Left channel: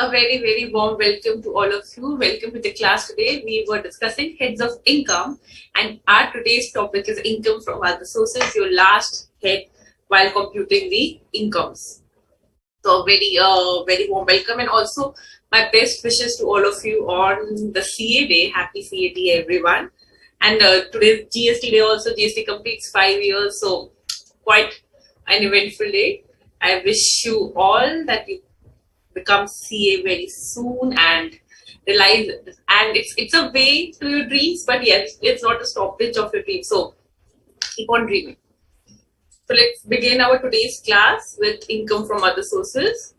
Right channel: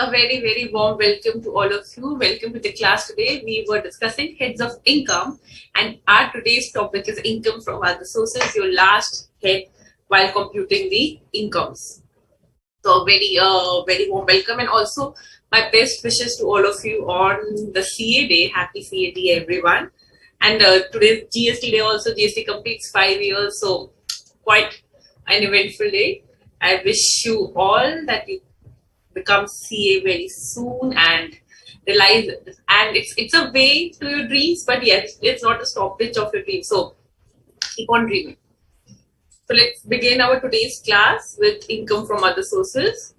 A very, very warm welcome to all of you. Welcome to the class today. We were discussing heads of income, and our today's topic is income from other sources, your last head while computing the incomes. So, very warm welcome, and also my best wishes to all of you on the CA day. Happy CA day, everyone. And today's GST day also. GST completes 5 years, so quite an eventful day. I wish you all that you become CA very soon and realize, and it's a way to your dreams, but yes, it's not a stoppage of your dreams. So keep on dreaming. So let's begin our today's class with income from other sources.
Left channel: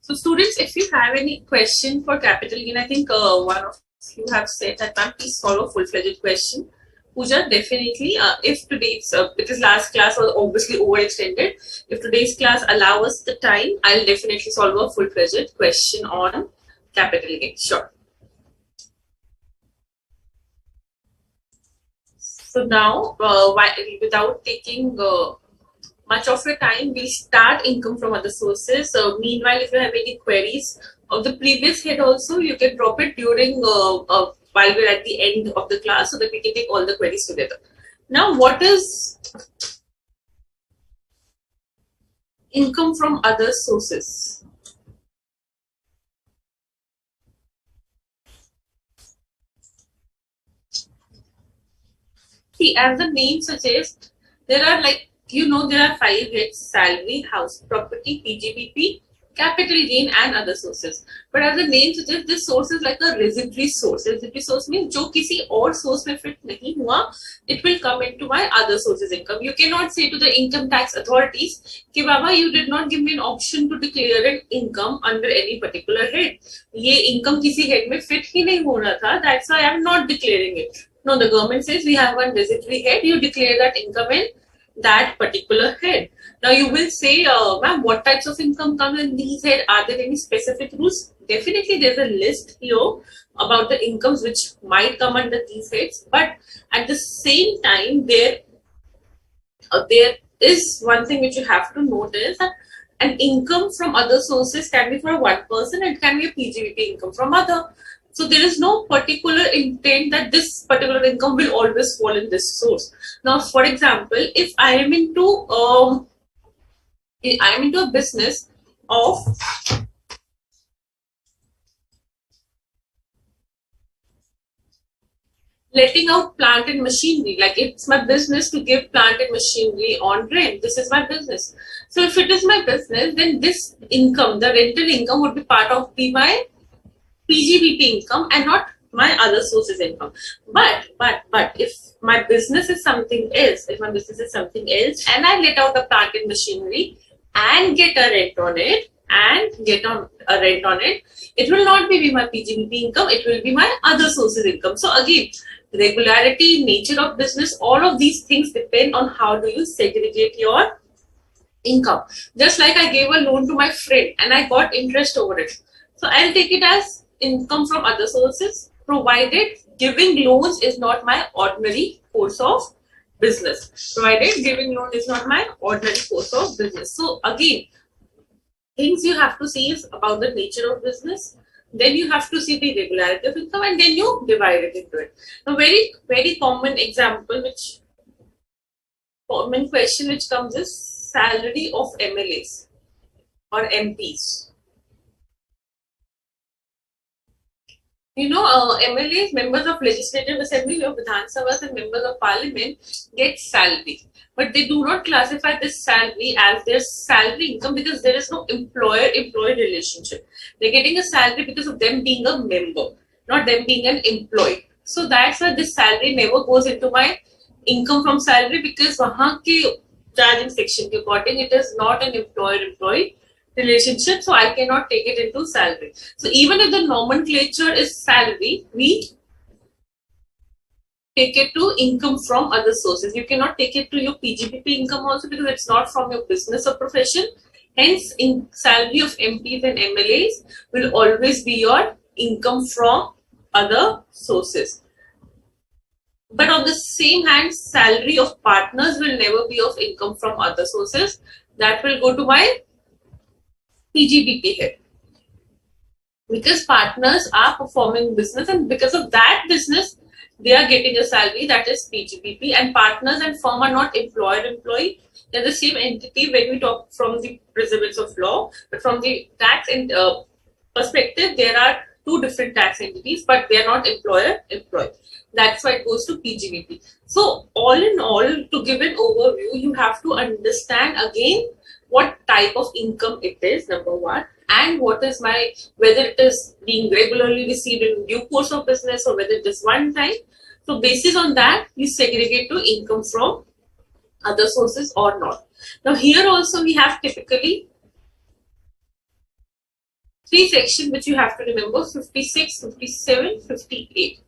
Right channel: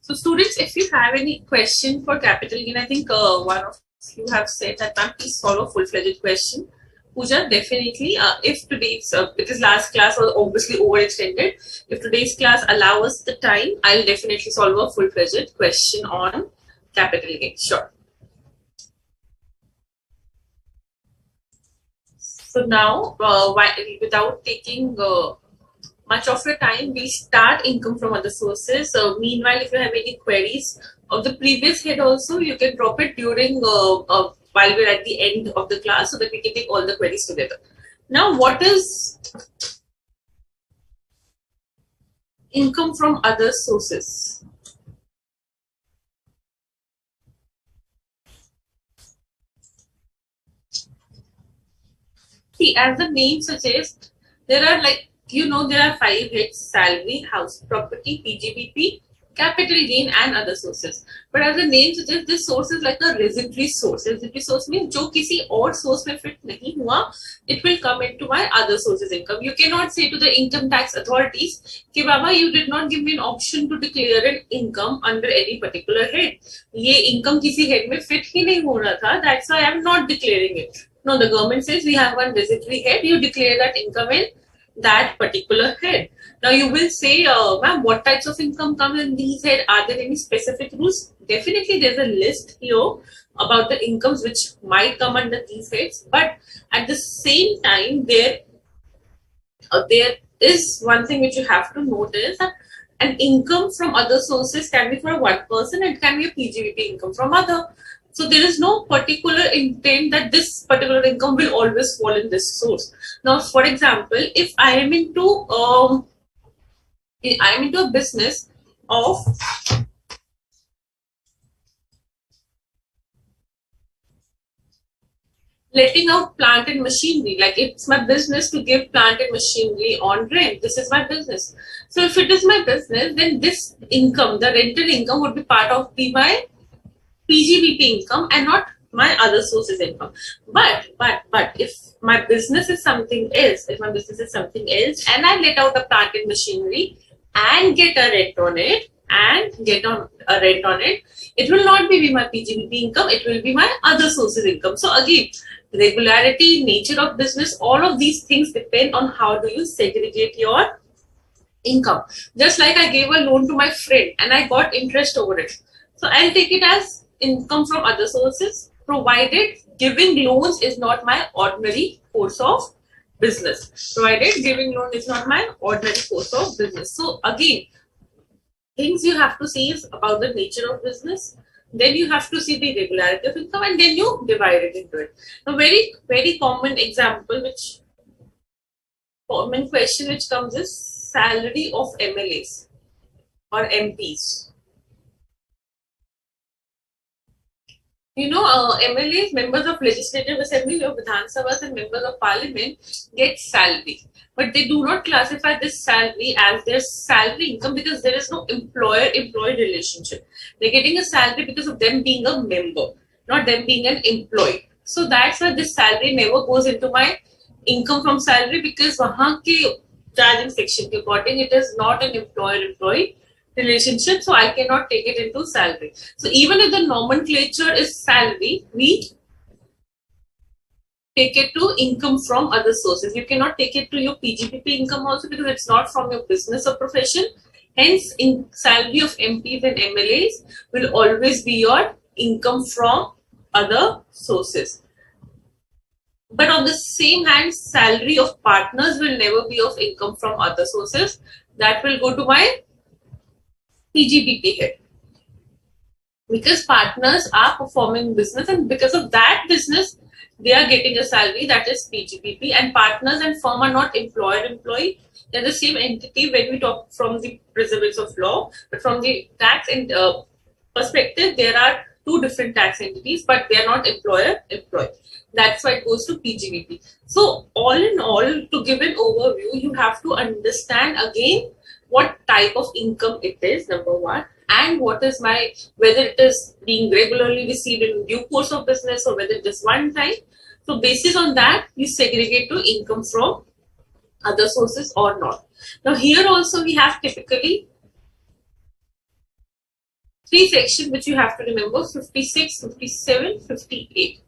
So students, if you have any question for capital gain, I think one of you have said that, ma'am, please solve a full-fledged question. Pooja, definitely. If today's, because last class was obviously overextended, if today's class allows us the time, I'll definitely solve a full-fledged question on capital gain. Sure. So now, without taking much of your time, we start income from other sources. Meanwhile, if you have any queries of the previous head also, you can drop it during while we're at the end of the class so that we can take all the queries together. Now, what is income from other sources? See, as the name suggests, there are there are 5 heads: salary, house property, PGBP, capital gain, and other sources. But as the name suggests, this source is like a residuary source. Residuary source means जो किसी और source में fit नहीं हुआ, it will come into my other sources income. You cannot say to the income tax authorities कि बाबा, you did not give me an option to declare an income under any particular head. ये income किसी head में fit ही नहीं हो रहा था. That's why I am not declaring it. No, the government says we have one residuary head. You declare that income in that particular head. Now you will say, ma'am, what types of income come in these head? Are there any specific rules? Definitely, there's a list here about the incomes which might come under these heads. But at the same time, there is one thing which you have to notice, that an income from other sources can be for one person and can be a PGBP income from other. So there is no particular intent that this particular income will always fall in this source. Now, for example, if I am into a business of letting out plant and machinery, like it's my business to give plant and machinery on rent. This is my business. So if it is my business, then this income, the rental income, would be part of my PGBP income and not my other sources income. But if my business is something else, and I let out the plant and machinery and get a rent on it, it will not be my PGBP income, it will be my other sources income. So again, regularity, nature of business, all of these things depend on how do you segregate your income. Just like I gave a loan to my friend and I got interest over it. So I'll take it as income from other sources, provided giving loans is not my ordinary course of business. Provided giving loan is not my ordinary course of business. So again, things you have to see is about the nature of business. Then you have to see the regularity of income, and then you divide it into it. A very, very common example, common question which comes is salary of MLAs or MPs. MLAs, members of Legislative Assembly of Vidhan Sabhas, and members of Parliament get salary. But they do not classify this salary as their salary income because there is no employer-employee relationship. They're getting a salary because of them being a member, not them being an employee. So that's why this salary never goes into my income from salary, because wahan ke charging section ke according, it is not an employer-employee relationship, so I cannot take it into salary. So even if the nomenclature is salary, we take it to income from other sources. You cannot take it to your PGBP income also because it's not from your business or profession. Hence, in salary of MPs and MLAs will always be your income from other sources. But on the same hand, salary of partners will never be of income from other sources. That will go to my PGBP head, because partners are performing business, and because of that business they are getting a salary, that is PGBP. And partners and firm are not employer employee, they're the same entity when we talk from the principles of law. But from the tax and perspective, there are two different tax entities, but they are not employer employee. That's why it goes to PGBP. So all in all, to give an overview, you have to understand again what type of income it is, number one, and what is my, whether it is being regularly received in due course of business or whether it is one time. So basis on that, you segregate to income from other sources or not. Now here also we have typically three sections which you have to remember: 56, 57, 58.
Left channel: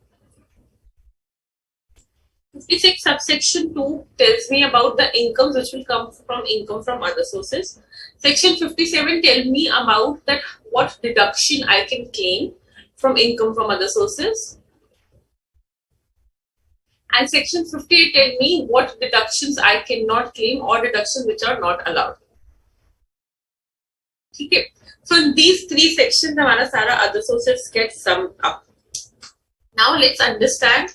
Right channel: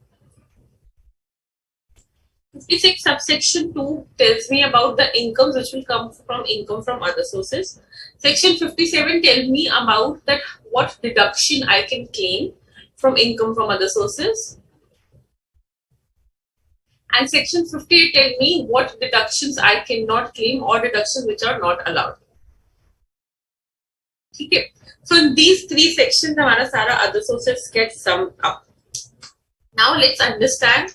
56 subsection 2 tells me about the incomes which will come from income from other sources. Section 57 tells me about that what deduction I can claim from income from other sources. And section 58 tells me what deductions I cannot claim or deductions which are not allowed. Okay. So in these three sections, हमारा सारा other sources get summed up. Now let's understand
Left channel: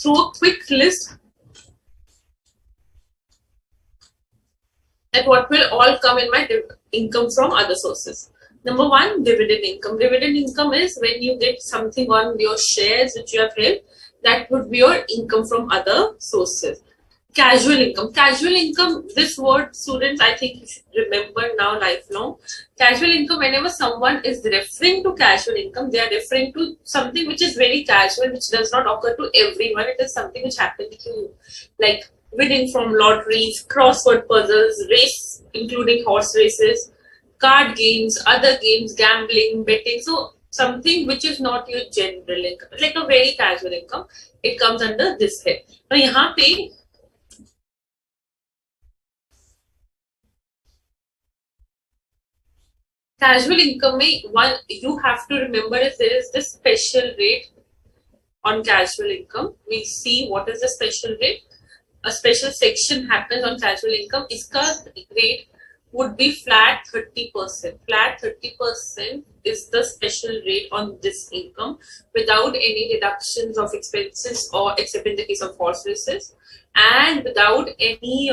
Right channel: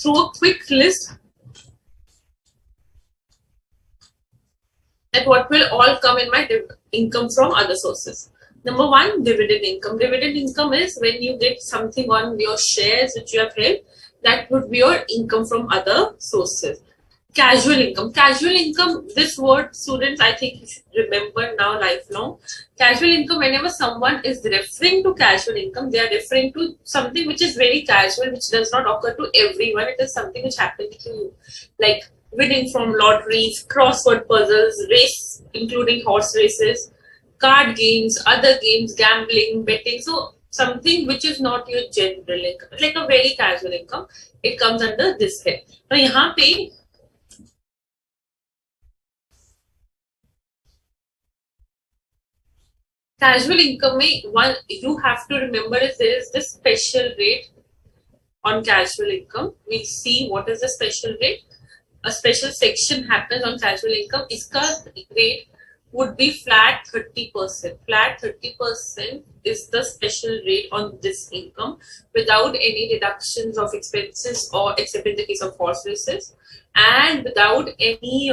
through a quick list that what will all come in my income from other sources. Number one, dividend income. Dividend income is when you get something on your shares which you have held, that would be your income from other sources. Casual income. Casual income, this word, students, I think you should remember now lifelong. Casual income, whenever someone is referring to casual income, they are referring to something which is very casual, which does not occur to everyone. It is something which happens to you, like winning from lotteries, crossword puzzles, race, including horse races, card games, other games, gambling, betting. So something which is not your general income, like a very casual income, it comes under this head. Now यहाँ पे casual income में one you have to remember is there is this special rate on casual income. We see what is the special rate. A special section happens on casual income. इसका rate would be flat 30%. Flat 30% is the special rate on this income without any deductions of expenses, or except in the case of horse races, and without any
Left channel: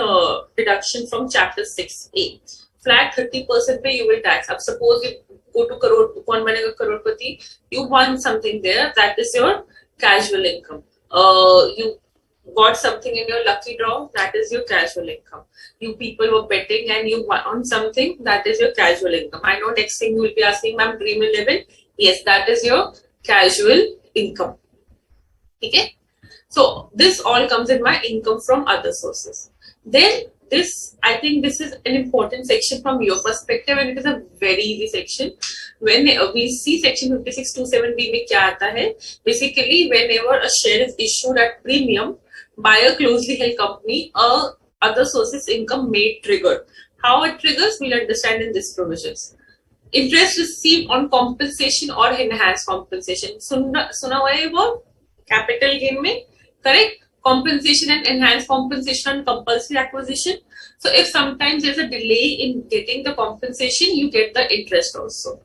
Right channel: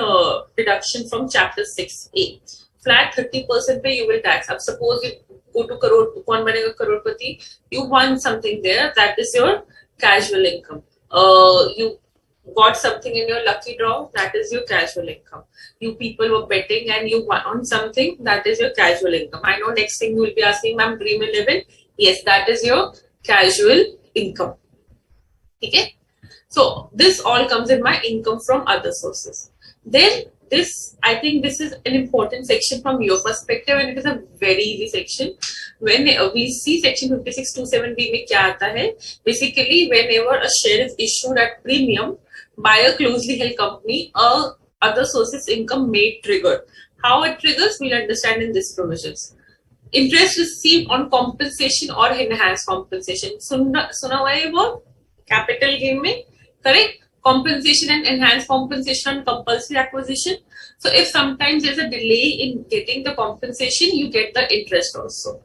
deduction from chapter 6A. Flat 30% पे you will tax. अब suppose you go to crore, कौन बनेगा करोड़पति? You won something there, that is your casual income. You got something in your lucky draw, that is your casual income. You people were betting and you won something, that is your casual income. I know next thing you will be asking, ma'am, Dream 11. Yes, that is your casual income. Okay? So this all comes in my income from other sources. Then this, I think this is an important section from your perspective, and it is a very easy section. When we see section 5627B में क्या आता है? Basically, whenever a share is issued at premium by a closely held company, other sources income may trigger. How it triggers, we'll understand in this provisions. Interest received on compensation or enhanced compensation. सुना हुआ है वो capital gain में, correct? Compensation and enhanced compensation on compulsory acquisition. So if sometimes there's a delay in getting the compensation, you get the interest also.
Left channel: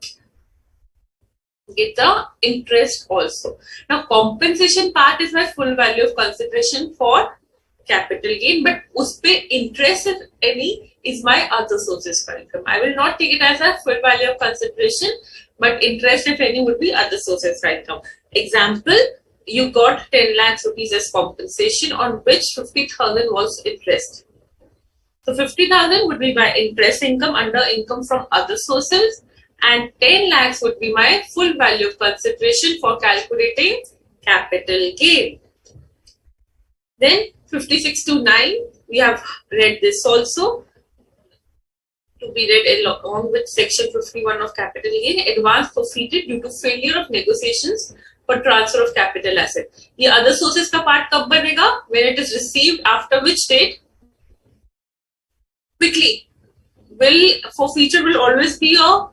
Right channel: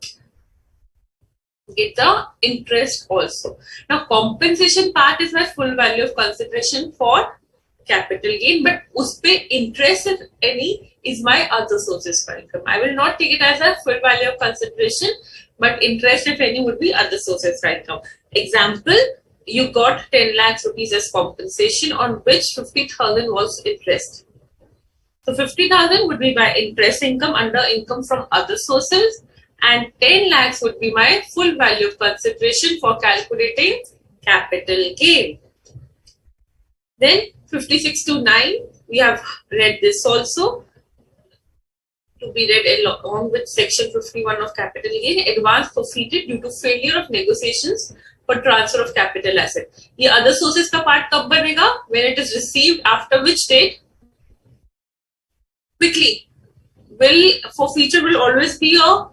Get the interest also. Now compensation part is my full value of consideration for capital gain, but uspe interest, if any, is my other sources for income. I will not take it as a full value of consideration, but interest, if any, would be other sources for income. Example, you got 10 lakhs rupees as compensation, on which 50,000 was interest. So 50,000 would be my interest income under income from other sources, and 10 lakhs would be my full value of consideration for calculating capital gain. Then 56 to 9, we have read this also, to be read along with section 51 of capital gain. Advance forfeited due to failure of negotiations for transfer of capital asset. ये other sources का part कब बनेगा? When it is received after which date? Quickly. Forfeiture will always be a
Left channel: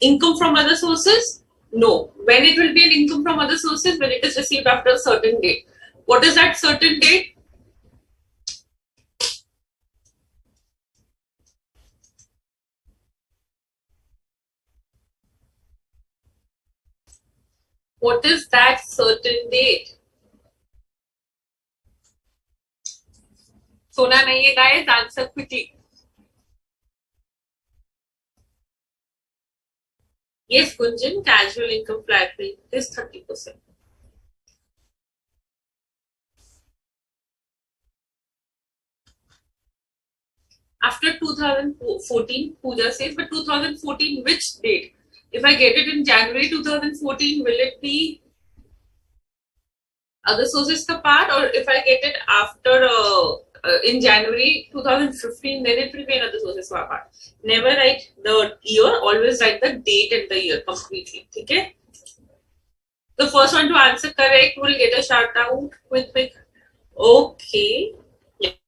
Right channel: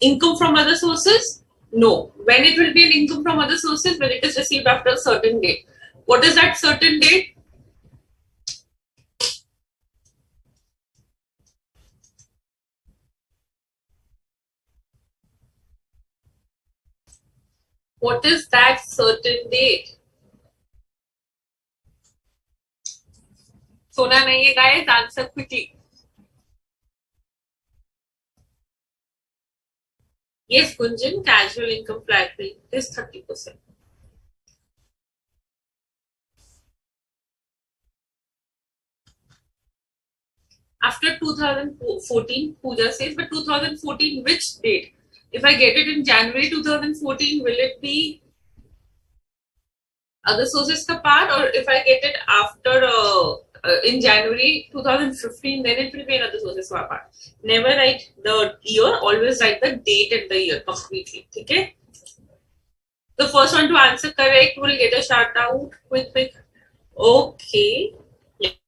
income from other sources. No. When it will be an income from other sources, when it is received after a certain date. What is that certain date? What is that certain date? Sona nahi hai guys, answer quickly. Yes, Gunjan, casual income flat rate is 30%. After 2014, Pooja says, but 2014, which date? If I get it in January 2014, will it be other sources ka part, or if I get it after in January 2015, then it will be another sources ka part. Never write the year, always write the date and the year completely. Okay? The first one to answer correct will get a shout out with okay.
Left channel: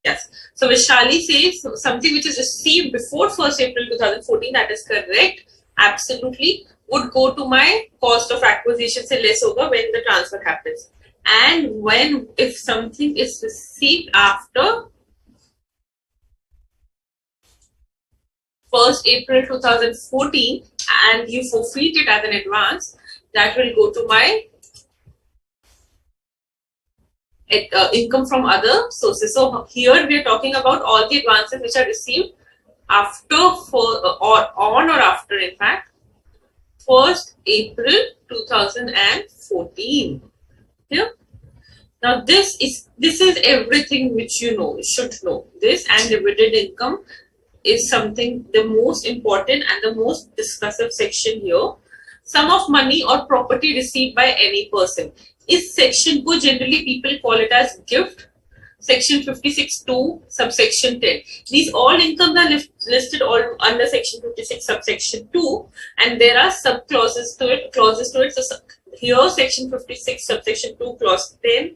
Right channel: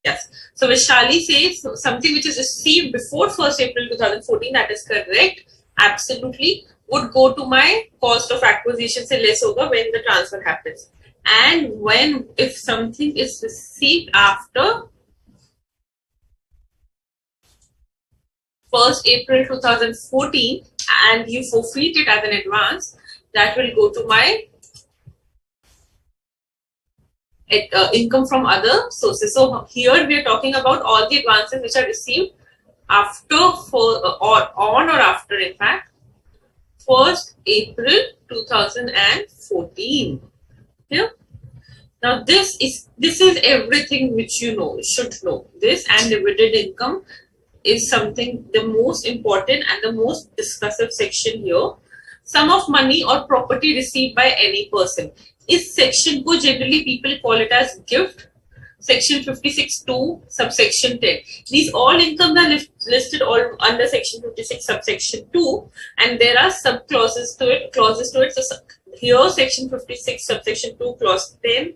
Yes. So Vishali says something which is received before 1st April 2014, that is correct. Absolutely. Would go to my cost of acquisition say less over when the transfer happens. And when if something is received after 1st April 2014 and you forfeit it as an advance, that will go to my income from other sources. So here we are talking about all the advances which are received after or on or after, in fact, 1st April 2014. Yeah. Now this is everything which you should know. This and dividend income is something the most important and the most discussive section here. Sum of money or property received by any person. Is section को generally people call it as gift. Section 56(2) subsection 10. These all incomes are listed all under section 56 subsection 2, and there are sub clauses to it. So here section 56 subsection 2 clause 10,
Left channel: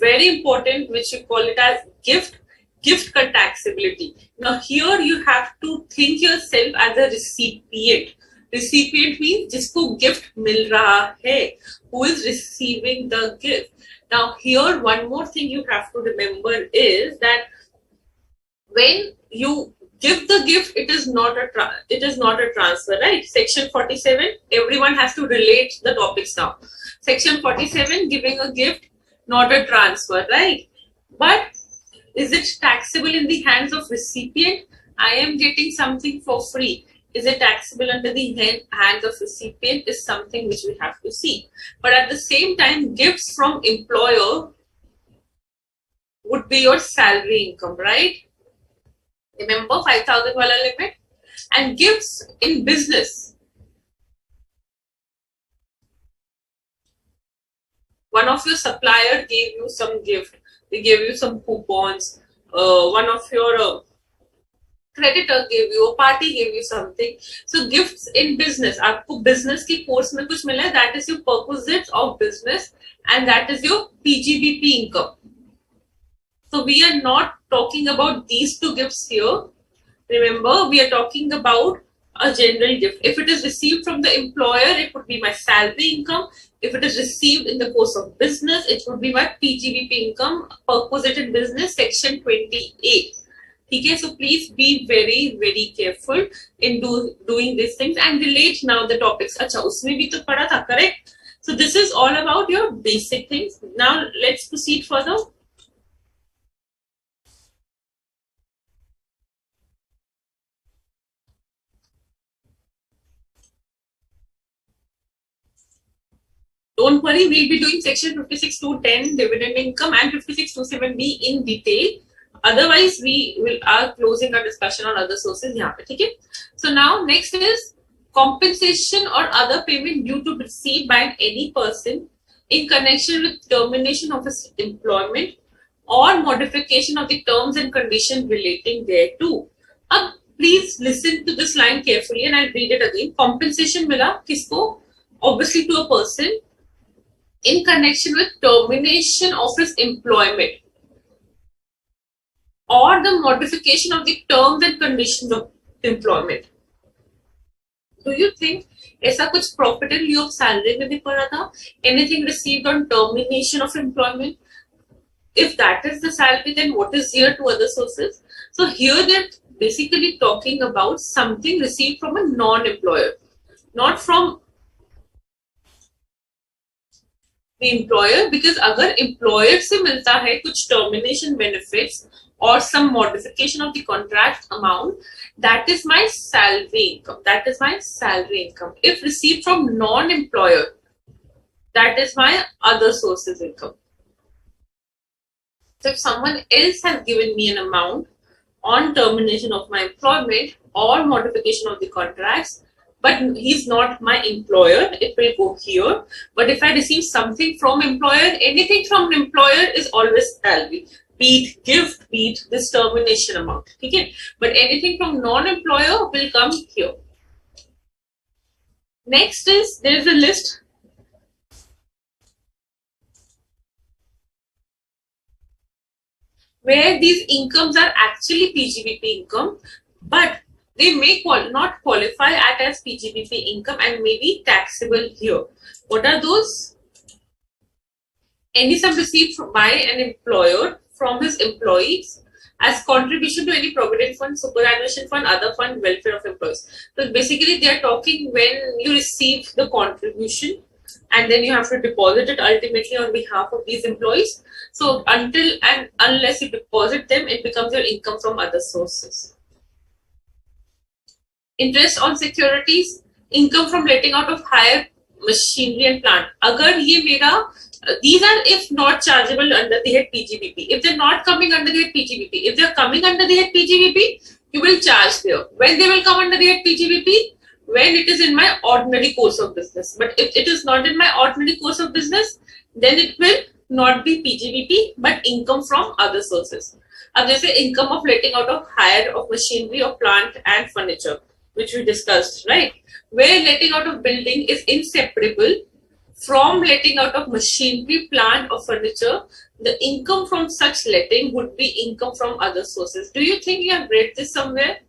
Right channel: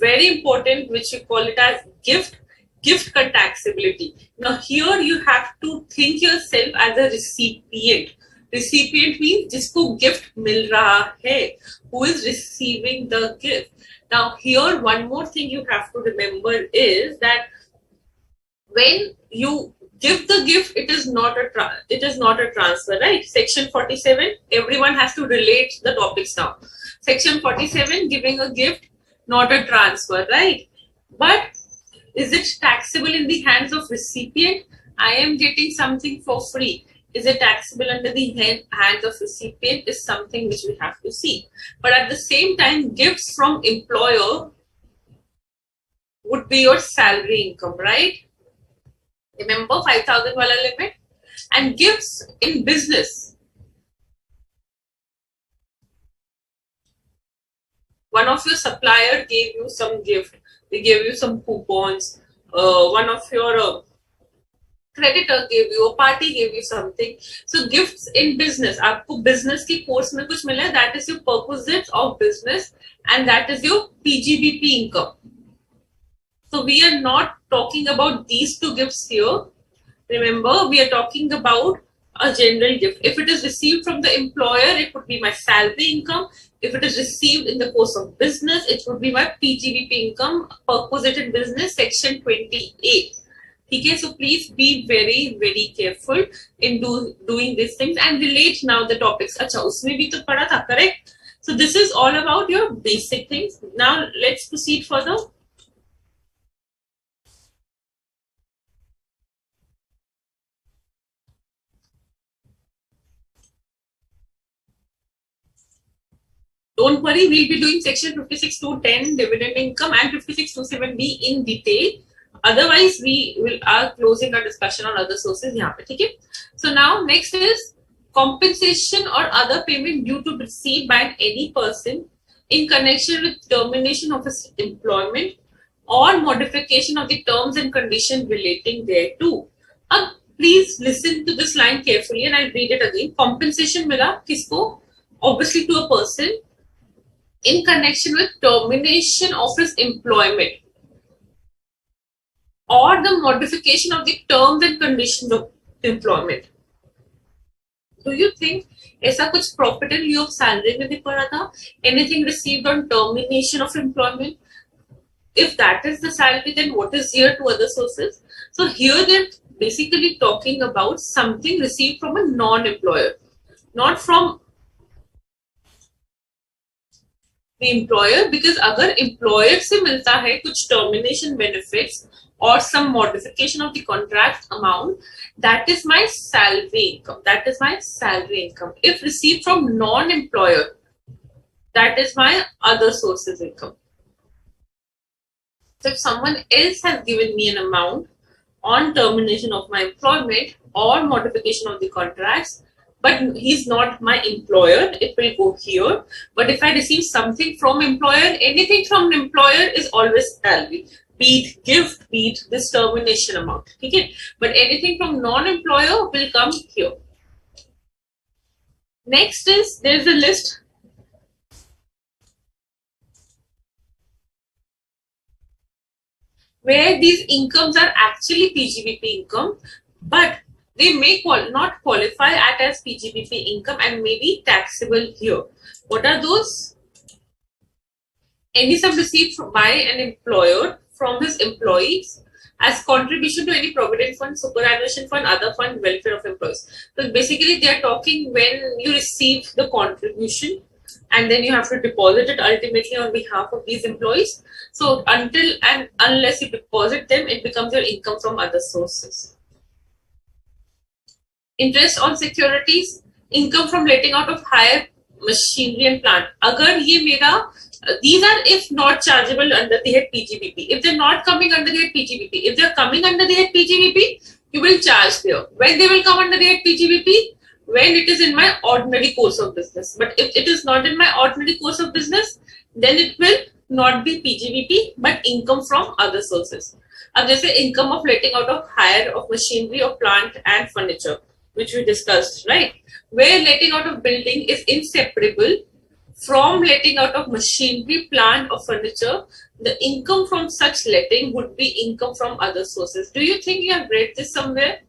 very important, which you call it as gift taxability. Now here you have to think yourself as a recipient. Recipient means जिसको gift मिल रहा है, who is receiving the gift. Now here one more thing you have to remember is that when you give the gift, it is not a transfer, right? Section 47, everyone has to relate the topics now. Section 47, giving a gift, not a transfer, right? But is it taxable in the hands of recipient? I am getting something for free. Is it taxable under the hands of recipient is something which we have to see. But at the same time, gifts from employer would be your salary income, right? Remember 5,000 wala limit? And gifts in business. One of your supplier gave you some gift. They gave you some coupons. One of your creditor gave you, a party gave you something. So gifts in business. आपको business की course में कुछ मिला है, that is your perquisites of business, and that is your PGBP income. So we are not talking about these two gifts here. Remember, we are talking about a general gift. If it is received from the employer, it would be my salary income. If it is received in the course of business, it would be my PGBP income, perquisited business, section 28. Okay, so please be very, very careful in doing these things and relate now the topics. Acha, usme bhi to padha tha, correct? So this is all about your basic things. Now let's proceed further. Don't worry, we'll be doing section 56 to 10 dividend income and 56 to 7B in detail. Otherwise, we are closing our discussion on other sources. Okay? So now next is compensation or other payment due to received by any person in connection with termination of his employment or modification of the terms and conditions relating thereto. Please listen to this line carefully and I'll read it again. Compensation mila kisko? Obviously to a person in connection with termination of his employment or the modification of the terms and conditions of employment. Do you think ऐसा कुछ profit and लिeu of salary में भी पड़ा था? Anything received on termination of employment? If that is the salary, then what is here to other sources? So here they're basically talking about something received from a non-employer, not from the employer, because अगर employer से मिलता है कुछ termination benefits or some modification of the contract amount, that is my salary income. That is my salary income. If received from non-employer, that is my other sources income. So if someone else has given me an amount on termination of my employment or modification of the contracts, but he's not my employer, it will go here. But if I receive something from employer, anything from employer is always salary. Be it gift, be it this termination amount. Okay? But anything from non-employer will come here. Next is, there is a list where these incomes are actually PGBP income, but they may not qualify as PGBP income and may be taxable here. What are those? Any sum received by an employer from his employees as contribution to any provident fund, superannuation fund, other fund, welfare of employees. So basically, they are talking when you receive the contribution and then you have to deposit it ultimately on behalf of these employees. So until and unless you deposit them, it becomes your income from other sources. Interest on securities, income from letting out of higher machinery and plant. अगर ये मेरा these are if not chargeable under the head PGBP. If they're not coming under the head PGBP, if they're coming under the head PGBP, you will charge there. When they will come under the head PGBP? When it is in my ordinary course of business. But if it is not in my ordinary course of business, then it will not be PGBP but income from other sources. अब जैसे income of letting out of hire of machinery of plant and furniture, which we discussed, right? Where letting out of building is inseparable from letting out of machinery, plant, or furniture, the income from such letting would be income from other sources. Do you think you have read this somewhere?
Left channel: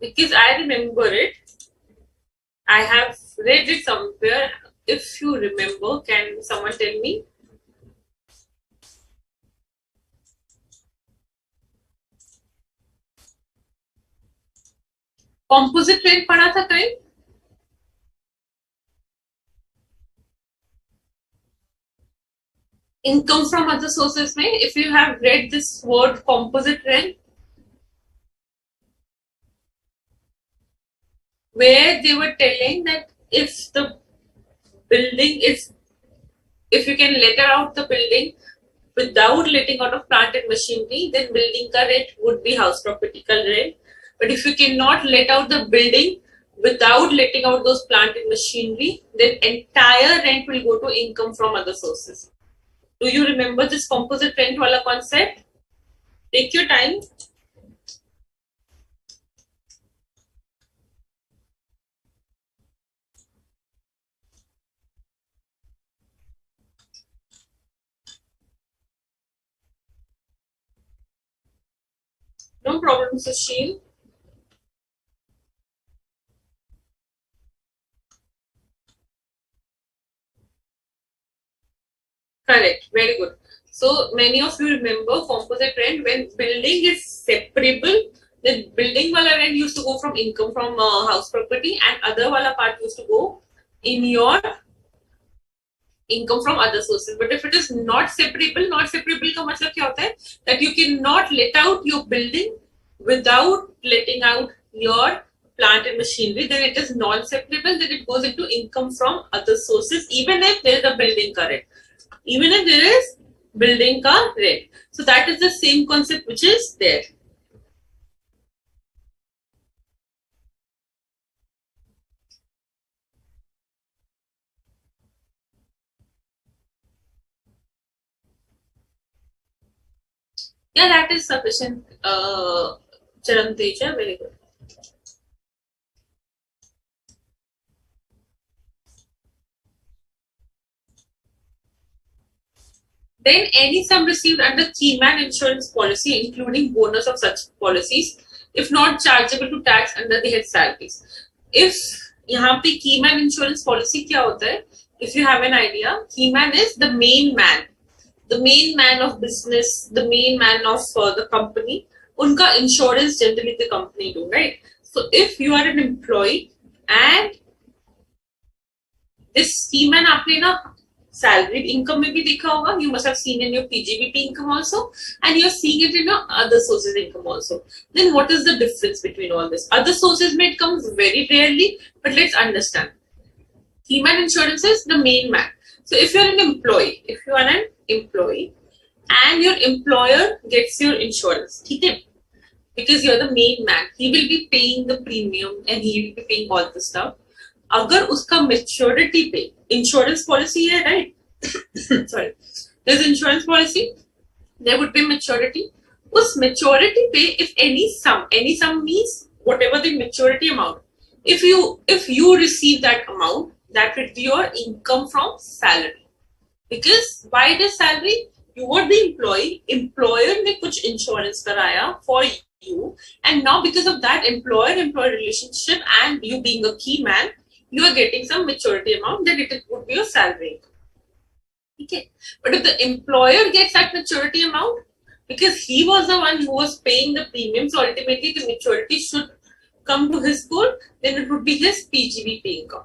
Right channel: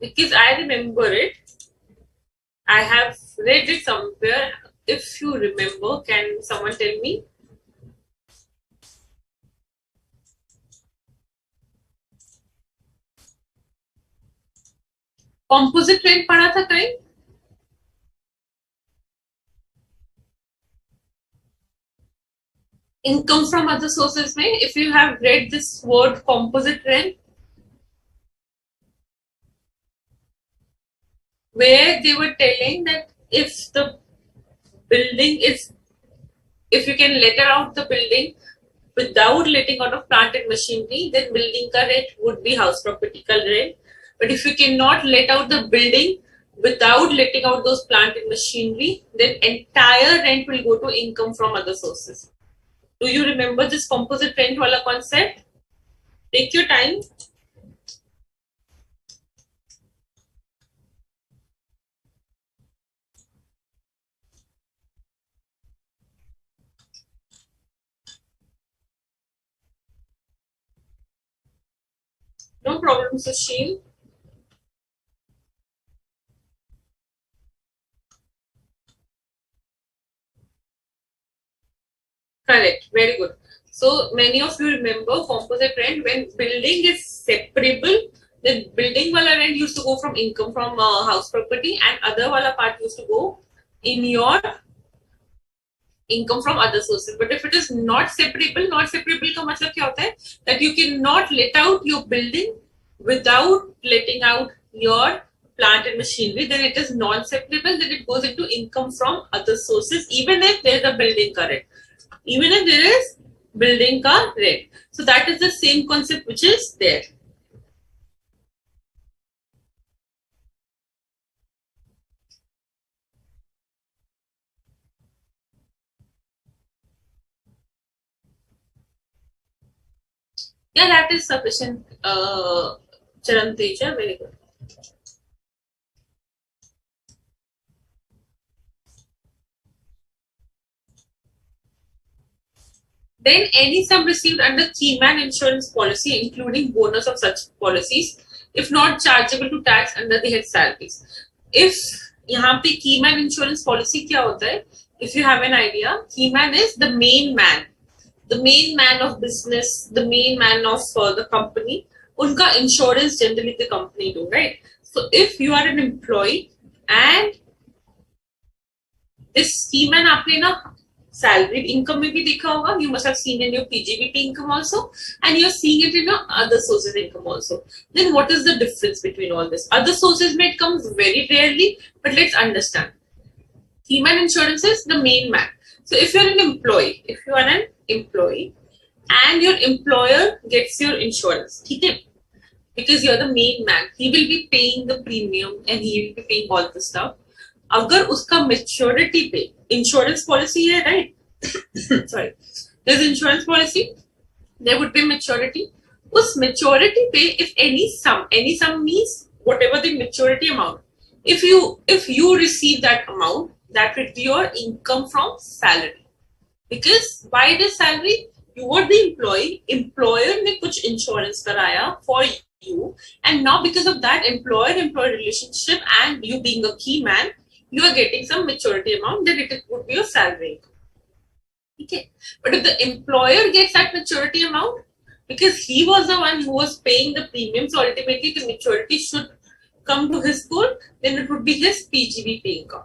Because I remember it. I have read it somewhere. If you remember, can someone tell me? Composite rent पढ़ा था कहीं? Income from other sources में, if you have read this word composite rent, where they were telling that if the building is, if you can let out the building without letting out of plant and machinery, then building ka rent would be house property ka rent. But if you cannot let out the building without letting out those plant and machinery, then entire rent will go to income from other sources. Do you remember this composite rent wala concept? Take your time. No problem, Sushil. Correct. Very good. So many of you remember composite rent when building is separable. The building wala rent used to go from income from house property and other wala part used to go in your income from other sources. But if it is not separable का मतलब क्या होता है? That you cannot let out your building without letting out your plant and machinery, then it is non-separable, then it goes into income from other sources, even if there is a building ka rent. Even if there is building ka rent. So that is the same concept which is there. Yeah, that is sufficient. Charan Teja, very good. Then any sum received under keyman insurance policy, including bonus of such policies, if not chargeable to tax under the head salaries. If यहाँ पे keyman insurance policy क्या होता है? If you have an idea, keyman is the main man of business, the main man of the company. उनका insurance generally the company do, right? So if you are an employee and this keyman आपने ना salaried income में भी देखा होगा, you must have seen in your PGBP income also, and you're seeing it in your other sources income also. Then what is the difference between all this? Other sources may it comes very rarely, but let's understand. Keyman insurance is the main man. So if you're an employee, and your employer gets your insurance, okay? Because you're the main man, he will be paying the premium and he will be paying all the stuff. अगर उसका maturity पे insurance policy है, right? Sorry, there's insurance policy, there would be maturity. उस maturity पे if any sum means whatever the maturity amount. If you receive that amount, that would be your income from salary. Because why it is salary? You were the employee, employer ने कुछ insurance कराया for you, and now because of that employer-employee relationship and you being a key man, you are getting some maturity amount, then it would be your salary. Okay. But if the employer gets that maturity amount, because he was the one who was paying the premiums, so ultimately the maturity should come to his pool, then it would be his PGBP income.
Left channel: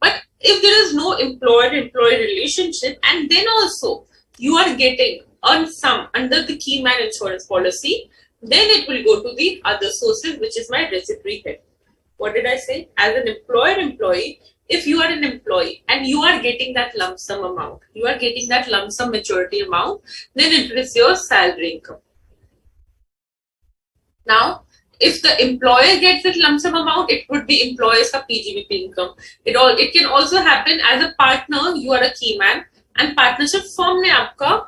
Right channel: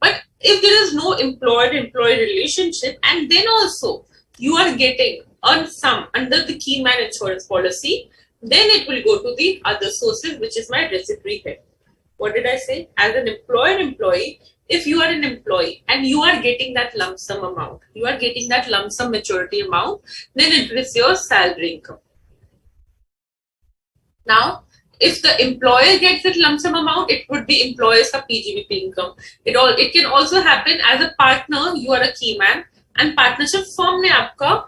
But if there is no employer-employee relationship, and then also you are getting a sum under the key man insurance policy, then it will go to the other sources, which is my reciprocal head. What did I say? As an employer-employee, if you are an employee and you are getting that lump sum amount, you are getting that lump sum maturity amount, then it is your salary income. Now, if the employer gets that lump sum amount, it would be employer's PGBP income. It can also happen as a partner, you are a key man, and partnership firm ने आपका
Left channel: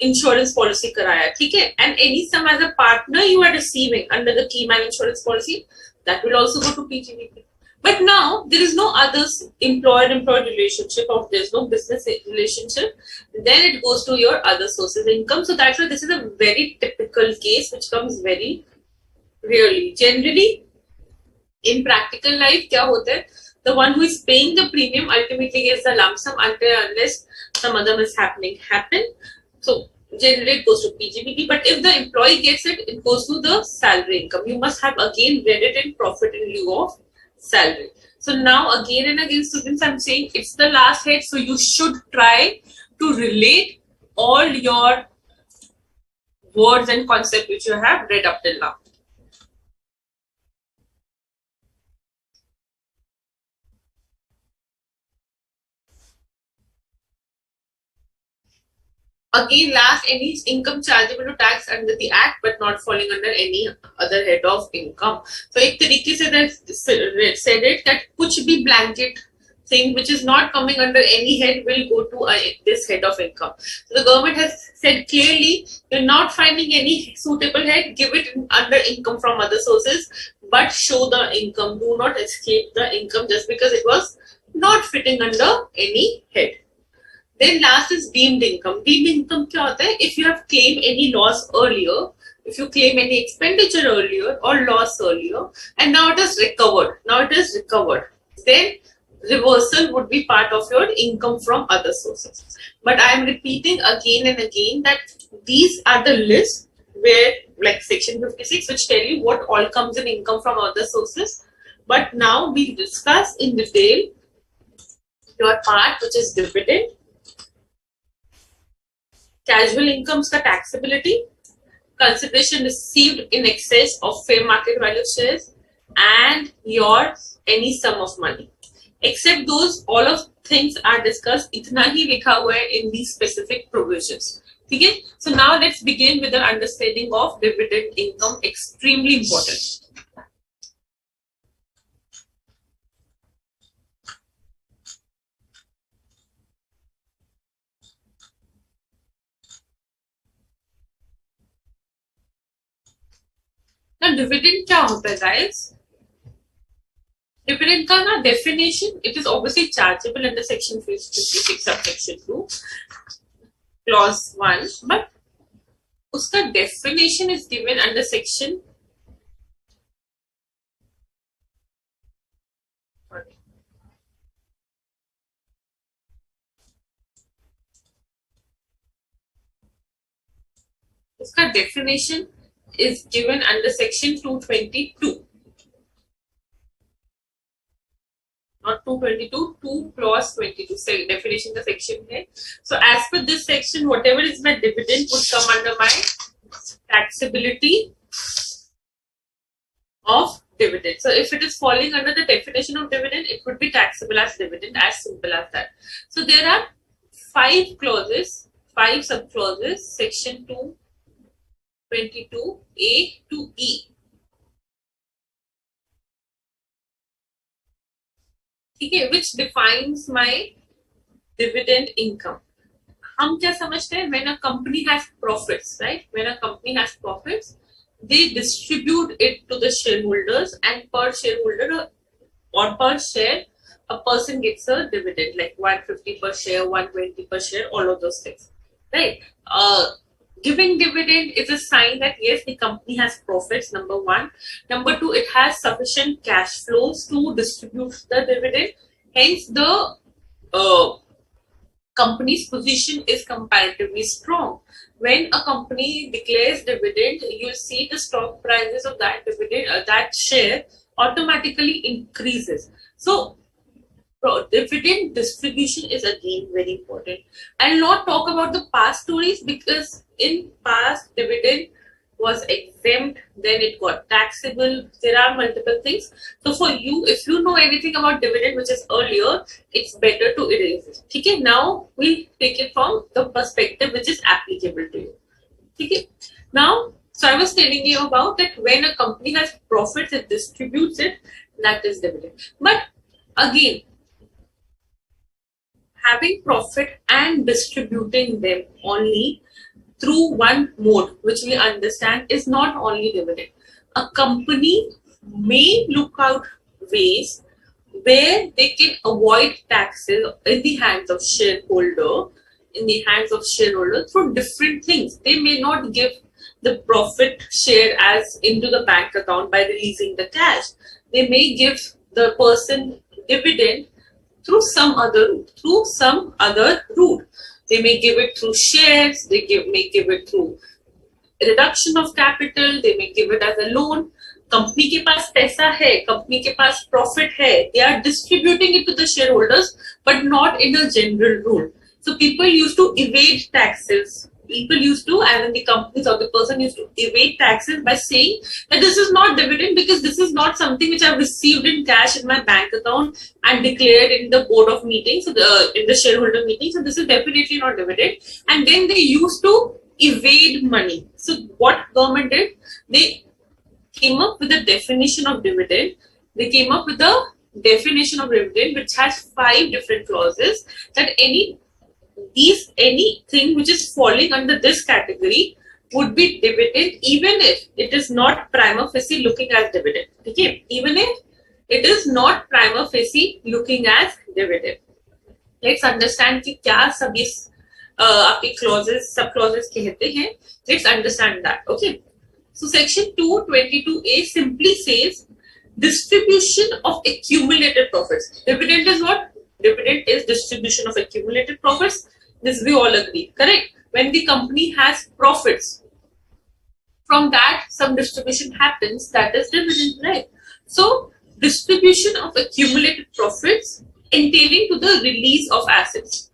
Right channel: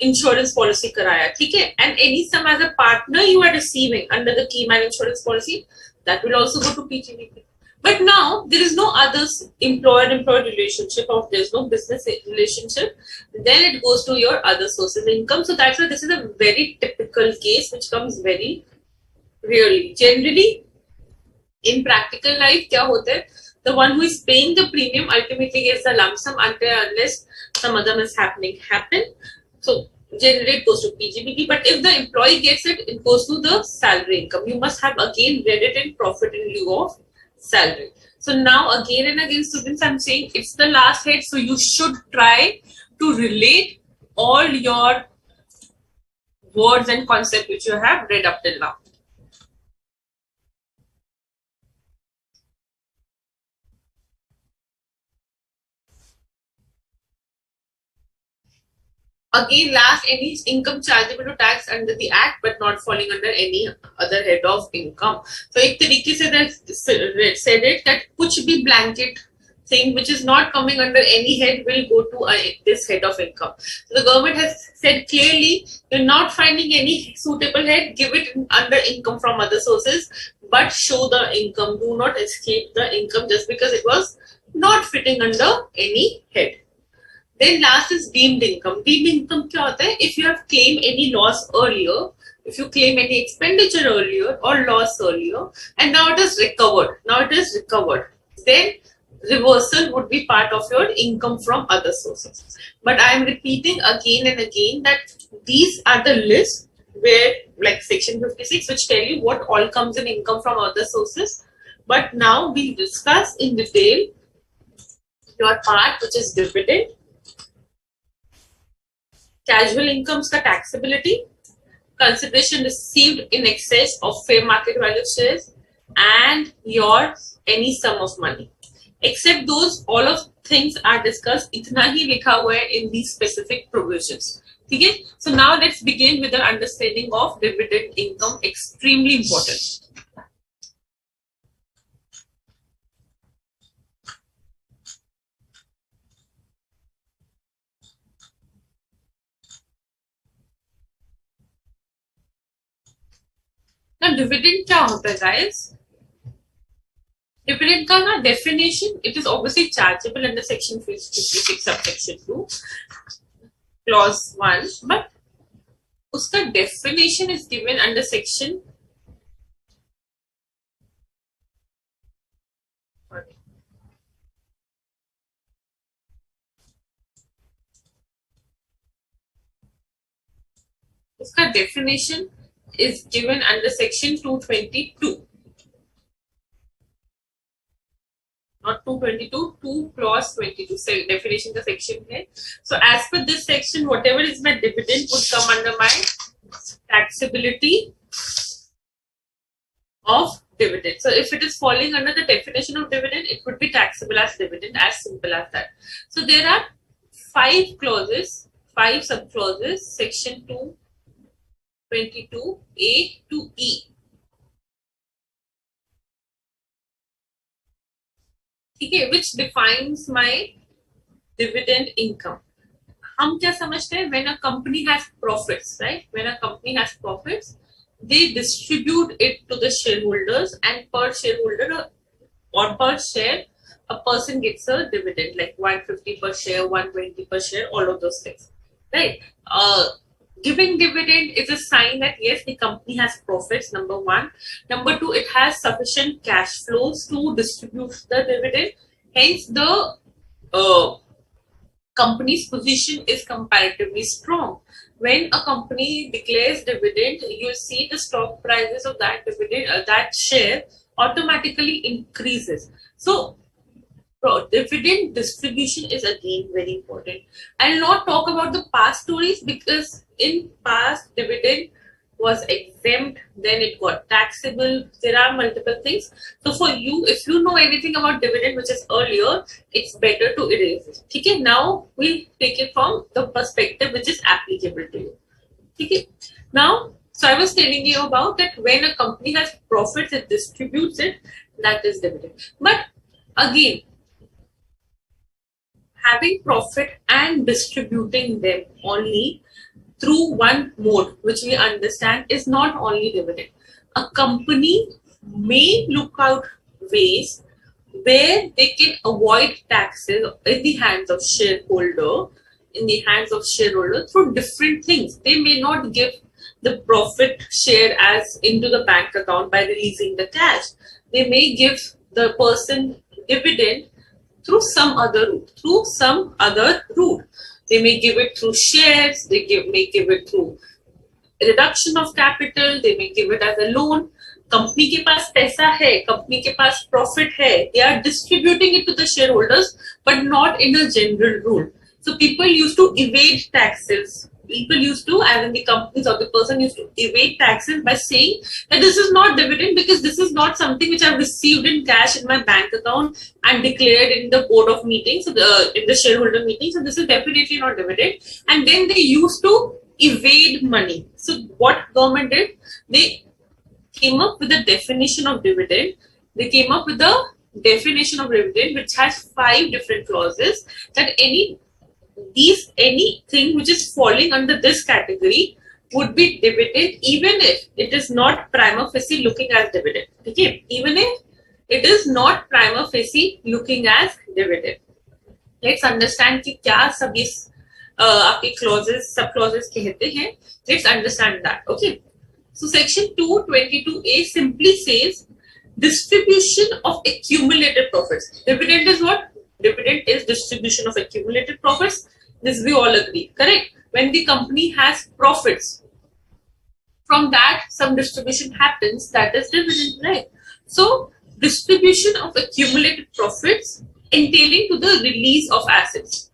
insurance policy कराया, ठीक है? And any sum as a partner you are receiving under the key man insurance policy, that will also go to PGBP. But now there is no other employer-employee relationship, or there is no business relationship, then it goes to your other sources income. So that's why this is a very typical case which comes very rarely. Generally, in practical life, क्या होता है? The one who is paying the premium ultimately gets the lump sum unless some other mishappening happen. So generally it goes to PGBP, but if the employee gets it, it goes to the salary income. You must have again read it in profit in lieu of salary. So now again and again, students, I'm saying it's the last head, so you should try to relate all your words and concepts which you have read up till now. Again, last, any income chargeable to tax under the act but not falling under any other head of income. So एक तरीके से said it that कुछ भी blanket thing which is not coming under any head will go to this head of income. So the government has said clearly, you're not finding any suitable head, give it under income from other sources, but show the income. Do not escape the income just because it was not fitting under any head. Then last is deemed income. Deemed income क्या होता है? If you have claimed any loss earlier, if you claim any expenditure earlier or loss earlier, and now it is recovered, then reversal would be part of your income from other sources. But I am repeating again and again that these are the lists where, like section 56, which tell you what all comes in income from other sources. But now we discuss in detail your part, which is dividend, casual incomes का taxability, consideration received in excess of fair market value shares, and your any sum of money. Except those, all of things are discussed. इतना ही लिखा हुआ है in these specific provisions. ठीक है? So now let's begin with the understanding of dividend income. Extremely important. Now dividend क्या होता है guys? Dividend का ना definition, it is obviously chargeable under section 56 subsection 2 clause 1, but उसका definition is given under section उसका definition is given under section 222. Not 222, 2 clause 22. So definition का section है. So as per this section, whatever is my dividend would come under my taxability of dividend. So if it is falling under the definition of dividend, it would be taxable as dividend, as simple as that. So there are 5 clauses, 5 sub-clauses, section 222A to E. Okay, which defines my dividend income. हम क्या समझते हैं? When a company has profits, right? When a company has profits, they distribute it to the shareholders, and per shareholder or per share, a person gets a dividend like 150 per share, 120 per share, all of those things, right? Giving dividend is a sign that yes, the company has profits, number one. Number two, it has sufficient cash flows to distribute the dividend. Hence, the company's position is comparatively strong. When a company declares dividend, you see the stock prices of that dividend, that share automatically increases. So, dividend distribution is again very important. I'll not talk about the past stories because in past dividend was exempt, then it got taxable. There are multiple things. So for you, if you know anything about dividend which is earlier, it's better to erase it. Okay, now we'll take it from the perspective which is applicable to you. Okay, now, so I was telling you about that when a company has profits, it distributes it, that is dividend. But again, having profit and distributing them only through one mode, which we understand is not only dividend. A company may look out ways where they can avoid taxes in the hands of shareholder, through different things. They may not give the profit share as into the bank account by releasing the cash. They may give the person dividend through some other route. They may give it through shares, may give it through reduction of capital, they may give it as a loan. Company के पास पैसा है, company के पास profit है, they are distributing it to the shareholders, but not in a general rule. So people used to evade taxes. People used to, as in the companies or the person used to evade taxes by saying that this is not dividend because this is not something which I've received in cash in my bank account and declared in the board of meetings, in the shareholder meetings. So this is definitely not dividend. And then they used to evade money. So what government did? They came up with a definition of dividend. They came up with a definition of dividend which has 5 different clauses that anything which is falling under this category would be dividend even if it is not prima facie looking as dividend. Okay, even if it is not prima facie looking as dividend. Let's understand कि क्या सभी आपके clauses, sub clauses कहते हैं. Let's understand that. Okay. So section 222A simply says distribution of accumulated profits. Dividend is what? Dividend is distribution of accumulated profits. This we all agree, correct? When the company has profits, from that some distribution happens, that is dividend, right? So distribution of accumulated profits entailing to the release of assets.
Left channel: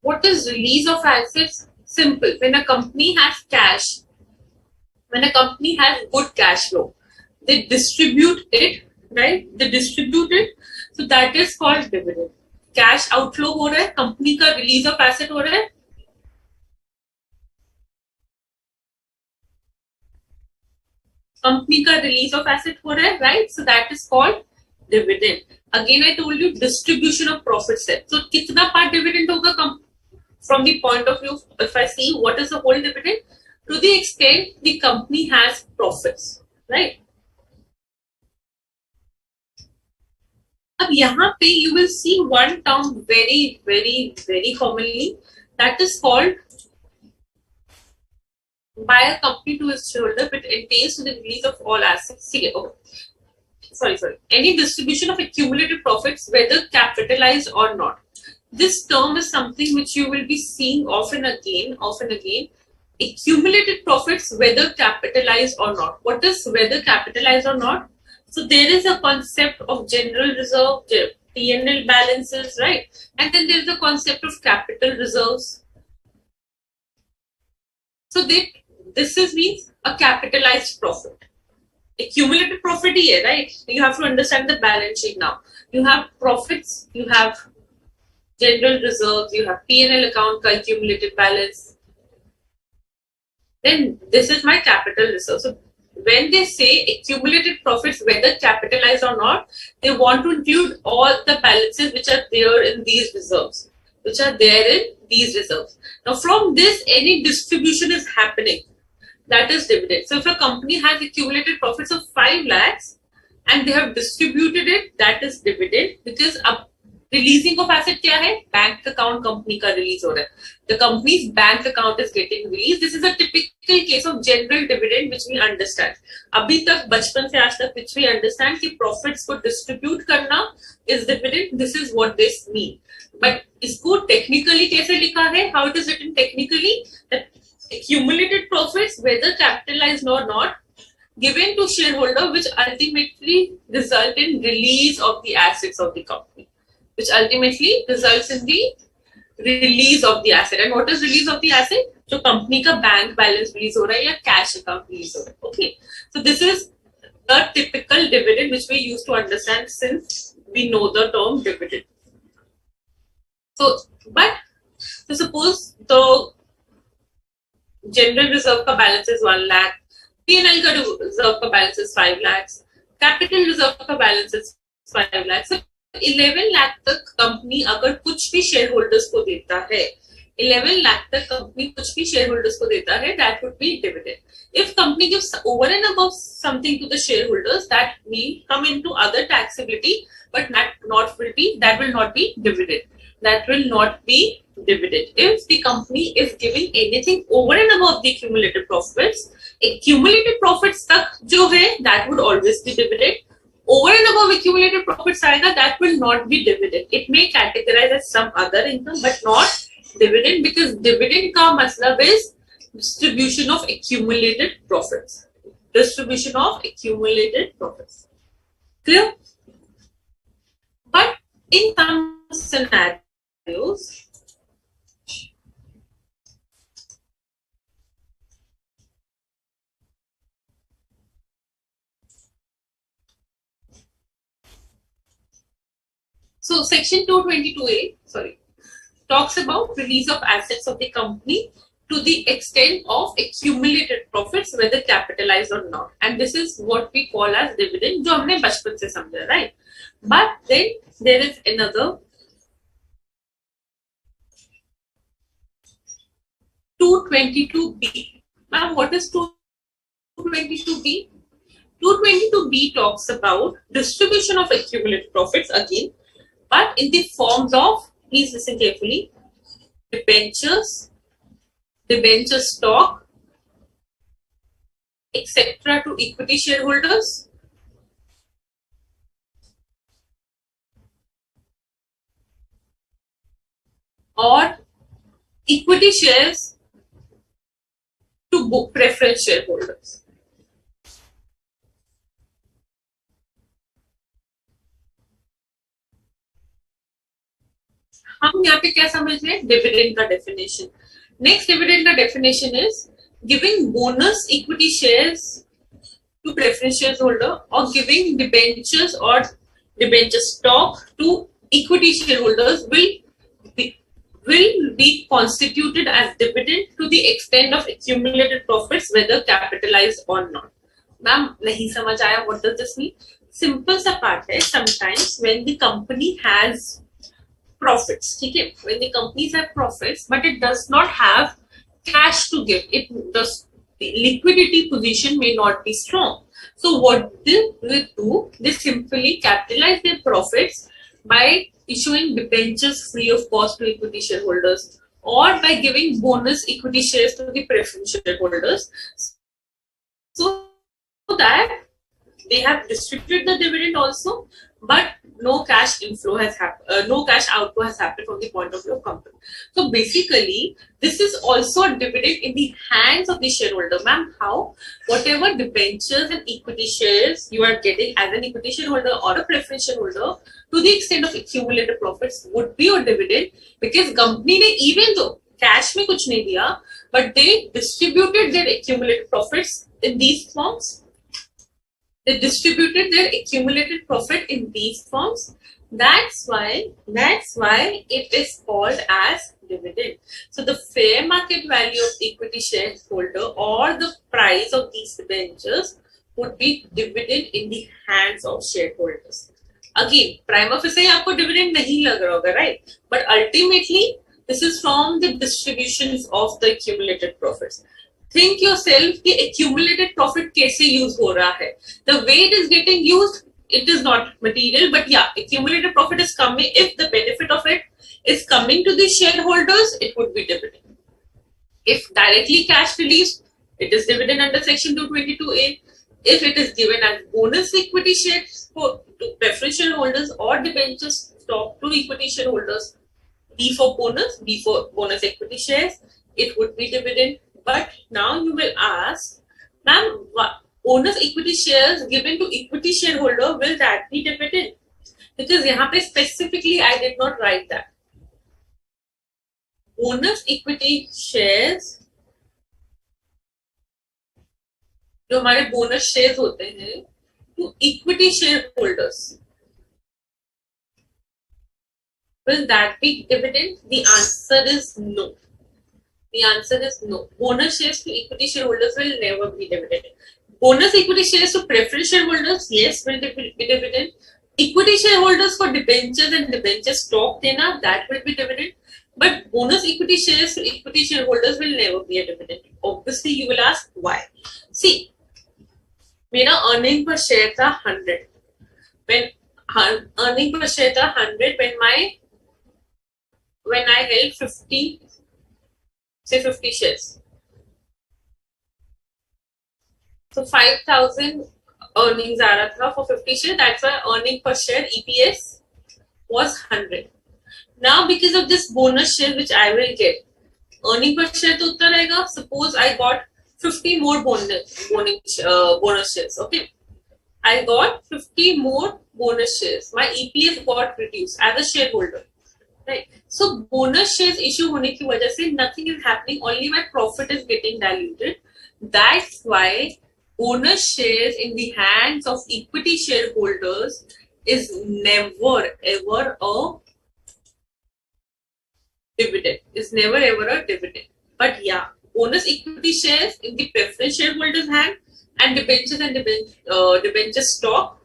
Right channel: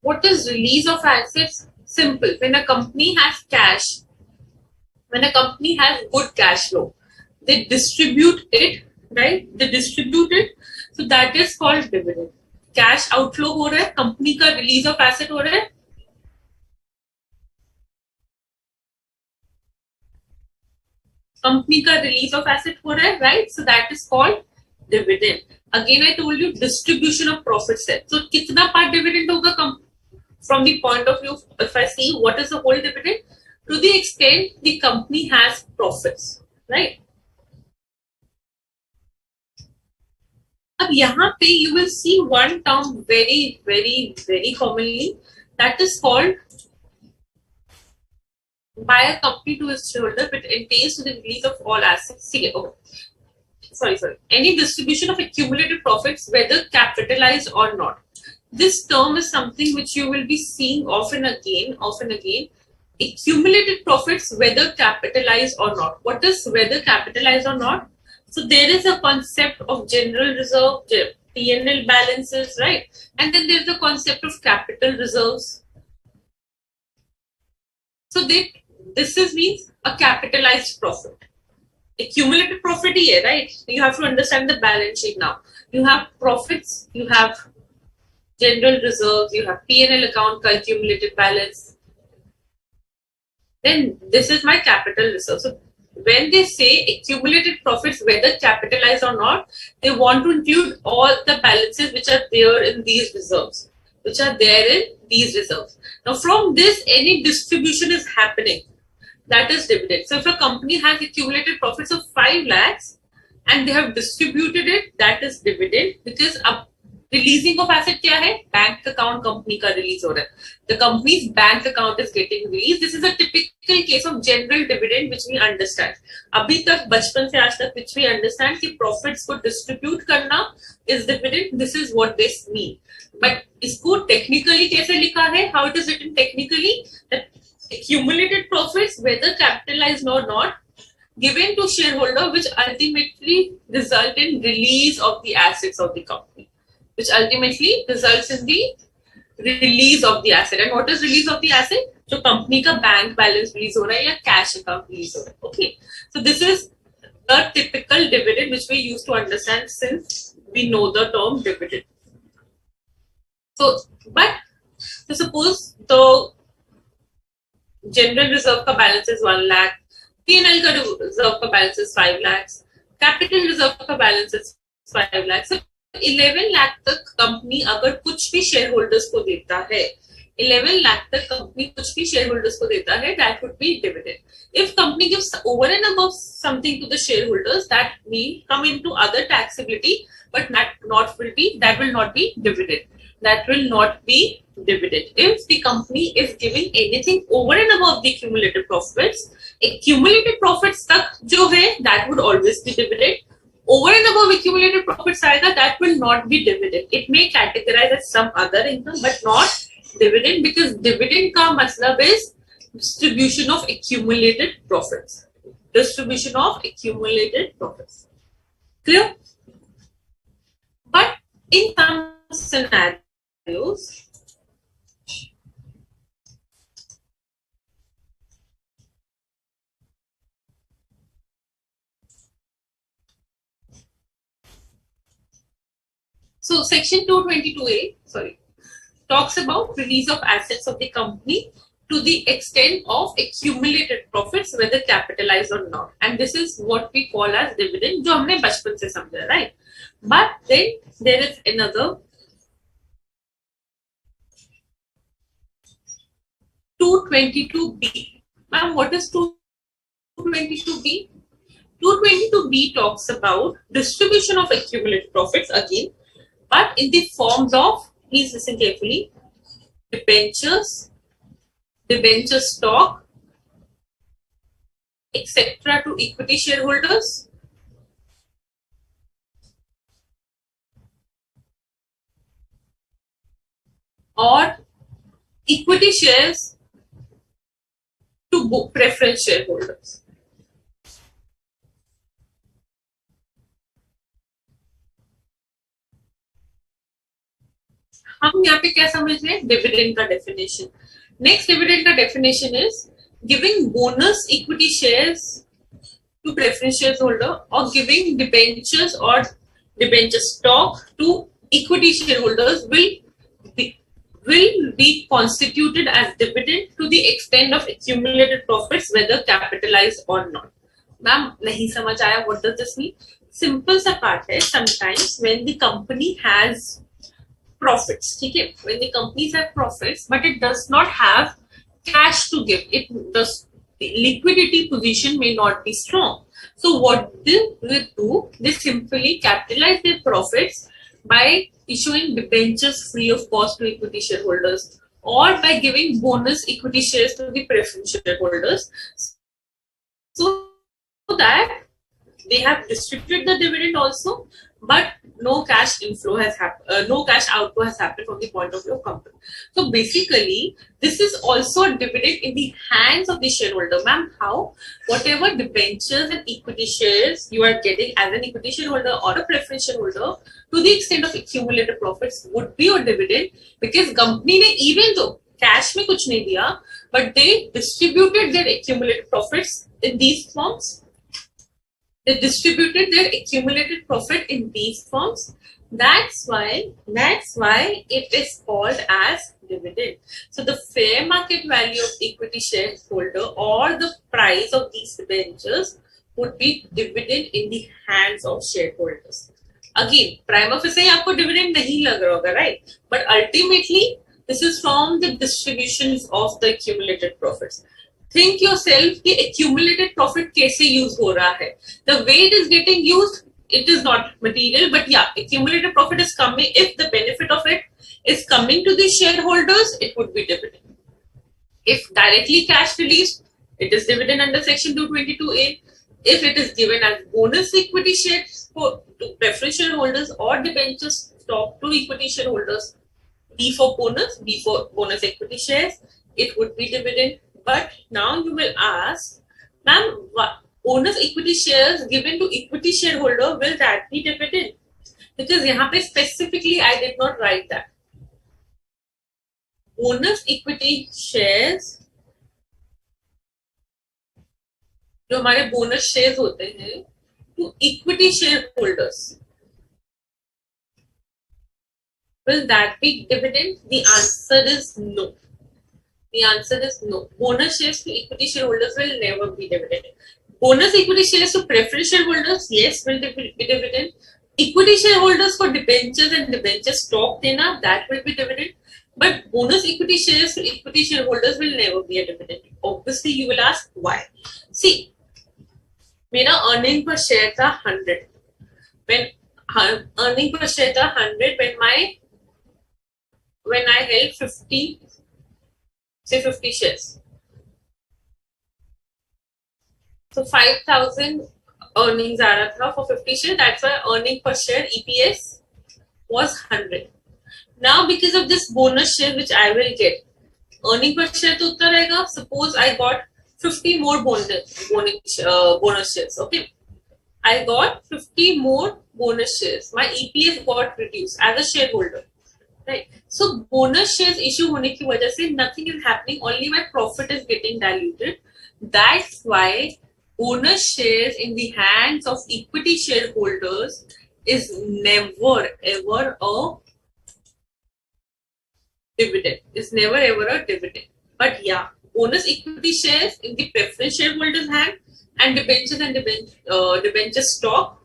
What is release of assets? Simple. When a company has cash, when a company has good cash flow, they distribute it, right? They distribute it. So that is called dividend. Cash outflow हो रहा है, company का release of asset हो रहा है. Company का release of asset हो रहा है, right? So that is called dividend. Again, I told you distribution of profits है. So कितना part dividend होगा from the point of view, if I see what is the whole dividend, to the extent the company has profits, right? अब यहाँ पे you will see one term very commonly, that is called by a company to its shareholder, but entails to the release of all assets. See, oh, sorry. Any distribution of accumulated profits, whether capitalized or not. This term is something which you will be seeing often again. Accumulated profits, whether capitalized or not. What is whether capitalized or not? So there is a concept of general reserve, P&L balances, right? And then there is a concept of capital reserves. So this means a capitalized profit. Accumulated profit here, right? You have to understand the balance sheet now. You have profits, you have general reserves, you have P&L account का accumulated balance. Then this is my capital reserve. So when they say accumulated profits, whether capitalized or not, they want to include all the balances which are there in these reserves. Now from this, any distribution is happening. That is dividend. So if a company has accumulated profits of 5 lakhs and they have distributed it, that is dividend, because releasing of asset क्या है? Bank account company का release हो रहा है. The company's bank account is getting released. This is a typical case of general dividend which we understand. अभी तक बचपन से आज तक which we understand कि profits को distribute करना is dividend. This is what this mean. But इसको technically कैसे लिखा है? How it is written technically? That accumulated profits, whether capitalized or not, given to shareholder, which ultimately result in release of the assets of the company, which ultimately results in the release of the asset. And what is release of the asset? So company का bank balance release हो रहा है या cash account release हो रहा है. Okay, so this is the typical dividend which we used to understand since we know the term dividend. So suppose the general reserve का balance is 1 lakh, P&L का reserve का balance is 5 lakhs, capital reserve का balance is 5 lakhs. So 11 lakh तक company अगर कुछ भी shareholders को देता है, 11 lakh तक कंपनी कुछ भी शेयरहोल्डर्स को देता है, that would be dividend. If company gives over and above something to the shareholders, that will come into other taxability, but that will not be dividend. That will not be dividend. If the company is giving anything over and above the accumulated profits तक जो है, that would always be dividend. Over and above accumulated profits आएगा, that will not be dividend. It may categorize as some other income, but not dividend, because dividend का मतलब is distribution of accumulated profits. Distribution of accumulated profits. Clear? But in some scenarios, so section 222A, talks about release of assets of the company to the extent of accumulated profits, whether capitalized or not. And this is what we call as dividend, जो हमने बचपन से समझा, right? But then there is another 222B. Ma'am, what is 222B? 222B talks about distribution of accumulated profits again, but in the forms of, please listen carefully, debentures, debenture stock, etc. to equity shareholders, or equity shares to book preference shareholders. हम यहाँ पे क्या समझ रहे हैं? Dividend का definition. Next dividend का definition is giving bonus equity shares to preference shareholder, or giving debentures or debenture stock to equity shareholders will be constituted as dividend to the extent of accumulated profits, whether capitalized or not. Ma'am, नहीं समझ आया? What does this mean? Simple सा part है. Sometimes when the company has profits, ठीक है? When the companies have profits, but it does not have cash to give, the liquidity position may not be strong. So what they will do, they simply capitalize their profits by issuing debentures free of cost to equity shareholders, or by giving bonus equity shares to the preference shareholders, so that they have distributed the dividend also, but no cash inflow has happened, no cash outflow has happened from the point of view of company. So basically, this is also a dividend in the hands of the shareholder. Ma'am, how? Whatever debentures and equity shares you are getting as an equity shareholder or a preference shareholder, to the extent of accumulated profits, would be your dividend, because company ने even though cash में कुछ नहीं दिया, but they distributed their accumulated profits in these forms. They distributed their accumulated profit in these forms. That's why it is called as dividend. So the fair market value of equity shareholder or the price of these debentures would be dividend in the hands of shareholders. Again, prima facie आपको dividend नहीं लग रहा होगा, right? But ultimately, this is from the distributions of the accumulated profits. Think yourself कि accumulated profit कैसे use हो रहा है. The way it is getting used, it is not material, but yeah, accumulated profit is coming. If the benefit of it is coming to the shareholders, it would be dividend. If directly cash released, it is dividend under section 222A. If it is given as bonus equity shares to preference shareholders or debentures stock to equity shareholders, B for bonus equity shares, it would be dividend. But now you will ask, ma'am, bonus equity shares given to equity shareholder, will that be dividend? Because यहाँ पे specifically I did not write that. Bonus equity shares, जो हमारे bonus shares होते हैं, to equity shareholders, will that be dividend? The answer is no. The answer is no. Bonus shares to equity shareholders will never be dividend. Bonus equity shares to preference shareholders, yes, will be dividend. Equity shareholders for debentures and debenture stock देना, that will be dividend. But bonus equity shares to equity shareholders will never be a dividend. Obviously, you will ask why. See, मेरा earning per share था 100. When earning per share था 100, when I held 50 shares. So 5,000 earnings आ रहा था for 50 shares. That's why earning per share EPS was 100. Now because of this bonus share which I will get, earning per share तो उतना रहेगा. Suppose I got 50 more bonus shares. Okay, I got 50 more bonus shares. My EPS got reduced as a shareholder. Right. So bonus shares issue होने की वजह से nothing is happening. Only my profit is getting diluted. That's why bonus shares in the hands of equity shareholders is never ever a dividend. It's never ever a dividend. But yeah, bonus equity shares in the preference shareholders' hand and debentures and debenture stock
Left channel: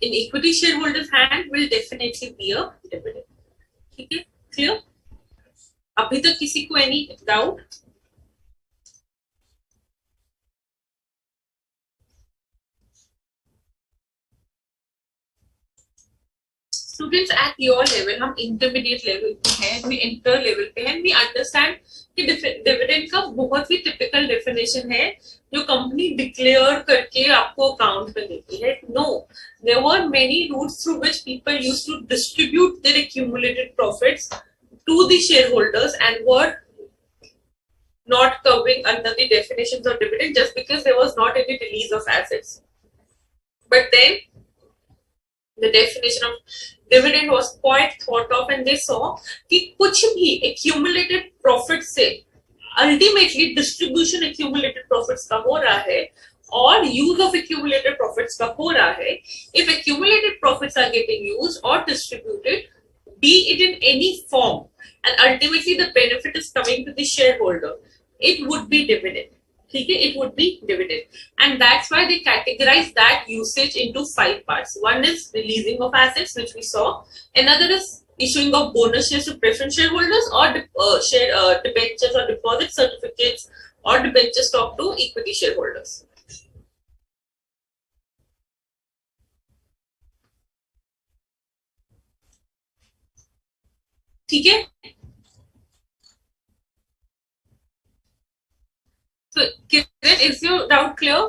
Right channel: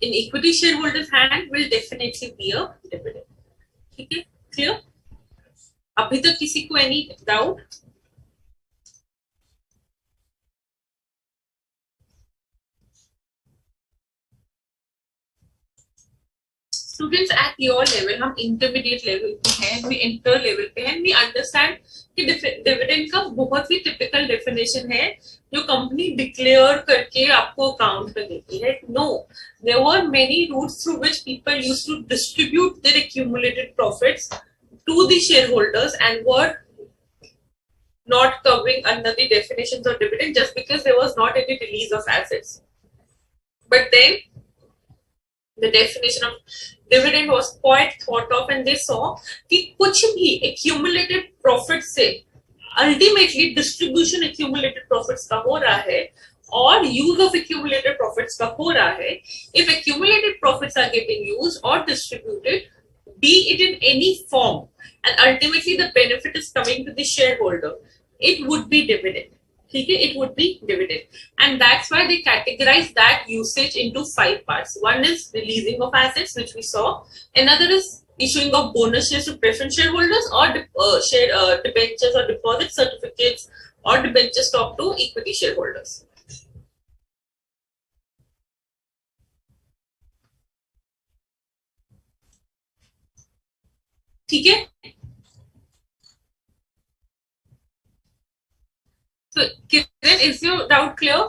in equity shareholders' hand will definitely be a dividend. ठीक है, clear? अभी तक किसी को any doubt? Students at your level, हम intermediate level पे हैं, we inter level पे हैं, we understand कि dividend का बहुत ही typical definition है जो कंपनी declare करके आपको account में देती है. No, there were many routes through which people used to distribute their accumulated profits to the shareholders and were not covering under the definitions of dividend just because there was not any release of assets. But then the definition of dividend was quite thought of and they saw कि कुछ भी accumulated profits से ultimately distribution accumulated profits का हो रहा है और use of accumulated profits का हो रहा है. If accumulated profits are getting used or distributed, be it in any form, and ultimately the benefit is coming to the shareholder, it would be dividend. ठीक है, it would be dividend. And that's why they categorize that usage into 5 parts. One is releasing of assets, which we saw. Another is issuing of bonus shares to preference shareholders or debentures or deposit certificates or debenture stock to equity shareholders. ठीक है? So, Kiran, is your doubt clear?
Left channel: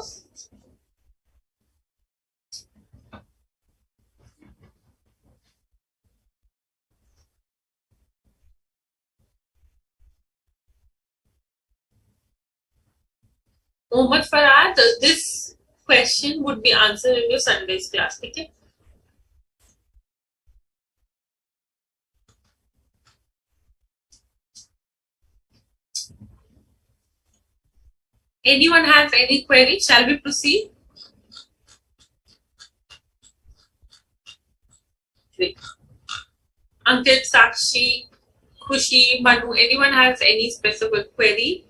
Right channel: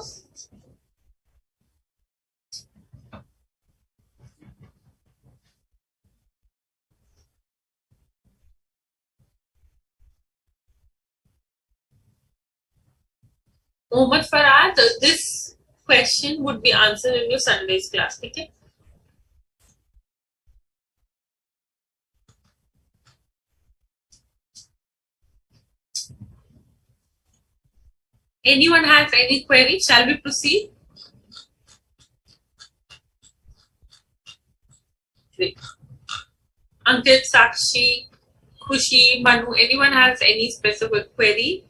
Mohammad Farad, this question would be answered in your Sunday's class. Okay? Anyone has any query? Shall we proceed? Great. Ankit, Sakshi, Khushi, Manu, anyone has any specific query?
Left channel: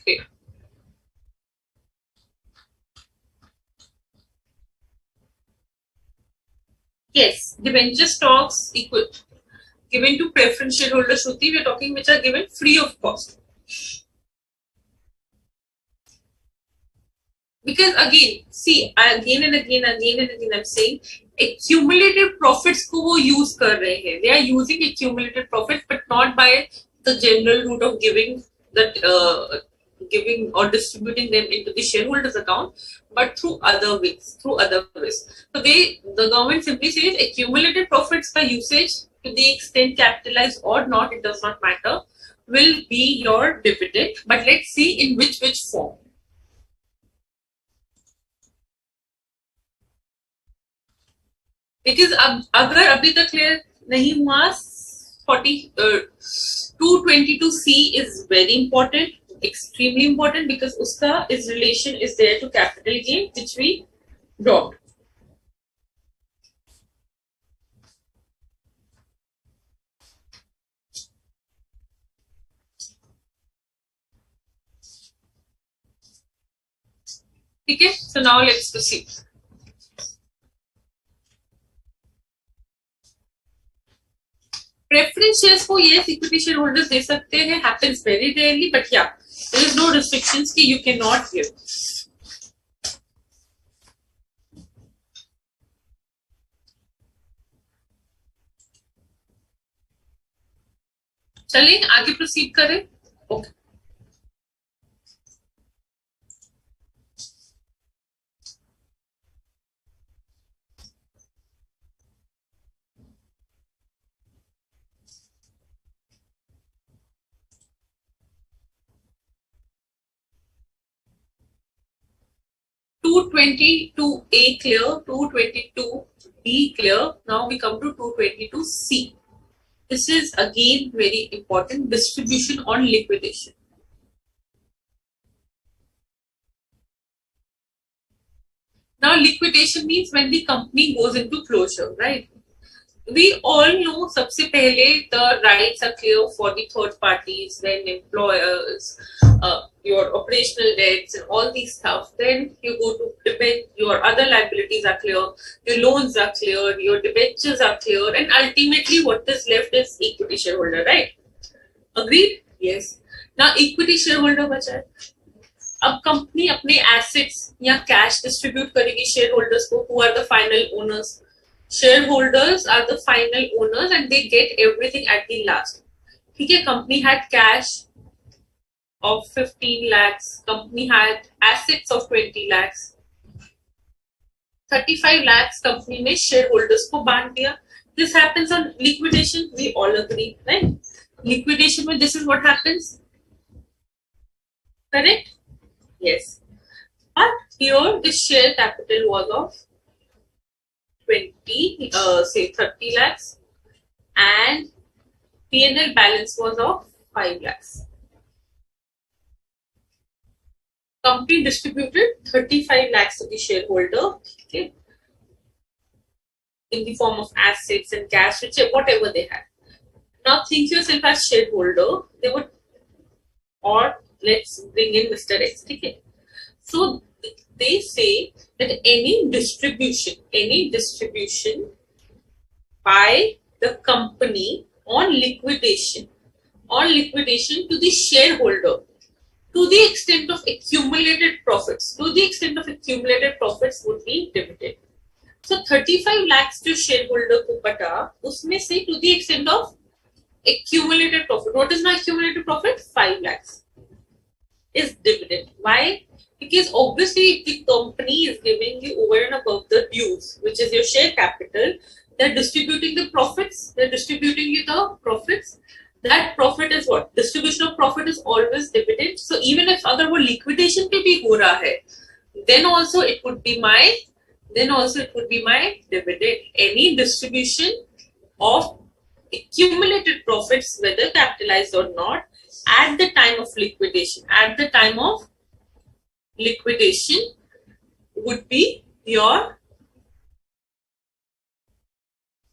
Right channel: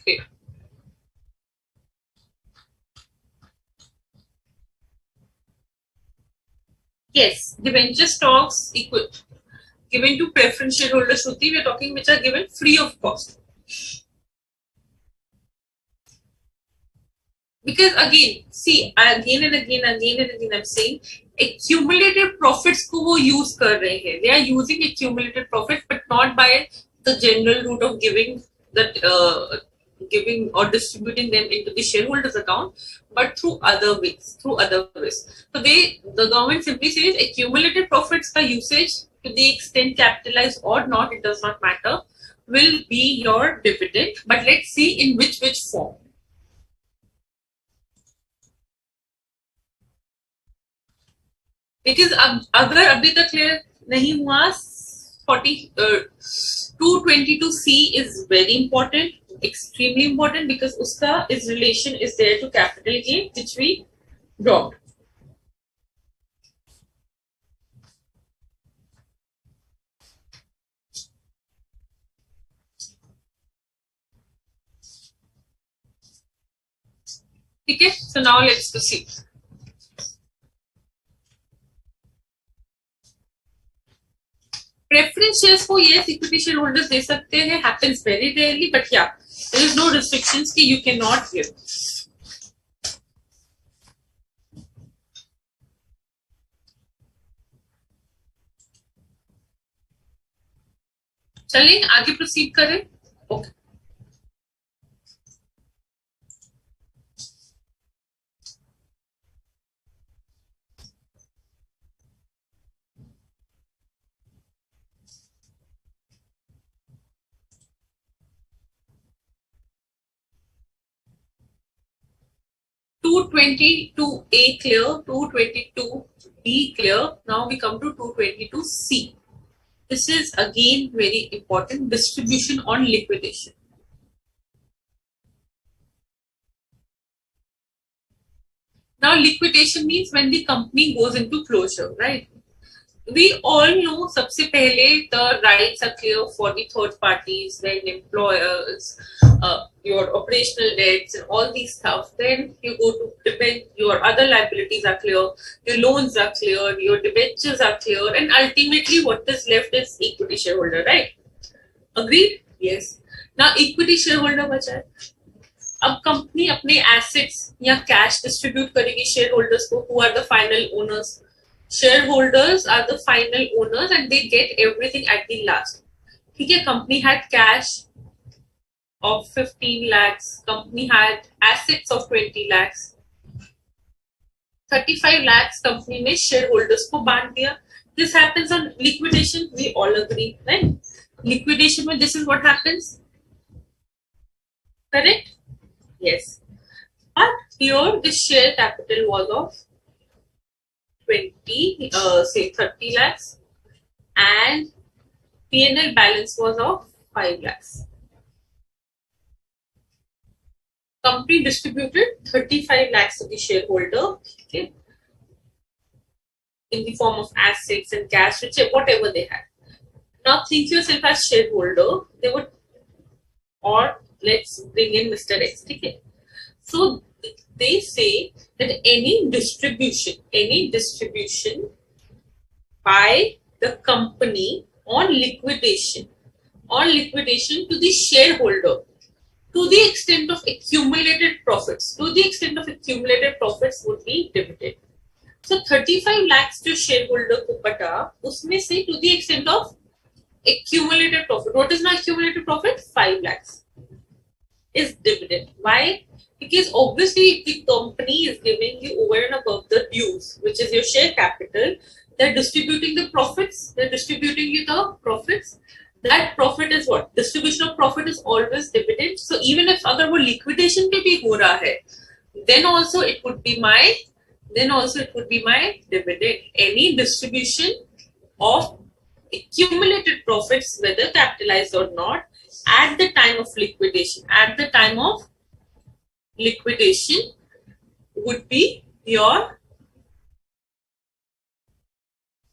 Okay. Yes, debenture stocks equal given to preference shareholders. Shruti, we are talking which are given free of cost. Because again, see, again and again, I'm saying accumulated profits को वो use कर रहे हैं. They are using accumulated profits, but not by the general route of giving that giving or distributing them into the shareholders account, but through other ways. So the government simply says accumulated profits का usage to the extent capitalized or not, it does not matter, will be your dividend. But let's see in which form. Because अगर अभी तक clear नहीं हुआ 222C is very important, extremely important, because उसका is relation is there to capital gain which we dropped. Okay, so now let's proceed. Preference shares को yes equity shareholders दे सकते हैं, happens very rarely, but yeah, there is no restrictions कि you cannot give. चलिए आगे proceed करें. Okay. $222A clear, $222B clear. Now we come to $222C. This is again very important, distribution on liquidation. Now liquidation means when the company goes into closure, right? We all know सबसे पहले the rights are clear for the third parties, then employers, your operational debts and all these stuff. Then you go to debent, your other liabilities are clear, your loans are clear, your debentures are clear, and ultimately what is left is equity shareholder, right? Agreed? Yes. Now equity shareholder बचा है. अब company अपने assets या cash distribute करेगी shareholders को, who are the final owners. Shareholders are the final owners and they get everything at the last. ठीक है, company had cash of 15 lakhs, company had assets of 20 lakhs, 35 lakhs company ने shareholders को बांट दिया. This happens on liquidation, we all agree, right? Liquidation में this is what happens. Correct? Yes. But here the share capital was of 30 lakhs and P&L balance was of 5 lakhs. Company distributed 35 lakhs to the shareholder, okay, in the form of assets and cash, whatever they had. Now think yourself as shareholder, they would, or let's bring in Mr. X, okay. So they say that any distribution by the company on liquidation to the shareholder to the extent of accumulated profits. To the extent of accumulated profits would be dividend. So 35 lakhs जो shareholder को पटा, उसमें से to the extent of accumulated profit. What is my accumulated profit? 5 lakhs is dividend. Why? Because obviously if the company is giving you over and above the dues, which is your share capital, they're distributing the profits. They're distributing you the profits. That profit is what? Distribution of profit is always dividend. So even if अगर वो liquidation पे भी हो रहा है, then also it would be my dividend. Any distribution of accumulated profits, whether capitalized or not, at the time of liquidation would be your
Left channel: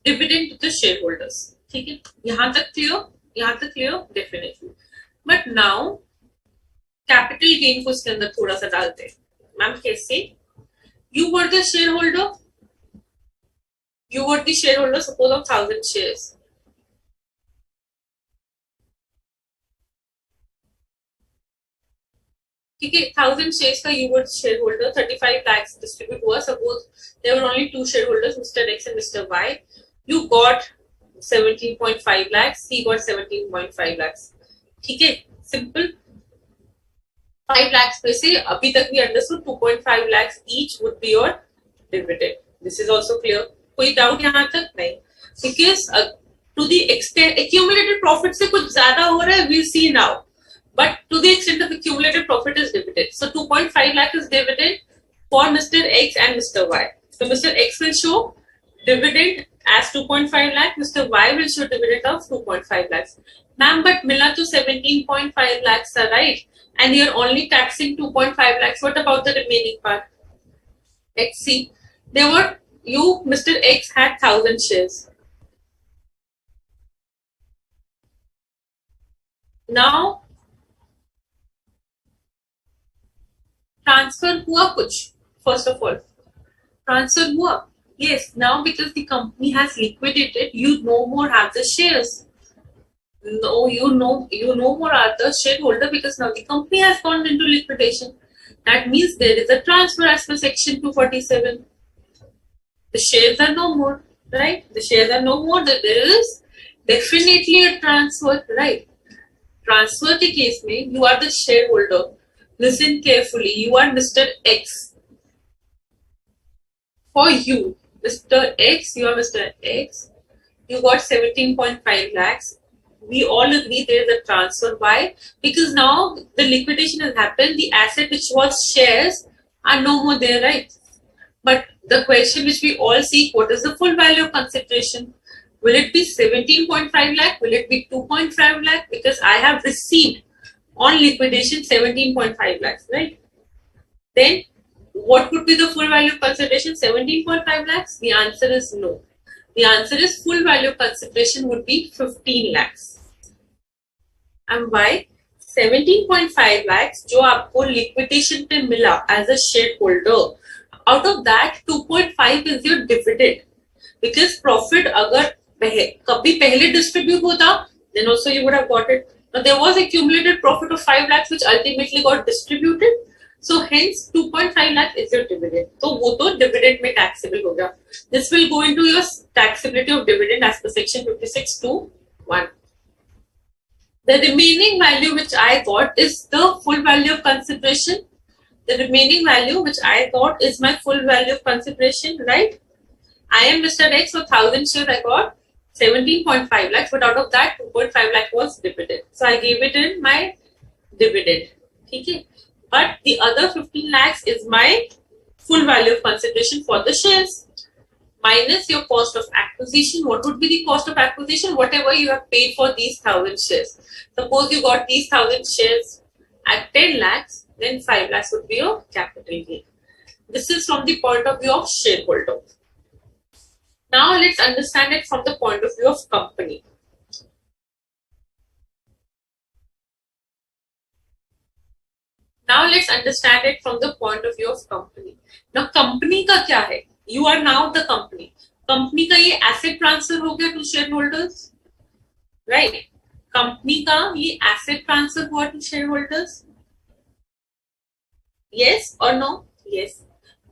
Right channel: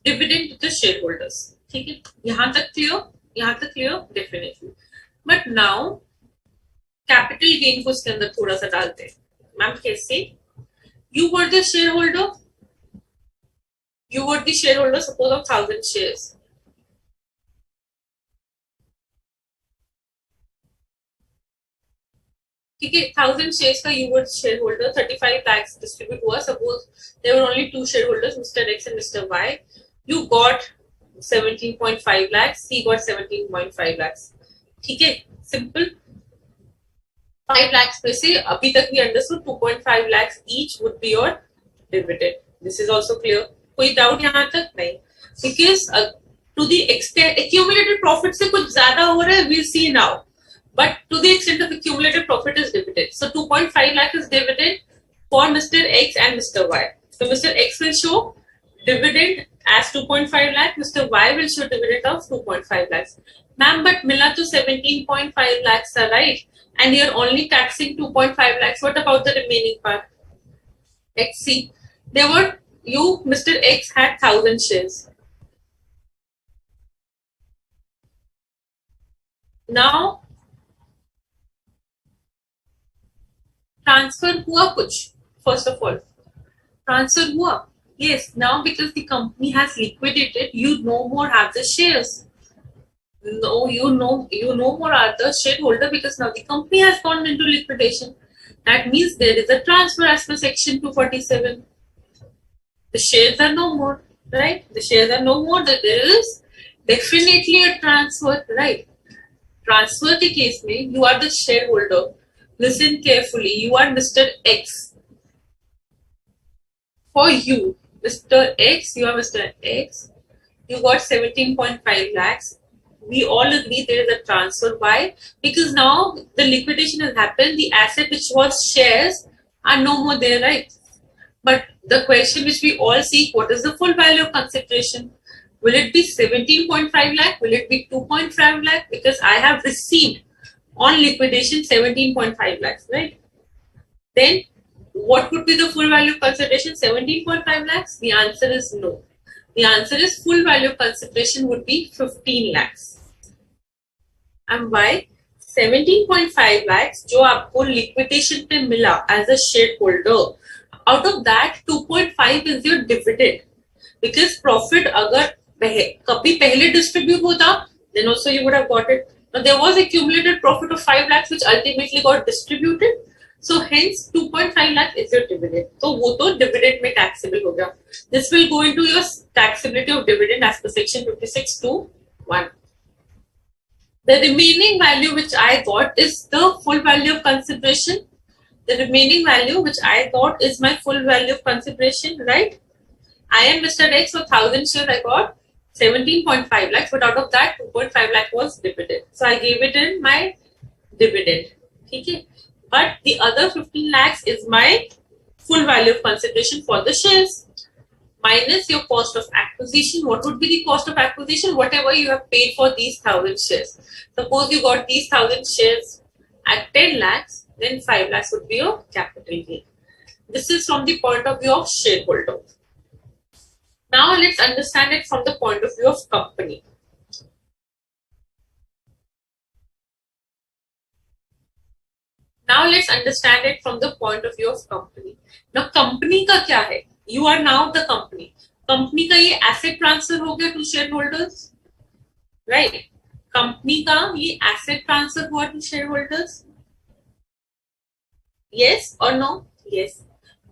dividend to the shareholders. ठीक है, यहाँ तक clear, definitely. But now capital gain को इसके अंदर थोड़ा सा डालते हैं. मैम कैसे? You were the shareholder. Suppose of 1,000 shares. ठीक है, 1,000 shares का you were shareholder. 35 lakhs distribute हुआ. Suppose there were only two shareholders, Mr. X and Mr. Y. You got 17.5 lakhs. He got 17.5 lakhs. ठीक है, simple. 5 lakhs में से अभी तक we understood 2.5 lakhs each would be your dividend. This is also clear. कोई doubt यहाँ तक नहीं? Because to the extent accumulated profit से कुछ ज़्यादा हो रहा है, we'll see now. But to the extent of accumulated profit is dividend. So 2.5 lakh is dividend for Mr. X and Mr. Y. So Mr. X will show dividend as 2.5 lakh. Mr. Y will show dividend of 2.5 lakhs. Ma'am, but मिला तो 17.5 lakhs are right. And you're only taxing 2.5 lakhs. What about the remaining part? Let's see. Mr. X had 1,000 shares. Now, transfer हुआ कुछ. First of all, transfer हुआ. Yes, now because the company has liquidated, you no more have the shares. No, you no more are the shareholder because now the company has gone into liquidation. That means there is a transfer as per section 247. The shares are no more, right? The shares are no more. That there is definitely a transfer, right? Transfer के case में you are the shareholder. Listen carefully. You are Mr. X. For you, Mr. X, you are Mr. X. You got 17.5 lakhs. We all agree there is a transfer. Why? Because now the liquidation has happened. The asset which was shares are no more there, right? But the question which we all see, what is the full value of consideration? Will it be 17.5 lakh? Will it be 2.5 lakh? Because I have received on liquidation 17.5 lakhs, right? Then what would be the full value of consideration? 17.5 lakhs? The answer is no. The answer is full value of consideration would be 15 lakhs. And why? 17.5 lakhs जो आपको liquidation पे मिला as a shareholder, out of that 2.5 is your dividend. Because profit अगर कभी पहले distribute होता, then also you would have got it. Now there was accumulated profit of 5 lakhs which ultimately got distributed. So hence 2.5 lakh is your dividend. तो वो तो dividend में taxable होगा. This will go into your taxability of dividend as per section 56(2)(1). The remaining value which I got is the full value of consideration. The remaining value which I got is my full value of consideration, right? I am Mr. X, so 1,000 shares I got 17.5 lakhs, but out of that 2.5 lakh was dividend. So I gave it in my dividend. Okay? But the other 15 lakhs is my full value of consideration for the shares. Minus your cost of acquisition. What would be the cost of acquisition? Whatever you have paid for these 1,000 shares. Suppose you got these 1,000 shares at 10 lakhs, then 5 lakhs would be your capital gain. This is from the point of view of shareholder. Now let's understand it from the point of view of company. Now let's understand it from the point of view of company. Now company का क्या है? You are now the company. Company का ये asset transfer हो गया to shareholders, right? Company का ये asset transfer हुआ to shareholders. Yes or no? Yes.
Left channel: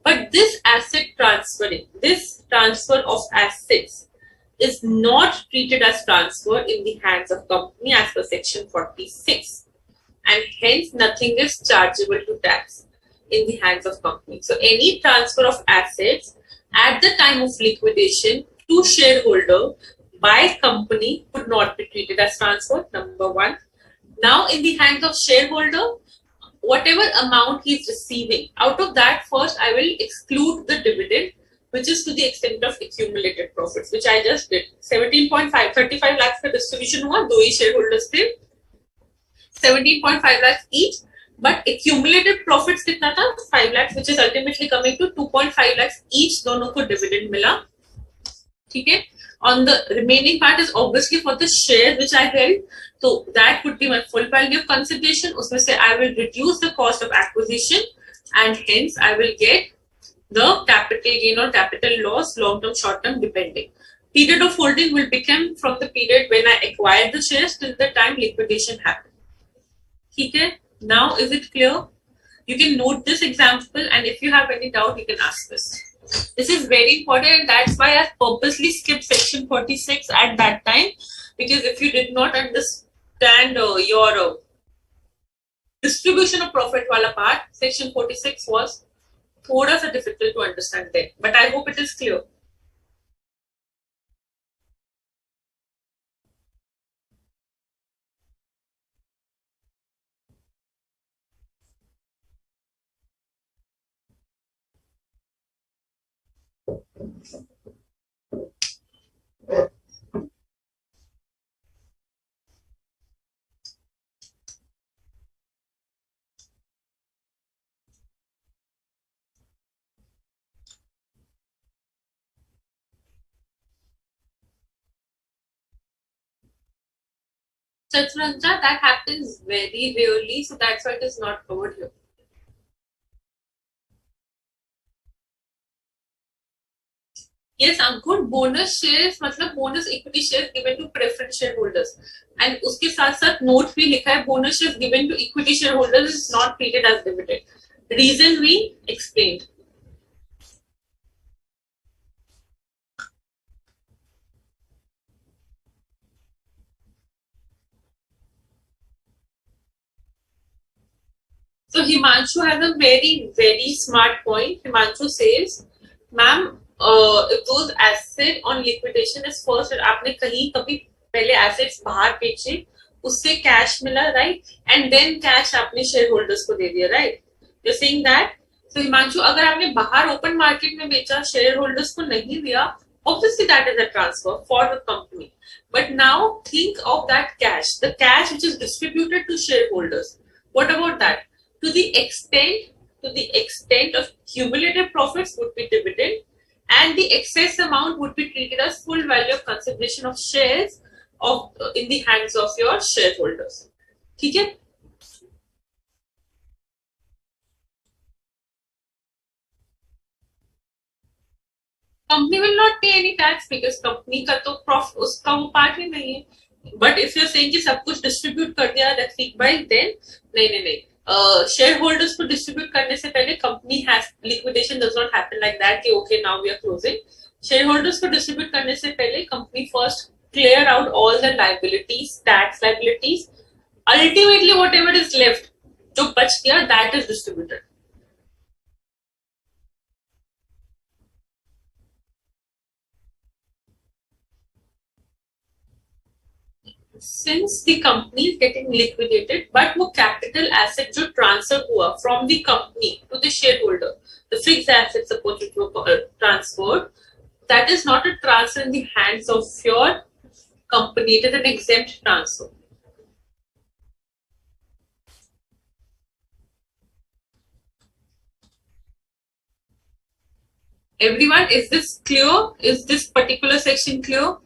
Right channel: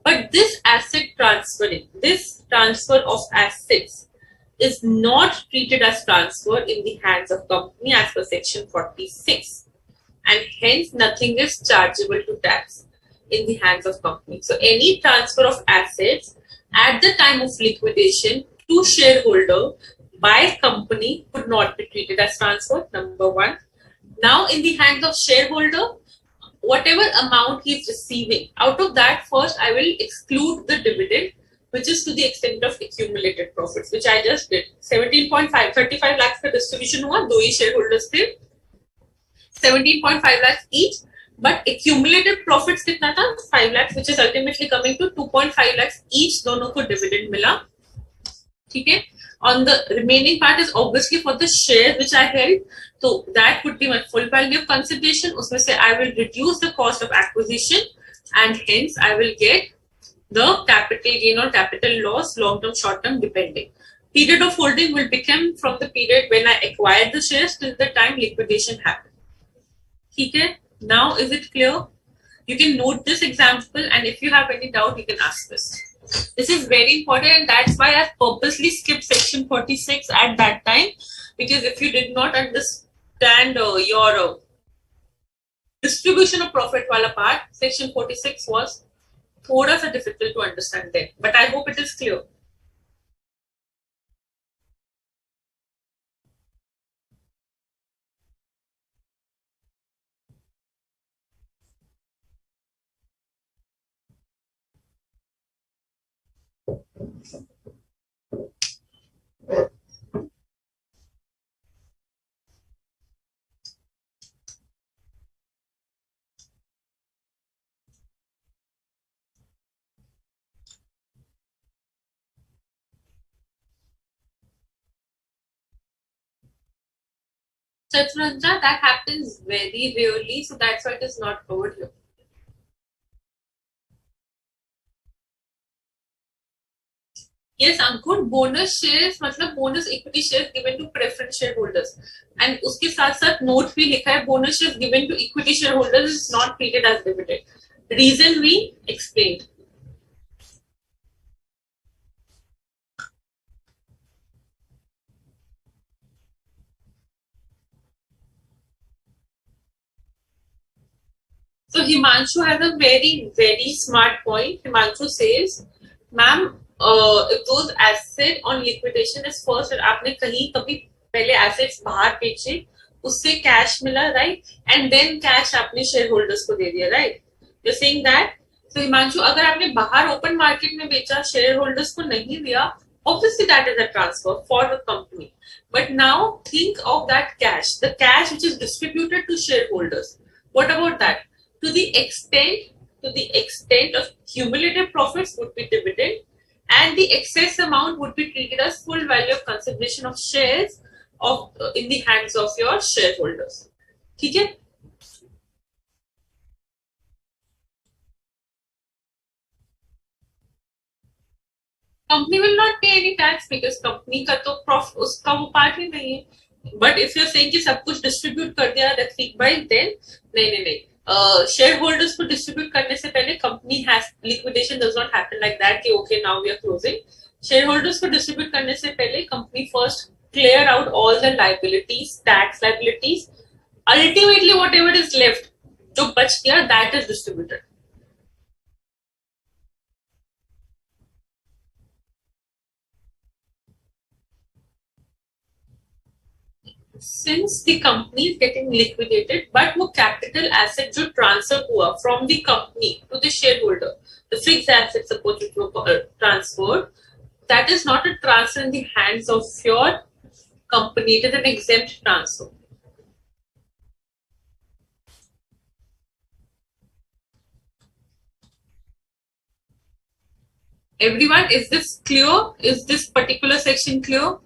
But this asset transferring, this transfer of assets is not treated as transfer in the hands of company as per section 46, and hence nothing is chargeable to tax in the hands of company. So any transfer of assets at the time of liquidation to shareholder by company would not be treated as transfer, number one. Now in the hands of shareholder, whatever amount he is receiving, out of that first I will exclude the dividend, which is to the extent of accumulated profits, which I just did. 17.5 35 lakhs का distribution हुआ, दो ही shareholders थे, 17.5 lakhs each, but accumulated profits कितना था, 5 lakhs, which is ultimately coming to 2.5 lakhs each, दोनों को dividend मिला. ठीक है. On the remaining part is obviously for the share which I held, so that would be my full value of consideration. उसमें से I will reduce the cost of acquisition, and hence I will get the capital gain or capital loss, long term, short term, depending. Period of holding will become from the period when I acquired the shares till the time liquidation happened. Okay, now is it clear? You can note this example, and if you have any doubt, you can ask this. This is very important, and that's why I purposely skipped section 46 at that time, because if you did not understand your distribution of profit wala part, section 46 was thoda sa difficult to understand then. But I hope it is clear. Chaturanja, that happens very rarely, so that's why it is not covered here. Yes, Ankur, bonus shares मतलब bonus equity shares given to preference shareholders, and उसके साथ साथ note भी लिखा है bonus shares given to equity shareholders is not treated as dividend. Reason we explained. So Himanshu has a very smart point. Himanshu says, "Ma'am, if those asset on liquidation is first, और आपने कहीं कभी पहले assets बाहर बेचे, उससे cash मिला, right? And then cash आपने shareholders को दे दिया, right? You're saying that? So Himanshu, अगर आपने बाहर open market में बेचा, shareholders को नहीं दिया, obviously that is a transfer for the company. But now think of that cash, the cash which is distributed to shareholders. What about that? To the extent of cumulative profits would be dividend, and the excess amount would be treated as full value of consideration of shares of in the hands of your shareholders. ठीक है? Company will not pay any tax because company का तो profit उसका वो part ही नहीं है. But if you're saying कि सब कुछ distribute कर दिया that week by then नहीं. Shareholders को distribute करने से पहले company has liquidation does not happen like that कि okay now we are closing. Shareholders को distribute करने से पहले company first clear out all the liabilities, tax liabilities. Ultimately whatever is left, जो बच गया that is distributed. Since the company is getting liquidated, but वो capital asset जो transfer हुआ from the company to the shareholder, the fixed asset suppose it was transferred, that is not a transfer in the hands of your company. It is an exempt transfer. Everyone, is this clear? Is this particular section clear?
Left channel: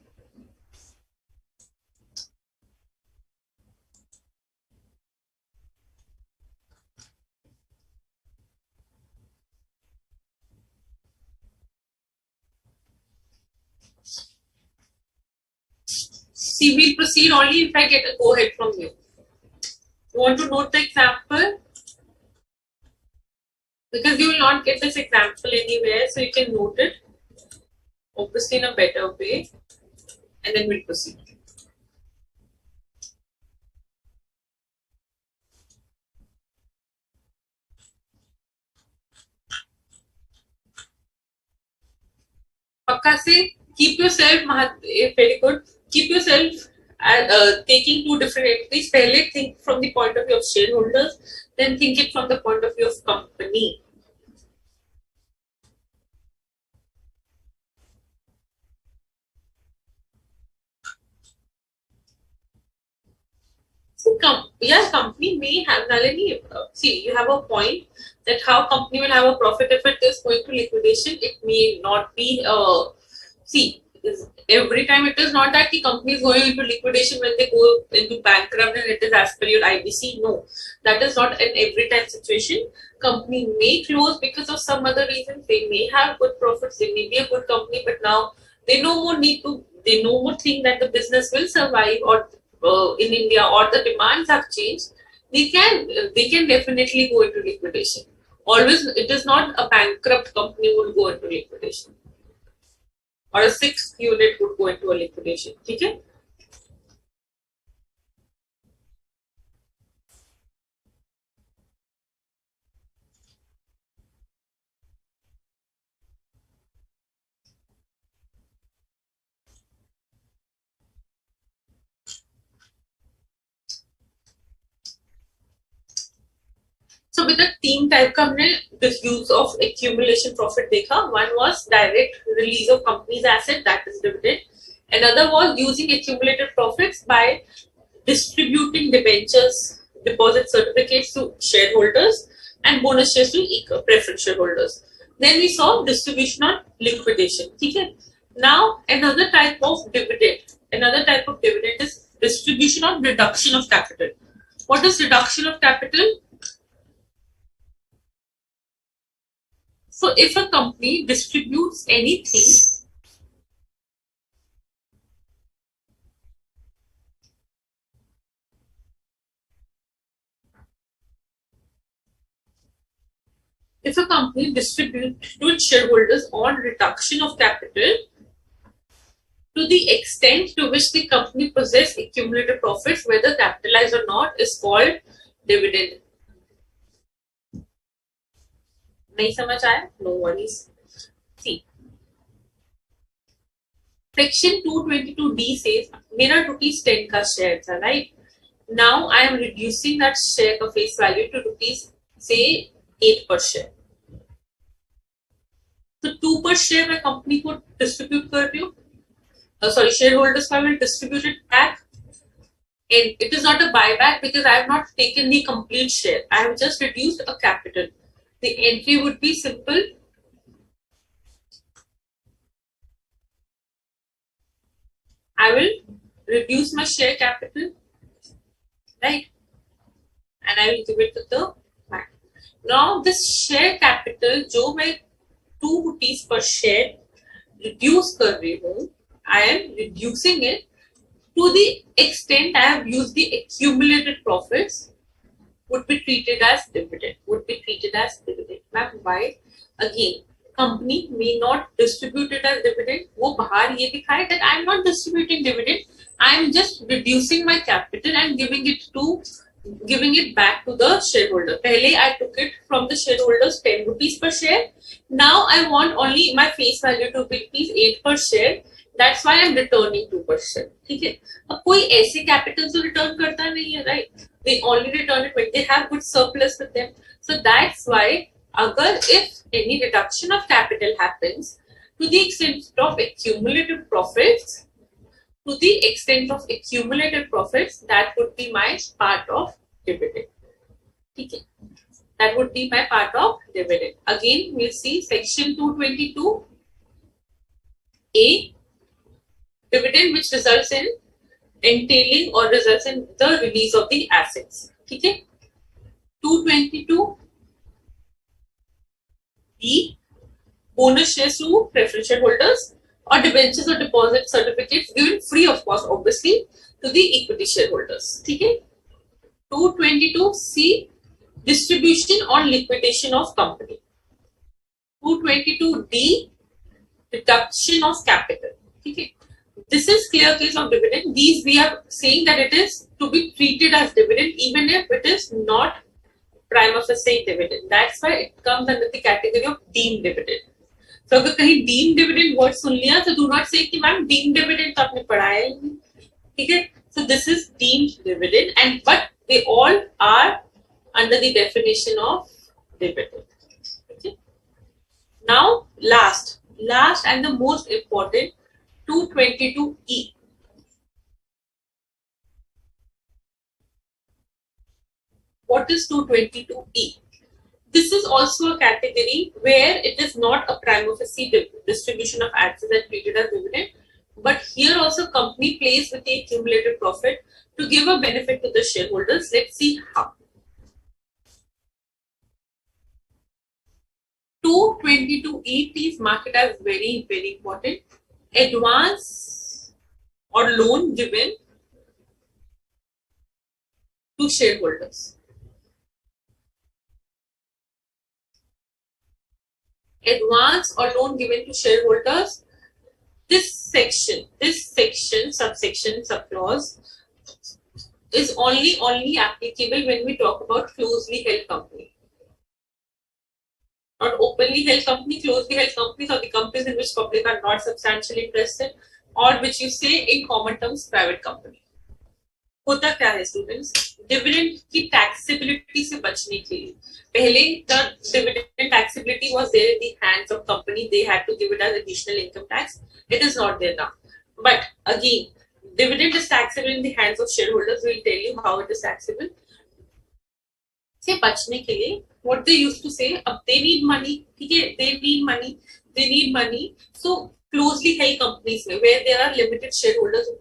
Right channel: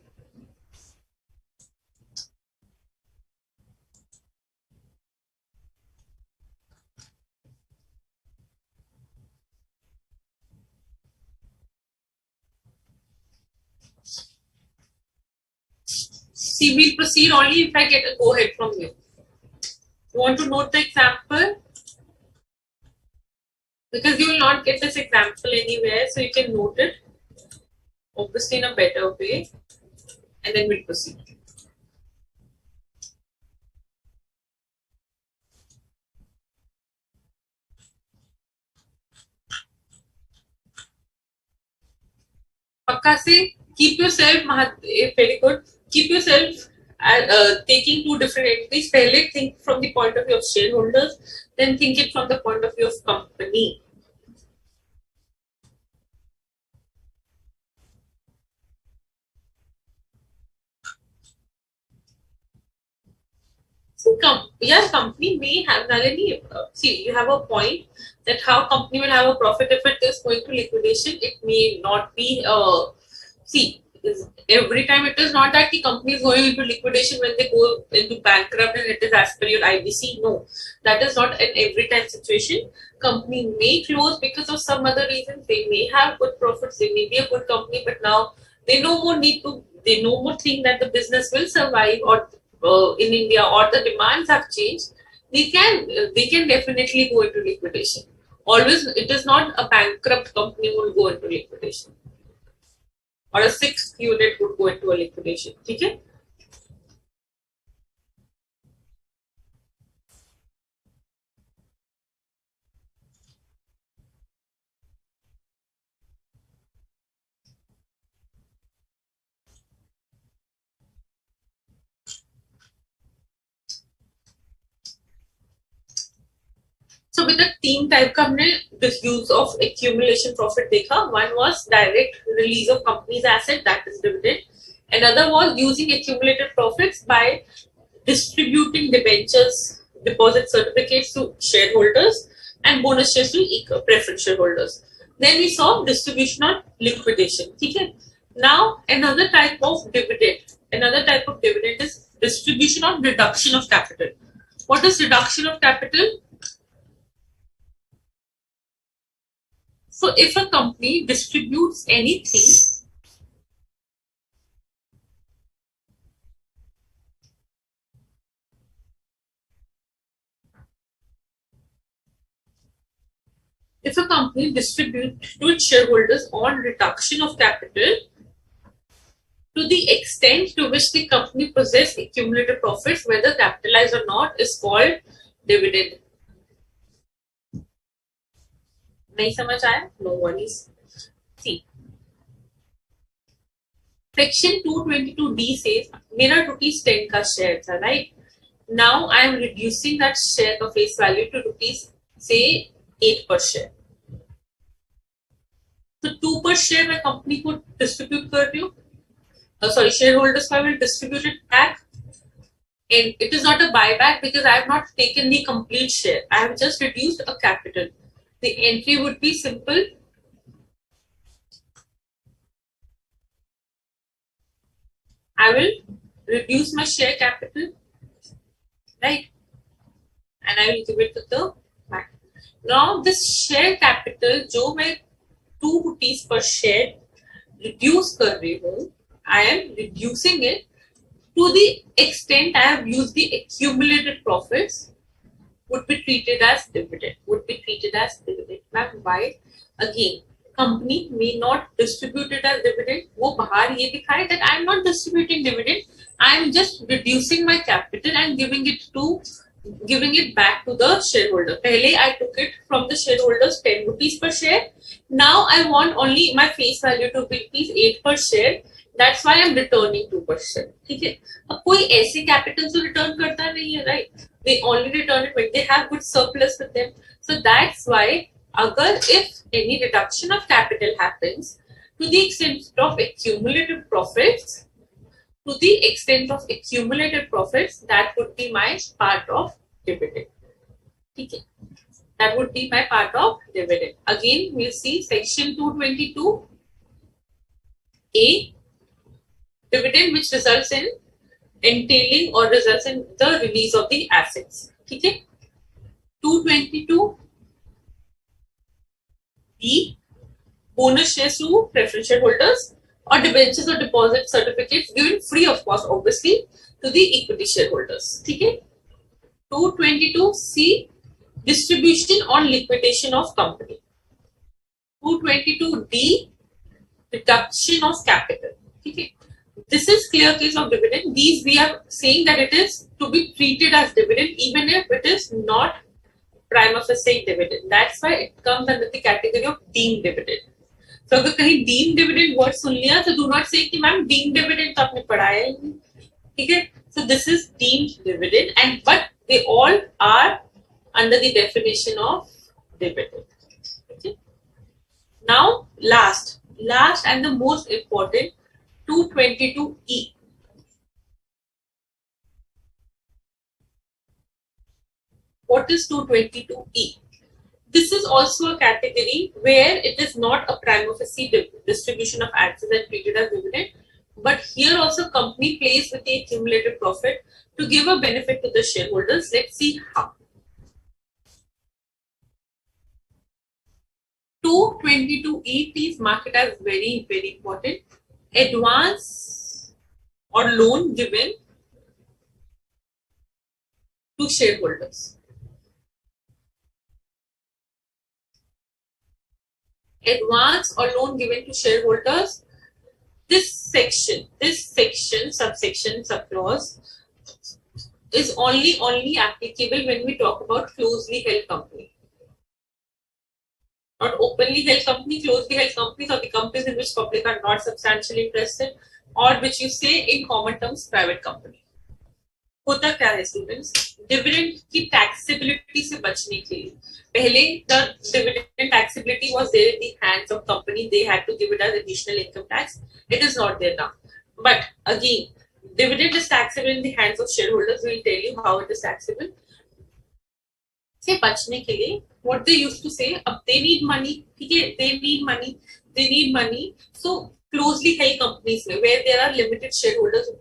See, we'll proceed only if I get a go ahead from you. You want to note the example? not get this example anywhere, so you can note it obviously in a better way, and then we'll proceed. Pakka se, keep yourself, very good. Keep yourself taking two different entities. Pehle think from the point of view of shareholders, then think it from the point of view of company. So, company may have, Nalini, see, you have a point that how company will have a profit if it is going to liquidation. It may not be, see, every time it is not that the company is going into liquidation when they go into bankrupt and it is as per your IBC. No, that is not an every time situation. Company may close because of some other reasons. They may have good profits. They may be a good company, but now they no more need to. They no more think that the business will survive or in India or the demands have changed. They can definitely go into liquidation. Always, it is not a bankrupt company will go into liquidation. Or a sixth unit would go into a liquidation. Okay? So with the team type का हमने the use of accumulation profit देखा. One was direct release of company's asset, that is dividend. Another was using accumulated profits by distributing debentures, deposit certificates to shareholders and bonus shares to preference shareholders. Then we saw distribution on liquidation. Okay? Now another type of dividend. Another type of dividend is distribution on reduction of capital. What is reduction of capital? So if a company distributes anything, if a company distributes to its shareholders on reduction of capital to the extent to which the company possesses accumulated profits, whether capitalized or not, is called dividend. नहीं समझ आया? No worries. See, section 222D says मेरा rupees 10 का share था, right? Now I am reducing that share का face value to rupees say 8 per share. So 2 per share मैं company को distribute कर रही हूँ. Sorry, shareholders will distribute it back. And it is not a buyback because I have not taken the complete share. I have just reduced a capital. The entry would be simple. I will reduce my share capital, right? And I will give it to the bank. Now this share capital, जो मैं 2 rupees per share reduce कर रही हूँ, I am reducing it to the extent I have used the accumulated profits would be treated as dividend. Ma'am, why? Again, company may not distribute it as dividend. वो बाहर ये दिखाए that I am not distributing dividend. I am just reducing my capital and giving it back to the shareholder. पहले I took it from the shareholders 10 rupees per share. Now I want only my face value to be rupees 8 per share. That's why I'm returning 2%. ठीक है? अब कोई ऐसे capital तो return करता नहीं है, right? They only return it when they have good surplus with them. So that's why, if any reduction of capital happens to the extent of accumulated profits, that would be my part of dividend. Okay. That would be my part of dividend. Again, we'll see section 222A, dividend which results in entailing or results in the release of the assets. Okay. 222B, bonus shares to preference shareholders or debentures or deposit certificates given free of cost, obviously, to the equity shareholders. Okay. 222C, distribution on liquidation of company. 222D, deduction of capital. Okay. This is clear case of dividend. These we are saying that it is to be treated as dividend even if it is not prima facie dividend. That's why it comes under the category of deemed dividend. So अगर कहीं deemed dividend word सुन लिया तो do not say कि ma'am deemed dividend तो आपने पढ़ाया ही नहीं. ठीक है. So this is deemed dividend, and but they all are under the definition of dividend. Okay. Now last and the most important, 222E. What is 222E? This is also a category where it is not a prima facie distribution of assets and treated as dividend, but here also company plays with the accumulated profit to give a benefit to the shareholders. Let's see how. 222E, please mark it as very, very important. Advance or loan given to shareholders. Advance or loan given to shareholders. This section, subsection, subclause is only applicable when we talk about closely held company. Not openly held company, closely held companies, or the companies in which public are not substantially interested, or which you say in common terms private company. होता क्या है students, dividend की taxability से बचने के लिए पहले the dividend taxability was there in the hands of company, they had to give it as additional income tax. It is not there now, but again dividend is taxable in the hands of shareholders. We will tell you how it is taxable. से बचने के लिए what they used to say, अब they need money, ठीक है, they need money. So closely held companies में where there are limited shareholders who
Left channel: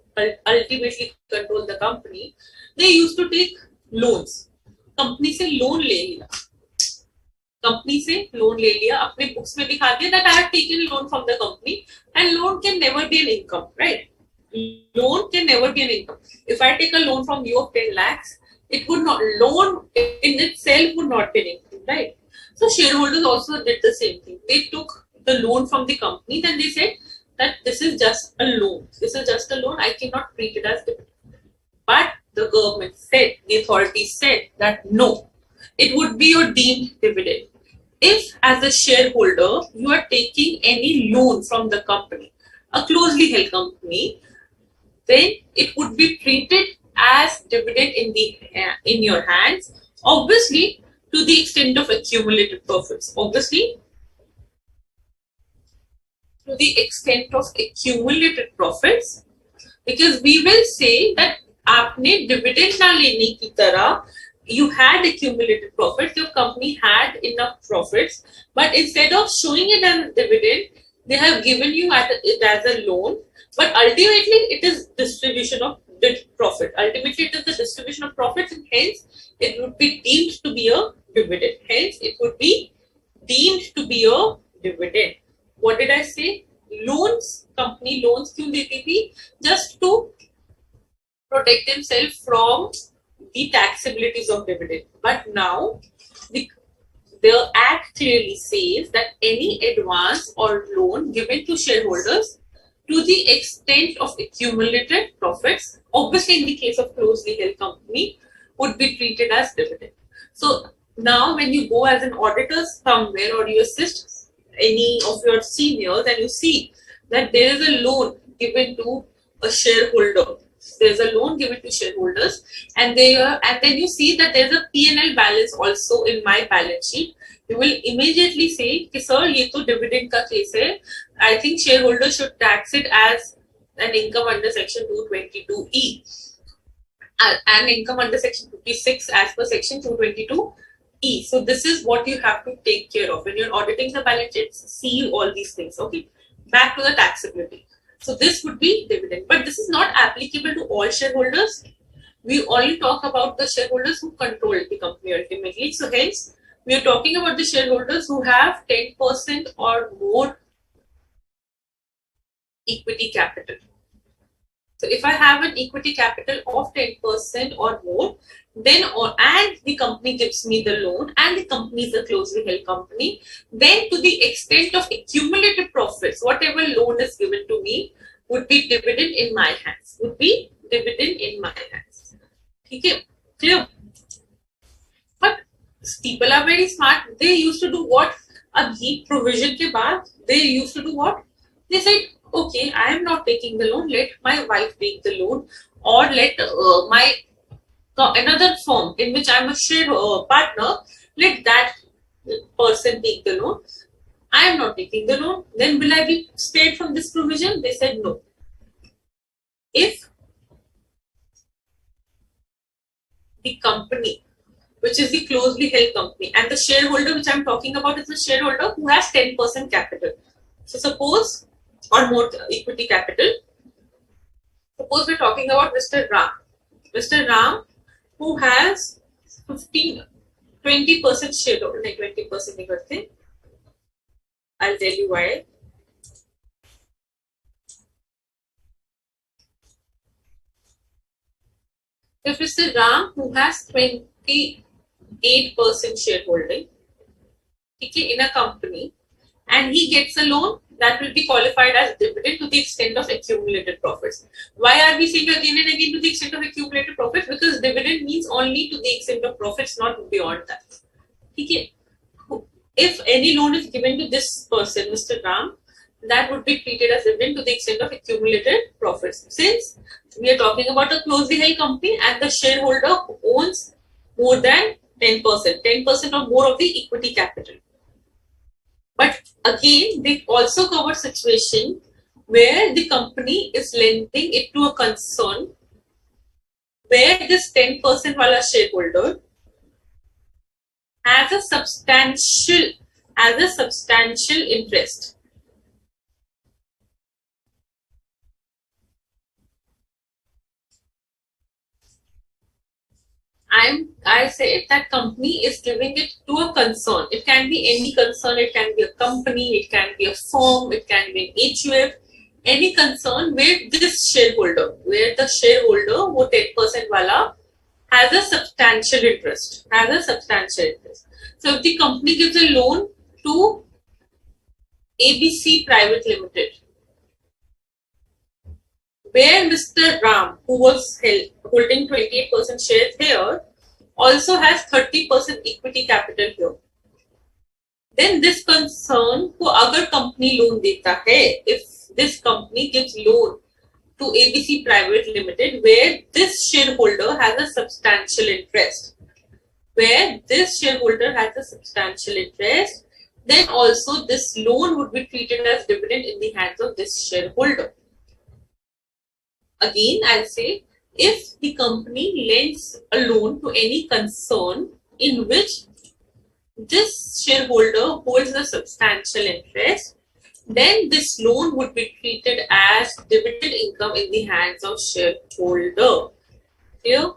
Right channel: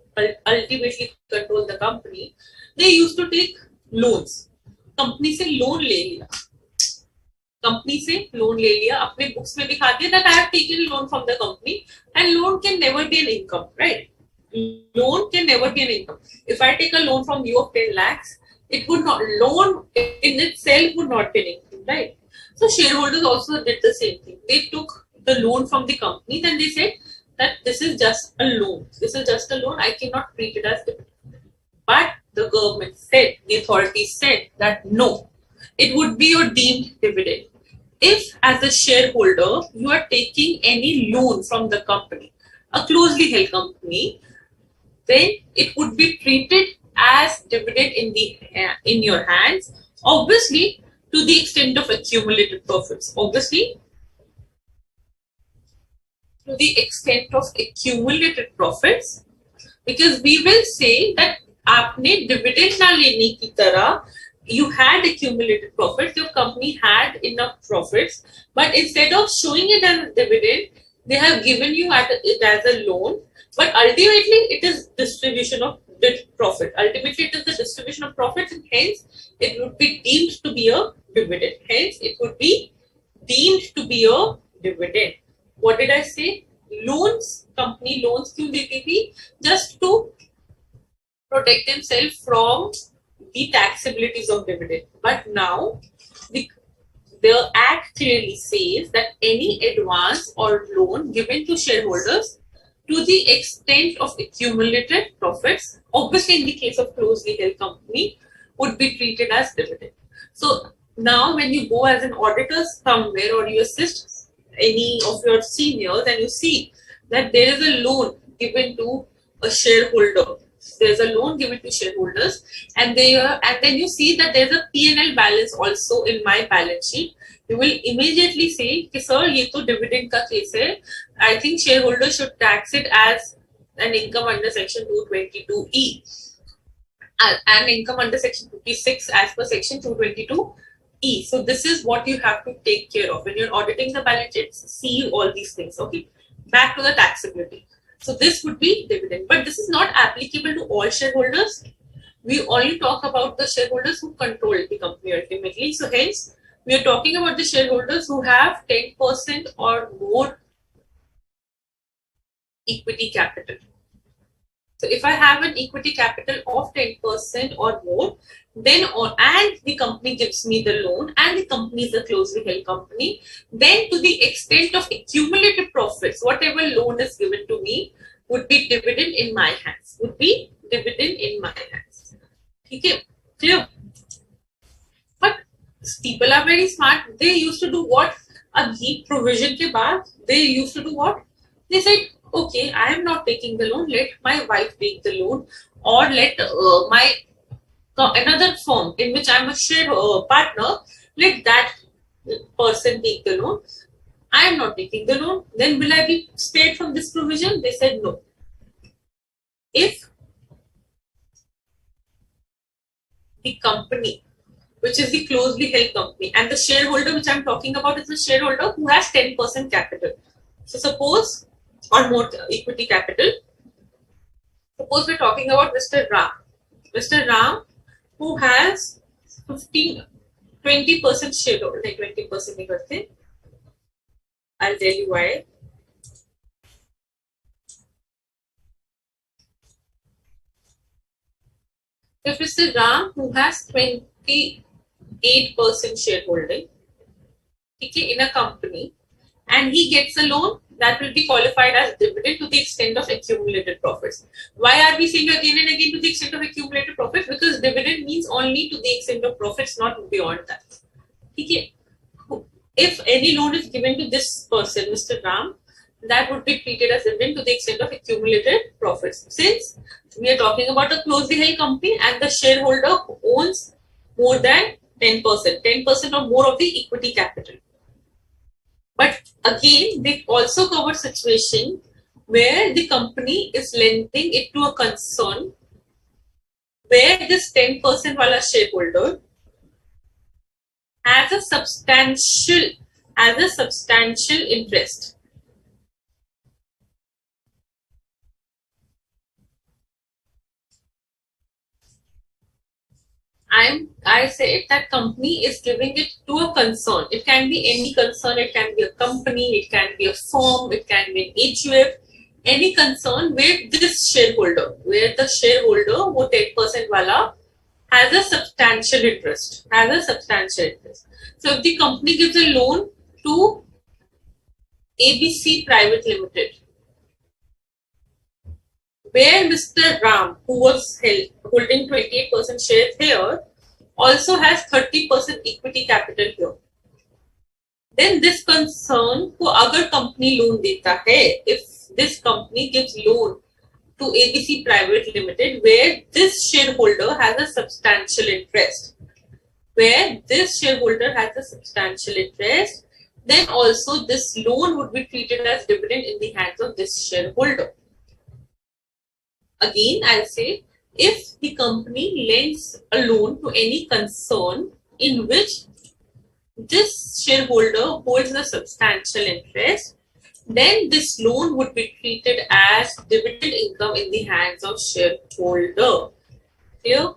ultimately control the company, they used to take loans. Company से loan ले लिया, अपने books में दिखा दिया that I have taken loan from the company, and loan can never be an income, right? Loan can never be an income. If I take a loan from you of 10 lakhs, it would not, loan in itself would not be an income, right? So shareholders also did the same thing. They took the loan from the company, then they said that this is just a loan. I cannot treat it as dividend. But the government said, the authorities said that no, it would be your deemed dividend. If as a shareholder you are taking any loan from the company, a closely held company, then it would be treated as dividend in your hands, obviously to the extent of accumulated profits. Because we will say that आपने dividend ना लेने की तरह, you had accumulated profits, your company had enough profits, but instead of showing it as a dividend, they have given you it as a loan. But ultimately it is distribution of profit. Ultimately it is the distribution of profits, and hence it would be deemed to be a dividend. What did I say? Loans, company loans क्यों देती थी? Just to protect themselves from the taxabilities of dividend. But now the Act clearly says that any advance or loan given to shareholders to the extent of accumulated profits, obviously in the case of closely held company, would be treated as dividend. So now when you go as an auditor somewhere, or you assist any of your seniors and you see that there is a loan given to a shareholder, and then you see that there's a P&L balance also in my balance sheet, you will immediately say, sir, ये तो dividend का case है. I think shareholders should tax it as an income under section 222E and income under section 56 as per section 222E. So this is what you have to take care of when you're auditing the balance sheets. See all these things. Okay, back to the taxability. So this would be dividend, but this is not applicable to all shareholders. We only talk about the shareholders who control the company ultimately. So hence, we are talking about the shareholders who have 10% or more equity capital. So if I have an equity capital of 10% or more, then and the company gives me the loan and the company is a closely held company, then to the extent of accumulated profits, whatever loan is given to me would be dividend in my hands. Would be dividend in my hands. Okay, clear? But people are very smart. They used to do what? Agreed provision के बाद they used to do what? They said, okay, I am not taking the loan. Let my wife take the loan, or let my another firm in which I am a share partner. Let that person take the loan. I am not taking the loan. Then will I be spared from this provision? They said no. If the company, which is the closely held company, and the shareholder which I'm talking about is the shareholder who has 10% capital. So suppose, or more equity capital, suppose we're talking about Mr. Ram. Mr. Ram, who has 20% shareholder, like 20% नहीं करते. I'll tell you why. If Mr. Ram, who has 28% shareholding, okay, in a company, and he gets a loan, that will be qualified as dividend to the extent of accumulated profits. Why are we saying again and again to the extent of accumulated profits? Because dividend means only to the extent of profits, not beyond that. Okay. If any loan is given to this person, Mr. Ram, that would be treated as dividend to the extent of accumulated profits. Since we are talking about a closely held company and the shareholder owns more than 10% or more of the equity capital. But again, they also cover situation where the company is lending it to a concern where this 10% wala shareholder has a substantial interest. I say that company is giving it to a concern. It can be any concern. It can be a company. It can be a firm. It can be an HUF. Any concern where this shareholder, where the shareholder who 10% wala has a substantial interest. So if the company gives a loan to ABC Private Limited, where Mr. Ram, who was holding 28% shares here, also has 30% equity capital here. Then this concern को अगर company loan देता है, if this company gives loan to ABC Private Limited, where this shareholder has a substantial interest, then also this loan would be treated as dividend in the hands of this shareholder. Again, I'll say, if the company lends a loan to any concern in which this shareholder holds a substantial interest, then this loan would be treated as dividend income in the hands of shareholder. Clear?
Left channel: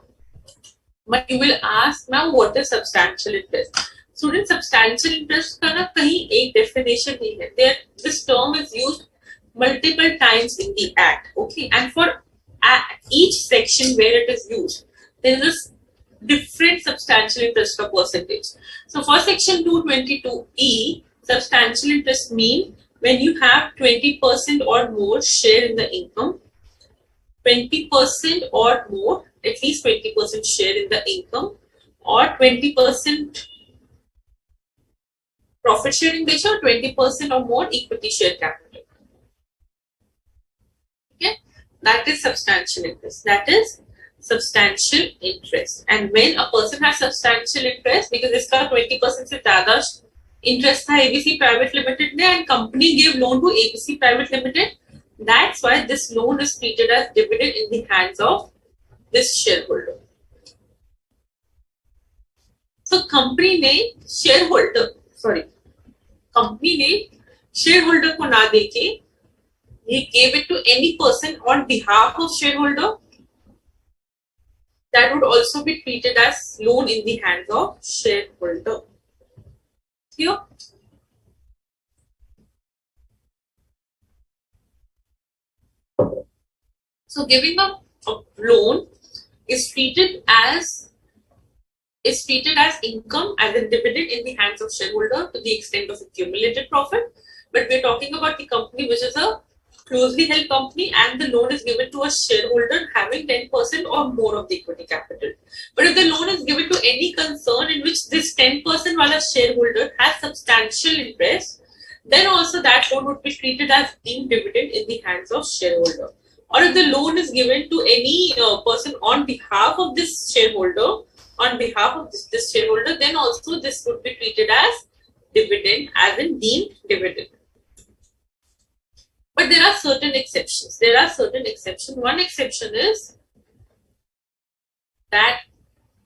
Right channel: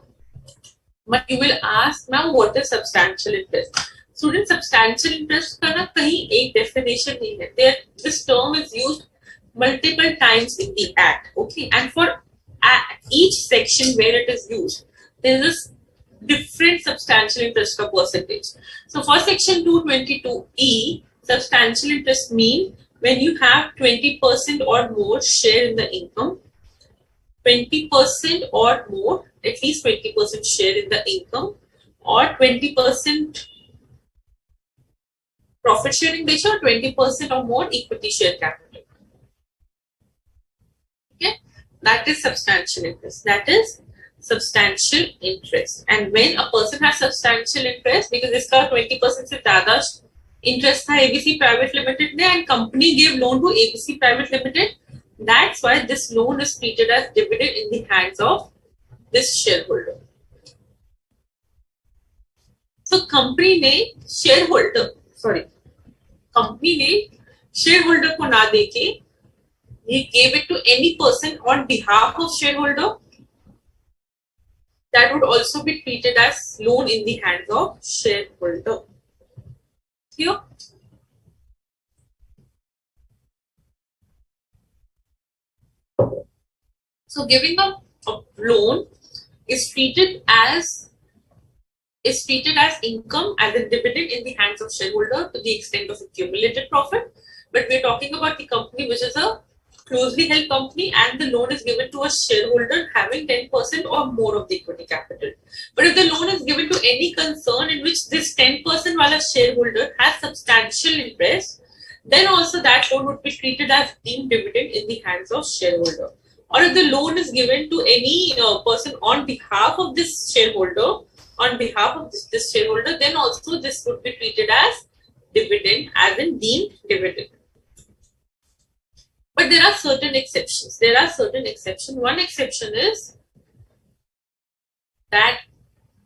But you will ask, now what is substantial interest? Student, substantial interest का ना कहीं एक definition नहीं है. This term is used multiple times in the Act. Okay, and for each section where it is used, there is a different substantial interest per percentage. So for section 222E, substantial interest means when you have 20% or more share in the income, 20% or more, at least 20% share in the income, or 20% profit sharing ratio, or 20% or more equity share capital. Okay, that is substantial interest. And when a person has substantial interest, because इसका 20% से ज़्यादा interest था ABC Private Limited ने, and company gave loan to ABC Private Limited, that's why this loan is treated as dividend in the hands of this shareholder. So company ने shareholder को ना देके, he gave it to any person on behalf of shareholder, that would also be treated as loan in the hands of shareholder. Here. So giving a loan is treated as income, as a dividend in the hands of shareholder to the extent of accumulated profit. But we're talking about the company which is a closely held company, and the loan is given to a shareholder having 10% or more of the equity capital. But if the loan is given to any concern in which this 10% wala shareholder has substantial interest, then also that loan would be treated as deemed dividend in the hands of shareholder. Or if the loan is given to any person on behalf of this shareholder, then also this would be treated as dividend, as in deemed dividend. But there are certain exceptions. One exception is that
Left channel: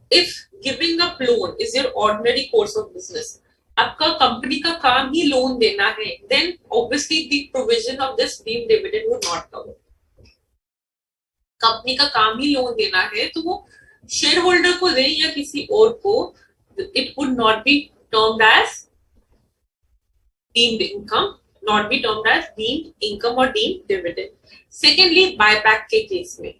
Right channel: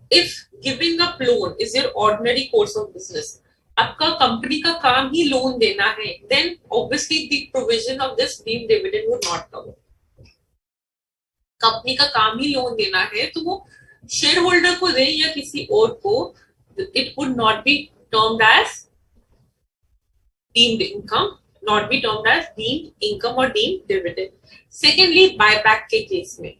if giving up loan is your ordinary course of business, आपका company का काम ही loan देना है, then obviously the provision of this deemed dividend would not cover. Company का काम ही loan देना है, तो वो शेयर होल्डर को दे या किसी और को, it would not be termed as deemed income, or deemed dividend. Secondly, buyback के केस में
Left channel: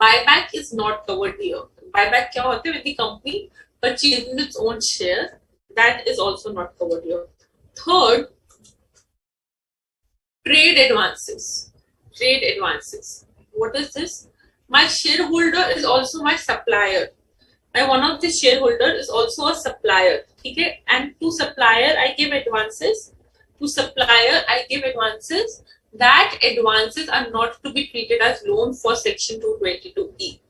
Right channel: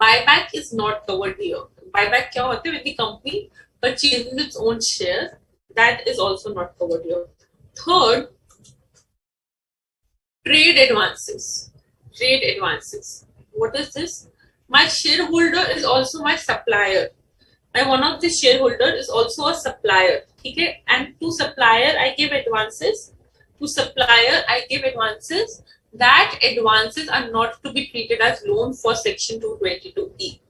buyback is not covered here. Buyback क्या होता है? When the company purchases its own share, that is also not covered here. Third, trade advances. What is this? My shareholder is also my supplier. One of the shareholder is also a supplier. Okay? And to supplier I give advances. That advances are not to be treated as loan for section 222E.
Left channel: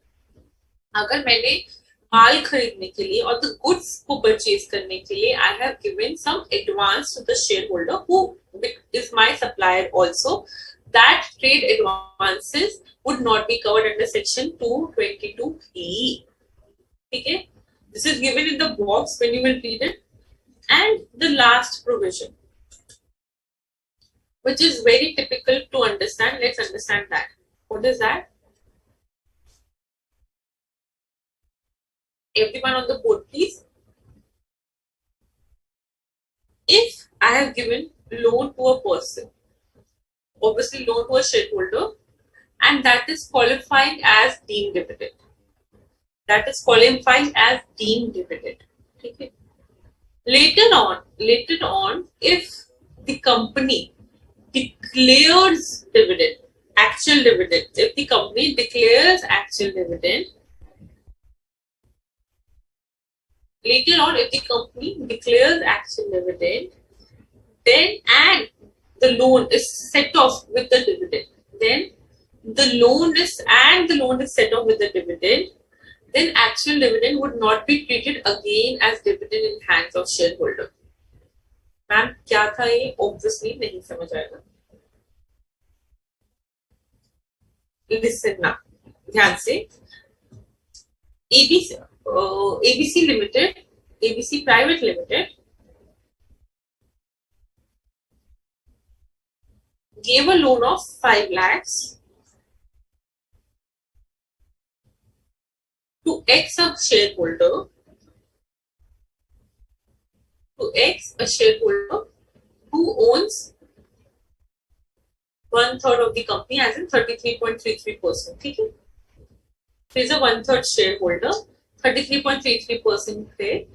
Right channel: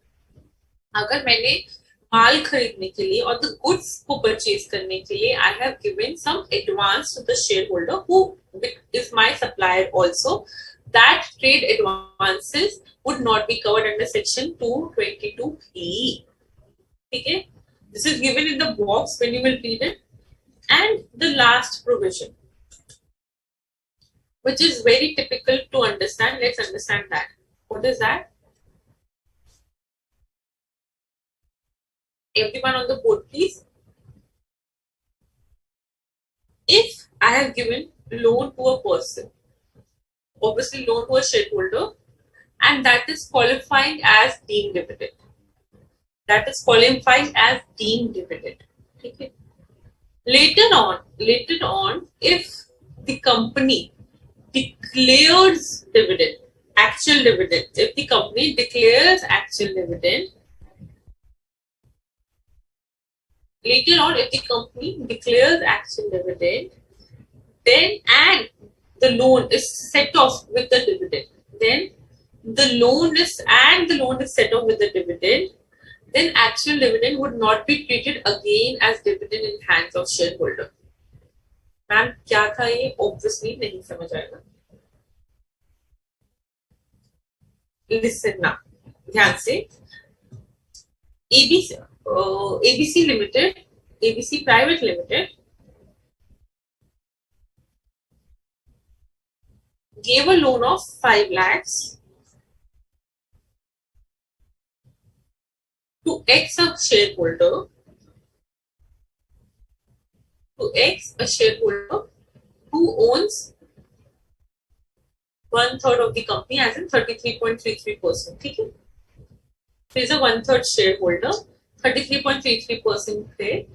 अगर मैंने माल खरीदने के लिए और the goods को purchase करने के लिए I have given some advance to the shareholder who is my supplier also, that trade advances would not be covered under section 222E. Okay? This is given in the box when you will read it. And the last provision, which is very typical to understand. Let's understand that. What is that? Everyone on the board, please. If I have given loan to a person, obviously loan to a shareholder, and that is qualifying as deemed dividend. Okay. Later on, if the company declares dividend, actual dividend, if the company declares actual dividend, then and the loan is set off with the dividend, then actual dividend would not be treated again as dividend in hands of shareholder. Ma'am क्या था ये? Obviously नहीं समझ आएगा. Listen now, ध्यान से. ABC Private Limited gave a loan of 5 lakhs to X a shareholder, who owns 1/3 of the company, as in 33.33%. Okay? He is a 1/3 shareholder, 33.33% थे.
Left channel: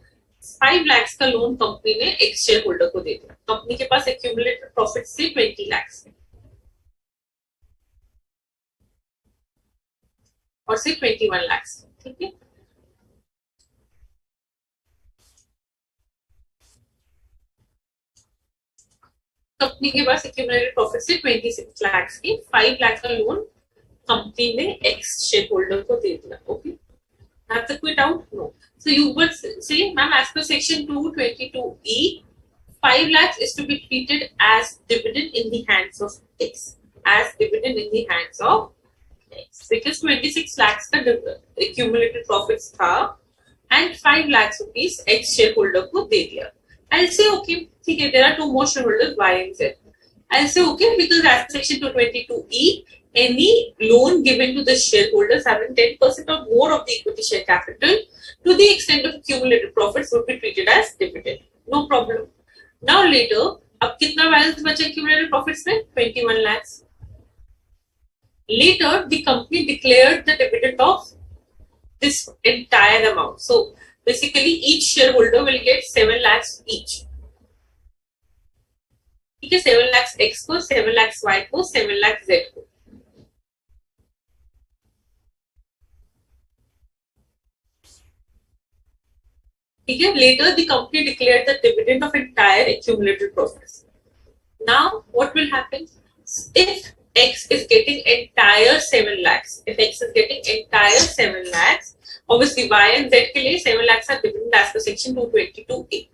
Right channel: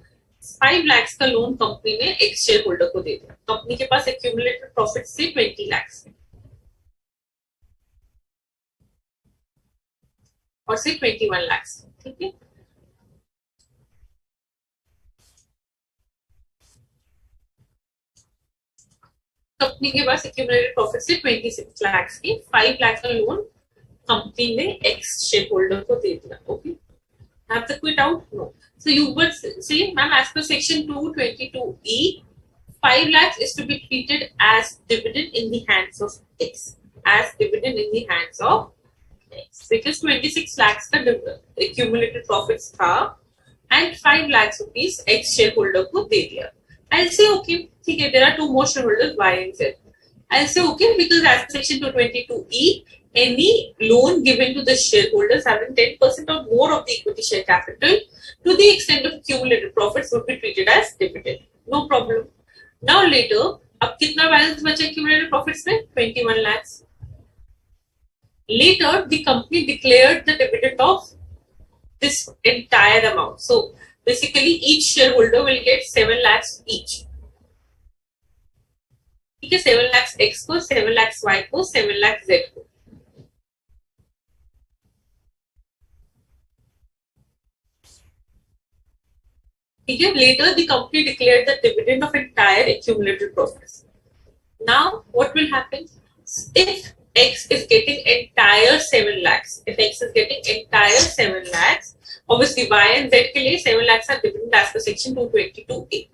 5 lakhs का लोन कंपनी ने X शेयरहोल्डर को दे दिया. Company के पास accumulated profit से 20 lakhs और से 21 lakhs. ठीक है. कंपनी के पास एक्यूमुलेटेड प्रॉफिट से 26 lakhs की 5 lakhs का लोन कंपनी ने X शेयरहोल्डर को दे दिया. Okay. Have the quit out? No. So you would say, ma'am, as per section 222E, 5 lakhs is to be treated as dividend in the hands of X. Because 26 lakhs का accumulated profits था and 5 lakhs rupees X shareholder को दे दिया. I'll say okay, ठीक है, there are 2 more shareholders, Y and Z. I'll say okay because as section 222E, any loan given to the shareholders having 10% or more of the equity share capital to the extent of accumulated profits would be treated as dividend. No problem. Now later, अब कितना balance बचा accumulated profits में? 21 lakhs. Later, the company declared the dividend of this entire amount. So basically, each shareholder will get 7 lakhs each. ठीक है, 7 lakhs X को, 7 lakhs Y को, 7 lakhs Z को. ठीक है, later the company declared the dividend of entire accumulated profits. Now, what will happen? If X is getting entire 7 lakhs, if X is getting entire 7 lakhs, obviously Y and Z के लिए 7 lakhs are dividend as per section 222A.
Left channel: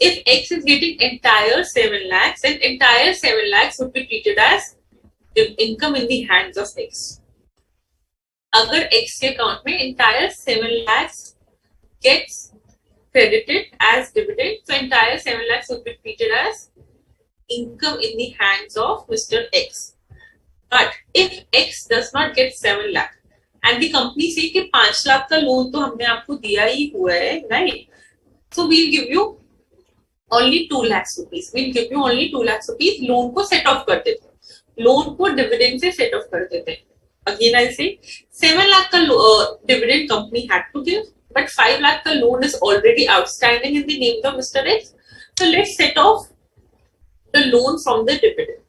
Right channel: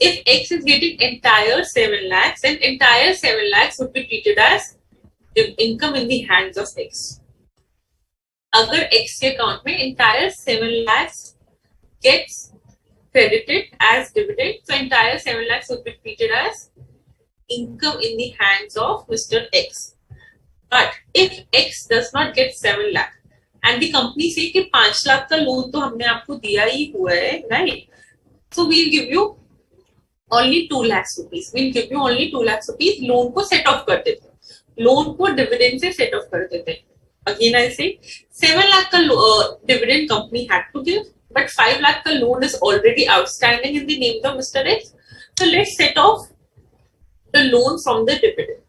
If X is getting entire 7 lakhs, then entire 7 lakhs would be treated as income in the hands of X. अगर X के account में entire 7 lakhs gets credited as dividend, so entire 7 lakhs would be treated as income in the hands of Mr. X. But if X does not get 7 lakh and the company say कि 5 लाख का loan तो हमने आपको दिया ही हुआ है, right? So we'll give you only 2 lakhs rupees. We'll give you only 2 lakhs rupees. Loan को set off कर देते हैं. लोन को dividend से set off कर देते हैं. Again I say 7 lakh का dividend company had to give, but 5 lakh का loan is already outstanding in the name of Mr. X. So let's set off the loan from the dividend.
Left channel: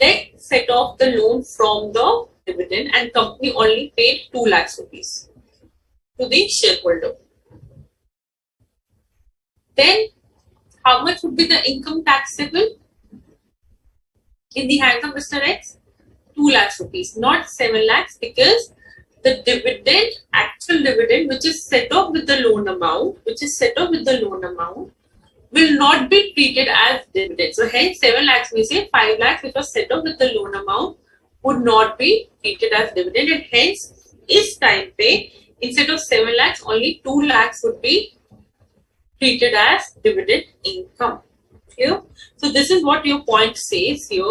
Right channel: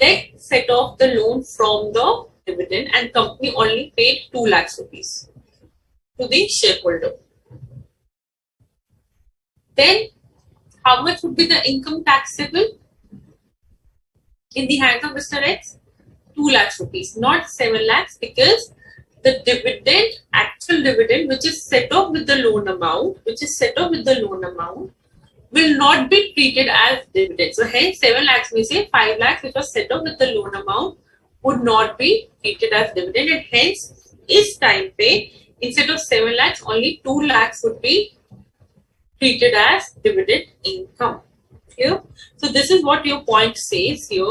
Let's set off the loan from the dividend, and company only paid 2 lakhs rupees to the shareholder. Then how much would be the income taxable in the hands of Mr. X? 2 lakhs rupees, not 7 lakhs, because the dividend, actual dividend, which is set off with the loan amount, will not be treated as dividend. So hence 7 lakhs we say 5 lakhs which was set off with the loan amount would not be treated as dividend, and hence is time pay instead of 7 lakhs only 2 lakhs would be treated as dividend income. Here, so this is what your point says here.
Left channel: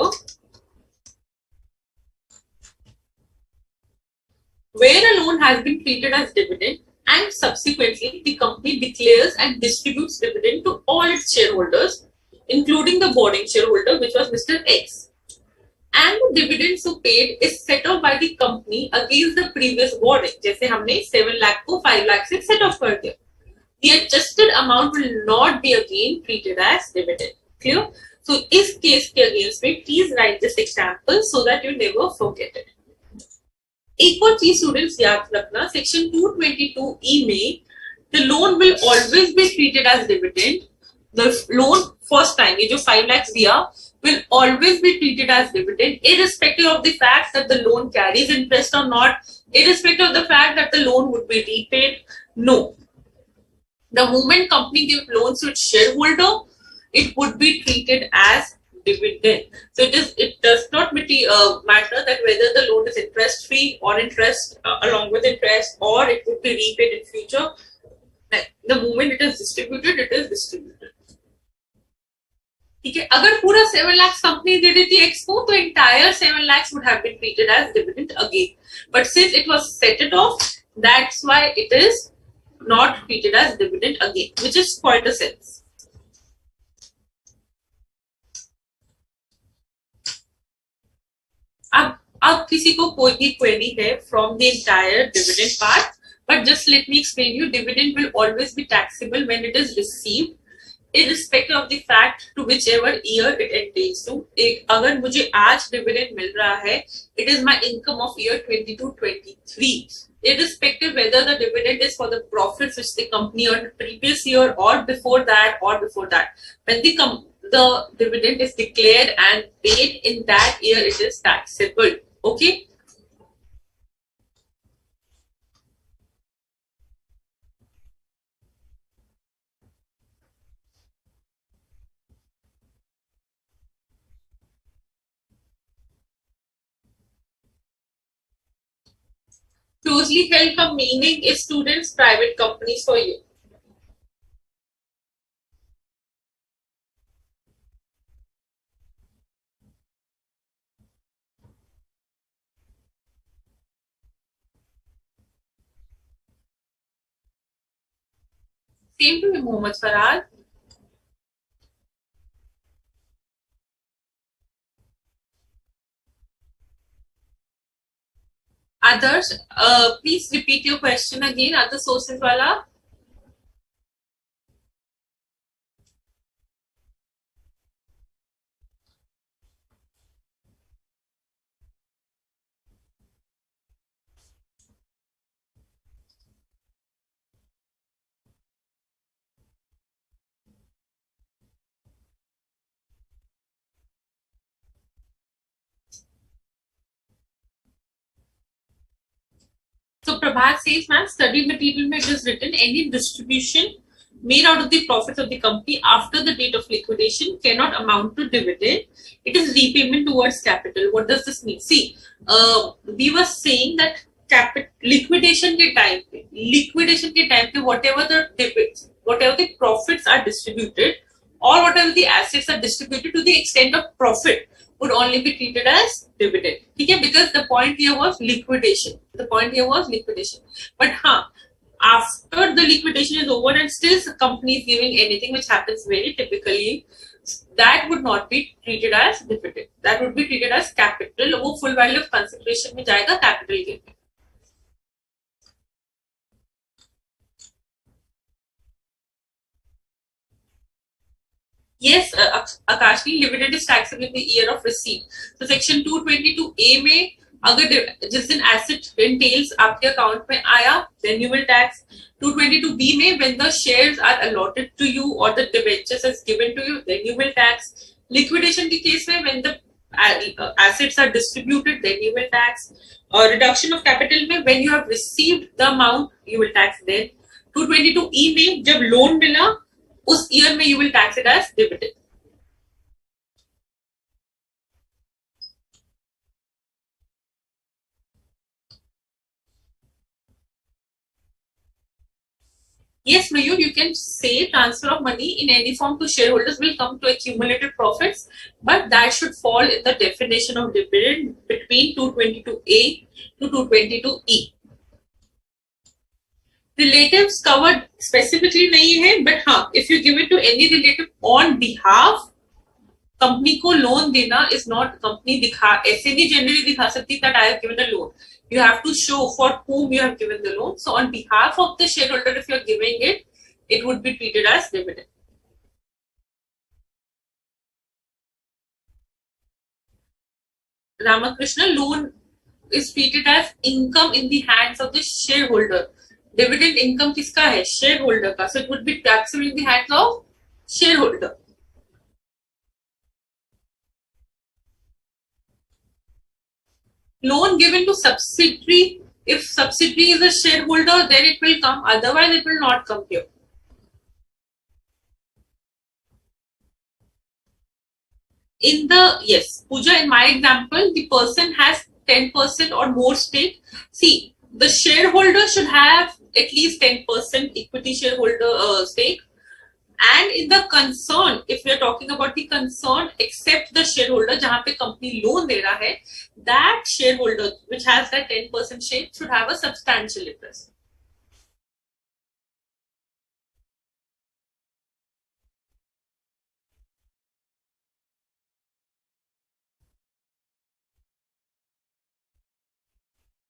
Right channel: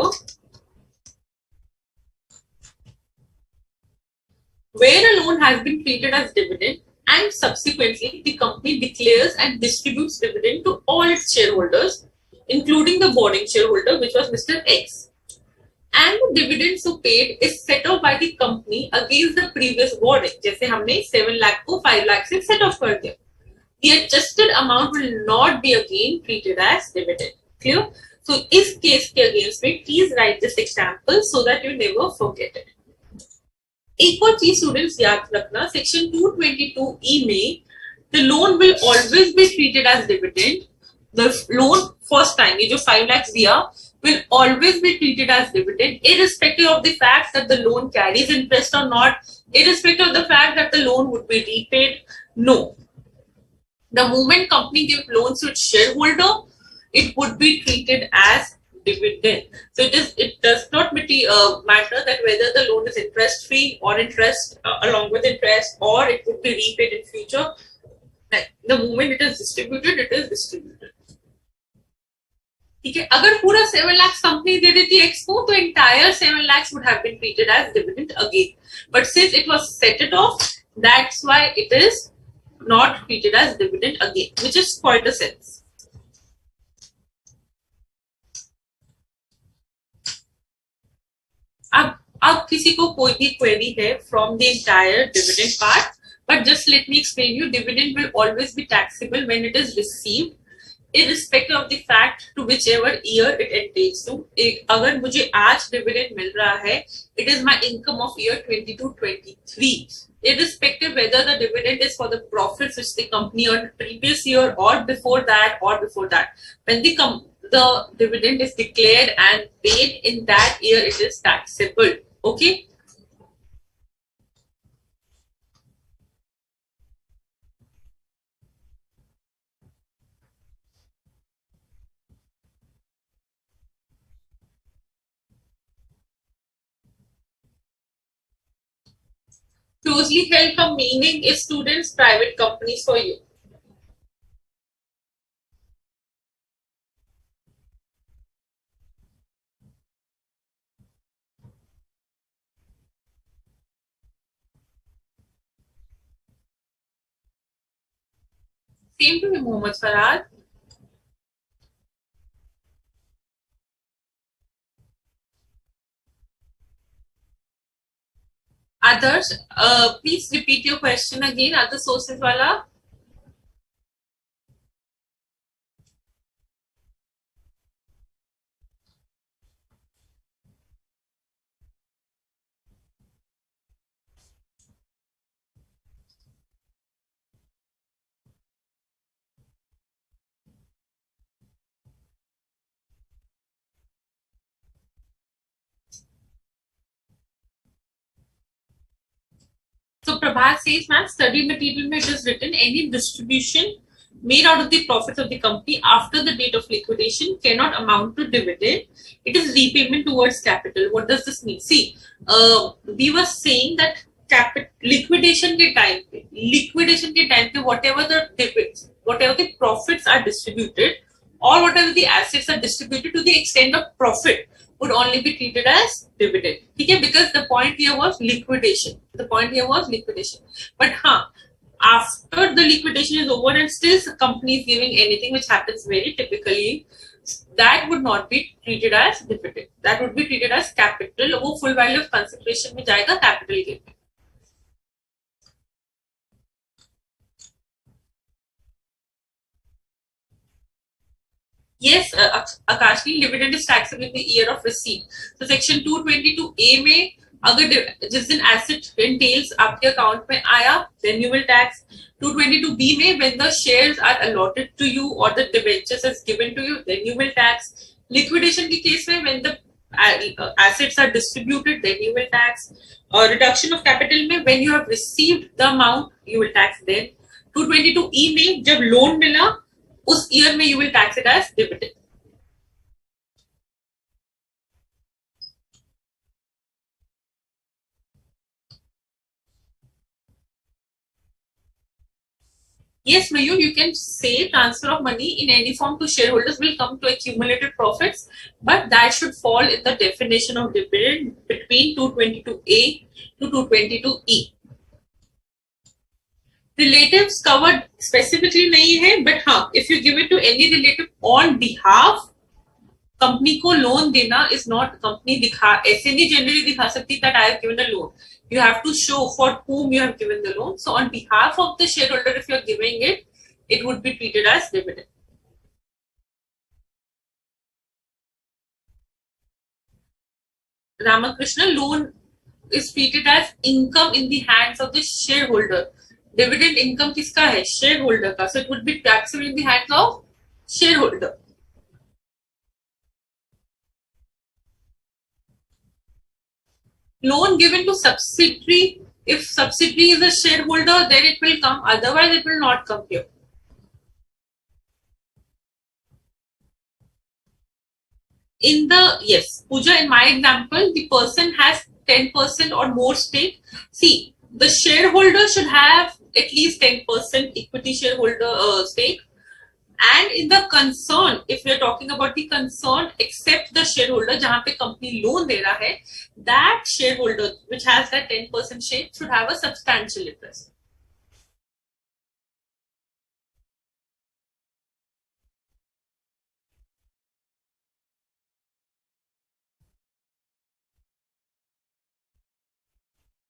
Where a loan has been treated as dividend and subsequently the company declares and distributes dividend to all its shareholders, including the boarding shareholder, which was Mr. X. And the dividend so paid is set off by the company against the previous boarding. जैसे हमने 7 lakh को 5 lakh से set off कर दिया. The adjusted amount will not be again treated as dividend. Clear? So इस case के against में please write this example so that you never forget it. एक और चीज स्टूडेंट्स याद रखना, सेक्शन 222E में the loan will always be treated as dividend. The loan first time ये जो 5 lakhs दिया will always be treated as dividend, irrespective of the fact that the loan carries interest or not, irrespective of the fact that the loan would be repaid. No. The moment company gives loans to its shareholder, it would be treated as dividend. So it does not matter that whether the loan is interest free or interest along with interest, or it would be repaid in future. The moment it is distributed, it is distributed. ठीक है, अगर पूरा 7 lakhs company दे देती X को, तो entire 7 lakhs would have been treated as dividend again. But since it was set it off, that's why it is not treated as dividend again, which is quite a sense. अब किसी को कोई भी query है from the entire dividend part, but just let me explain you. Dividend will always be taxable when it is received, irrespective of the fact to whichever year it entails to. अगर मुझे आज dividend मिल रहा है, it is my income of year 22-23, irrespective whether the dividend is for the profits which the company earned previous year or before that. When the dividend is declared and paid in that year, it is taxable. Okay. Closely held का meaning is students, private companies for you. Same to you, Mohammed Farad. Others, please repeat your question again. Other sources wala. So Prabhat says, ma'am, study material mein it is written any distribution made out of the profits of the company after the date of liquidation cannot amount to dividend. It is repayment towards capital. What does this mean? See, we were saying that liquidation के time पे whatever the profits are distributed or whatever the assets are distributed to the extent of profit would only be treated as dividend. Okay, because the point here was liquidation. But after the liquidation is over and still the company is giving anything, which happens very typically, that would not be treated as dividend. That would be treated as capital. वो full value of consideration में जाएगा capital gain. Yes, Akashni, dividend is taxable in the year of receipt. So section 222A में अगर जिस दिन asset entails आपके account में आया, then you will tax. 222B में when the shares are allotted to you or the debentures is given to you, then you will tax. Liquidation के case में when the assets are distributed, then you will tax. Or reduction of capital में when you have received the amount, you will tax then. 222E में जब loan मिला उस year में you will tax it as dividend. Yes, Mayur, you can say transfer of money in any form to shareholders will come to accumulated profits, but that should fall in the definition of dividend between 222A to 222E. Relatives covered specifically नहीं है, but हाँ, if you give it to any relative on behalf, company को loan देना is not company दिखा ऐसे नहीं generally दिखा सकती that I have given a loan. You have to show for whom you have given the loan. So on behalf of the shareholder, if you are giving it, it would be treated as dividend. Ramakrishna, loan is treated as income in the hands of the shareholder. Dividend income किसका है? Shareholder का. So it would be taxable in the hands of shareholder. Loan given to subsidiary, if subsidiary is a shareholder, then it will come, otherwise it will not come here. In the, yes, Pooja, in my example, the person has 10% or more stake. See, the shareholder should have at least 10% equity shareholder stake. And in the concern, if we are talking about the concern, except the shareholder, जहाँ पे company loan दे रहा है, that shareholder which has that 10% stake should have a substantial interest.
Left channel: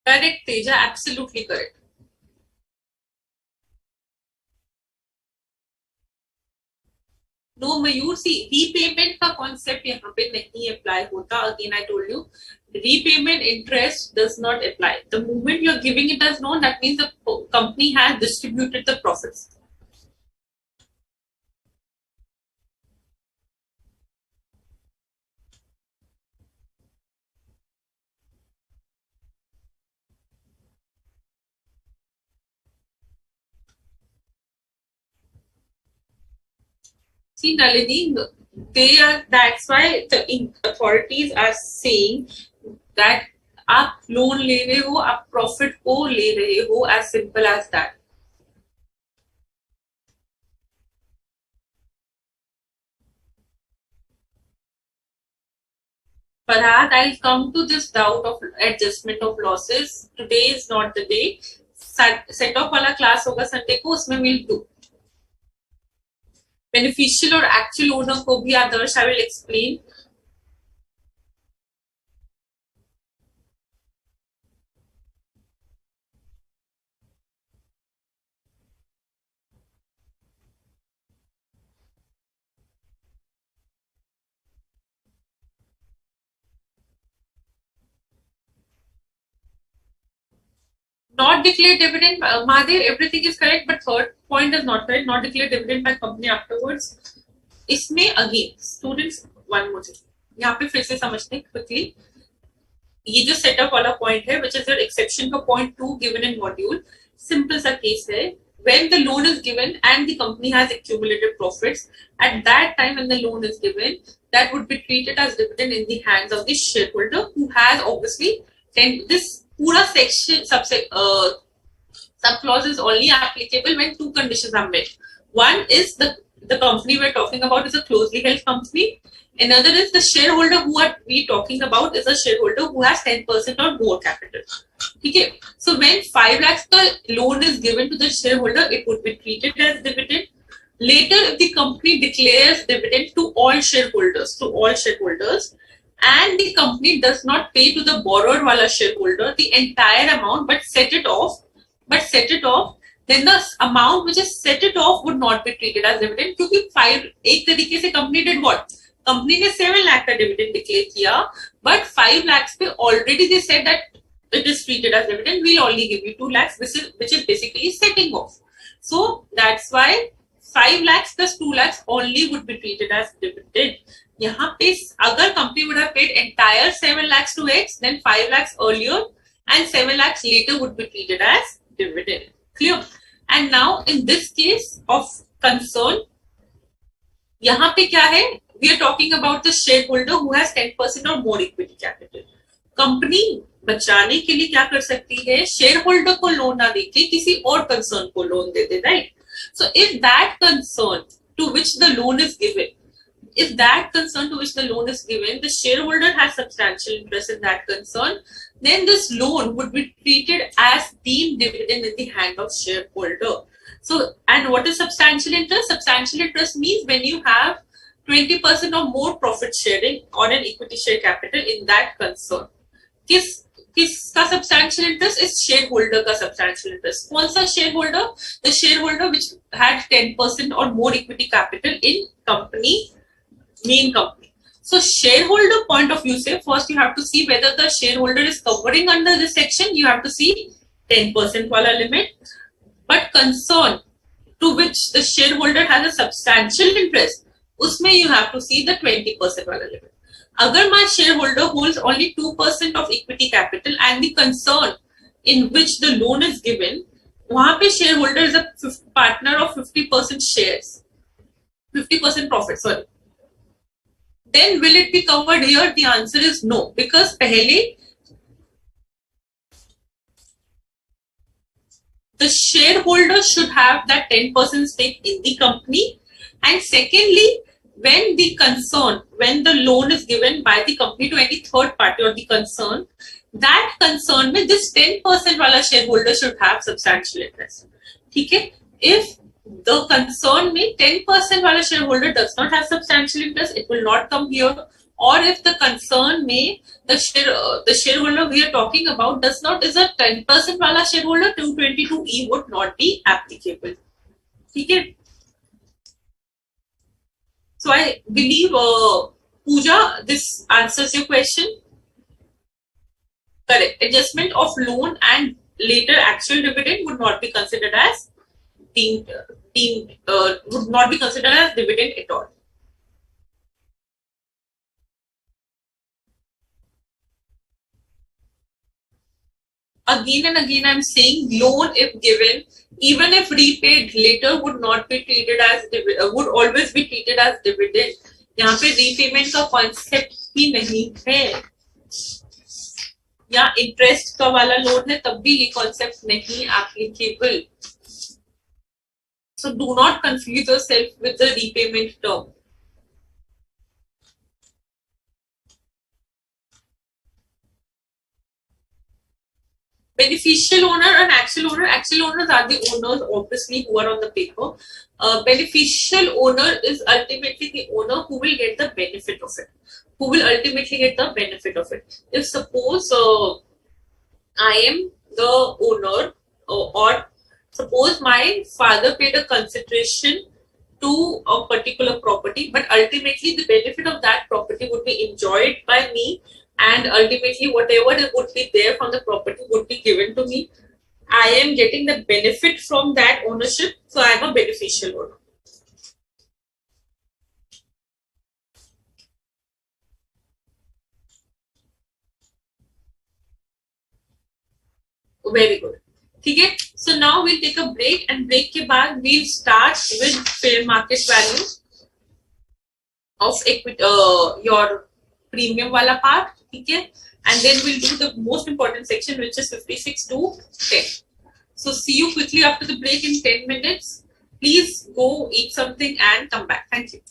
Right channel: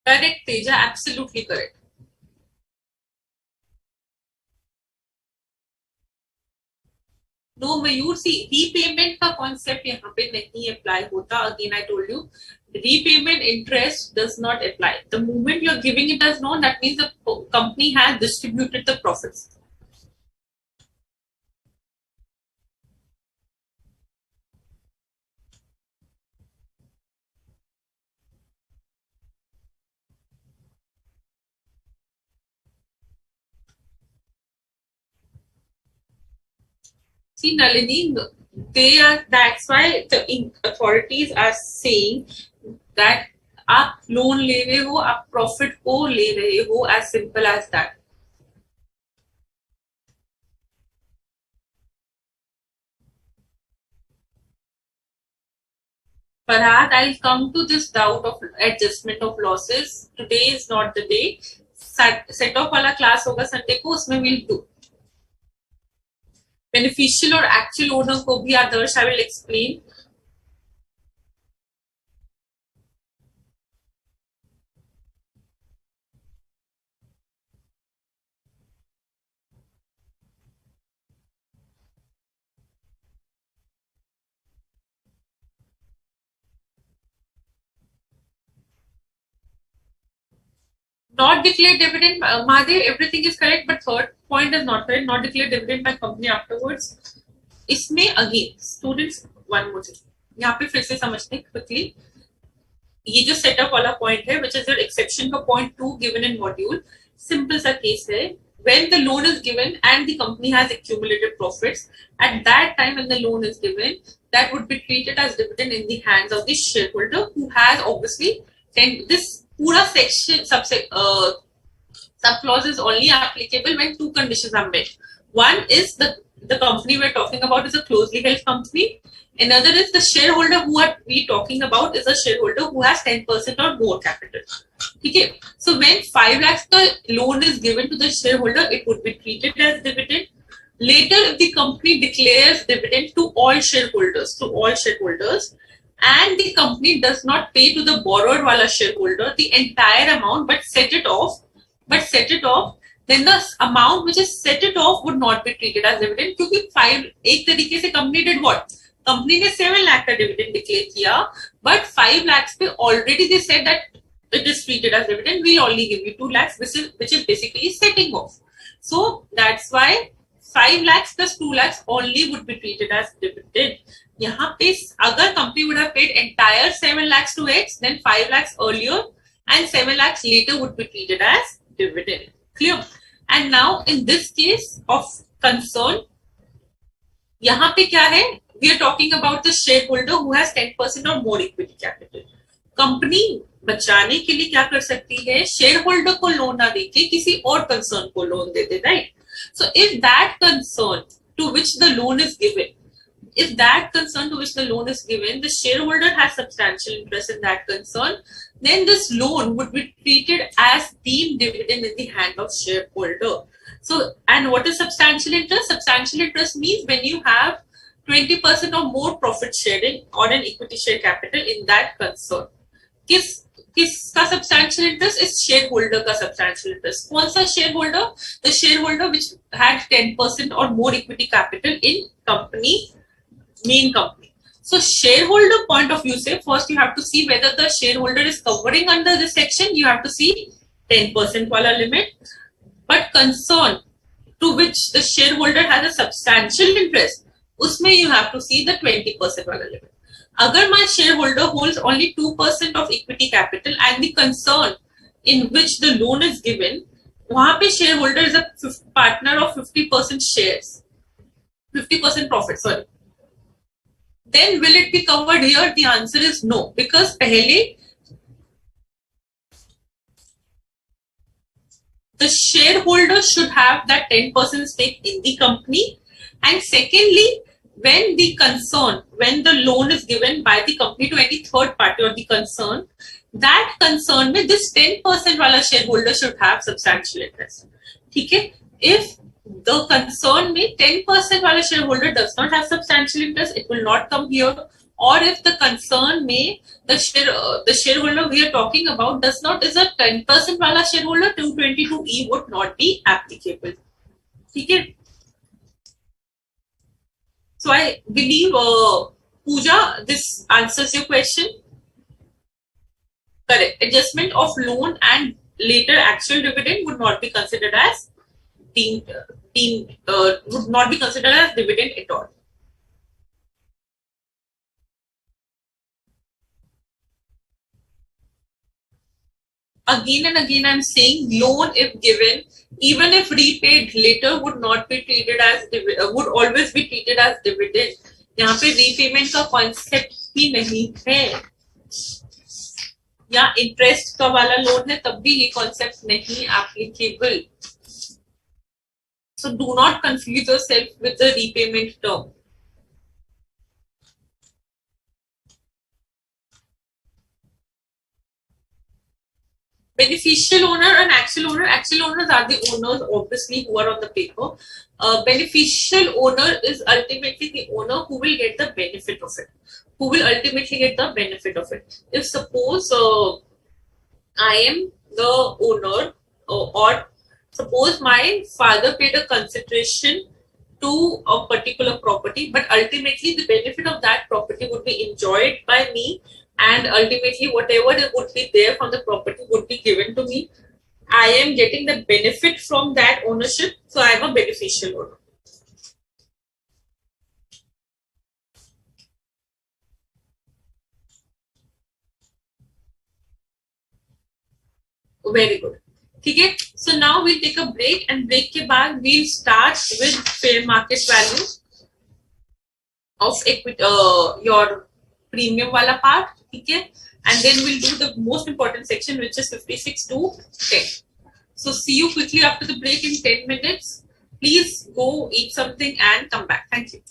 Correct, Teja, absolutely correct. No, Mayur, see, repayment का concept यहाँ पे नहीं apply होता. Again, I told you, repayment interest does not apply. The moment you're giving it as loan, that means the company has distributed the profits. See, Nalini, that's why the authorities are saying that आप loan ले रहे हो, आप profit को ले रहे हो, as simple as that. Farhad, I'll come to this doubt of adjustment of losses. Today is not the day. Set off वाला class होगा Sunday को, उसमें we'll do. Beneficial और actual owner को भी आदर्श I will explain. Not declare dividend, Mahadev, everything is correct, but third point is not correct. Not declare dividend by company afterwards. इसमें again students one more thing, यहाँ पे फिर से समझते हैं quickly. ये जो सेटअप वाला पॉइंट है which is your exception का point 2 given in module, simple सा केस है. When the loan is given and the company has accumulated profits, at that time when the loan is given, that would be treated as dividend in the hands of the shareholder who has obviously this पूरा section sub clause is only applicable when two conditions are met. One is the company we're talking about is a closely held company. Another is the shareholder who are we talking about is a shareholder who has 10% or more capital. Okay. So when 5 lakhs the loan is given to the shareholder, it would be treated as dividend. Later, if the company declares dividend to all shareholders, and the company does not pay to the borrower wala shareholder the entire amount but set it off, then the amount which is set it off would not be treated as dividend. क्योंकि 5 एक तरीके से company did what? Company ने 7 lakh का dividend declare किया, but 5 lakhs पे already they said that it is treated as dividend. We'll only give you 2 lakhs, which is basically setting off. So that's why 5 lakhs plus 2 lakhs only would be treated as dividend. यहाँ पे अगर company would have paid entire 7 lakhs to X, then 5 lakhs earlier and 7 lakhs later would be treated as dividend. Clear? And now in this case of concern, यहाँ पे क्या है? We are talking about the shareholder who has 10% or more equity capital. Company बचाने के लिए क्या कर सकती है? Shareholder को लोन ना देके किसी और concern को loan they they, right? So if that concern to which the loan is given, the shareholder has substantial interest in that concern, then this loan would be treated as deemed dividend in the hand of shareholder. So, and what is substantial interest? Substantial interest means when you have 20% or more profit sharing or an equity share capital in that concern. किसका substantial interest is shareholder का substantial interest. कौन सा shareholder? The shareholder which had 10% or more equity capital in company, main company. So shareholder point of view say first you have to see whether the shareholder is covering under this section. You have to see 10% wala limit. But concern to which the shareholder has a substantial interest, उसमें you have to see the 20% wala limit. अगर my shareholder holds only 2% of equity capital and the concern in which the loan is given, वहाँ पे shareholder is a partner of 50% shares, 50% profit, sorry. Then will it be covered here? The answer is no, because पहले the shareholder should have that 10% stake in the company, and secondly, when the loan is given by the company to any third party or the concern, that concern में this 10% वाला shareholder should have substantial interest. ठीक है? If the concern में 10% वाला shareholder does not have substantial interest, it will not come here. Or if the concern में the shareholder we are talking about is a 10% वाला shareholder, 222E would not be applicable. ठीक है? So I believe, Pooja, this answers your question. Correct. Adjustment of loan and later actual dividend would not be considered as would not be considered as dividend at all. Again and again, I'm saying loan if given, even if repaid later, would not be treated as would always be treated as dividend. यहाँ पे repayment का concept ही नहीं है, या interest का वाला loan है तब भी ये concept नहीं applicable. So do not confuse yourself with the repayment term. Beneficial owner and actual owner. Actual owners are the owners, obviously, who are on the paper. Beneficial owner is ultimately the owner who will get the benefit of it. If suppose I am the owner, or suppose my father paid a consideration to a particular property, but ultimately the benefit of that property would be enjoyed by me, and ultimately whatever would be there from the property would be given to me. I am getting the benefit from that ownership, so I am a beneficial owner. Very good. ठीक है. So now we'll take a break, and break के बाद we'll start with fair market value of equity, your premium वाला part. ठीक है. And then we'll do the most important section, which is 56 to 10. So see you quickly after the break in 10 minutes. Please go eat something and come back. Thank you.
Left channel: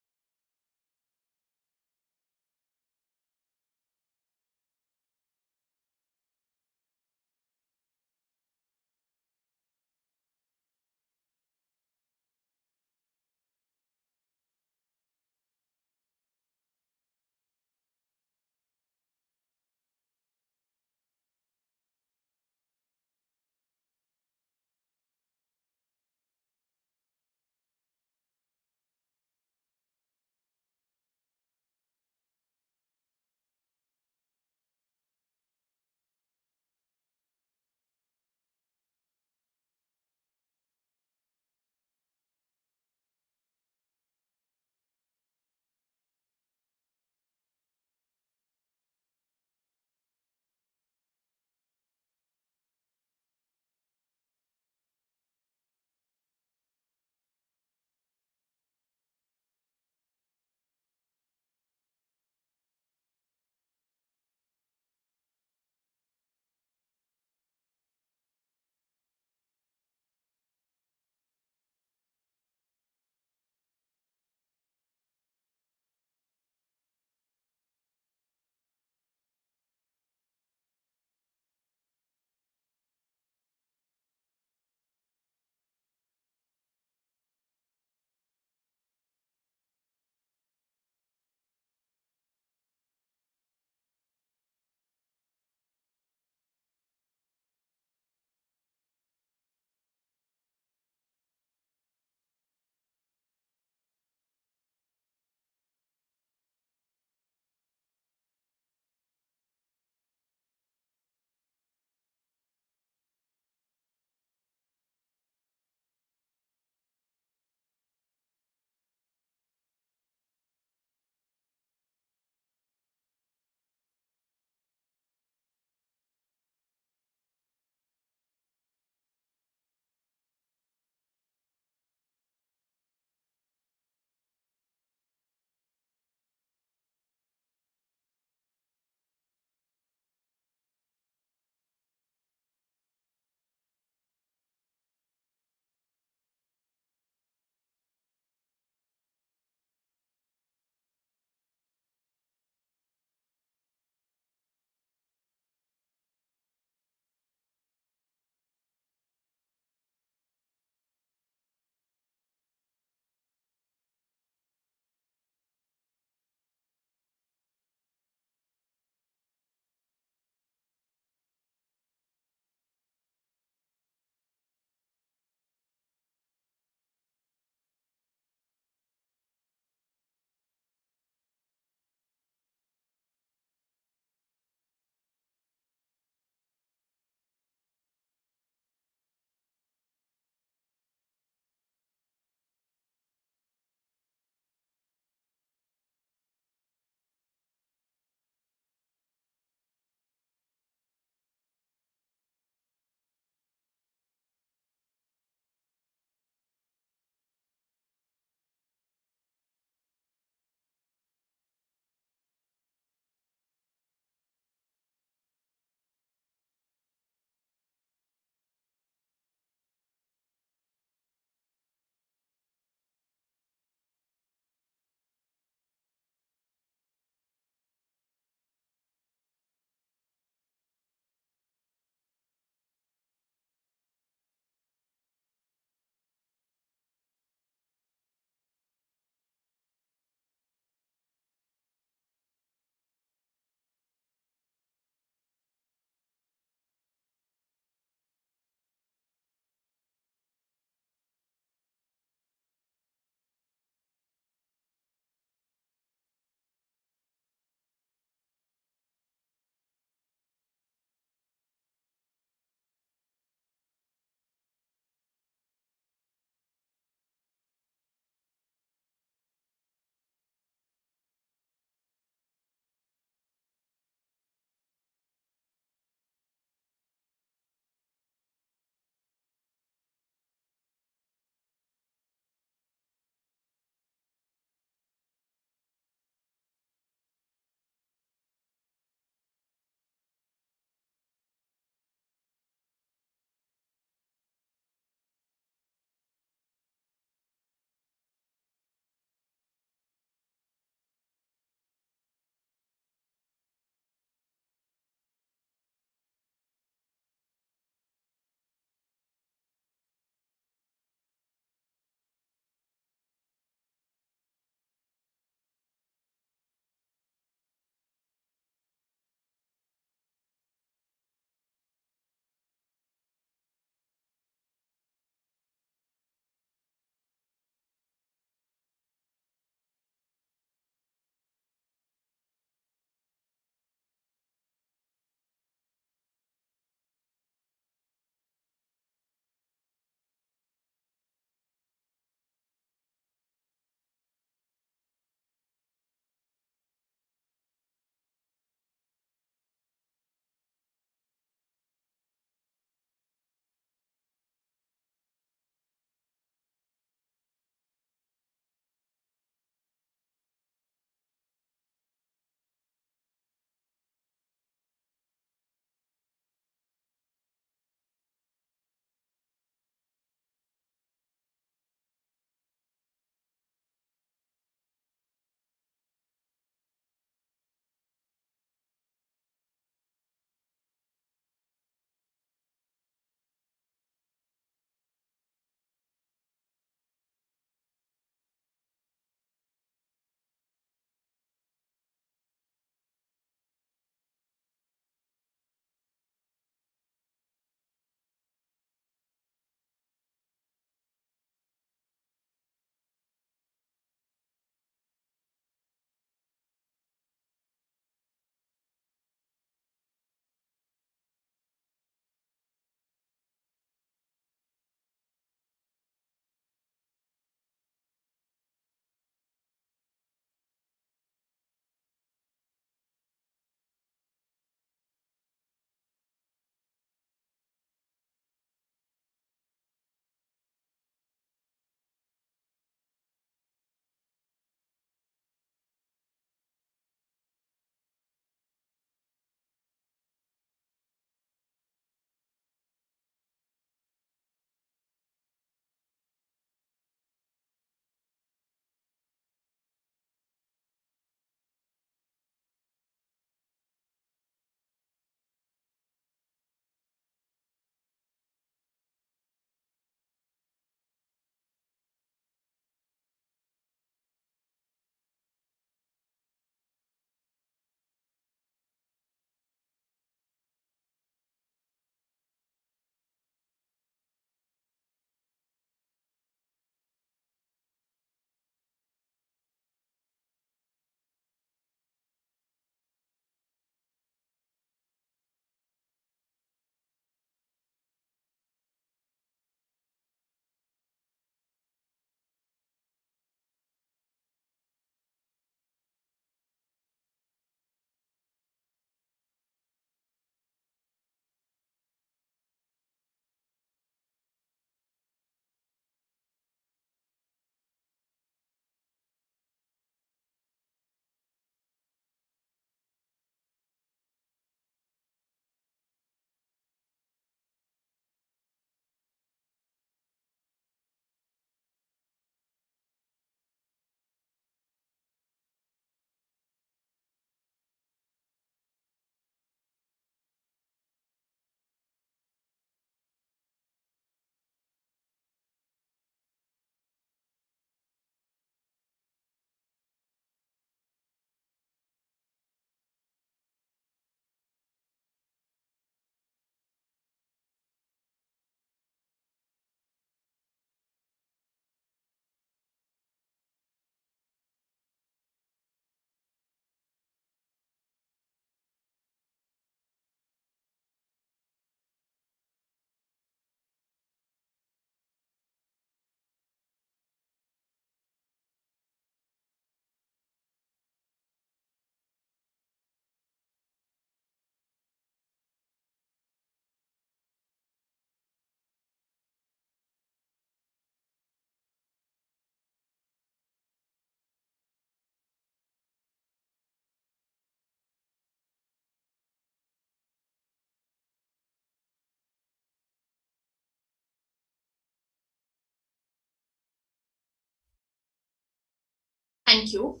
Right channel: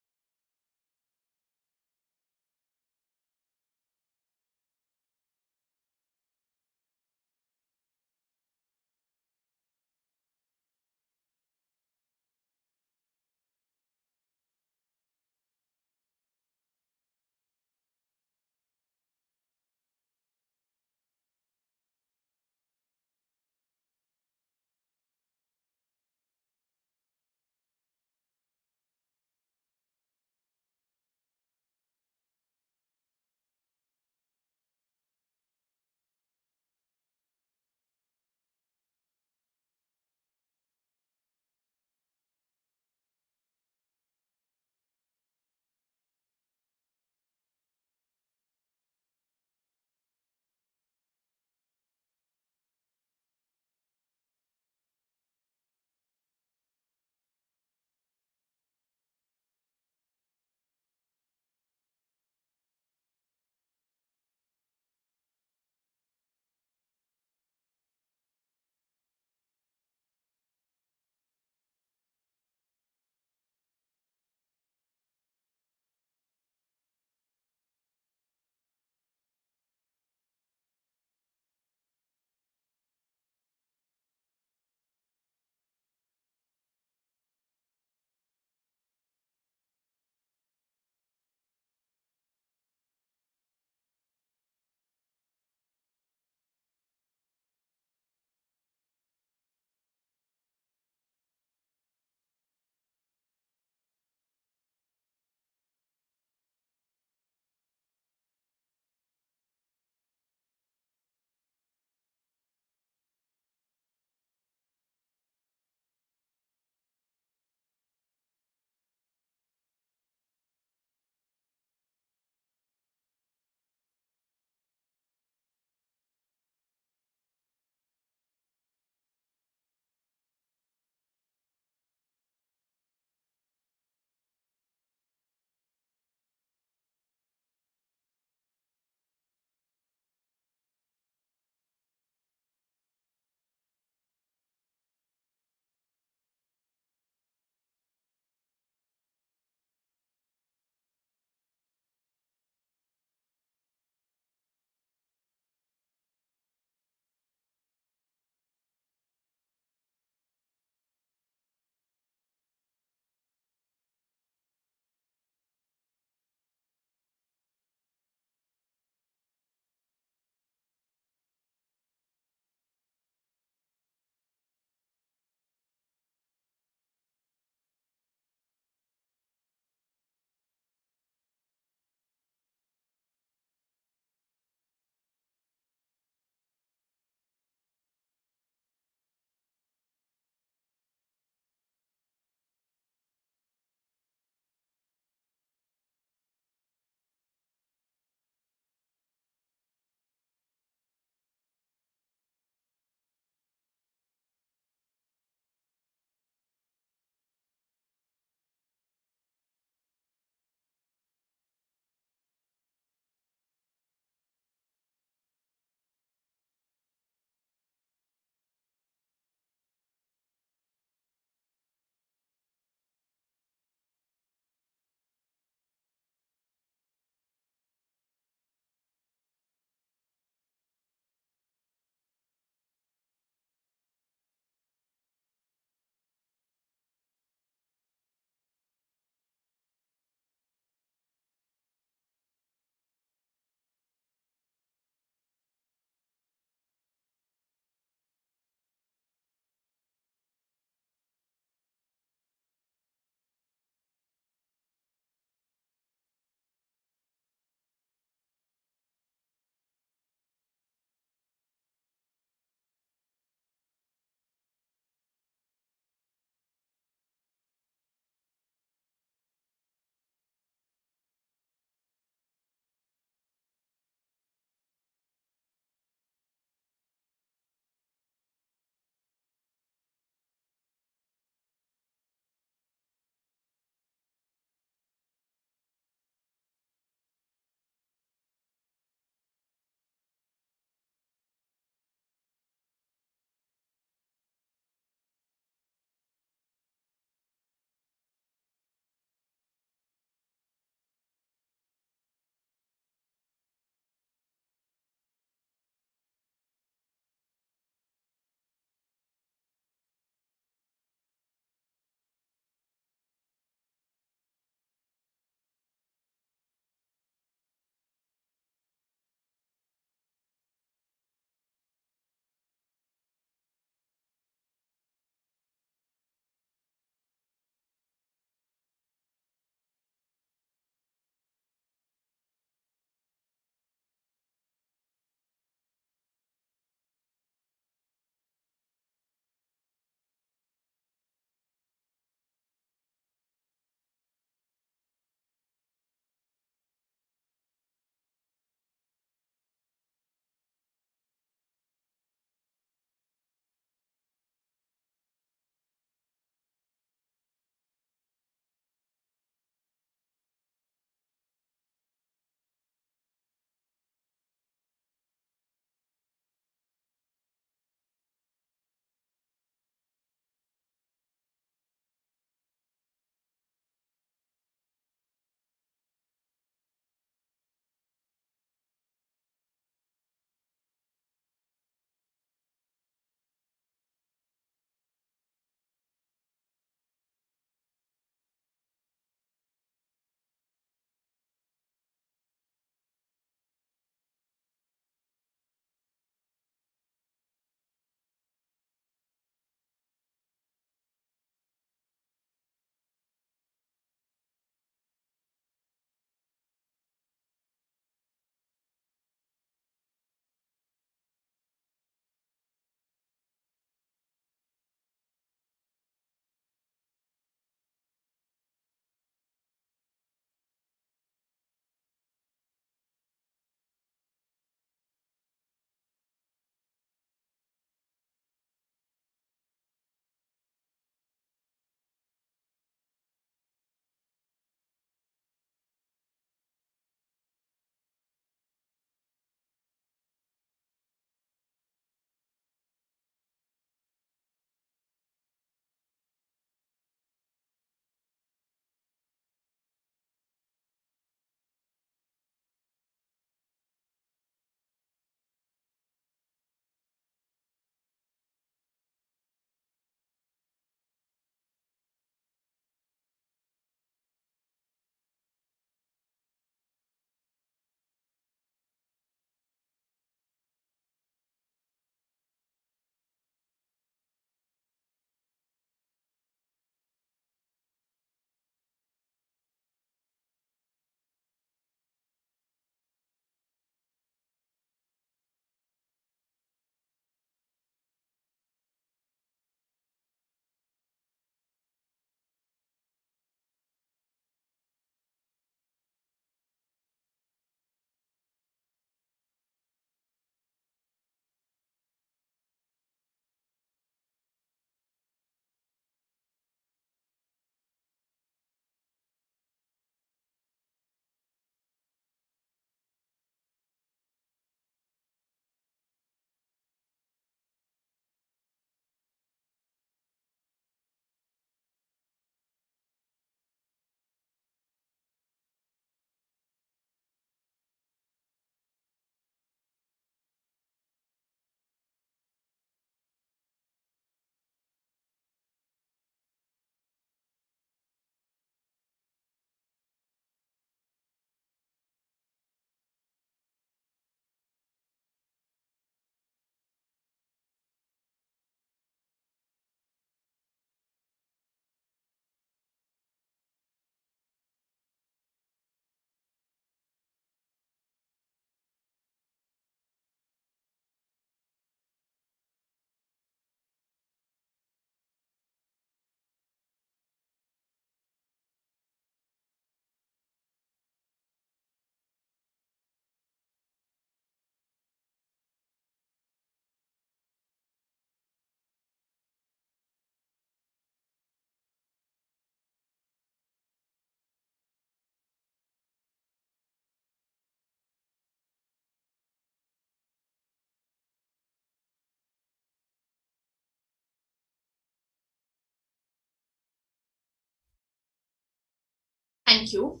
Thank you.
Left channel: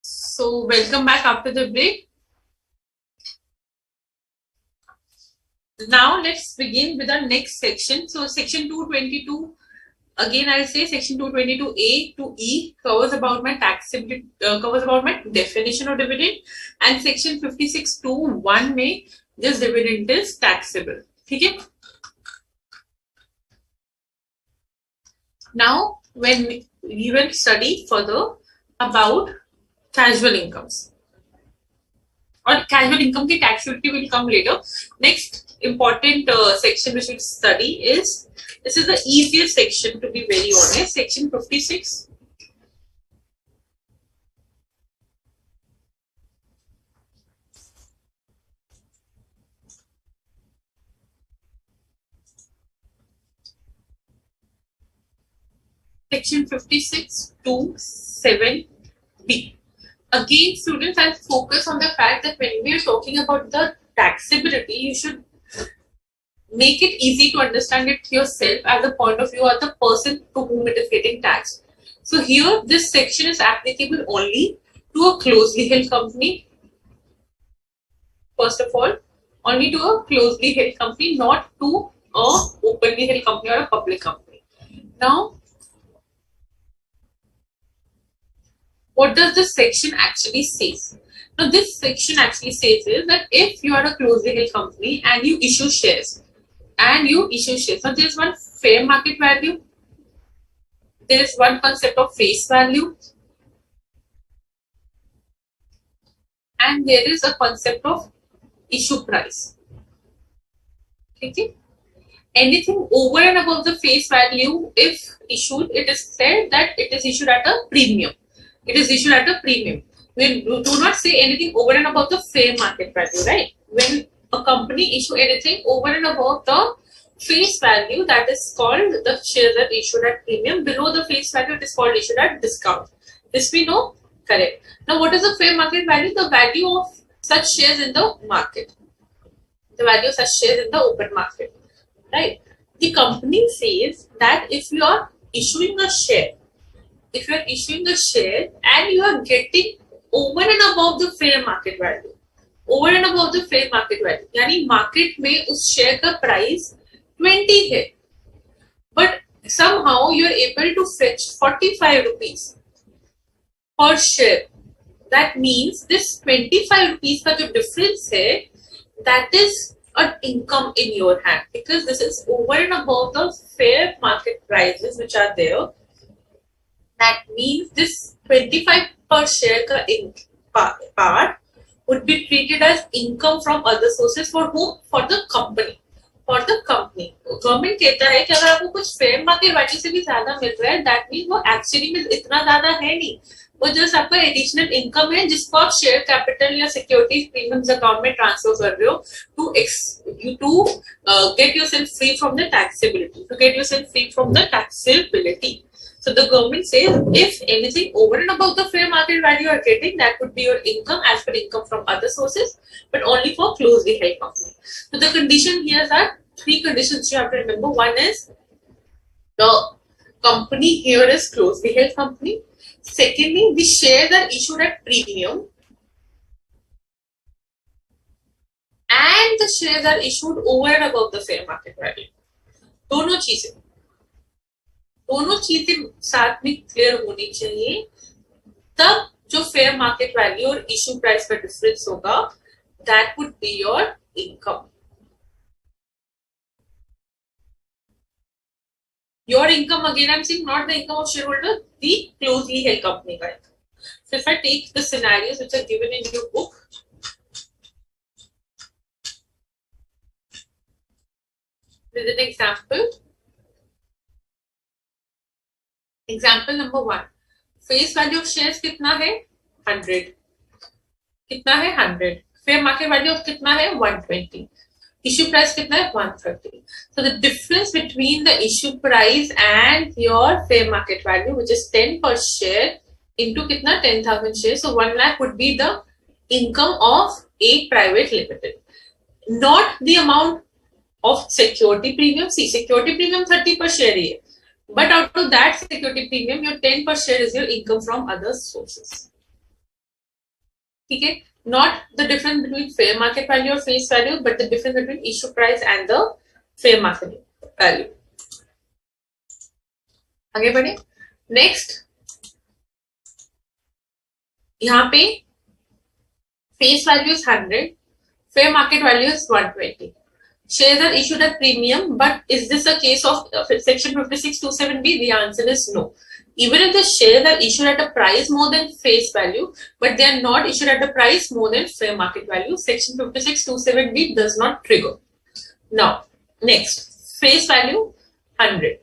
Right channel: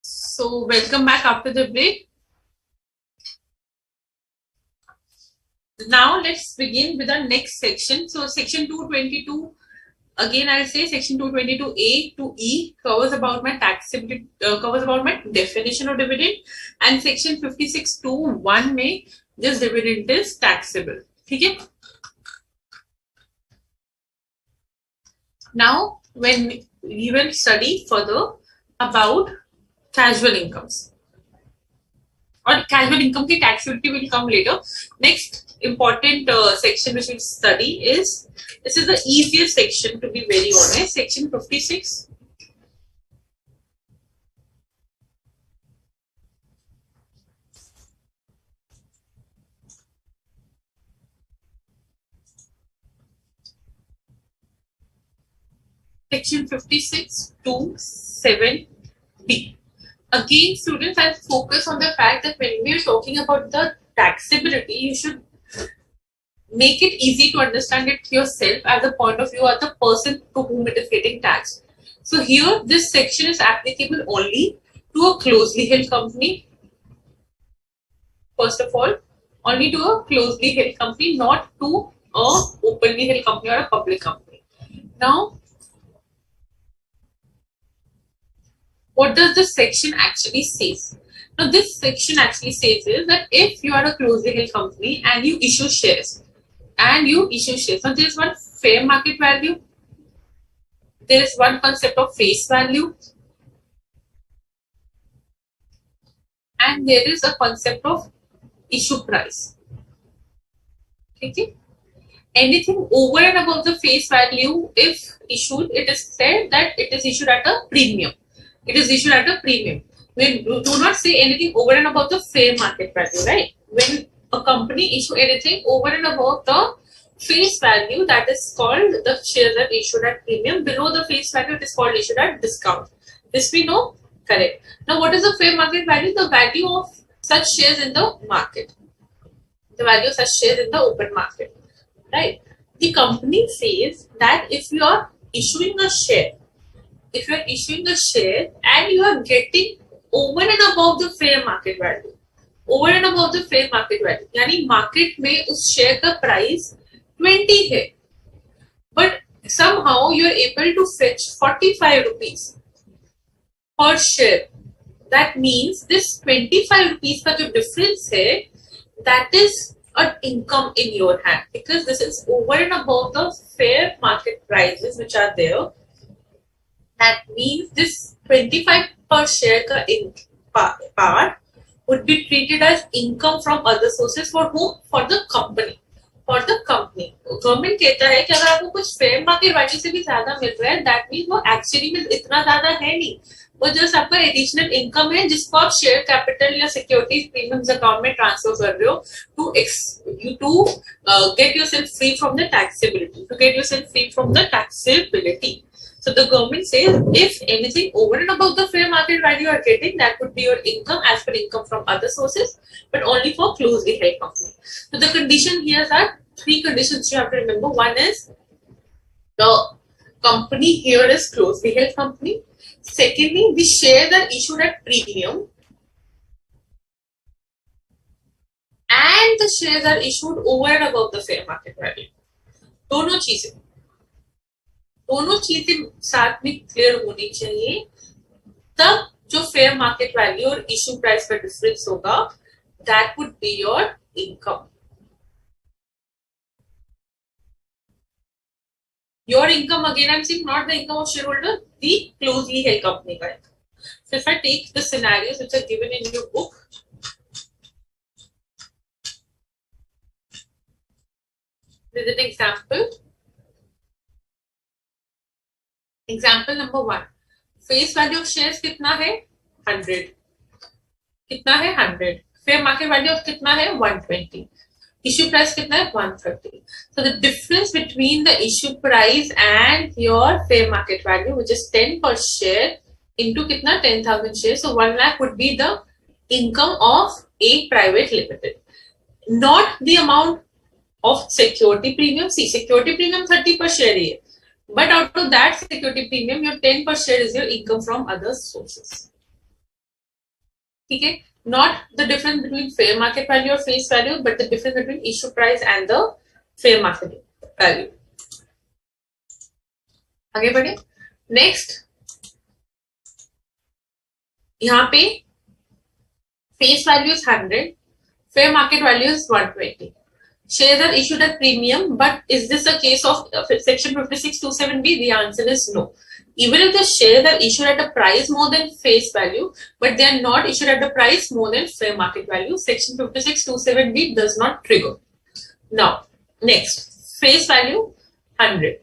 So welcome back after the break. Now let's begin with the next section. So section 222, again I'll say section 222A to E covers about my taxability, covers about my definition of dividend, and section 56 to 1 में this dividend is taxable. ठीक है? Now when we will study further about casual incomes. Or casual income की taxability will come later. Next important section which we'll study is, this is the easiest section to be very honest, section 56. Section 56 to 7B. Again, students, I'll focus on the fact that when we are talking about the taxability, you should make it easy to understand it yourself as a point of view of the person to whom it is getting taxed. So here, this section is applicable only to a closely held company. First of all, only to a closely held company, not to a openly held company or a public company. Now, what does this section actually say? Now, this section actually says is that if you are a closely held company and you issue shares, now there is one fair market value, there is one concept of face value, and there is a concept of issue price. Okay? Anything over and above the face value, if issued, it is said that it is issued at a premium. It is issued at a premium. We do not say anything over and above the fair market value, right? When a company issue anything over and above the face value, that is called the shares are issued at premium. Below the face value, it is called issued at discount. This we know, correct. Now, what is the fair market value? The value of such shares in the market. The value of such shares in the open market, right? The company says that if you are issuing a share, and you are getting over and above the fair market value, यानी market में उस share का price 20 है, but somehow you are able to fetch 45 rupees per share. That means this 25 rupees का जो difference है, that is an income in your hand, because this is over and above the fair market prices which are there. That means this 25 per share का part would be treated as income from other sources. For whom? For the company. Government कहता है कि अगर आपको कुछ fair market value से भी ज्यादा मिल रहा है, दैट मीन वो एक्चुअली में इतना ज्यादा है नहीं, वो जस्ट आपका एडिशनल इनकम है जिसको आप शेयर कैपिटल या सिक्योरिटीज प्रीमियम्स अकाउंट में ट्रांसफर कर रहे हो to get yourself free from the taxability. So the government says if anything over and above the fair market value you are getting, that would be your income as per income from other sources, but only for closely held company. So the condition here are three conditions you have to remember. One is the company here is closely held company. Secondly, the shares are issued at premium, and the shares are issued over and above the fair market value. दोनों चीजें साथ में clear होनी चाहिए, तब जो fair market value और issue price का डिफरेंस होगा, that would be your income. Your income, again I am saying not the income of share holder, the closely held company का income. So if I take the scenarios which are given in your book, this is an example. Example number 1. Face value of shares कितना है? 100. कितना है? 100. Fair market value of कितना है? 120. Issue price कितना है? 130. So the difference between the issue price and your fair market value, which is 10 per share, into कितना? 10,000 shares. So 1 lakh would be the income of a private limited. Not the amount of security premium. See, security premium 30 per share ही है. But out of that security premium, your 10 per share is your income from other sources. Okay? Not the difference between fair market value or face value, but the difference between issue price and the fair market value. आगे बढ़े. Next, यहाँ पे face value is 100, fair market value is 120. Shares are issued at premium, but is this a case of section 5627B? The answer is no. Even if the shares are issued at a price more than face value, but they are not issued at the price more than fair market value, section 5627B does not trigger. Now, next, face value 100,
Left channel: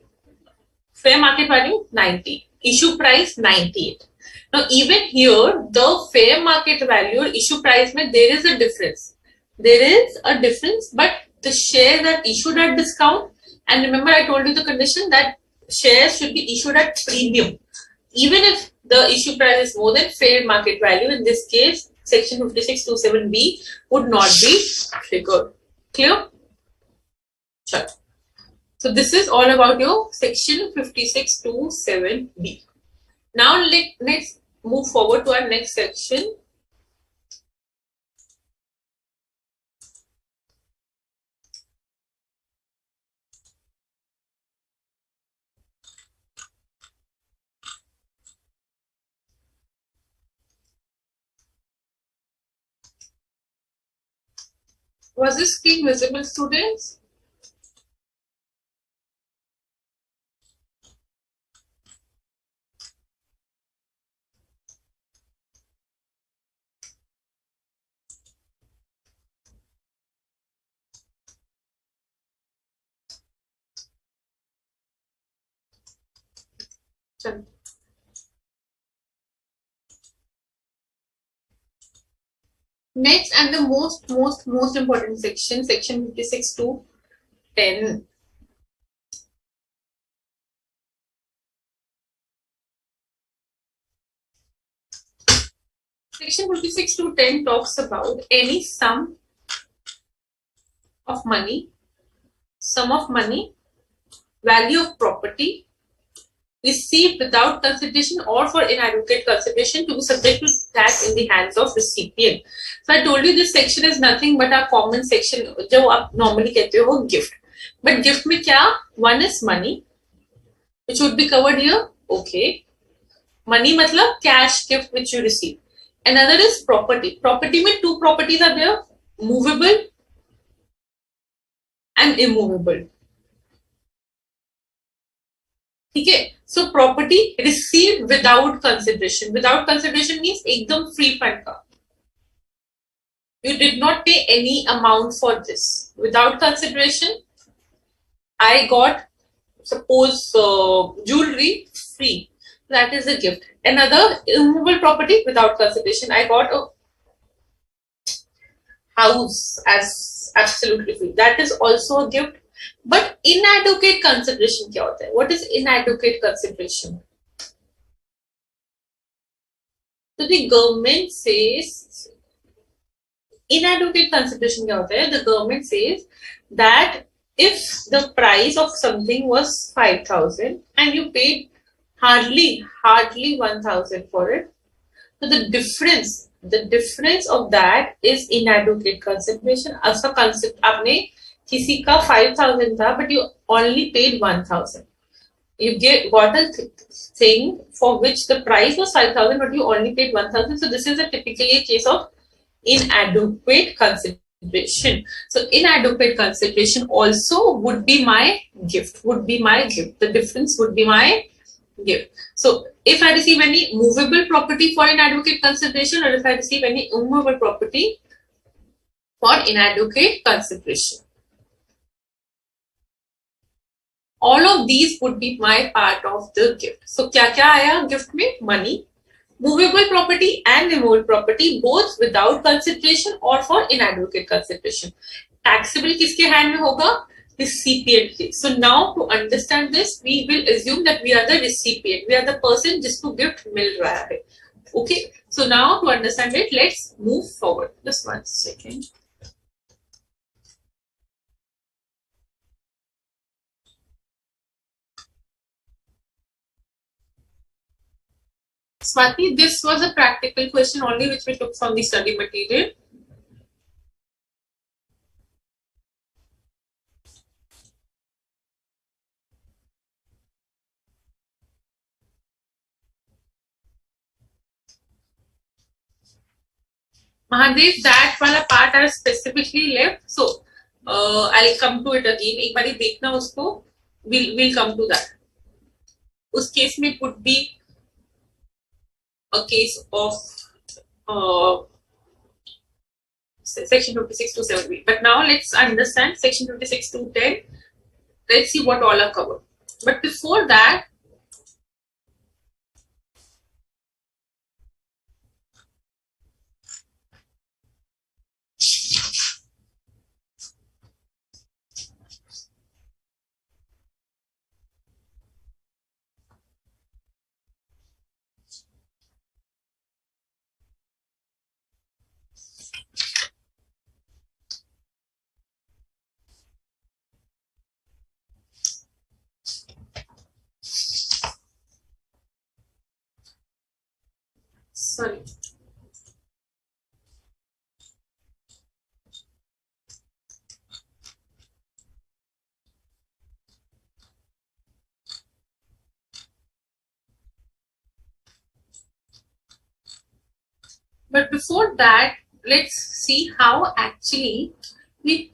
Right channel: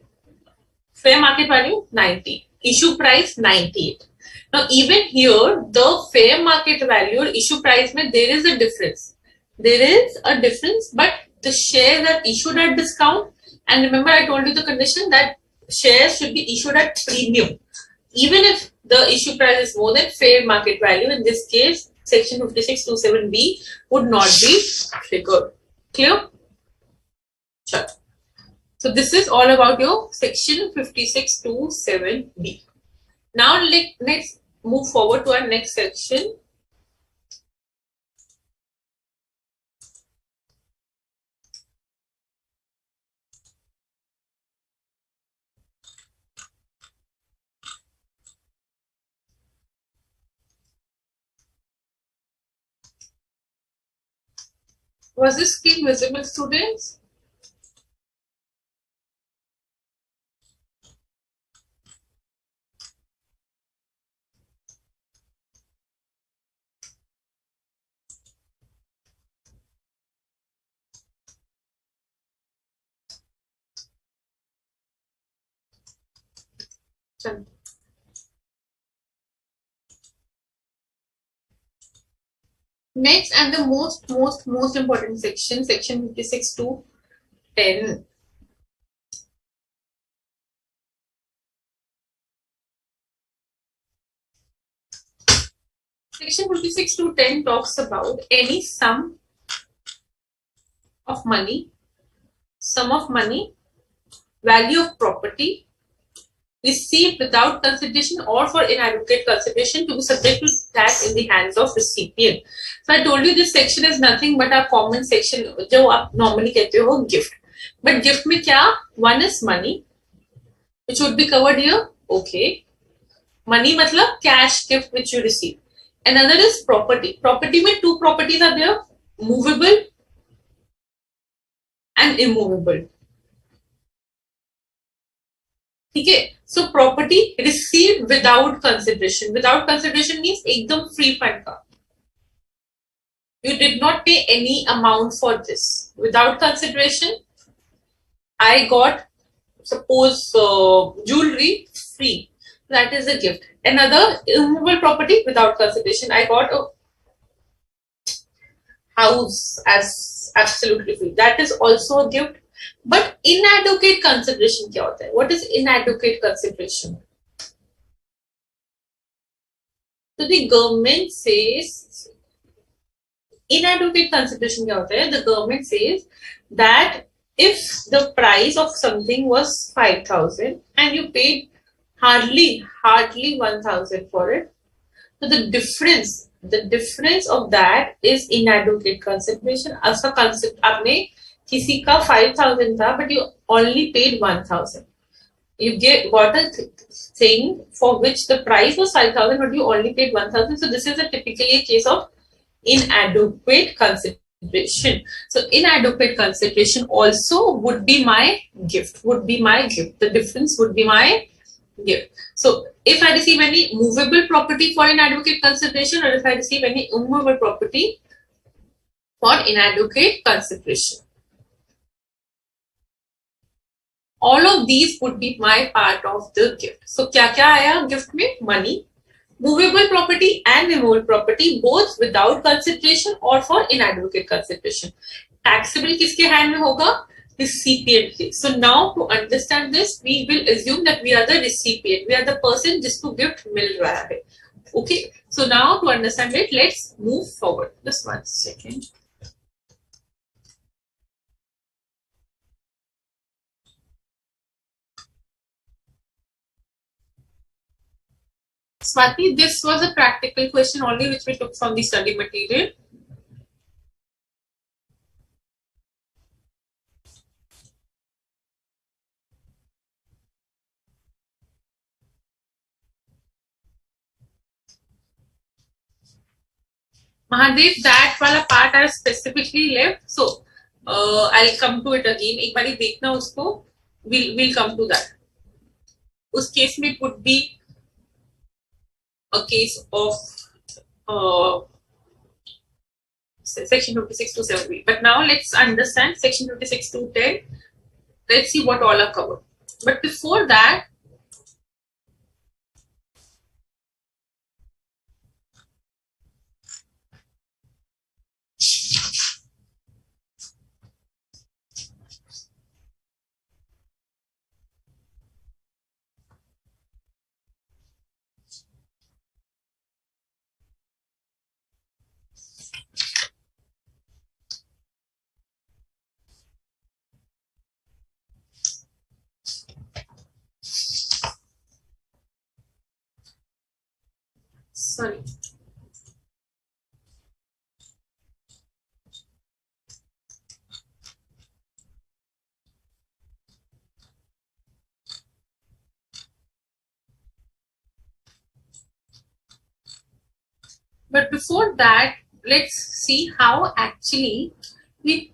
fair market value 90, issue price 98. Now, even here, the fair market value or issue price, there is a difference. There is a difference, but the shares are issued at discount. And remember, I told you the condition that shares should be issued at premium. Even if the issue price is more than fair market value, in this case, section 5627B would not be triggered. Clear? Sure. So this is all about your section 5627B. Now let's move forward to our next section. Was this screen visible, students? Next, and the most important section, section 56 to 10. Section 56 to 10 talks about any sum of money, value of property received without consideration or for inadequate consideration to be subject to tax in the hands of recipient. So I told you this section is nothing but a common section जो आप normally कहते हो gift. But gift में क्या? One is money, which would be covered here. Okay. Money मतलब cash gift which you receive. Another is property. Property में two properties are there, movable and immovable. Okay, so property received without consideration. Without consideration means एकदम free fund का. You did not pay any amount for this. Without consideration, I got, suppose, jewelry free. That is a gift. Another immovable property without consideration. I got a house as absolutely free. That is also a gift. But inadequate consideration क्या होता है? What is inadequate consideration? So the government says inadequate consideration क्या होता है? The government says that if the price of something was 5,000 and you paid hardly 1,000 for it, so the difference of that is inadequate consideration. ऐसा concept आपने किसी का 5,000 था, but you only paid 1,000. You got a thing for which the price was 5,000, but you only paid 1,000. So this is typically a case of inadequate consideration. So inadequate consideration also would be my gift. The difference would be my gift. So if I receive any movable property for inadequate consideration, or if I receive any immovable property for inadequate consideration, all of these would be my part of the gift. So क्या आया gift में? Money, movable property and immovable property, both without consideration or for inadequate consideration. Taxable किसके hand में होगा? Recipient के. So now to understand this, we will assume that we are the recipient. We are the person जिसको gift मिल रहा है. Okay. So now to understand it, let's move forward. Just 1 second. Swati, this was a practical question only which we took from the study material. Mahadev, that वाला part are specifically left. So I'll come to it again. एक बारी देखना उसको. We'll come to that. उस case में could be a case of section 56 to 7. But now let's understand section 56 to 10. Let's see what all are covered. But before that, sorry. But before that, let's see how actually we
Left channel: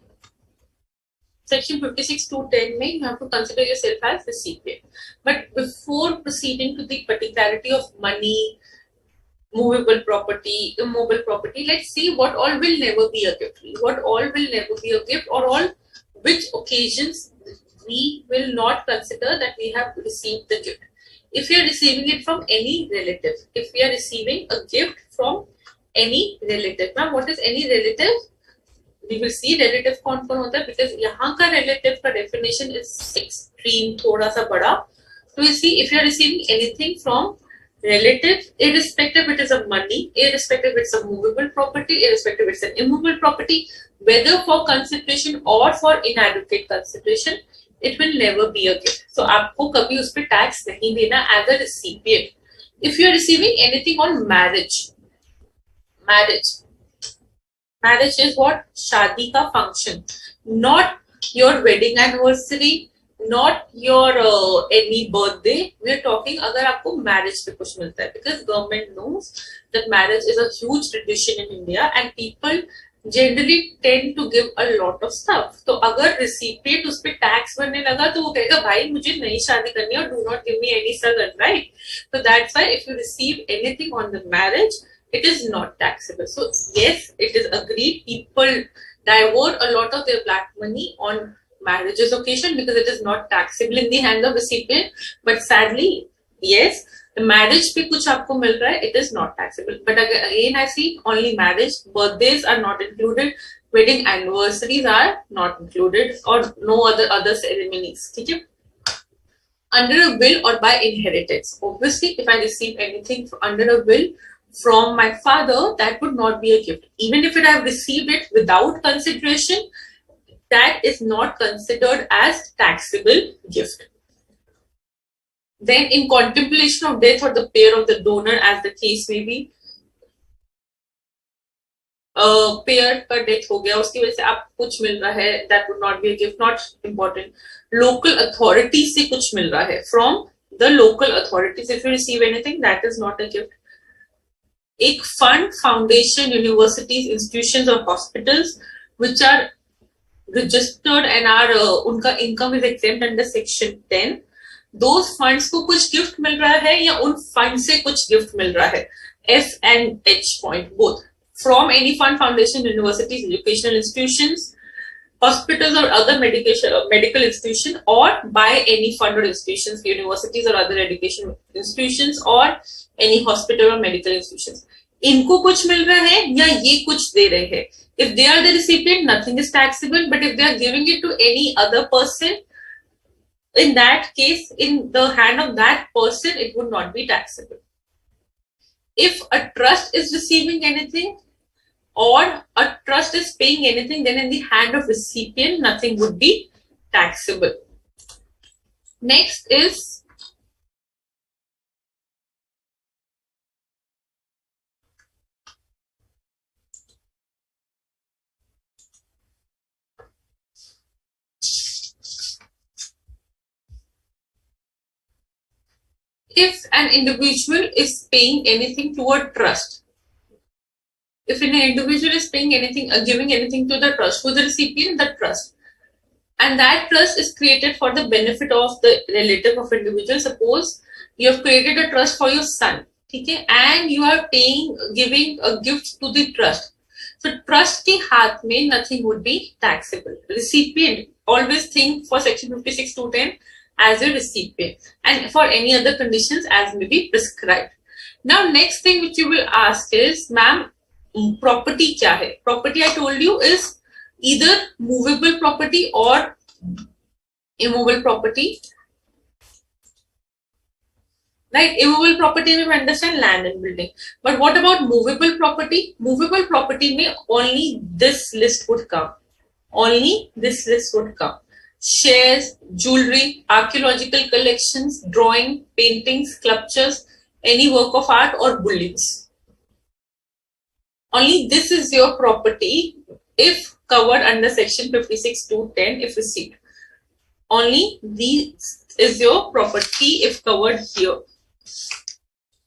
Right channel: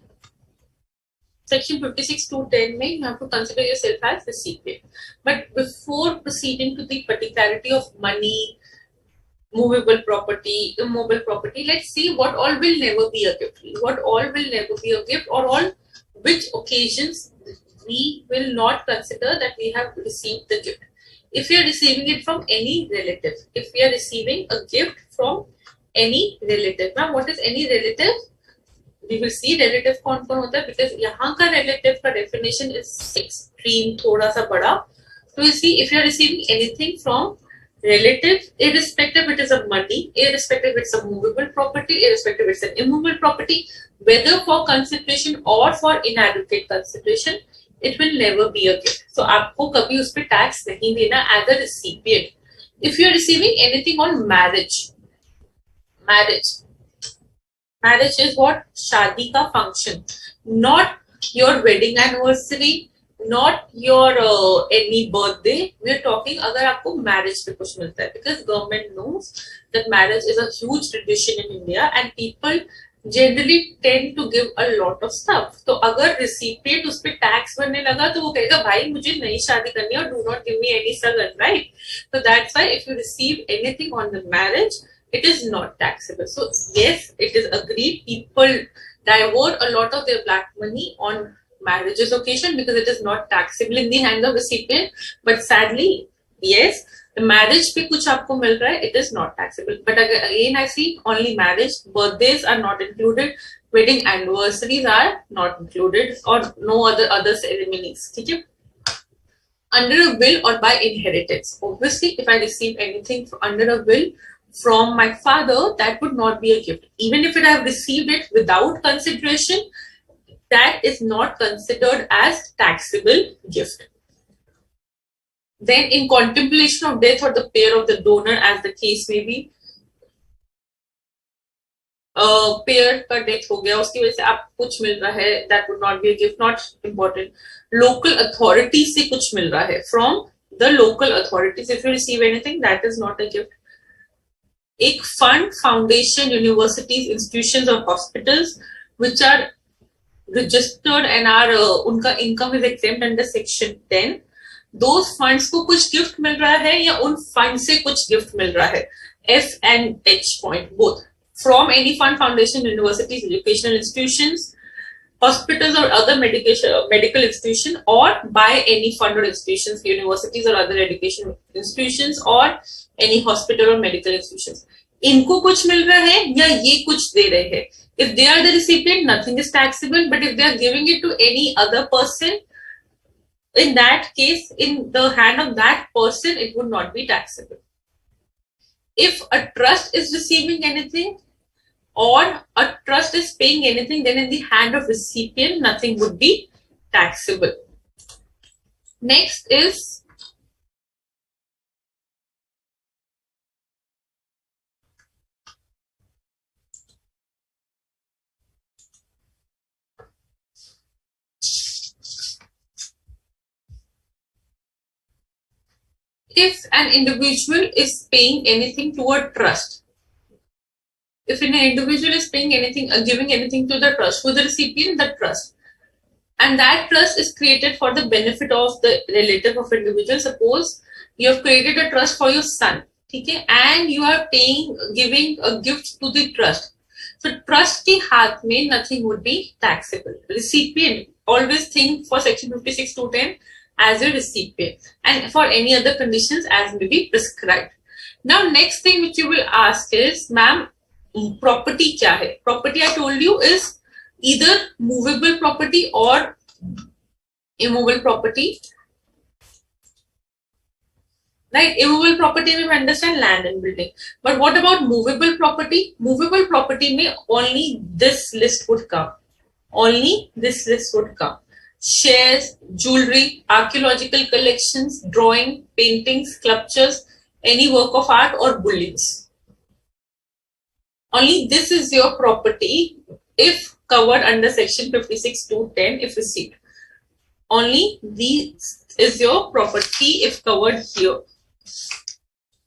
section 56 to 10 may you have to consider yourself as recipient. But before proceeding to the particularity of money, movable property, immobile property, let's see what all will never be a gift. What all will never be a gift, or all which occasions we will not consider that we have received the gift. If we are receiving it from any relative, if we are receiving a gift from any relative. Now, what is any relative? We will see relative कौन कौन होता है, because यहाँ का relative का definition is extreme, थोड़ा सा बड़ा. So we see if you are receiving anything from relative, irrespective it is of money, irrespective it's a movable property, irrespective it's an immovable property, whether for consideration or for inadequate consideration, it will never be a gift. So आपको कभी उस पे tax नहीं देना as a recipient. If you are receiving anything on marriage is what? शादी का function, not your wedding anniversary, not your any birthday. We are talking अगर आपको marriage पे कुछ मिलता है, because government knows that marriage is a huge tradition in India and people generally tend to give a lot of stuff. तो अगर recipient उस पे tax भरने लगा तो वो कहेगा भाई मुझे नई शादी करनी है और do not give me any sagan, right? So that's why if you receive anything on the marriage, it is not taxable. So yes, it is agreed. People divert a lot of their black money on marriages occasion because it is not taxable in the hands of recipient. But sadly, yes, the marriage पे कुछ आपको मिल रहा है, it is not taxable. But again, I see only marriage, birthdays are not included, wedding anniversaries are not included, or no other ceremonies. ठीक है? Under a will or by inheritance. Obviously, if I receive anything under a will from my father, that would not be a gift. Even if I have received it without consideration, that is not considered as taxable gift. Then in contemplation of death or the pair of the donor, as the case may be, pair का death हो गया, उसकी वजह से आपको कुछ मिल रहा है, that would not be a gift, not important. Local authority से कुछ मिल रहा है, from the local authorities, if you receive anything, that is not a gift. एक fund, foundation, universities, institutions or hospitals which are registered and are उनका income is exempt under section 10, those funds को कुछ gift मिल रहा है या उन fund से कुछ gift मिल रहा है, F and H point both, from any fund, foundation, universities, educational institutions, hospitals or other medical institution, or by any fund or institutions, universities or other education institutions, or any hospital or medical institutions. इनको कुछ मिल रहा है या ये कुछ दे रहे हैं. If they are the recipient, nothing is taxable. But if they are giving it to any other person, in that case, in the hand of that person, it would not be taxable. If a trust is receiving anything or a trust is paying anything, then in the hand of recipient, nothing would be taxable. Next is if an individual is paying anything to a trust, if an individual is paying anything, giving anything to the trust, who the recipient, the trust, and that trust is created for the benefit of the relative of individual. Suppose you have created a trust for your son, okay, and you are giving a gift to the trust. So trust के हाथ में nothing would be taxable. Recipient, always think for section 56 to 10 as a recipient, and for any other conditions as may be prescribed. Now next thing which you will ask is, ma'am, property क्या है? Property I told you is either movable property or immovable property. Right? Immovable property we understand land and building. But what about movable property? Movable property may only this list would come. Only this list would come. Shares, jewelry, archaeological collections, drawing, paintings, sculptures, any work of art or buildings. Only this is your property if covered under section 56 to 10 if received. Only this is your property if covered here.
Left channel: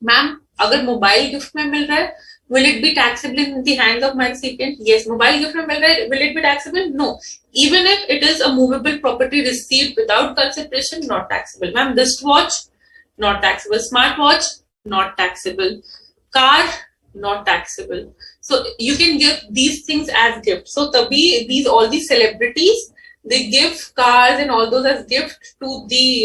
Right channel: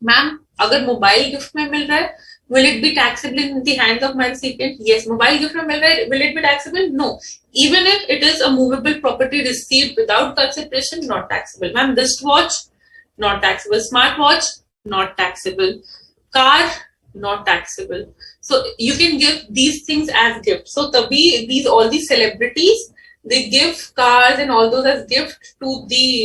Ma'am, अगर mobile gift में मिल रहा है, will it be taxable in the hands of my recipient? Yes. Mobile gift में मिल रहा है, will it be taxable? No. Even if it is a movable property received without consideration, not taxable. Ma'am, wristwatch, not taxable. Smartwatch, not taxable. Car, not taxable. So you can give these things as gifts. So tabhi all these celebrities, they give cars and all those as gifts to the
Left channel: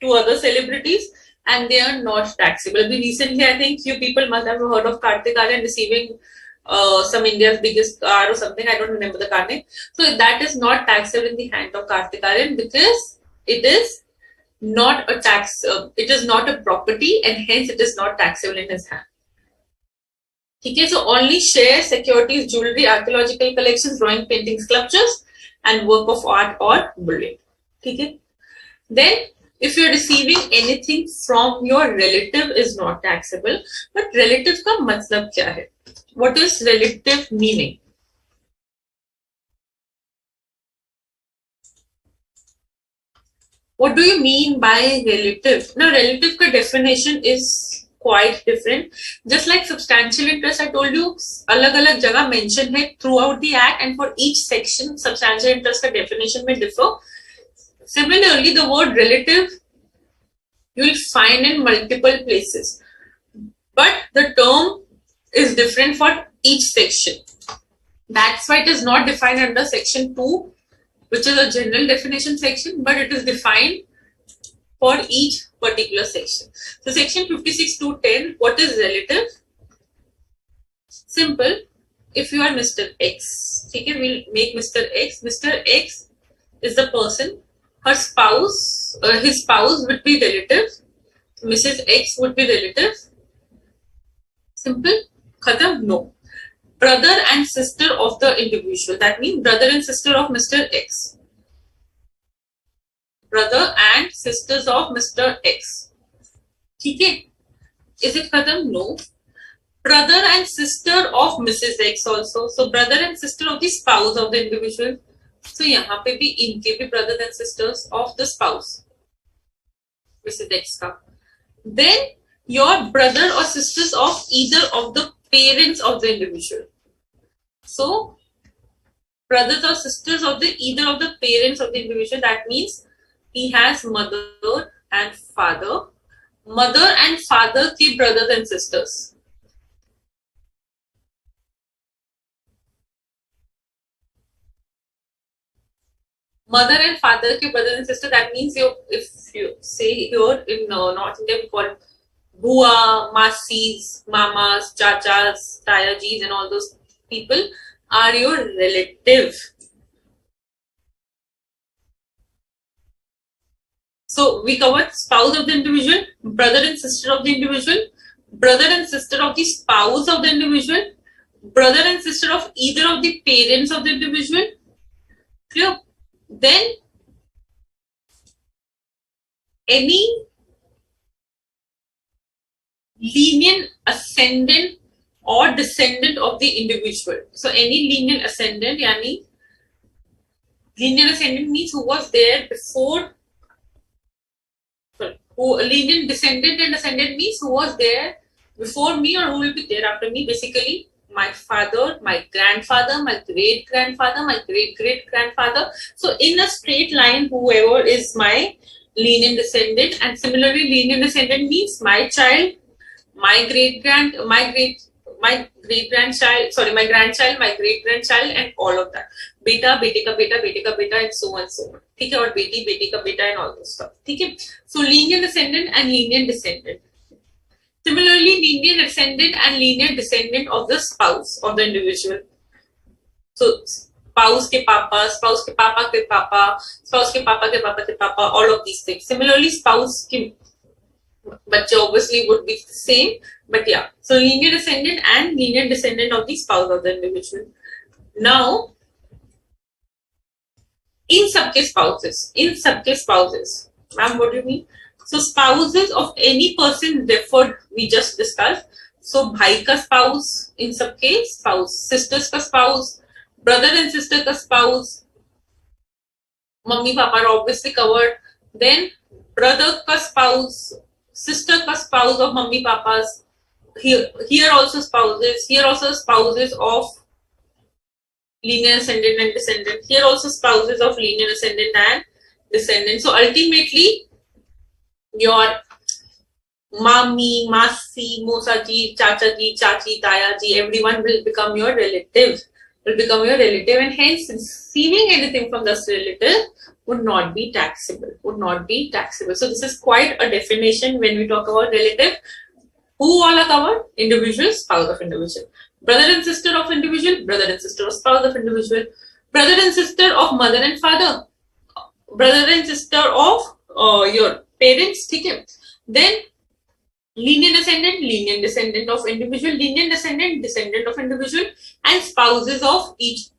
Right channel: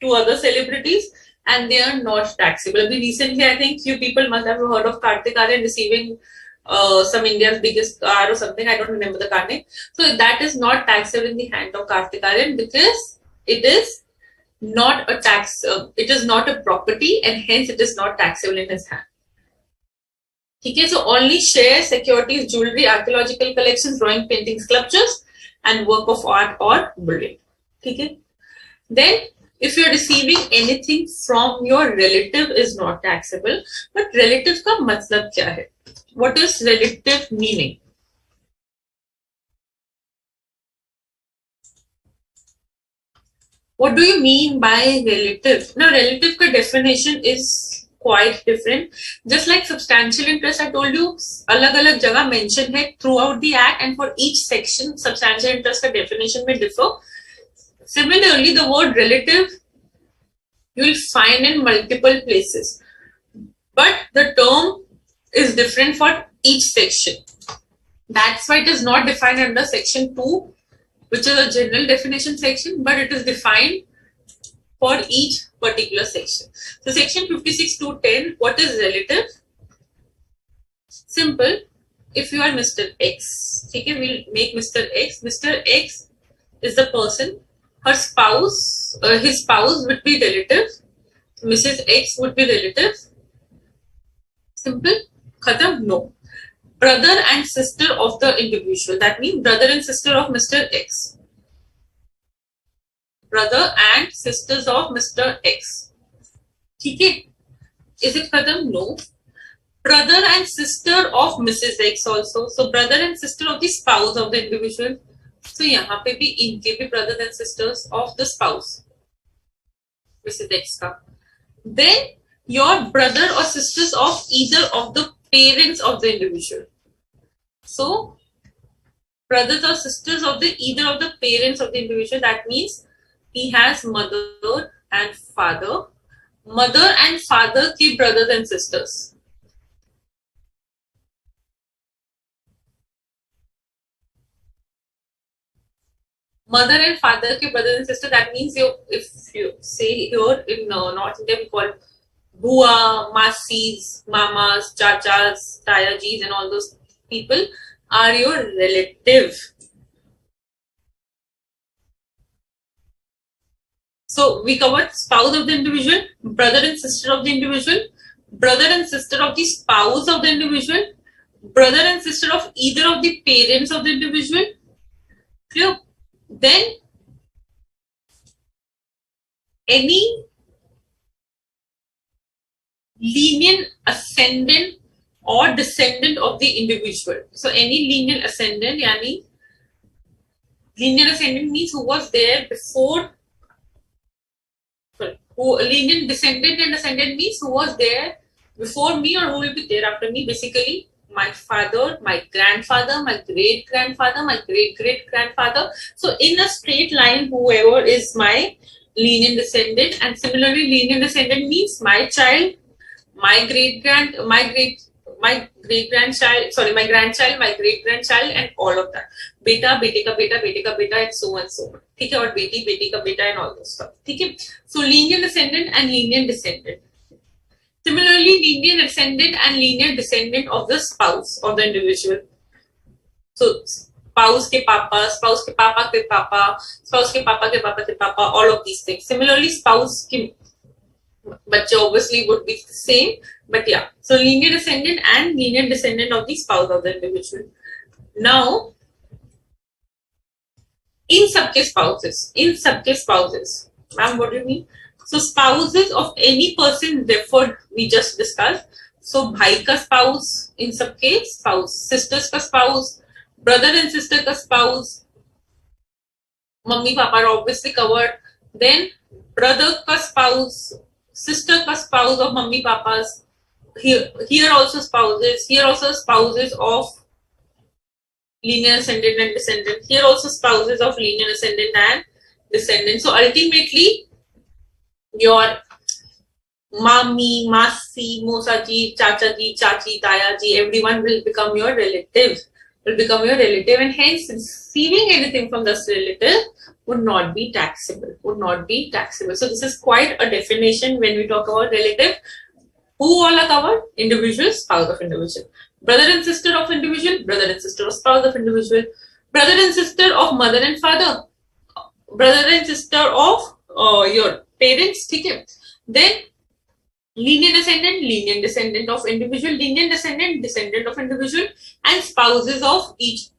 to other celebrities, and they are not taxable. Recently, I think few people must have heard of Kartik Aaryan receiving some India's biggest car or something. I don't remember the car name. So that is not taxable in the hand of Kartik Aaryan because it is not a tax. It is not a property, and hence it is not taxable in his hand. Okay, so only shares, securities, jewelry, archaeological collections, drawing, painting, sculptures, and work of art or building. Okay. Then, if you are receiving anything from your relative is not taxable, but relative का मतलब क्या है? What is relative meaning? What do you mean by relative? Now, relative का definition is quite different. Just like substantial interest, I told you, अलग-अलग जगह mention है throughout the act, and for each section, substantial interest का definition may differ. Similarly, the word relative you will find in multiple places, but the term is different for each section. That's why it is not defined under section 2, which is a general definition section, but it is defined for each particular section. So section 56 to 10, what is relative? Simple. If you are Mr. X, okay, we'll make Mr. X. Mr. X is the person. Her spouse, his spouse would be relative. Mrs. X would be relative. Simple. Khatam? No. Brother and sister of the individual. That means brother and sister of Mr. X. Brother and sisters of Mr. X. Okay. Is it khatam? No. Brother and sister of Mrs. X also. So brother and sister of the spouse of the individual. So यहाँ पे भी इनके भी brothers and sisters of the spouse, Mrs. X का. Then your brother or sisters of either of the parents of the individual. So brothers or sisters of the either of the parents of the individual. That means he has mother and father. Mother and father के brothers and sisters. Mother and father ke brother and sister. That means if you say here in North India we call bua, masis, mamas, chachas, tayajis, and all those people are your relative. So we covered spouse of the individual, brother and sister of the individual, brother and sister of the spouse of the individual, brother and sister of either of the parents of the individual. Clear? Then any lineal ascendant or descendant of the individual. So any lineal ascendant, yani lineal ascendant means who was there before, who lenient descendant and ascendant means who was there before me or who will be there after me. Basically, my father, my grandfather, my great grandfather, my great great grandfather. So in a straight line, whoever is my lenient descendant, and similarly, lenient descendant means my child, my great grandchild, sorry, my grandchild, my great grandchild, and all of that. Beta, bete ka beta, and so on, so on. ठीक है, और बेटी का बेटा and all those stuff. ठीक है. So linear descendant and lenient descendant. Similarly, linear ascendant and linear descendant of the spouse of the individual. So spouse ke papa, spouse ke papa ke papa, spouse ke papa ke papa ke papa, all of these things. Similarly, spouse ke bache obviously would be the same, but yeah. So linear descendant and linear descendant of the spouse of the individual. Now, in सबके spouses, ma'am, what do you mean? So spouses of any person referred, we just discussed. So भाई का spouse, in सबके spouse, sisters का spouse, brother and sister का spouse, mummy papa are obviously covered. Then brother का spouse, sister का spouse of mummy papas, here also spouses of linear ascendant and descendant, here also spouses of linear ascendant and descendant. So ultimately your mami, masi, mosaji, chachaji, chachi, tayaji, everyone will become your relative, and hence receiving anything from this relative would not be taxable. So this is quite a definition when we talk about relative. Who all are covered? Individual, spouse of individual. Brother and sister of individual, brother and sister of spouse of individual. Brother and sister of mother and father. Brother and sister of your parents. Okay. Then linear descendant of individual, linear descendant of individual, and spouses of each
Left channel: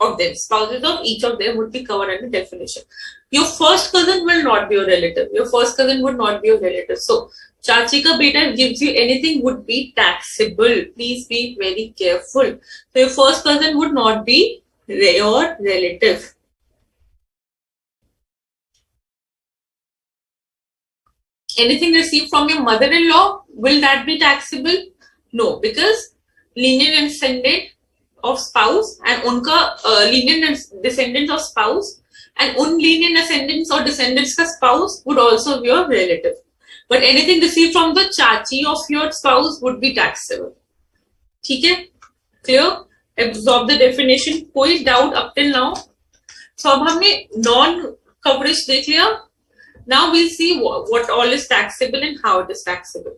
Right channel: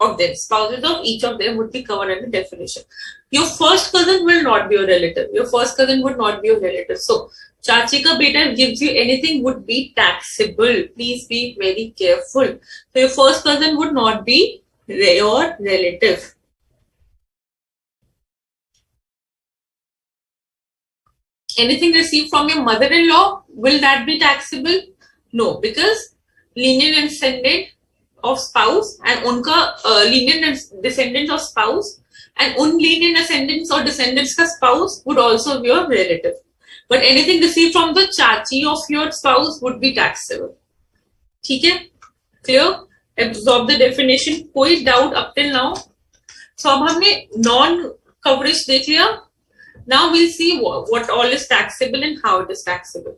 of them. Spouses of each of them would be covered in the definition. Your first cousin will not be your relative. So, chachi ka beta gives you anything would be taxable. Please be very careful. So, your first cousin would not be your relative. Anything received from your mother-in-law, will that be taxable? No, because linear descendant of spouse and unka linear descendant of spouse and linear descendants or descendants ka spouse would also be your relative. But anything received from the chachi of your spouse would be taxable. ठीक है? Clear? Absorb the definition. कोई doubt up till now? So अब हमने non-coverage देख लिया. Now we'll see what all is taxable and how it is taxable.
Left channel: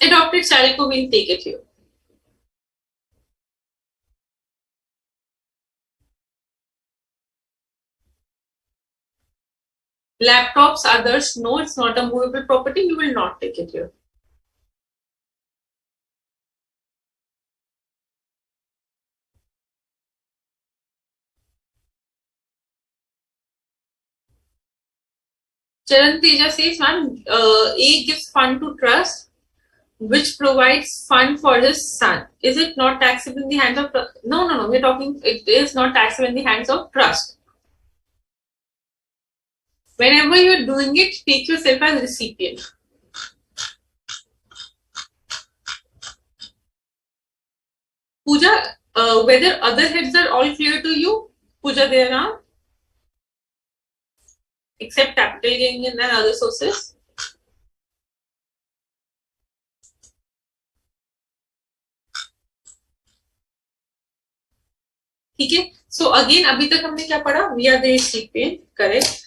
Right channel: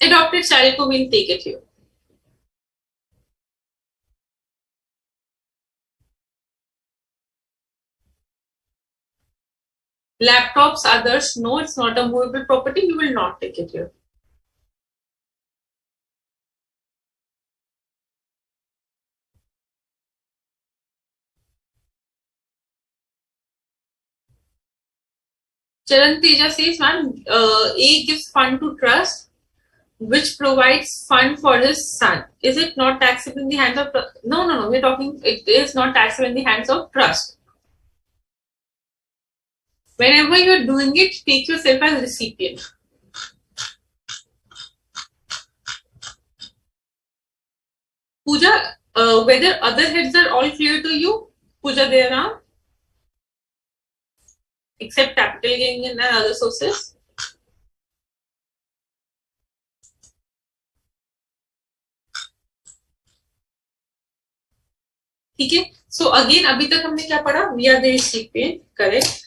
Adopted child को we'll take it here. Laptops, others, no, it's not a movable property. We will not take it here. Charan Teja says, man, A gives fund to trust, which provides fund for his son. Is it not taxable in the hands of... No. We're talking, it is not taxable in the hands of trust. Whenever you're doing it, take yourself as recipient. Pooja, whether other heads are all clear to you? Pooja, there are? Except capital gain and other sources. ठीक है. So again, अभी तक हमने क्या पढ़ा? We are the recipient, correct?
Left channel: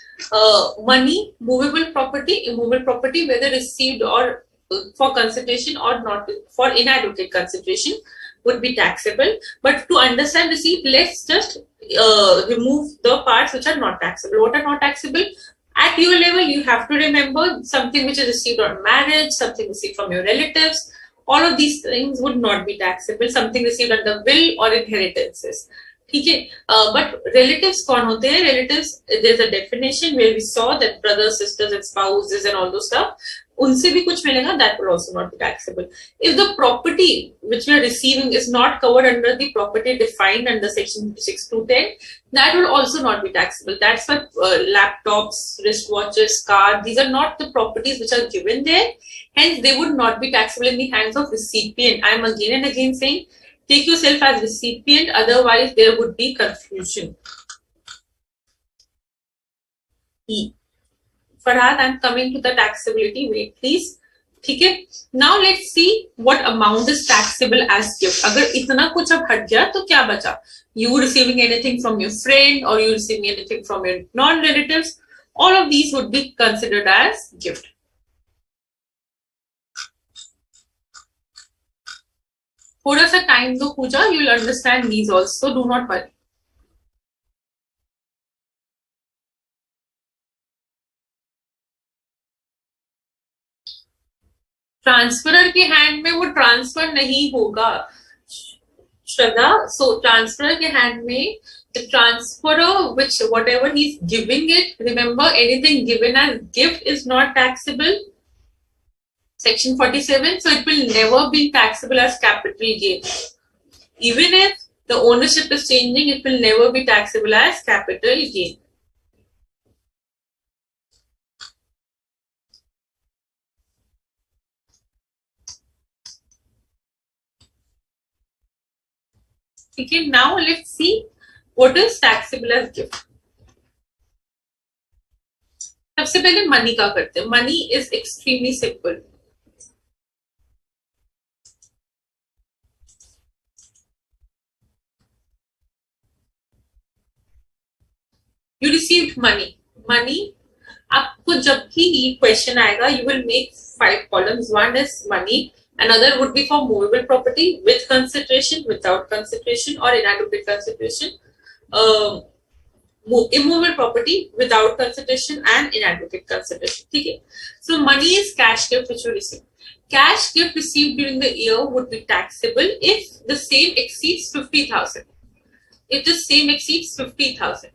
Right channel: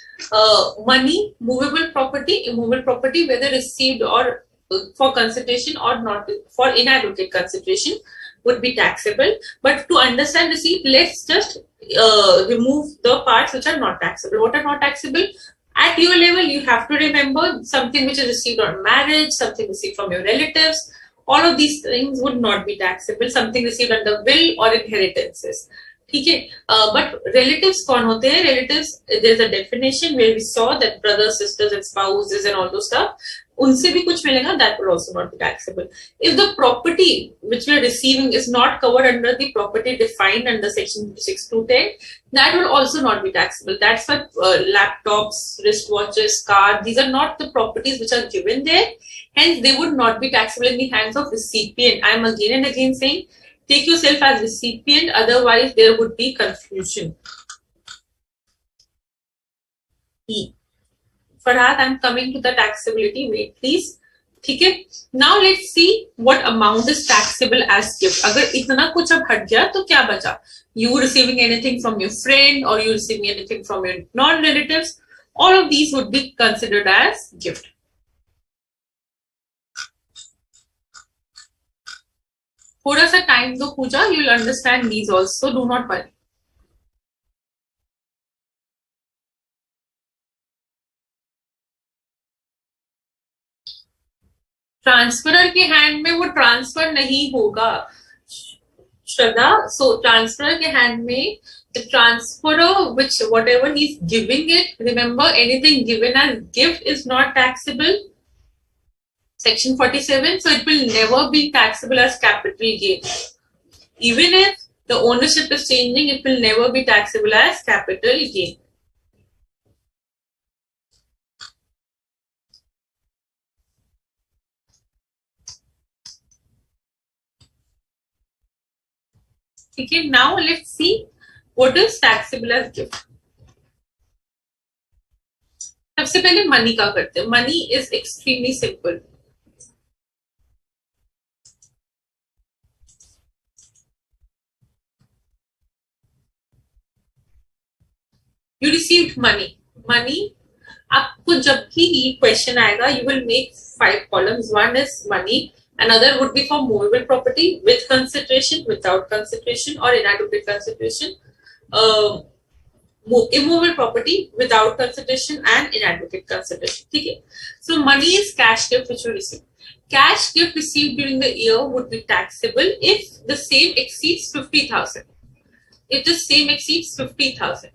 Money, movable property, immovable property, whether received or for consideration or not for inadequate consideration would be taxable. But to understand receipt, let's just remove the parts which are not taxable. What are not taxable? At your level, you have to remember something which is received on marriage, something received from your relatives. All of these things would not be taxable. Something received under will or inheritances. ठीक है. But relatives कौन होते हैं? Relatives, there's a definition where we saw that brothers, sisters, and spouses and all those stuff. उनसे भी कुछ मिलेगा, that will also not be taxable. If the property which we are receiving is not covered under the property defined under section 6 to 10, that will also not be taxable. That's why laptops, wristwatches, car, these are not the properties which are given there. Hence, they would not be taxable in the hands of recipient. I am again and again saying, take yourself as recipient, otherwise there would be confusion. E. Farhad, I'm coming to the taxability. Wait, please. ठीक है. Now let's see what amount is taxable as gift. अगर इतना कुछ अब हट गया तो क्या बचा? You receiving anything from your friend or you receiving anything from your non-relatives, all of these would be considered as gift. थोड़ा सा टाइम दो पूजा, you will understand these also. Do not worry. Transferor के hand में वो transfer नहीं होगा श्रद्धा. सो transferor के hand में the transferor, which whatever he's giving it, remember anything given as gift is not taxable. Section 47, so it will never be taxable as capital gain. Even if the ownership is changing, it will never be taxable as capital gain. Okay, now let's see what is taxable as gift. सबसे पहले money का करते हैं. Money is extremely simple. You received money. Money, आपको जब भी question आएगा, you will make 5 columns. One is money. Another would be for movable property with consideration, without consideration, or inadequate consideration. Immovable property without consideration and inadequate consideration. Okay. So money is cash gift which you receive. Cash gift received during the year would be taxable if the same exceeds 50,000. If the same exceeds 50,000.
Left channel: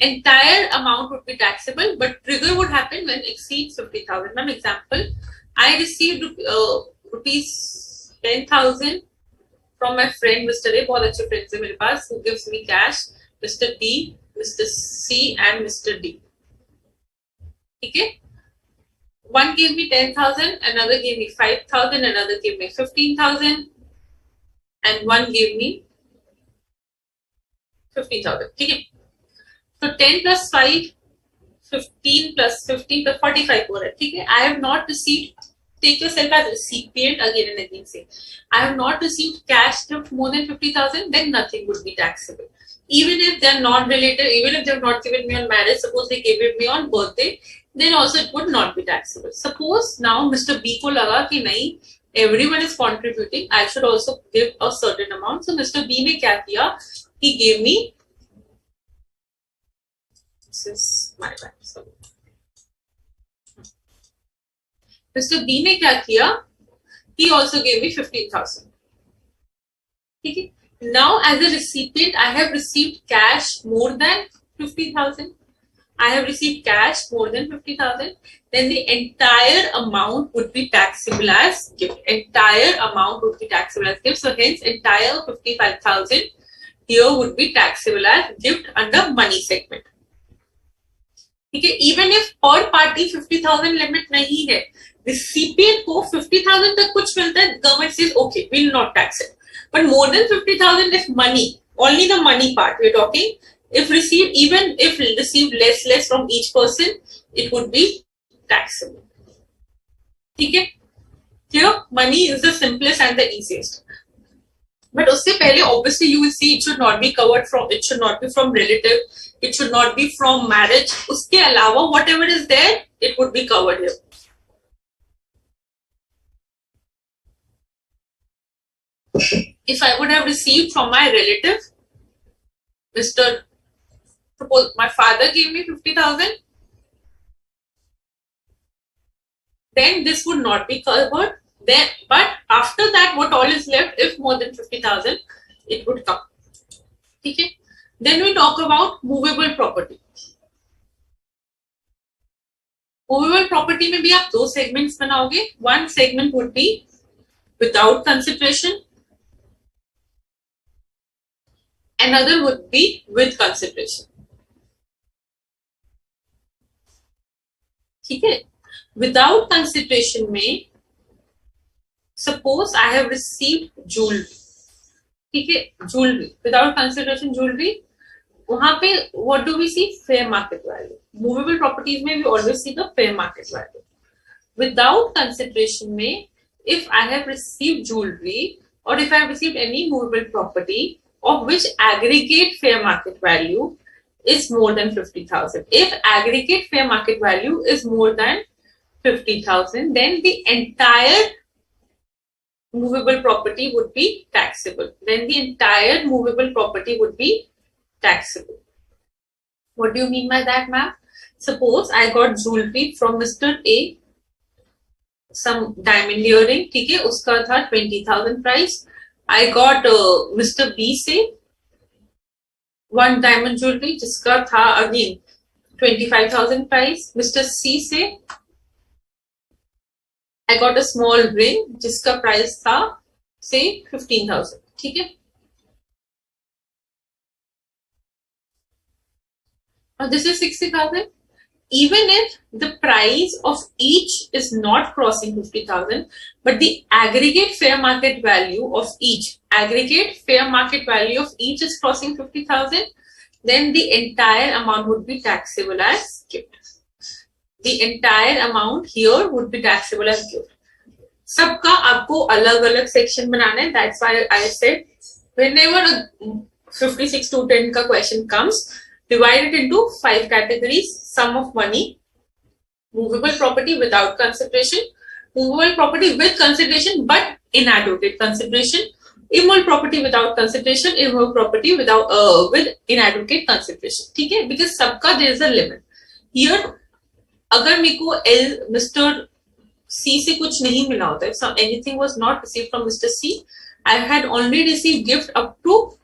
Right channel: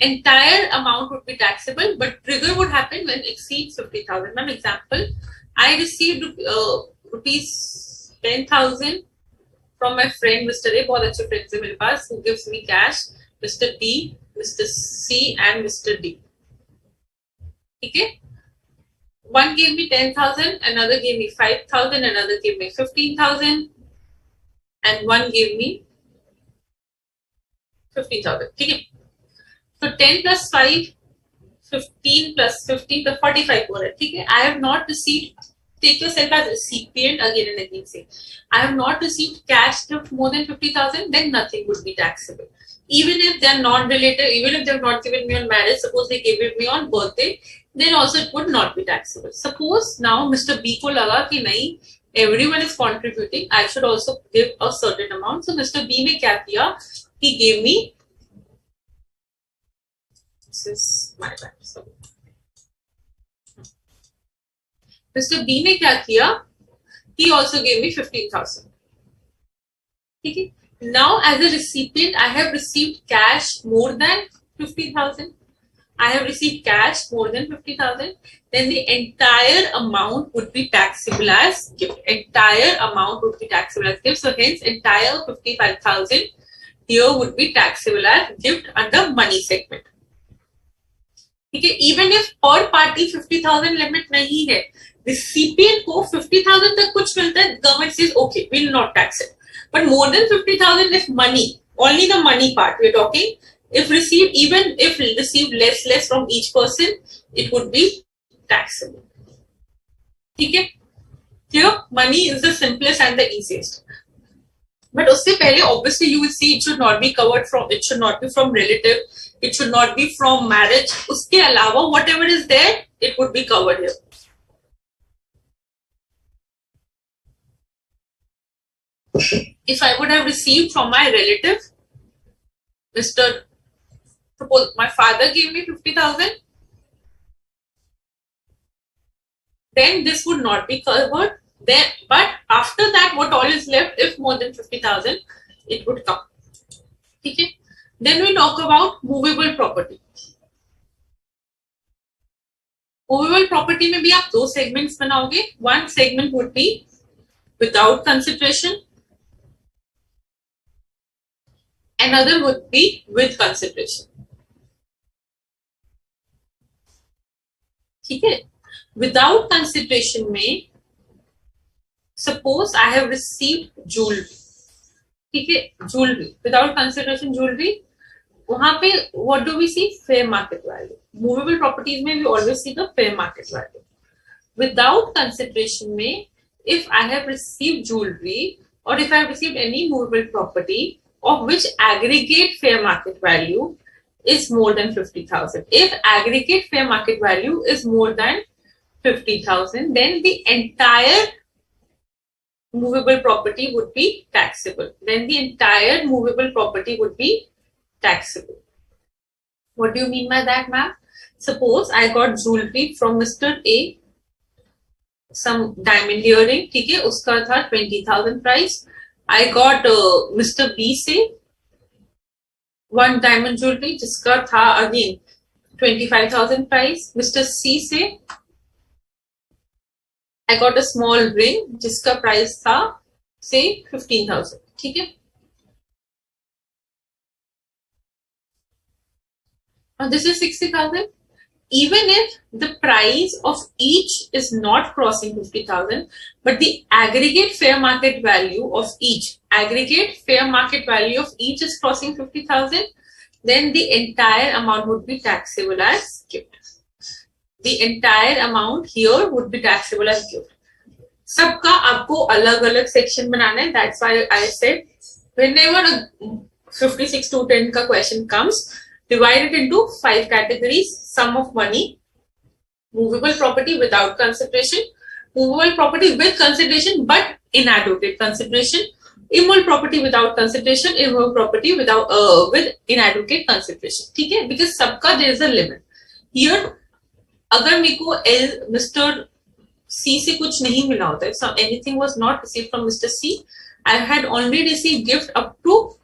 Entire amount would be taxable, but trigger would happen when it exceeds 50,000. An example, I received rupees 10,000 from my friend Mr. A. बहुत अच्छे friends हैं मेरे पास, who gives me cash. Mr. B, Mr. C, and Mr. D. Okay. One gave me 10,000, another gave me 5,000, another gave me 15,000, and one gave me 15,000. Okay. So 10 plus 5, 15 plus 15 plus 45 हो रहा है. ठीक है. I have not received. Take yourself as recipient again and again. Say, I have not received cash gift more than 50,000. Then nothing would be taxable. Even if they are non-related, even if they have not given me on marriage, suppose they gave it me on birthday, then also it would not be taxable. Suppose now Mr. B को लगा कि नहीं, everyone is contributing, I should also give a certain amount. So Mr. B ने क्या किया? He gave me. This is my bad. Sorry. Mr. B ने क्या किया? He also gave me 15,000. ठीक है. Now, as a recipient, I have received cash more than 50,000. I have received cash more than 50,000. Then the entire amount would be taxable as gift. Entire amount would be taxable as gift. So hence, entire 55,000 here would be taxable as gift under money segment. ठीक है. Even if per party 50,000 limit नहीं है, recipient को 50,000 तक कुछ मिलता है, government says okay, will not tax it. But more than 50,000 is money. Only the money part we're talking. If received, even if received less from each person, it would be taxable. Okay? Here, money is the simplest and the easiest. But उससे पहले, obviously, you will see it should not be covered from. It should not be from relative. It should not be from marriage. उसके अलावा, whatever is there, it would be covered here. If I would have received from my relative, suppose my father gave me 50,000, then this would not be covered. Then, but after that, what all is left, if more than 50,000, it would come. Okay. Then we talk about movable property. Movable property में भी आप दो segments बनाओगे. One segment would be without consideration, another would be with consideration. ठीक है. Without consideration में suppose I have received jewelry. ठीक है, jewelry without consideration jewelry. वहां पे what do we see? Fair market value. Movable properties में we always see the fair market value. Without consideration में if I have received jewelry or if I have received any movable property of which aggregate fair market value is more than 50,000. If aggregate fair market value is more than 50,000, then the entire movable property would be taxable. Then the entire movable property would be taxable. What do you mean by that, ma'am? Suppose I got jewelry from Mr. A, some diamond earring, ठीक है, उसका था 20,000 price. I got Mr. B से one diamond jewelry जिसका था again 25,000 price. Mr. C से I got a small ring जिसका price था say 15,000. ठीक है. Now this is 60,000. Even if the price of each is not crossing 50,000, but the aggregate fair market value of each is crossing 50,000, then the entire amount would be taxable as gift. The entire amount here would be taxable as gift. सबका आपको अलग-अलग section बनाना है. That's why I said whenever a 56 to 10 का question comes, divide it into 5 categories. Sum of money, movable property without consideration, movable property with consideration but inadequate consideration, immovable property without consideration, immovable property without with inadequate consideration. ठीक है, because सबका there is a limit. Here अगर मेरे को Mr. C से कुछ नहीं मिला होता है, so anything was not received from Mr. C, I had only received gift up to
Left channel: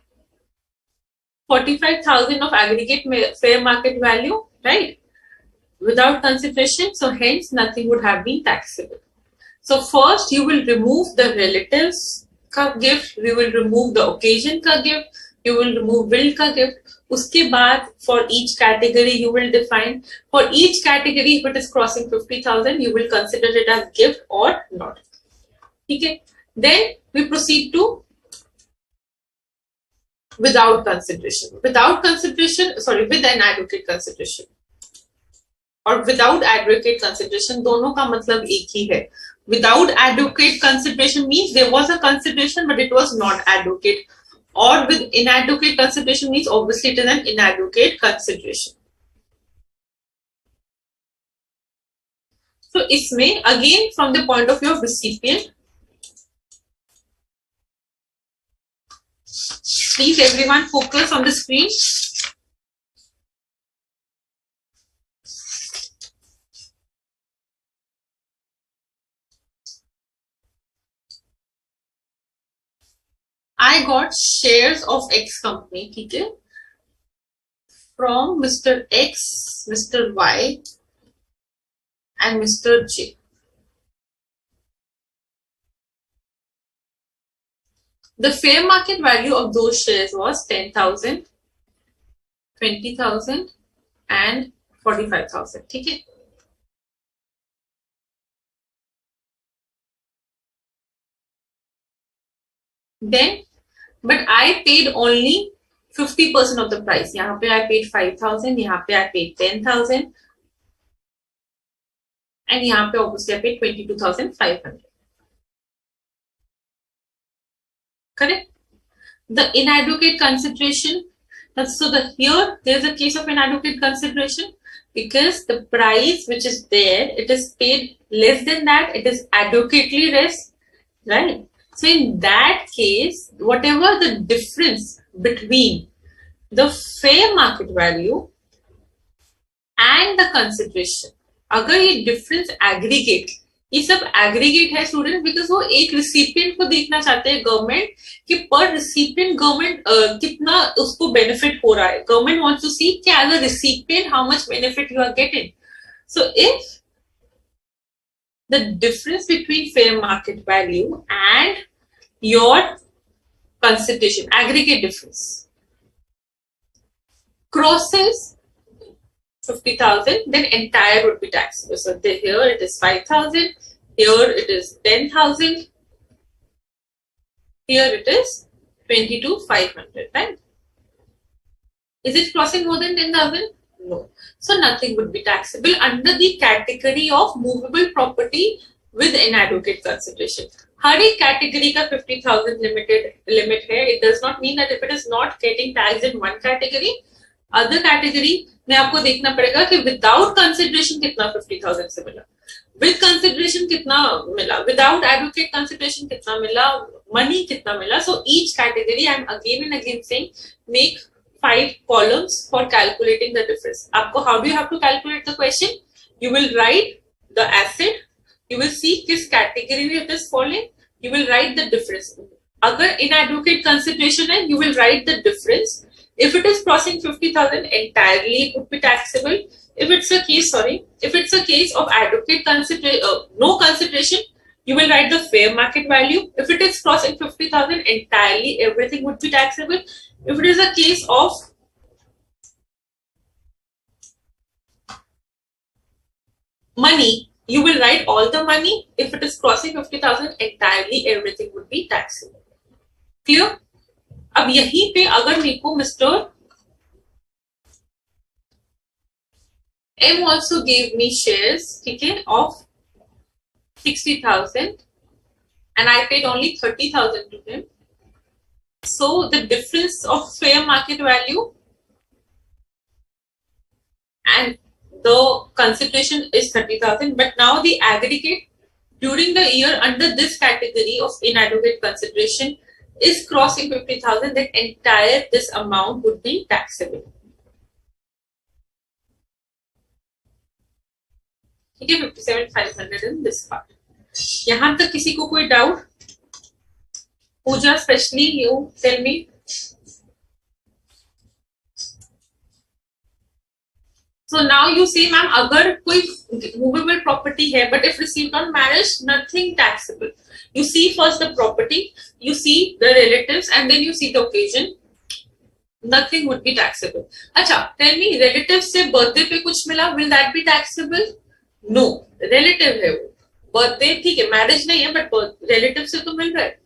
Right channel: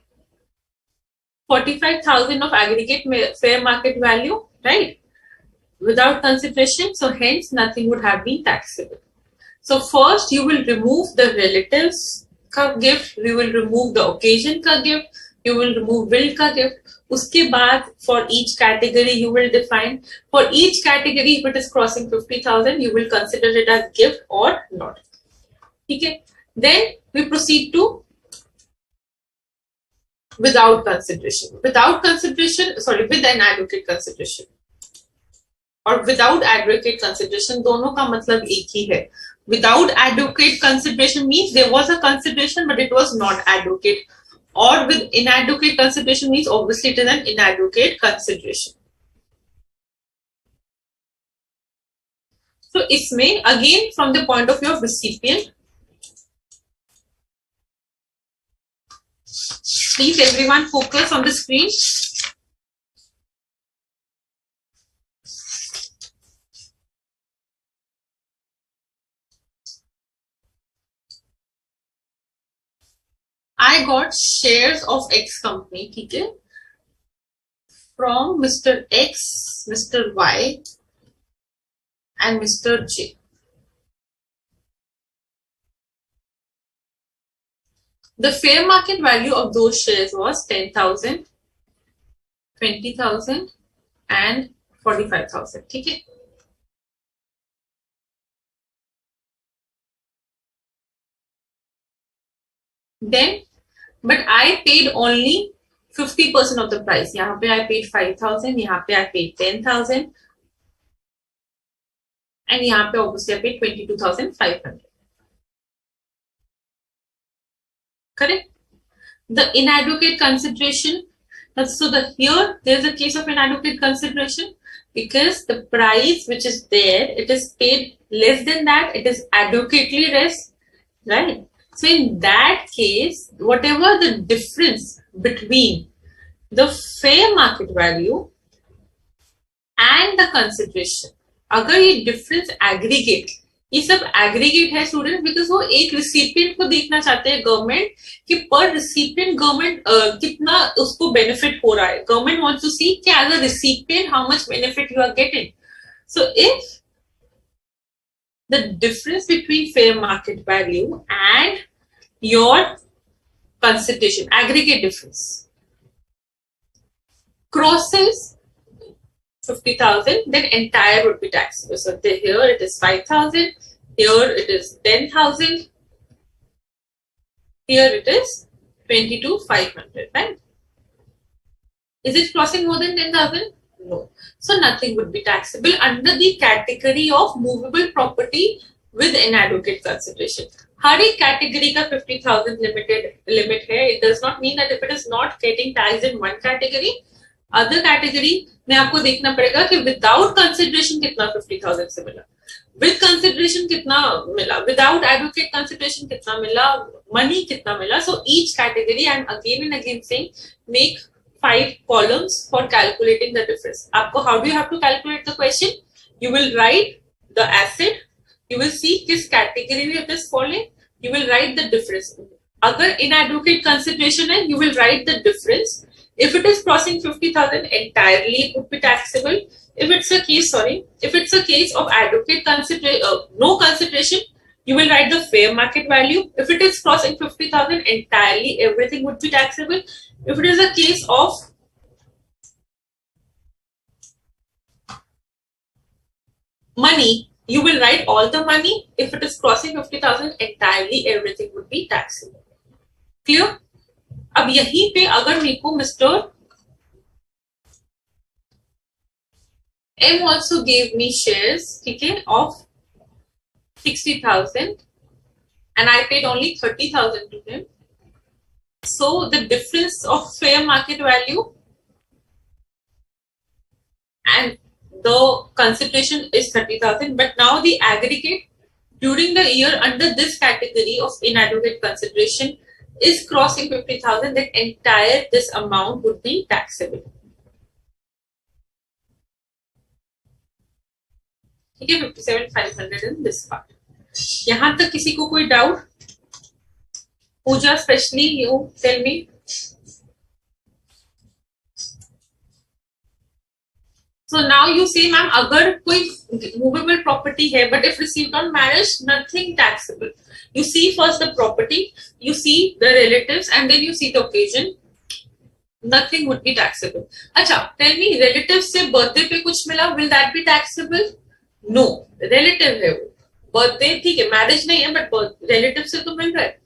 45,000 of aggregate fair market value, right? Without consideration, so hence nothing would have been taxable. So first you will remove the relatives का gift, you will remove the occasion का gift, you will remove will का gift. उसके बाद for each category you will define, for each category if it is crossing 50,000 you will consider it as gift or not. ठीक है. Then we proceed to without consideration. Without consideration, sorry, with inadequate consideration. और without adequate consideration दोनों का मतलब एक ही है. Without adequate consideration means there was a consideration but it was not adequate. Or with inadequate consideration means obviously it is an inadequate consideration. So इसमें again from the point of view of recipient, please everyone focus on the screen. I got shares of X company, ठीक है, from Mr. X, Mr. Y and Mr. J. The fair market value of those shares was 10,000, 20,000 and 45,000. ठीक है. Then, but I paid only 50% of the price. यहाँ पे I paid 5,000, यहाँ पे I paid 10,000 and यहाँ पे obviously I paid 22,500. Correct? The inadequate consideration. So here there is a case of inadequate consideration because the price which is there, it is paid less than that. It is adequately less, right? So in that case, whatever the difference between the fair market value and the consideration, अगर ये difference aggregate, ये सब aggregate है student because वो एक recipient को देखना चाहते हैं government कि per recipient government कितना उसको benefit हो रहा है. Government wants to see कि as a recipient how much benefit you are getting. So if the difference between fair market value and your consideration, aggregate difference, crosses 50,000, then entire would be taxable. So here it is 5,000, here it is 10,000, here it is 22,500, right? Is it crossing more than 10,000? No. So nothing would be taxable under the category of movable property with inadequate consideration. हर एक category का 50,000 limit है. It does not mean that if it is not getting taxed in one category, other category में आपको देखना पड़ेगा कि without consideration कितना 50,000 से मिला, with consideration कितना मिला, without adequate consideration कितना मिला, money कितना मिला. So each category, I am again and again saying, make 5 columns for calculating the difference. आपको how do you have to calculate the question? You will write the asset, you will see किस category में it is falling, you will write the difference. अगर inadequate consideration है, you will write the difference. If it is crossing 50,000 entirely, it would be taxable. If it's a case of adequate no consideration, you will write the fair market value. If it is crossing 50,000 entirely, everything would be taxable. If it is a case of money, you will write all the money. If it is crossing 50,000 entirely, everything would be taxable. Clear? अब यहीं पे अगर मेरे को mister M also gave me shares, ठीक है, of 60,000 and I paid only 30,000 to him. So the difference of fair market value and the consideration is 30,000, but now the aggregate during the year under this category of inadequate consideration is crossing 50,000, then entire this amount would be taxable. ठीक है, 57,500 in this part. यहाँ तक किसी को कोई doubt? Pooja, especially you, tell me. So now you say, ma'am, अगर कोई movable property है, but if received on marriage, nothing taxable. You see first the property, you see the relatives, and then you see the occasion. Nothing would be taxable. अच्छा, tell me, relatives से birthday पे कुछ मिला, will that be taxable? No, relative है वो. Birthday ठीक है, marriage नहीं है, but relative से तो मिल रहा है.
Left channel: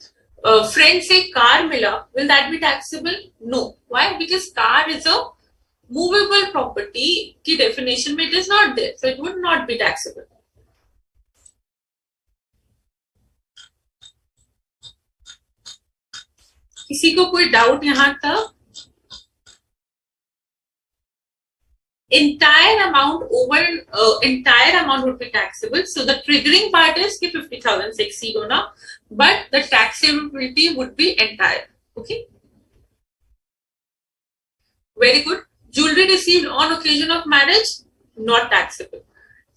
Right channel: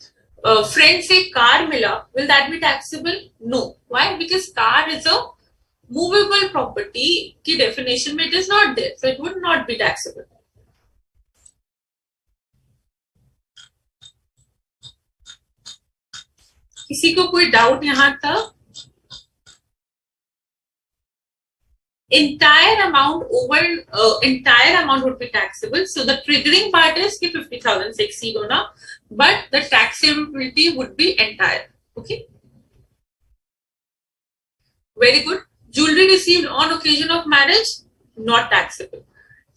Friend से car मिला, will that be taxable? No. Why? Because car is a movable property की definition में it is not there, so it would not be taxable. किसी को कोई डाउट यहाँ तक? Entire amount would be taxable. So the triggering part is कि 50,000 से exceed होना, but the taxability would be entire. Okay. Very good. Jewelry received on occasion of marriage, not taxable.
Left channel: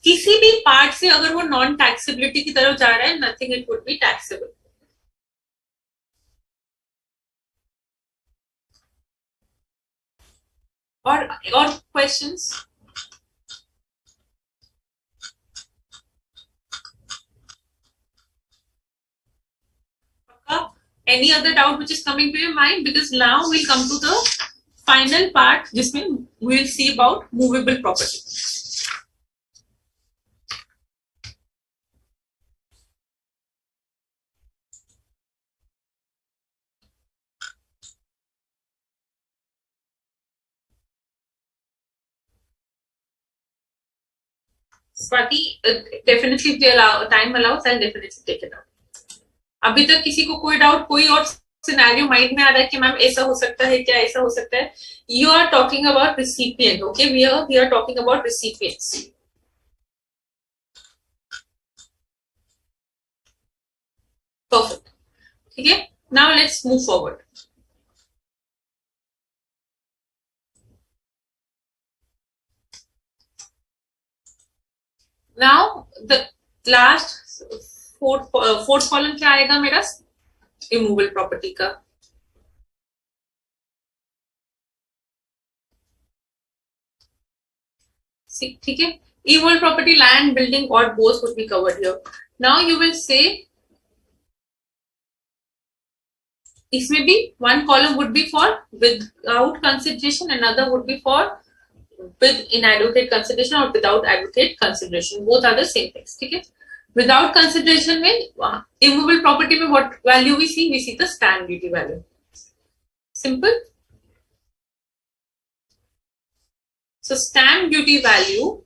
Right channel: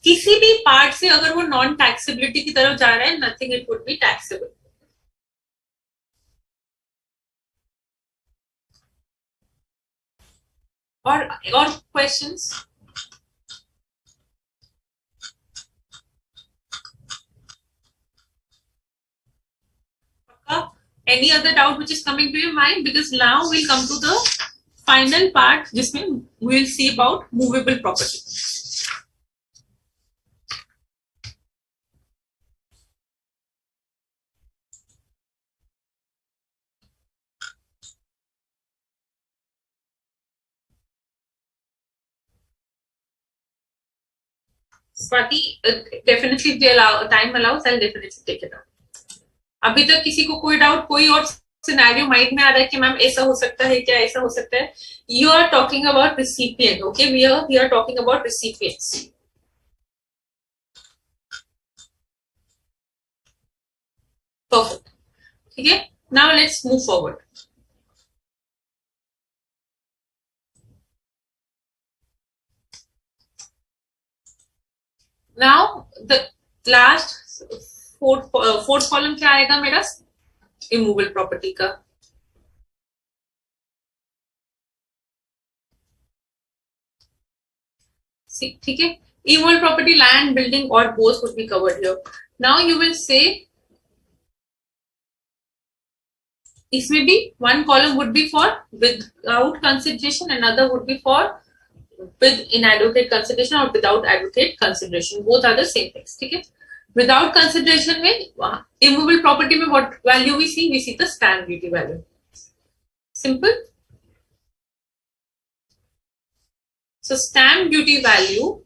किसी भी part से अगर वो non taxability की तरफ जा रहा है, nothing it would be taxable. और questions? Any other doubt which is coming to your mind? Because now we'll come to the final part जिसमें we'll see about movable property. Swati, definitely if the time allows, I'll definitely take it up. अभी तक किसी को कोई doubt, कोई और scenario mind में आ रहा है कि मैम ऐसा हो सकता है क्या, ऐसा हो सकता है? You are talking about recipient. Okay, we are talking about recipients. Perfect. ठीक है, now let's move forward. Now the last fourth column क्या आएगा मेरा? इमूवेबल प्रॉपर्टी का. ठीक है, Immovable property, land, building, or both would be covered here. Now you will say, इसमें भी one column would be for without consideration, another would be for with inadequate consideration or without adequate consideration. Both are the same things. ठीक है? Without consideration में immovable property में what value we see? We see the stamp duty value. Simple. So stamp duty value,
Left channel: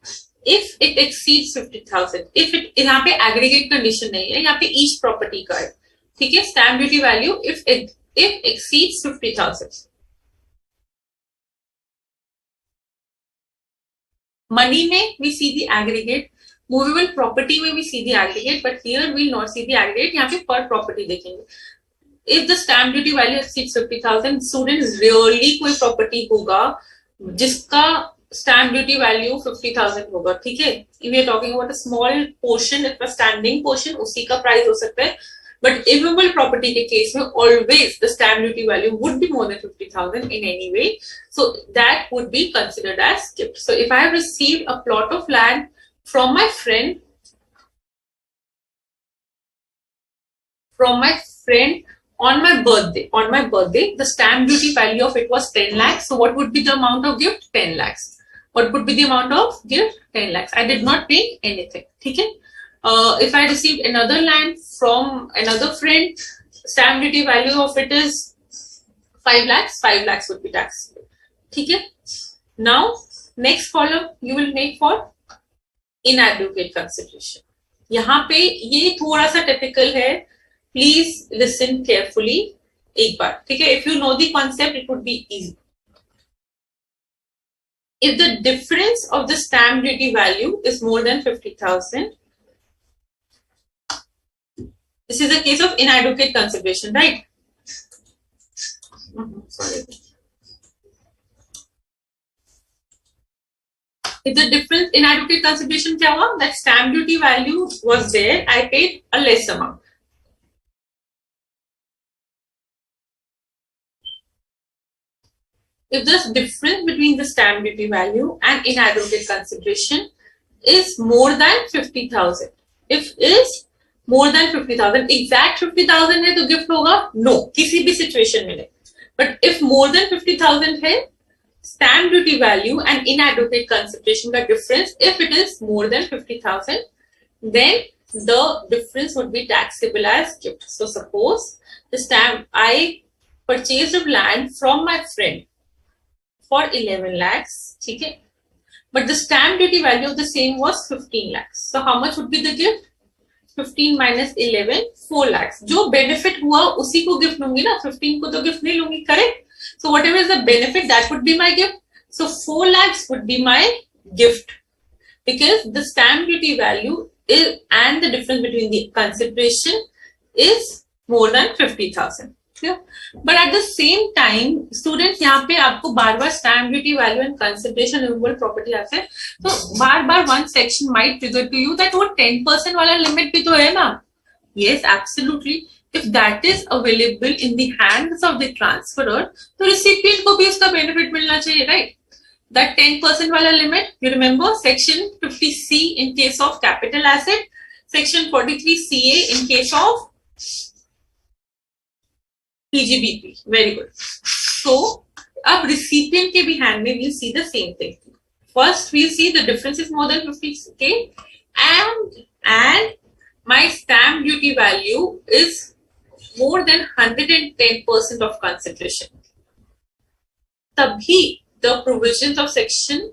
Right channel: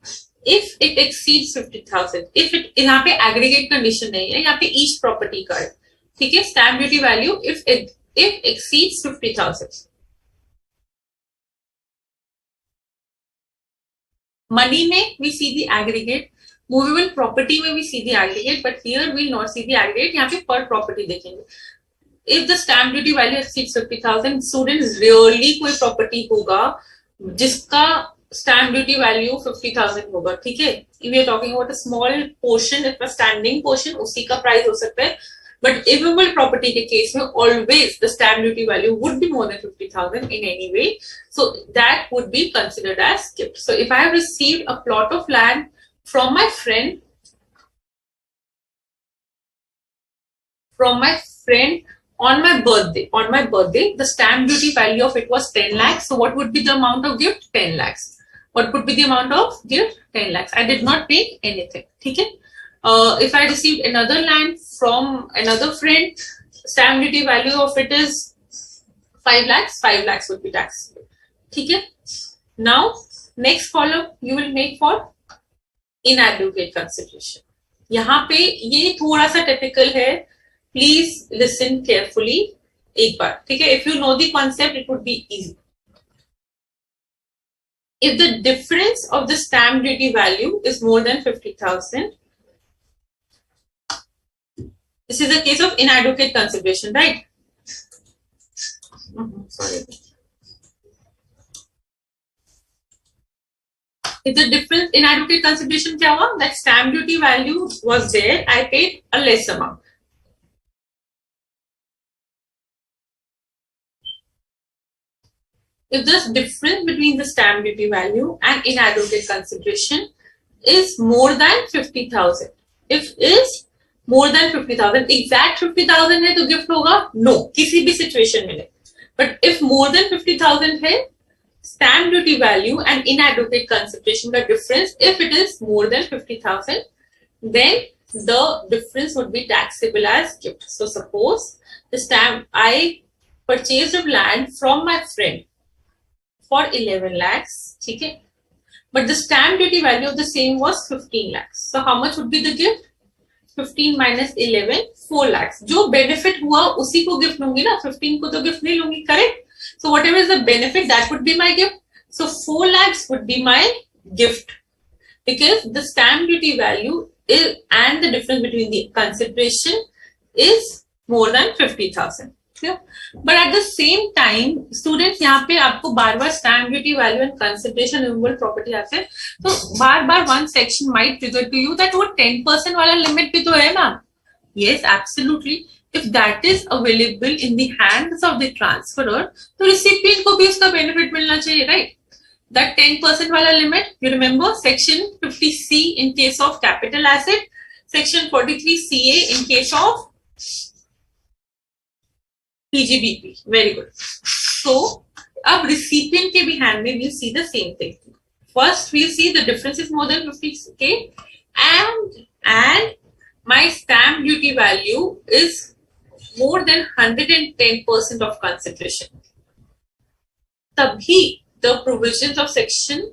if it exceeds 50,000, if it यहाँ पे aggregate condition नहीं है, यहाँ पे each property का है, ठीक है? Stamp duty value if exceeds 50,000. Money में we see the aggregate, movable property में we see the aggregate, but here we will not see the aggregate. यहाँ पे per property देखेंगे. If the stamp duty value exceeds 50,000, students rarely कोई property होगा जिसका stamp duty value 50,000 होगा, ठीक है? If we are talking about a small portion, if a standing portion, उसी का price हो सकता है. But immovable property के case में always the stamp duty value would be more than 50,000 in any way. So that would be considered as gift. So if I have received a plot of land from my friend on my birthday, the stamp duty value of it was 10 lakhs. So what would be the amount of gift? 10 lakhs. What would be the amount of gift? 10 lakhs. I did not pay anything. ठीक है? If I received another land from another friend, stamp duty value of it is 5 lakhs. 5 lakhs would be taxable. ठीक है? Now, next column you will make for inadequate consideration. यहाँ पे ये थोड़ा सा typical है. Please listen carefully. एक बार, ठीक है? If you know the concept, it would be easy. If the difference of the stamp duty value is more than 50,000, this is a case of inadequate consideration, right? Sorry. If the difference inadequate consideration क्या हुआ? That stamp duty value was there, I paid a less amount. If the difference between the stamp duty value and inadequate consideration is more than 50,000, if is more than 50,000, exact 50,000 है तो gift होगा? No, किसी भी situation में नहीं. But if more than 50,000 है, stamp duty value and inadequate consideration का difference, if it is more than 50,000, then the difference would be taxable as gift. So suppose I purchased of land from my friend for 11 lakhs, ठीक है? But the stamp duty value of the same was 15 lakhs. So how much would be the gift? 15 minus 11, 4 lakhs. जो benefit हुआ उसी को gift लूंगी ना, 15 को तो gift नहीं लूंगी, correct? So whatever is the benefit, that would be my gift. So 4 lakhs would be my gift because the stamp duty value is and the difference between the consideration is more than 50,000. But at the same time, students यहाँ पे आपको बार-बार stamp duty value and consideration immovable property आते हैं, तो बार-बार one section might trigger to you that वो 10% वाला limit भी तो है ना? Yes, absolutely. If that is available in the hands of the transferor, तो recipient को भी इसका benefit मिलना चाहिए, right? That 10% वाला limit, you remember section 50C in case of capital asset, section 43CA in case of PGBP. Very good. So, अब recipient के भी hand में we'll see the same thing. First, we'll see the difference is more than 50K and my stamp duty value is more than 110% of consideration. तभी the provisions of section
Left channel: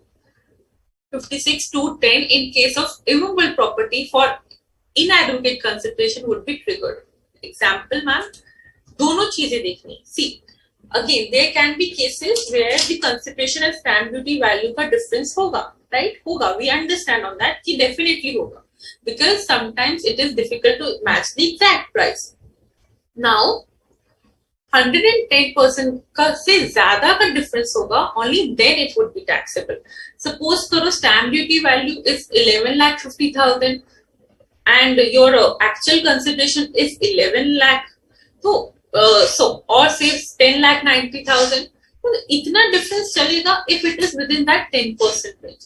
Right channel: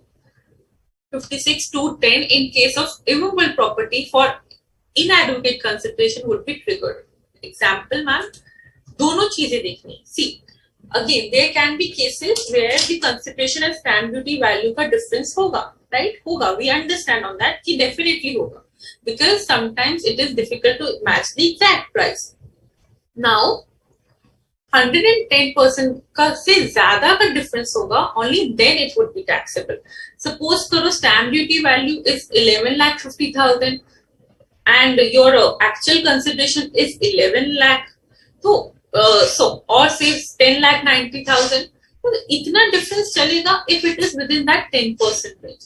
56 to 10 in case of immovable property for inadequate consideration would be triggered. Example, ma'am. दोनों चीजें देखनी. See, again, there can be cases where the consideration and stamp duty value का difference होगा, right? होगा. We understand on that कि definitely होगा. Because sometimes it is difficult to match the exact price. Now, 110% का से ज़्यादा का difference होगा, only then it would be taxable. Suppose करो stamp duty value is 11,50,000 and your actual consideration is 11 lakh. So or say 10,90,000. तो इतना difference चलेगा if it is within that 10% range.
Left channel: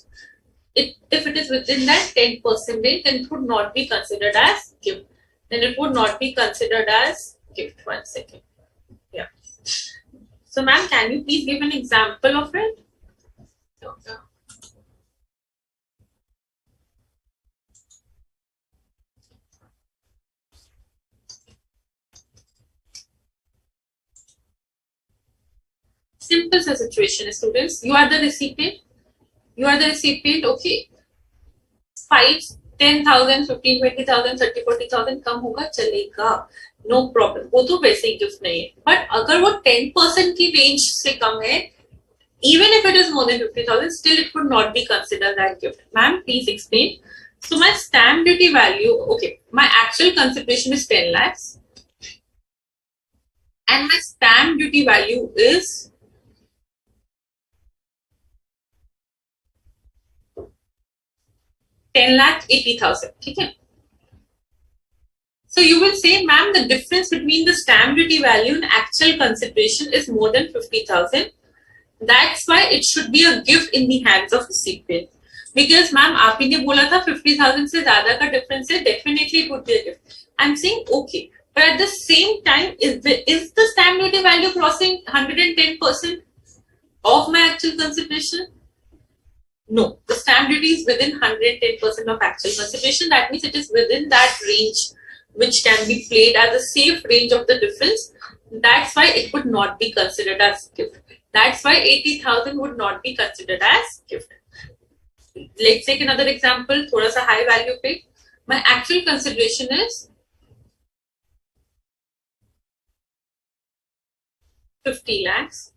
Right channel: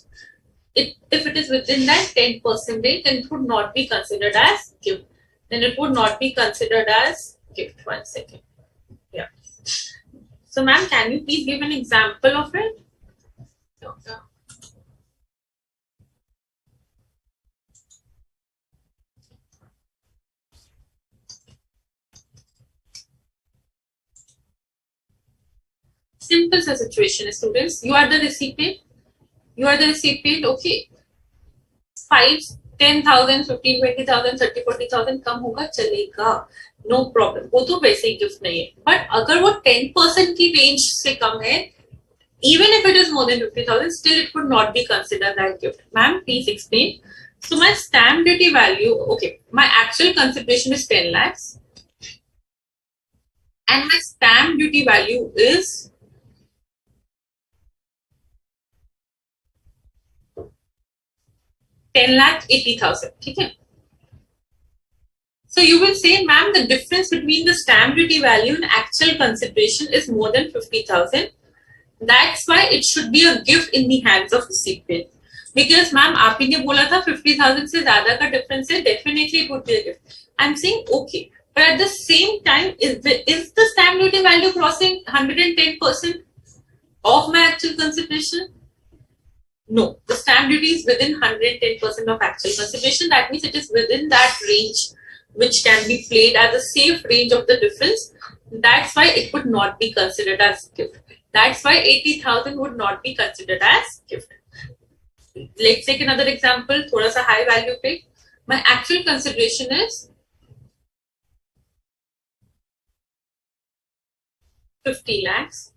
if it is within that 10% rate, then it would not be considered as gift. Then it would not be considered as gift. 1 second. Yeah. So, ma'am, can you please give an example of it? Okay. Simple situation, students. You are the recipient. Okay. 5, 10,000, 15, 20,000, 30, 40,000 कम होगा चलेगा, no problem, वो तो वैसे ही gift नहीं है. But अगर वो 10% की रेंज से कम है, even if it is more than 50,000, still it would not be considered as gift. Ma'am, please explain. So my stamp duty value, okay, my actual consideration is 10 lakhs and my stamp duty value is 10,80,000. Okay. So you will say, ma'am, the difference between the stamp duty value and actual consideration is more than 50,000. That's why it should be a gift in the hands of recipient. Because, ma'am, आपने ने बोला था 50,000 से ज़्यादा का difference है, definitely it would be a gift. I'm saying okay, but at the same time, is the stamp duty value crossing 110% of my actual consideration? No, the stamp duty is within 110% of actual consideration. That means it is within that range, which can be played as a safe range of the difference. That's why it would not be considered as gift. That's why 80,000 would not be considered as gift. Let's take another example, thoda sa high value पे. My actual consideration is 50 lakhs.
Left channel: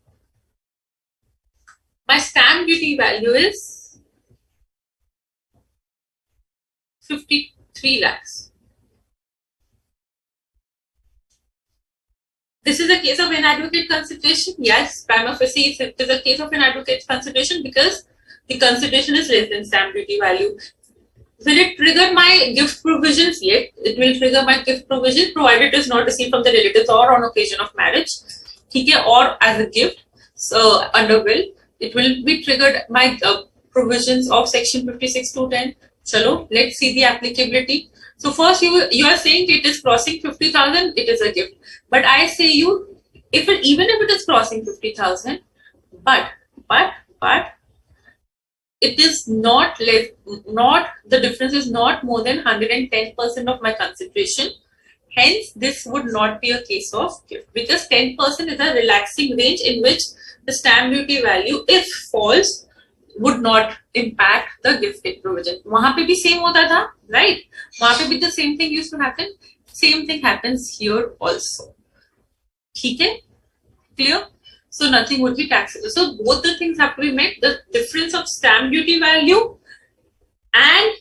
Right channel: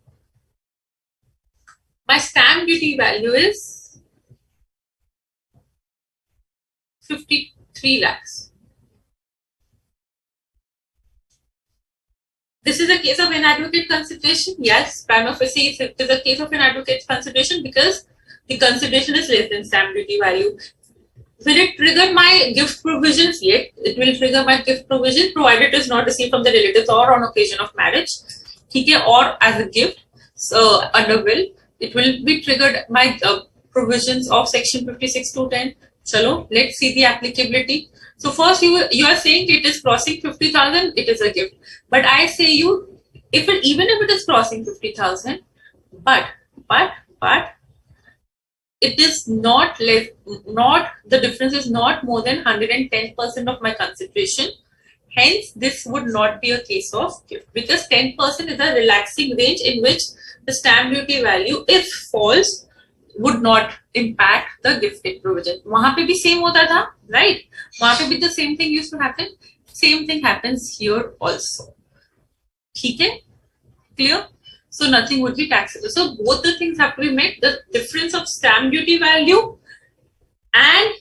My stamp duty value is 53 lakhs. This is a case of inadequate consideration. Yes, prima facie it is a case of inadequate consideration because the consideration is less than stamp duty value. Will it trigger my gift provisions? Yes, it will trigger my gift provision provided it is not received from the relatives or on occasion of marriage. Okay, or as a gift. So under will, it will be triggered my provisions of section 56 to 10. Chalo, let's see the applicability. So first you are saying it is crossing 50,000, it is a gift. But I say you, even if it is crossing 50,000, but it is not the difference is not more than 110% of my consideration. Hence, this would not be a case of gift because 10% is a relaxing range in which the stamp duty value, if false, would not impact the gifting provision. वहाँ पे भी same होता था, right? वहाँ पे भी the same thing used to happen. Same thing happens here also. ठीक है? Clear? So nothing would be taxable. So both the things have to be met. The difference of stamp duty value and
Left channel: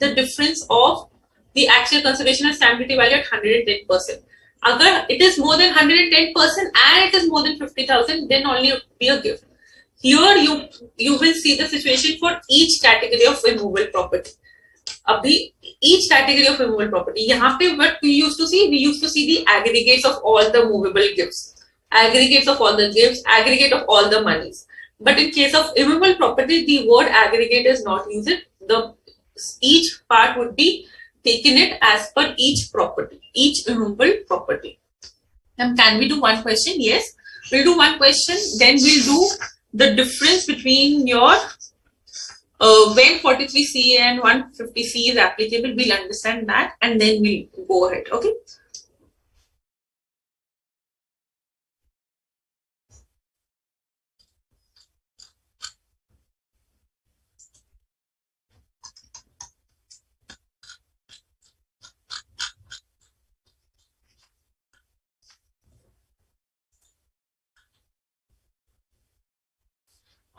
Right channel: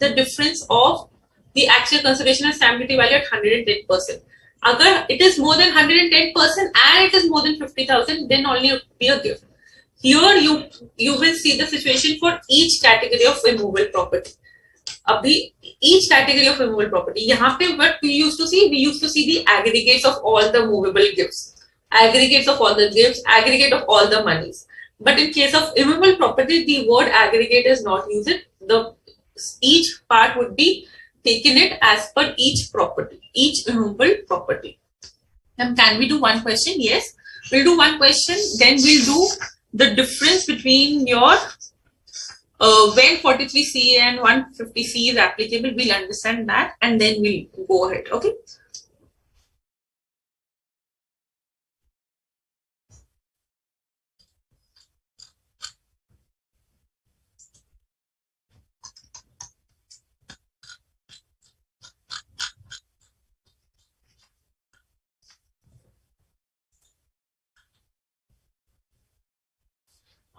the difference of the actual consideration of stamp duty value at 110%. Agar it is more than 110% and it is more than 50,000, then only it will be a gift. Here you will see the situation for each category of immovable property. Abhi each category of immovable property. यहाँ पे what we used to see the aggregates of all the movable gifts, aggregates of all the gifts, aggregate of all the monies. But in case of immovable property, the word aggregate is not used. Each part would be taken it as per each property, each immovable property. Now, can we do one question? Yes, we'll do one question. Then we'll do the difference between your when 43C and 150C is applicable. We'll understand that and then we'll go ahead. Okay.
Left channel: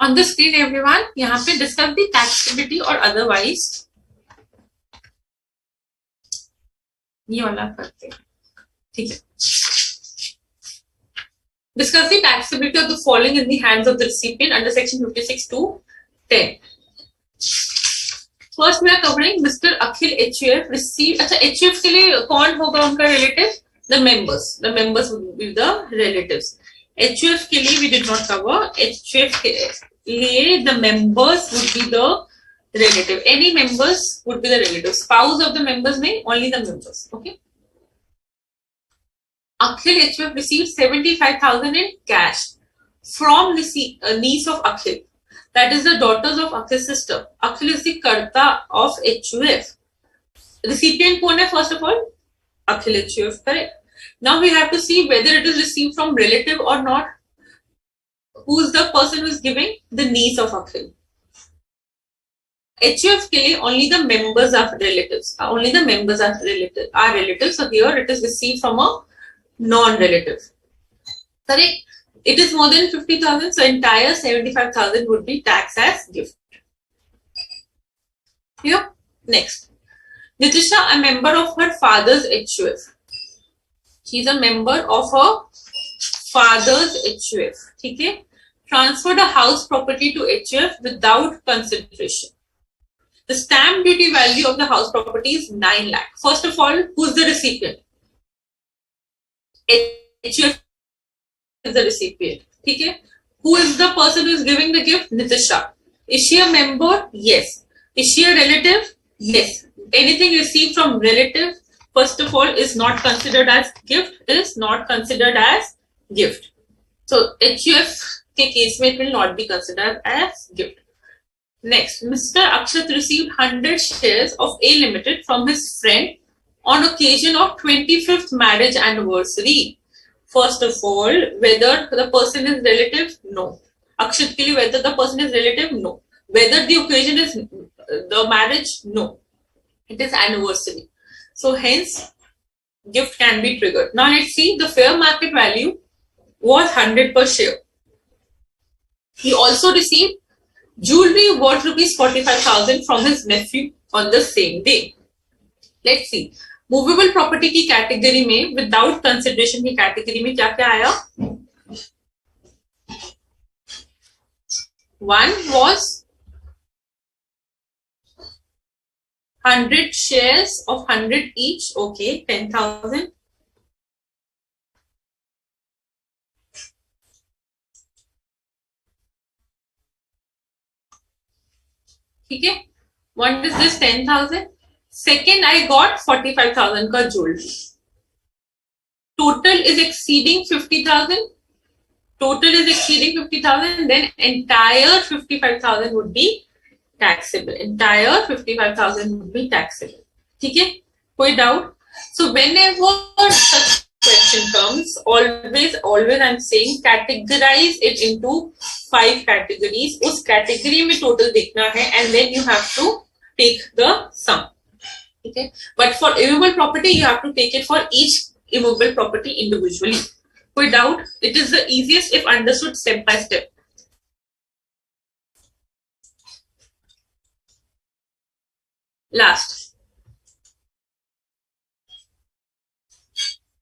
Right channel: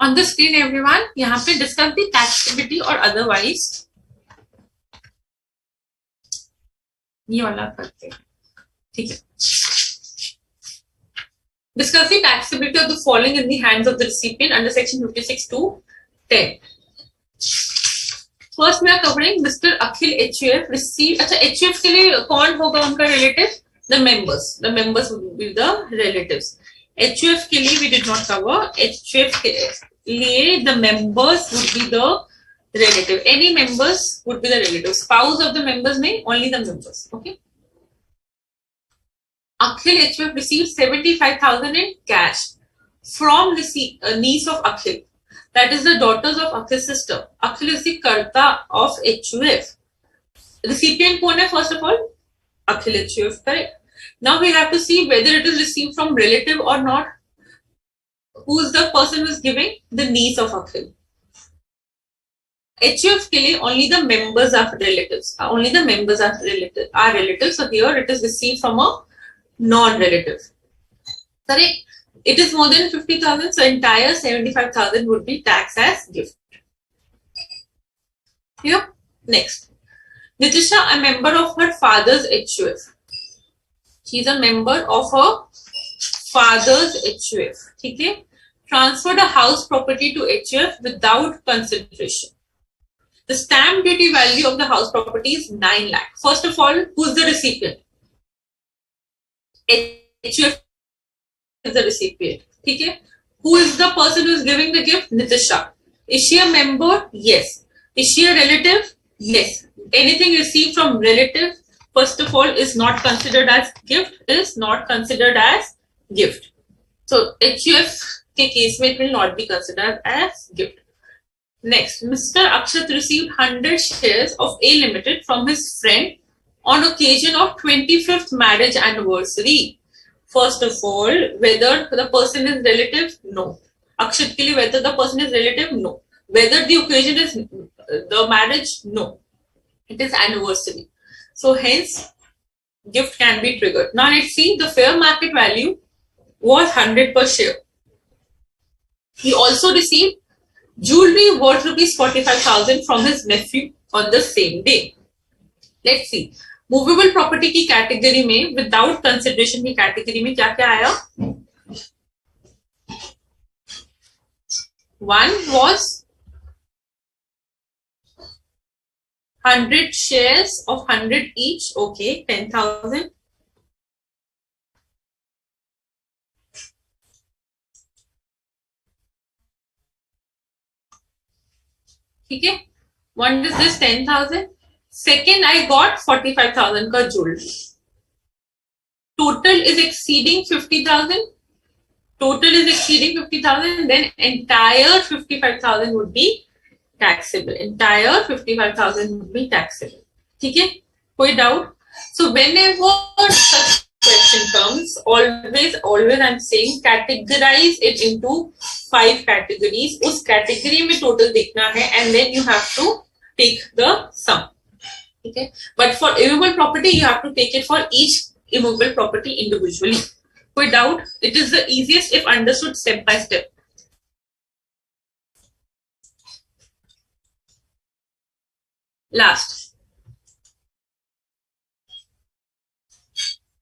On the screen, everyone, यहाँ पे discuss the taxability or otherwise. ये वाला करते हैं, ठीक है. Discuss the taxability of the following in the hands of the recipient under section 56 to 10. First, we are covering Mr. Akhil HUF received. अच्छा, HUF के लिए कौन होगा उनका relative? The members. The members would be the relatives. HUF के लिए we did not cover. HUF के लिए the members would be the relative. Any members would be the relative. Spouse of the members may only the members. Okay. Akhil HUF received 75,000 in cash from niece of Akhil. That is the daughters of Akhil's sister. Akhil is the karta of HUF. Recipient कौन है first of all? Akhil HUF, correct. Now we have to see whether it is received from relative or not. Who is the person who is giving? The niece of Akhil. HUF के लिए only the members are relatives. Only the members are relatives. So here it is received from a non-relative. Correct. It is more than 50,000. So entire 75,000 would be taxed as gift. Here. Next. Nitisha, a member of her father's HUF. She is a member of her father's HUF. Okay. Transferred a house property to HUF without consideration. The stamp duty value of the house property is 9 lakh. First of all, who is the recipient? HUF is the recipient. Okay. Who is the person who is giving the gift? Nitisha. Is she a member? Yes. Is she a relative? Yes. Anything received from relative, first of all, is not considered as gift. Is not considered as gift. So HUF के case में it will not be considered as gift. Next, Mr. Akshat received 100 shares of A Limited from his friend on occasion of 25th marriage anniversary. First of all, whether the person is relative? No. Akshat के लिए whether the person is relative? No. Whether the occasion is the marriage? No. It is anniversary. So hence, gift can be triggered. Now let's see, the fair market value was 100 per share. He also received jewelry worth rupees 45,000 from his nephew on the same day. Let's see. Movable property की category में, without consideration की category में क्या क्या आया? One was 100 shares of 100 each. Okay, 10,000. Okay. One is this 10,000. Second, I got 45,000 ka jewelry. Total is exceeding 50,000. Total is exceeding 50,000. Then entire 55,000 would be taxable. Entire 55,000 would be taxable. Okay? Koi doubt? So whenever such question comes, always I'm saying categorize it into 5 categories. Us category में total देखना है and then you have to take the sum. Okay? But for immovable property, you have to take it for each immovable property individually. Koi doubt? It is the easiest if understood step by step. Last.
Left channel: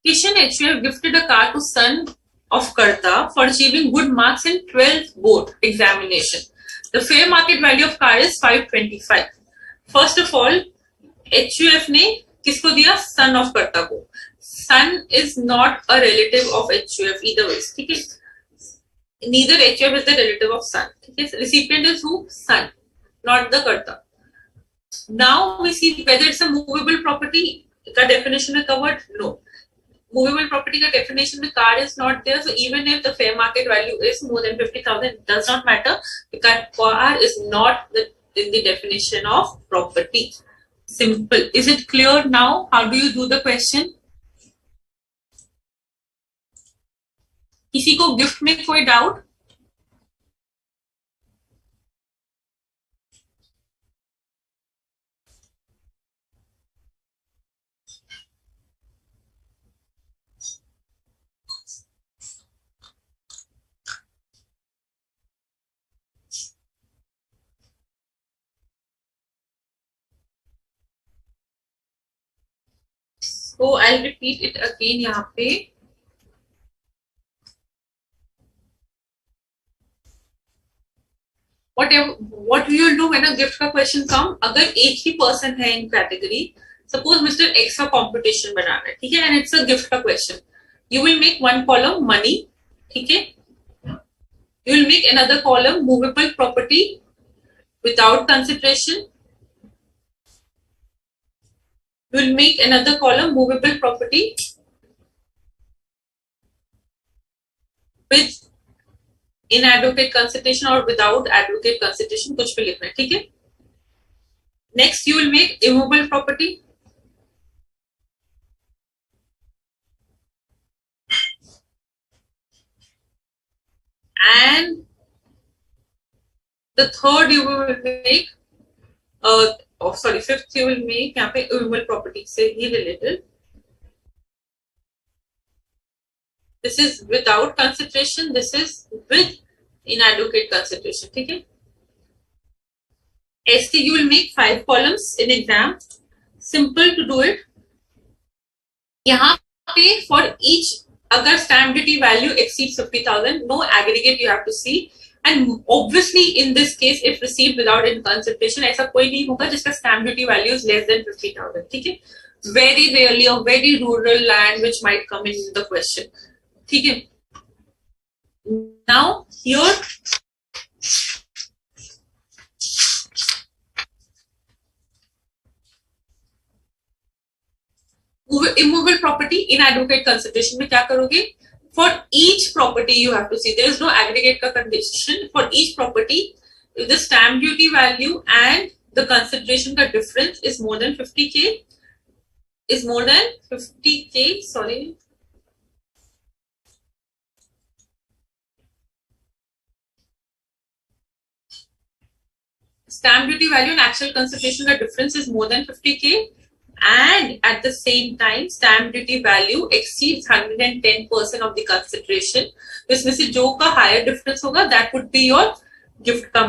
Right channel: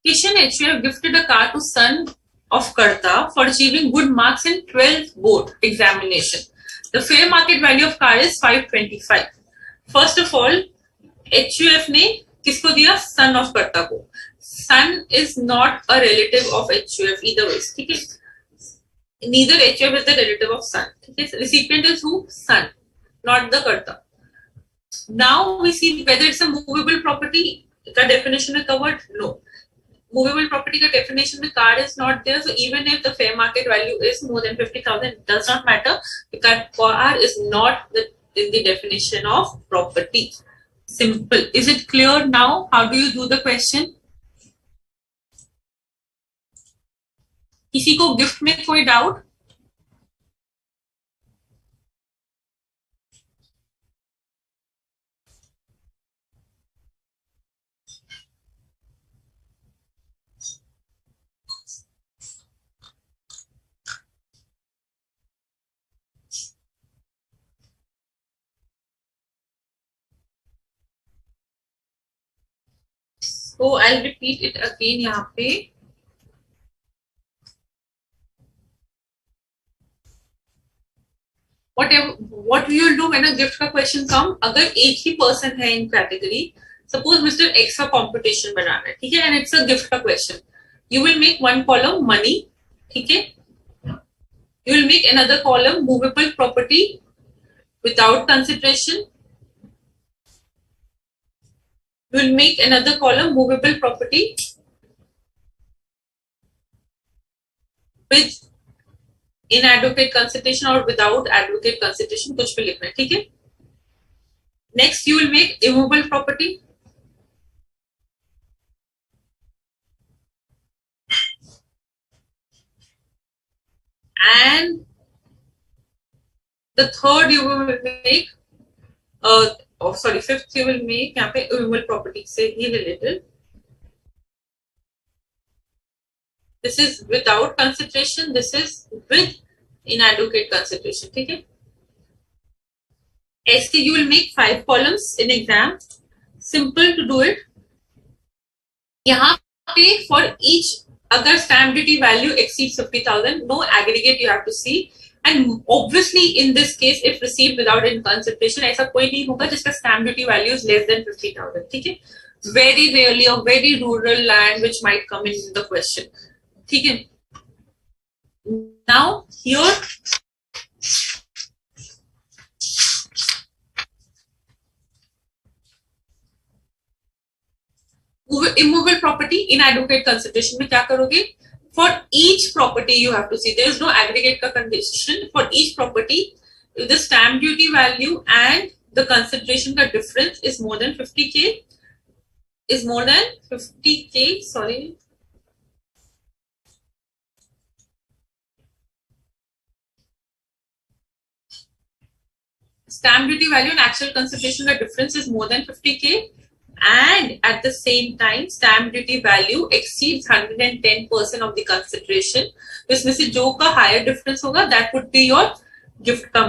Kishan HUF gifted a car to son of Karta for achieving good marks in 12th board examination. The fair market value of car is 525. First of all, HUF ने किसको दिया? Son of Karta को. Son is not a relative of HUF either ways. ठीक है? Neither HUF is the relative of son. ठीक है? Recipient is who? Son, not the Karta. Now we see whether it's a movable property. का definition is covered? No. Movable property का definition में car is not there. So even if the fair market value is more than 50,000, it does not matter because car is not in the definition of property. Simple. Is it clear now? How do you do the question? किसी को gift में कोई doubt? So I'll repeat it again यहाँ पे. What we will do when a gift का question come, अगर एक ही person है in category, suppose Mr. X का computation बनाना है, ठीक है, and it's a gift का question, you will make one column money, ठीक है, you will make another column movable property, without consideration. We will make another column movable property with inadequate consideration or without adequate consideration, कुछ भी लिखना है, ठीक है. Next you will make immovable property and the third you will make fifth you will make यहाँ पे immovable property से ही related. This is without consideration, this is with inadequate consideration, ठीक है. ST you will make 5 columns in exam. Simple to do it. यहाँ पे for each अगर stamp duty value exceeds 50,000, no aggregate you have to see. And obviously in this case if received without in consideration ऐसा कोई नहीं होगा जिसका stamp duty value is less than 50,000, ठीक है. Very rarely or very rural land which might come in the question, ठीक है. Now here immovable property inadequate consideration में क्या करोगे? For each property you have to see there is no aggregate का condition. For each property if the stamp duty value and the consideration का difference is more than 50k sorry stamp duty value and actual consideration का difference is more than 50k and at the same time stamp duty value exceeds 110% of the consideration. तो इसमें से जो का higher difference होगा that would be your gift का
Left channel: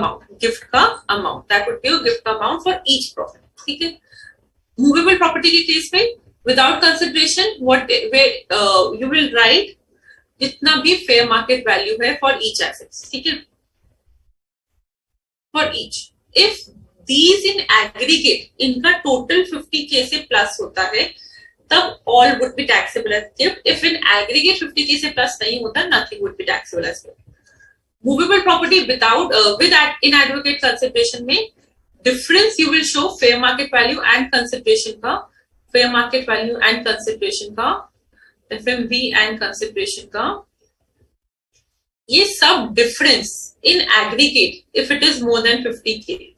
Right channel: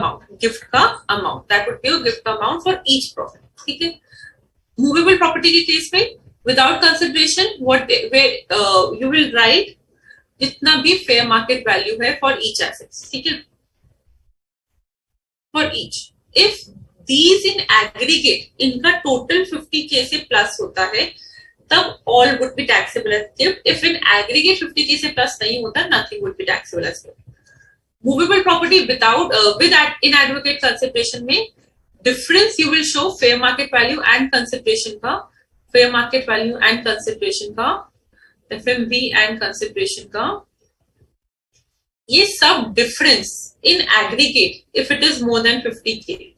amount that would be your gift amount for each property, ठीक है. Movable property के case में without consideration you will write जितना भी fair market value है for each assets, ठीक है. For each if these in aggregate इनका total 50k से plus होता है तब all would be taxable as gift. If in aggregate 50k से plus नहीं होता nothing would be taxable as gift. Movable property without with inadequate consideration में difference you will show fair market value and consideration का FMV and consideration का ये सब difference in aggregate if it is more than 50k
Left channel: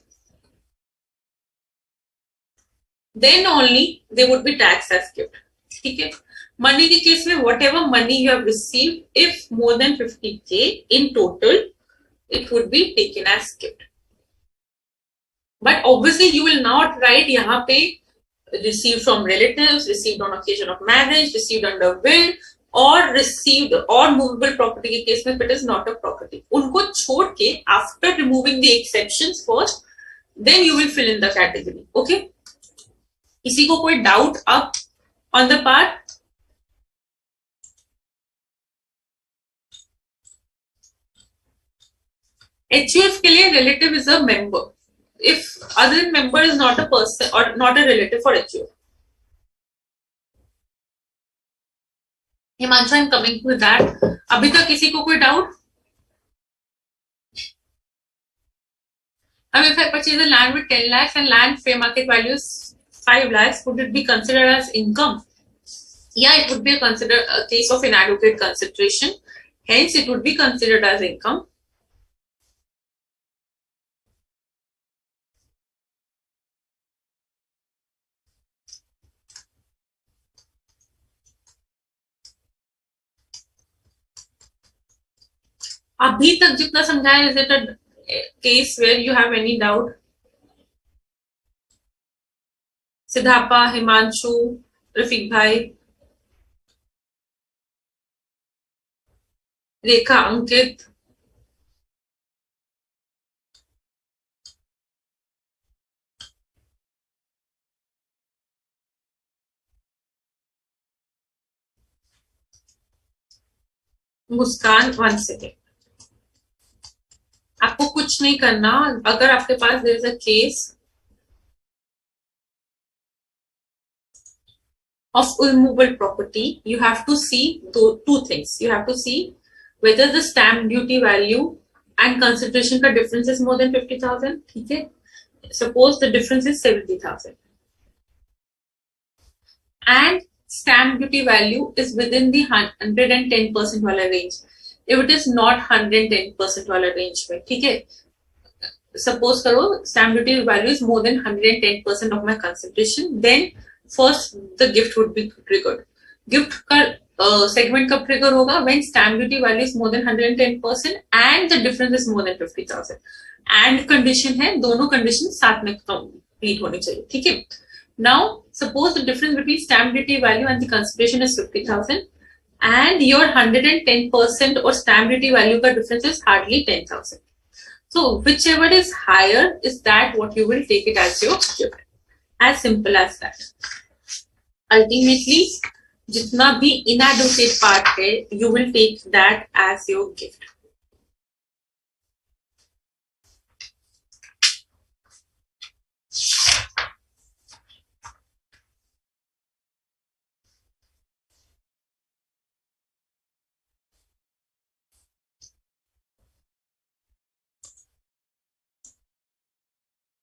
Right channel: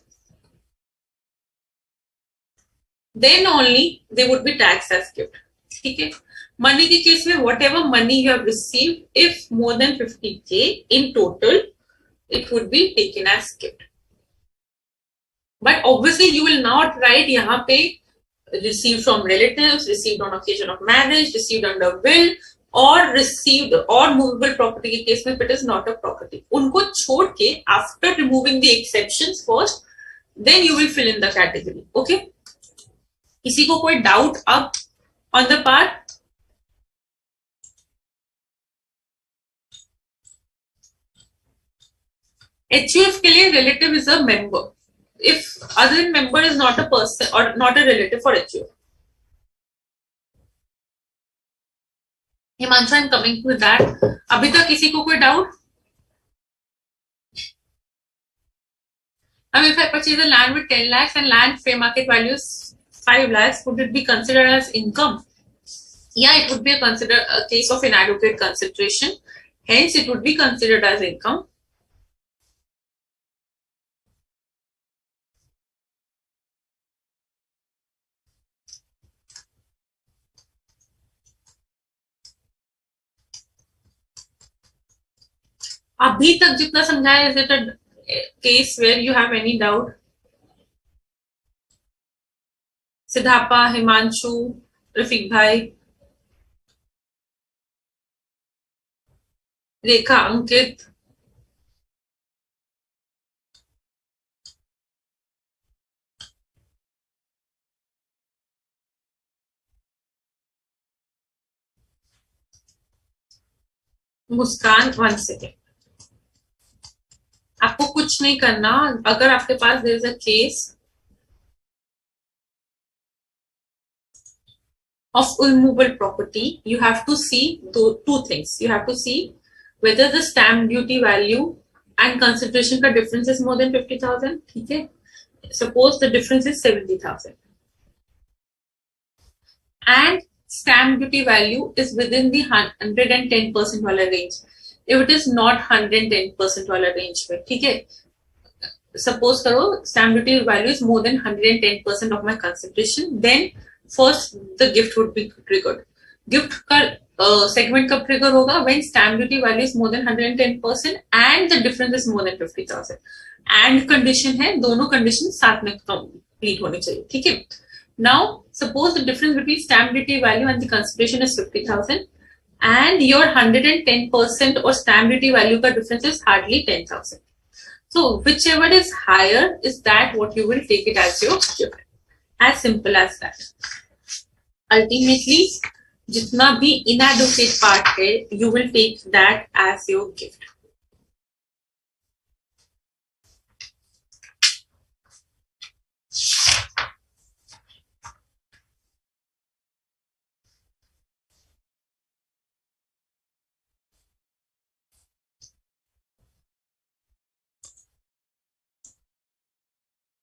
then only they would be taxed as gift, ठीक है. Money के case में whatever money you have received if more than 50k in total it would be taken as gift. But obviously you will not write यहाँ पे received from relatives, received on occasion of marriage, received under will or received or movable property के case में if it is not a property. उनको छोड़ के after removing the exceptions first then you will fill in the category, okay. किसी को कोई doubt अब on the part? HUF के लिए relative is a member. If other member is not a person or not a relative for HUF. Himanshu, I'm coming to that. अभी तक किसी को कोई doubt? I mean, if I purchase a land with 10 lakhs and land fair market value is 5 lakhs, would it be considered as income? Yeah, it would be a case of inadequate consideration. Hence, it would be considered as income. अभी तक जितना समझाया, is it a case where you have any doubt? सिद्धापा, Himanshu, Rafiq भाई, रेखा, अंकित, मुस्कान. 1 second. आपको कुछ नहीं करना. अगर आपके पास there is a case of immovable property, you have to see two things. You have to see whether the stamp duty value and consideration का difference is more than 50,000. ठीक है, suppose the difference is 70,000 and stamp duty value is within the 110% वाला range. If it is not 110% वाला range में, ठीक है, suppose करो stamp duty value is more than 110% of my consideration, then first the gift would be triggered. Gift का segment कब trigger होगा? When stamp duty value is more than 110% and the difference is more than 50,000. And condition है, दोनों condition साथ में complete होने चाहिए, ठीक है? Now suppose the difference between stamp duty value and the consideration is 50,000 and your 110% or stamp duty value का difference is hardly 10,000. So whichever is higher is that what you will take it as your gift. As simple as that. Ultimately, जितना भी inadequate part है, you will take that as your gift.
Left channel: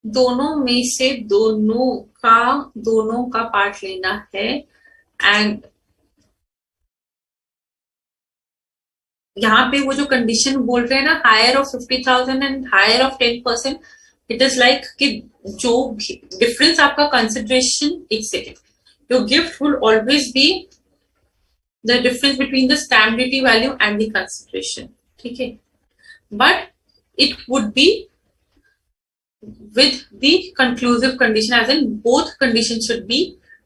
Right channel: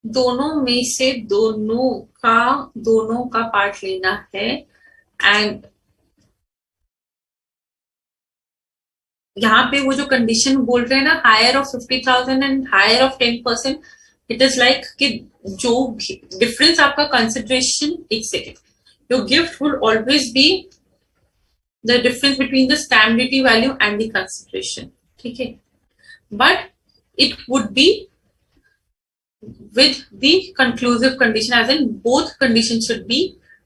दोनों में से दोनों का part लेना है एंड यहाँ पे वो जो कंडीशन बोल रहे हैं ना, higher of 50,000 and higher of 10%, it is like कि जो डिफरेंस आपका कंसिडरेशन, एक second, your gift will always be the difference between the stamp duty value and the consideration, ठीक है, but it would be with the conclusive condition as in both conditions should be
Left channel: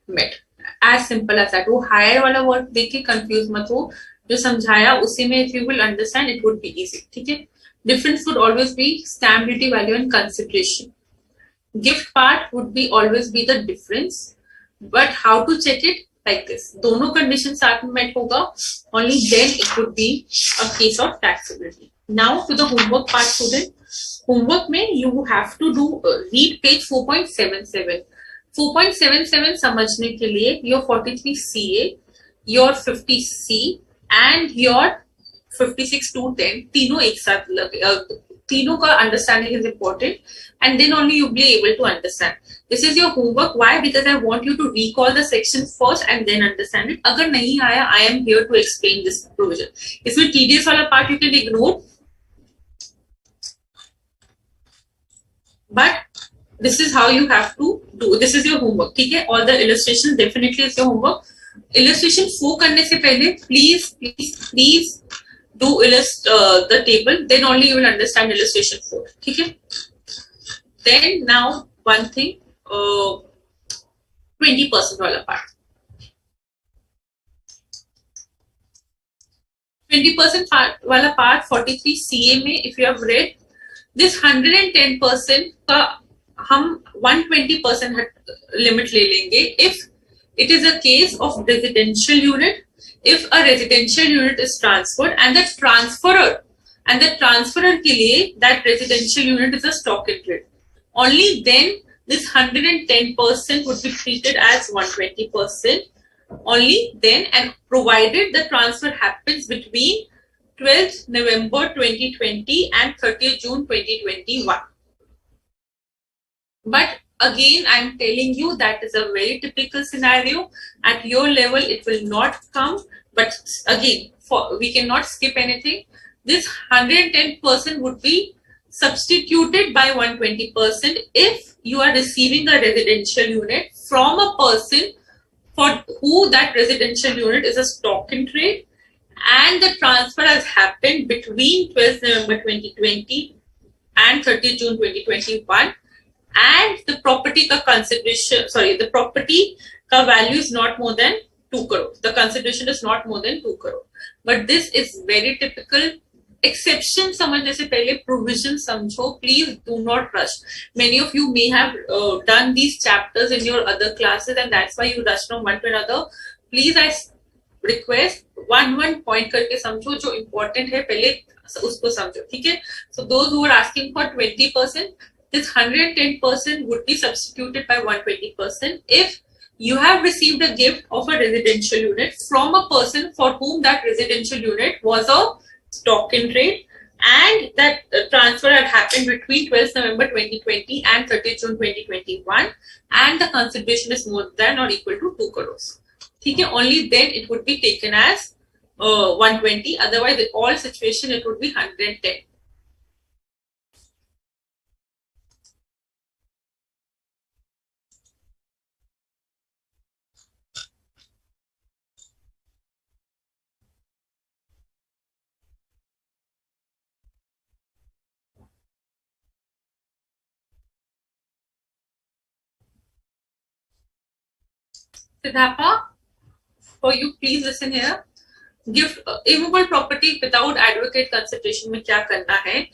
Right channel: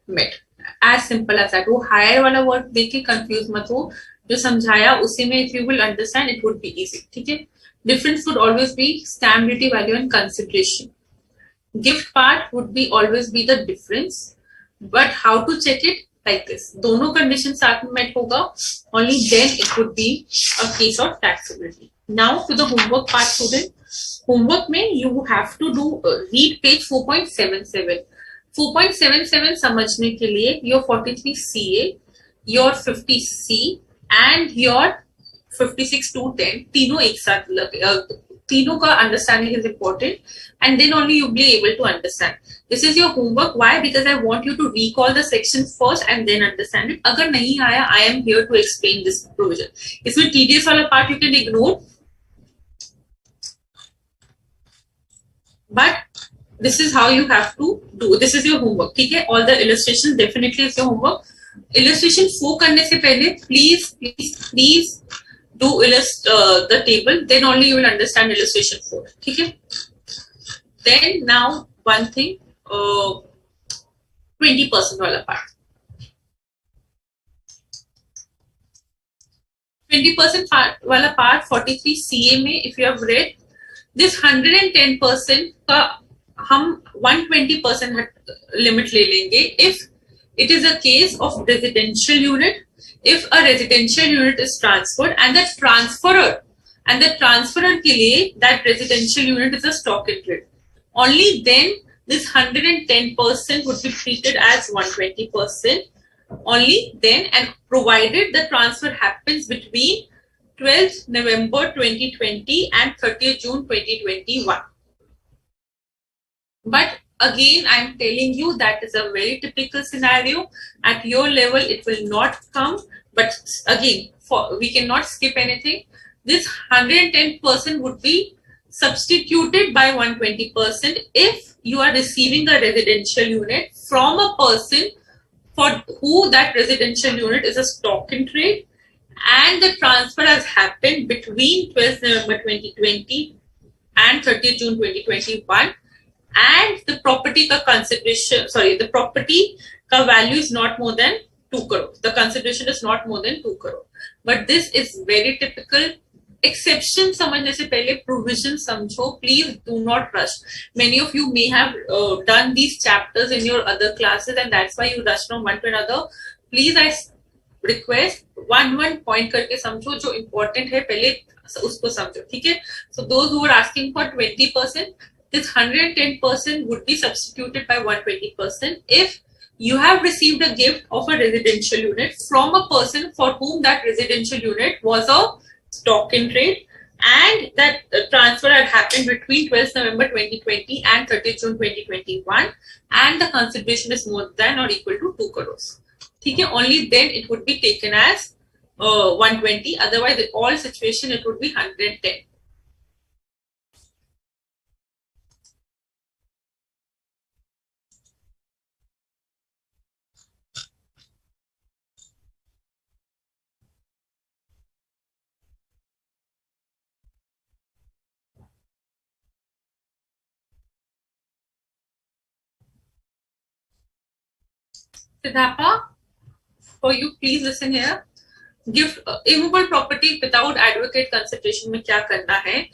met. As simple as that. वो higher वाला word देख के confuse मत हो, जो समझाया उसी में if you will understand it would be easy, ठीक है. Difference would always be stamp duty value and consideration. Gift part would be always be the difference, but how to check it? Like this. दोनों conditions साथ में met होगा, only then it would be a case of taxability. Now to the homework part, student. Homework में you have to do read page 4.77. 4.77 समझने के लिए your 43 CA, your 50 C and your 56 to 10 तीनों एक साथ तीनों का understanding is important and then only you be able to understand. This is your homework. Why? Because I want you to recall the section first and then understand it. अगर नहीं आया, I am here to explain this provision. इसमें tedious वाला part you can ignore. But this is how you have to do. This is your homework, ठीक है? All the illustrations definitely is your homework. Illustration 4 करने से पहले please do the table. Then only you will understand illustration 4. ठीक है? Then now one thing, 20% वाला part. 20% वाला part 43 CA में if you have read. This 110% का हम 120% लिमिट ले लेंगे if it is a case of residential unit, if a residential unit is transferred and the transferor के लिए that residential unit is a stock in trade, only then this 110% would be treated as 120% only then, and provided the transfer happens between 12th November 2020 and 30th June 2021. But again, I am telling you that is a very typical scenario. At your level, it will not come. But again, we cannot skip anything. This 110% would be substituted by 120% if you are receiving a residential unit from a person for who that residential unit is a stock in trade, and the transfer has happened between 12th November 2020 and 30th June 2021, and the property ka consideration, the property ka value is not more than 2 crore. The consideration is not more than 2 crore. But this is very typical. Exception समझने से पहले provision समझो. Please do not rush. Many of you may have done these chapters in your other classes and that's why you rush from one to another. Please, I request one point करके समझो. जो important है पहले उसको समझो, ठीक है? So those who are asking for 20%, this 110% would be substituted by 120% if you have received a gift of a residential unit from a person for whom that residential unit was a stock in trade, and that transfer had happened between 12th November 2020 and 30th June 2021, and the consideration is more than or equal to 2 crores. Okay, only then it would be taken as 120. Otherwise, in all situation, it would be 110. Siddhartha, for you, please listen here. Gift immovable property without advocate consideration में क्या करना है?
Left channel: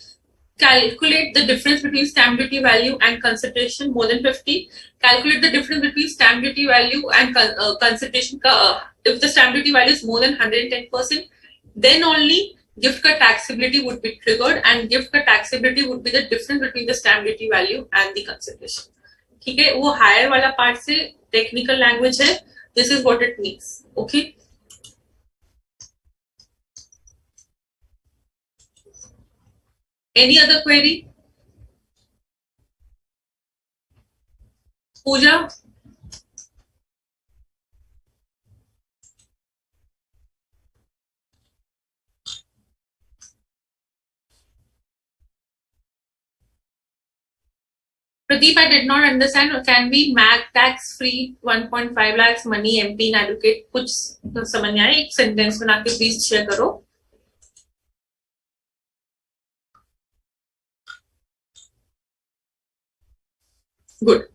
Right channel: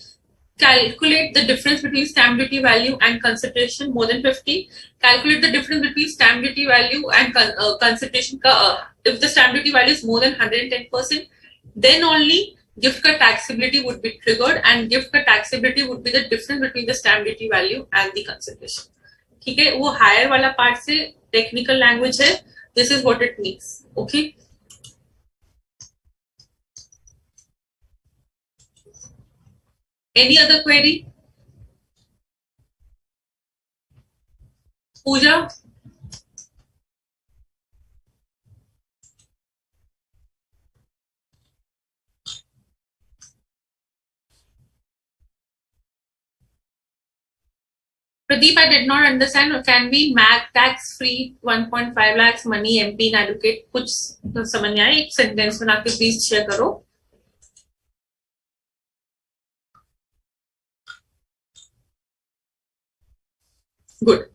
Calculate the difference between stamp duty value and consideration more than 50. Calculate the difference between stamp duty value and consideration. If the stamp duty value is more than 110%, then only gift ka taxability would be triggered, and gift ka taxability would be the difference between the stamp duty value and the consideration. ठीक है, वो higher वाला part से technical language है. This is what it means. Okay, any other query? Pooja? Pradeep, I did not understand. Can we MAC tax free 1.5 lakhs money MP in advocate? कुछ समझ नहीं आया. एक सेंटेंस बना के प्लीज शेयर करो. Good.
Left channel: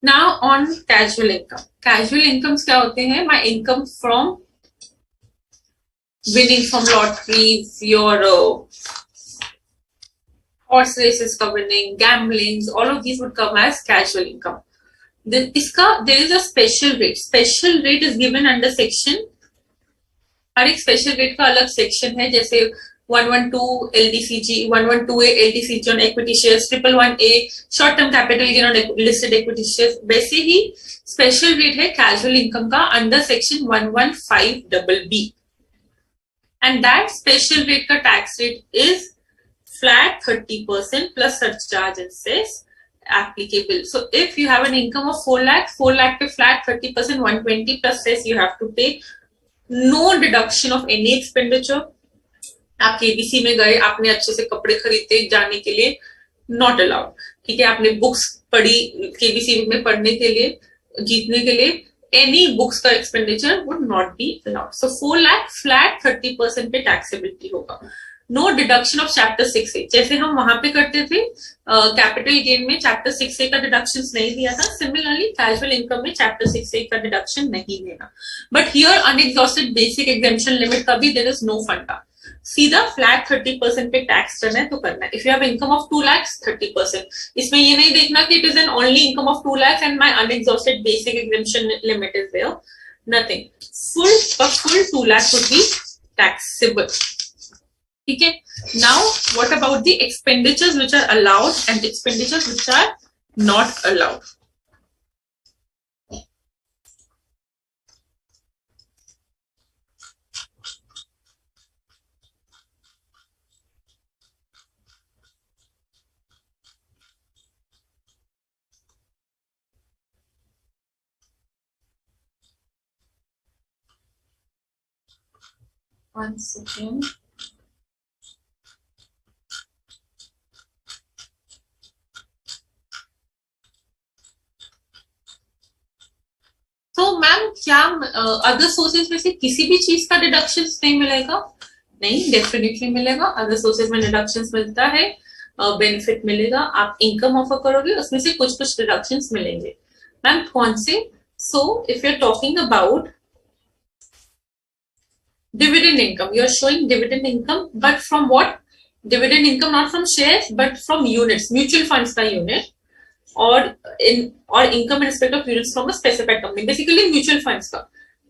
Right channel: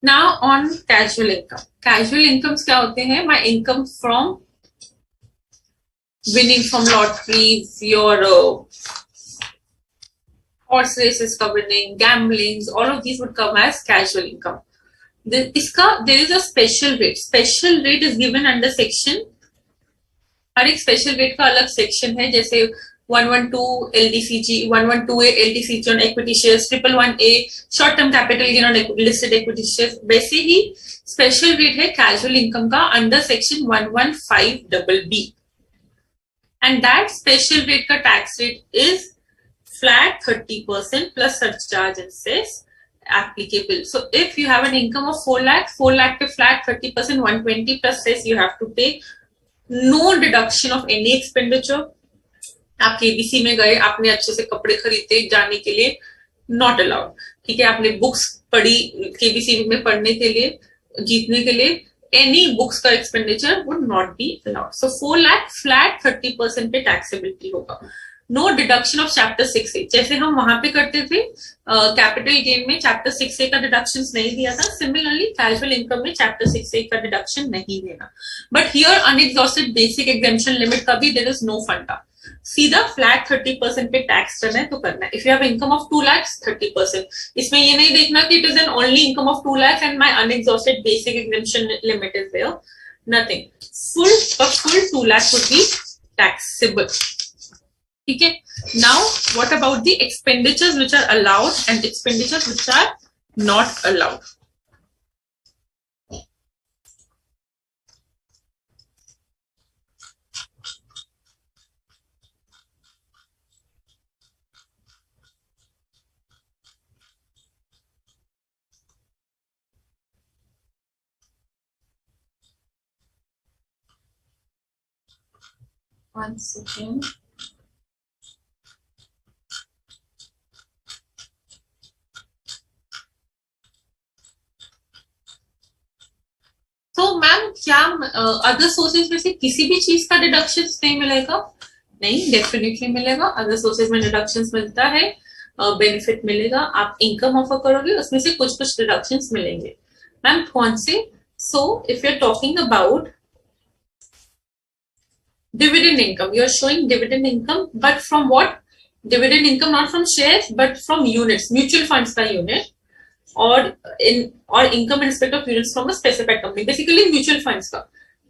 Now on casual income. Casual incomes क्या होते हैं? My income from winning from lotteries, your horse races का winning, gamblings, all of these would come as casual income. There is a special rate. Special rate is given under section. हर एक special rate का अलग section है, जैसे 112 LDCG, 112A LDCG on equity shares, 111A short term capital gain on listed equity shares. वैसे ही special rate है casual income का under section 115BB, and that special rate का tax rate is flat 30% plus surcharge and cess applicable. So if you have an income of 4 lakh पे flat 30%, 120 plus cess you have to pay. No deduction of any expenditure. आप KBC में गए, आपने अच्छे से कपड़े खरीदे जाने के लिए, नॉट अलाउड. ठीक है, आपने बुक्स पढ़ी केबीसी में पढ़ने के लिए, जीतने के लिए, एनी बुक्स का expenditure would not be allowed. So 4 lakh flat 30% पे टैक्सेबिलिटी होगा. No deduction of chapter 6A, जैसे हम वहां पे करते थे कैपिटल गेन में चैप्टर 6A का डिडक्शन नहीं दिया था. सिमिलरली कैजुअल इनकम में चैप्टर 6A का डिडक्शन नहीं देना. But here unexhausted basic exemption limit का भी देयर इज नो फंडा. सीधा फ्लैट 30% पे टैक्स करना है तो करना है. If you have income of 2 lakhs 30%. इसमें ये नहीं देखना कि it is an only income of 2 lakhs and my unexhausted basic exemption limit is there. Nothing. Full 2 lakhs would be taxable. ठीक है. Now what about the expenditures which are allowed and expenditures which are not allowed? One second. तो ma'am क्या other sources में से किसी भी चीज का डिडक्शन नहीं मिलेगा? नहीं, डेफिनेटली मिलेगा. अदर सोर्सेज में डिडक्शन मिलता है, बेनिफिट मिलेगा. आप इनकम ऑफर करोगे उसमें से कुछ कुछ डिडक्शन मिलेंगे. मैम कौन से? So if you are talking about dividend income, you are showing dividend income, but from what? Dividend income not from shares but from units, mutual funds का unit. और income in respect of units from a specified company, basically mutual funds का,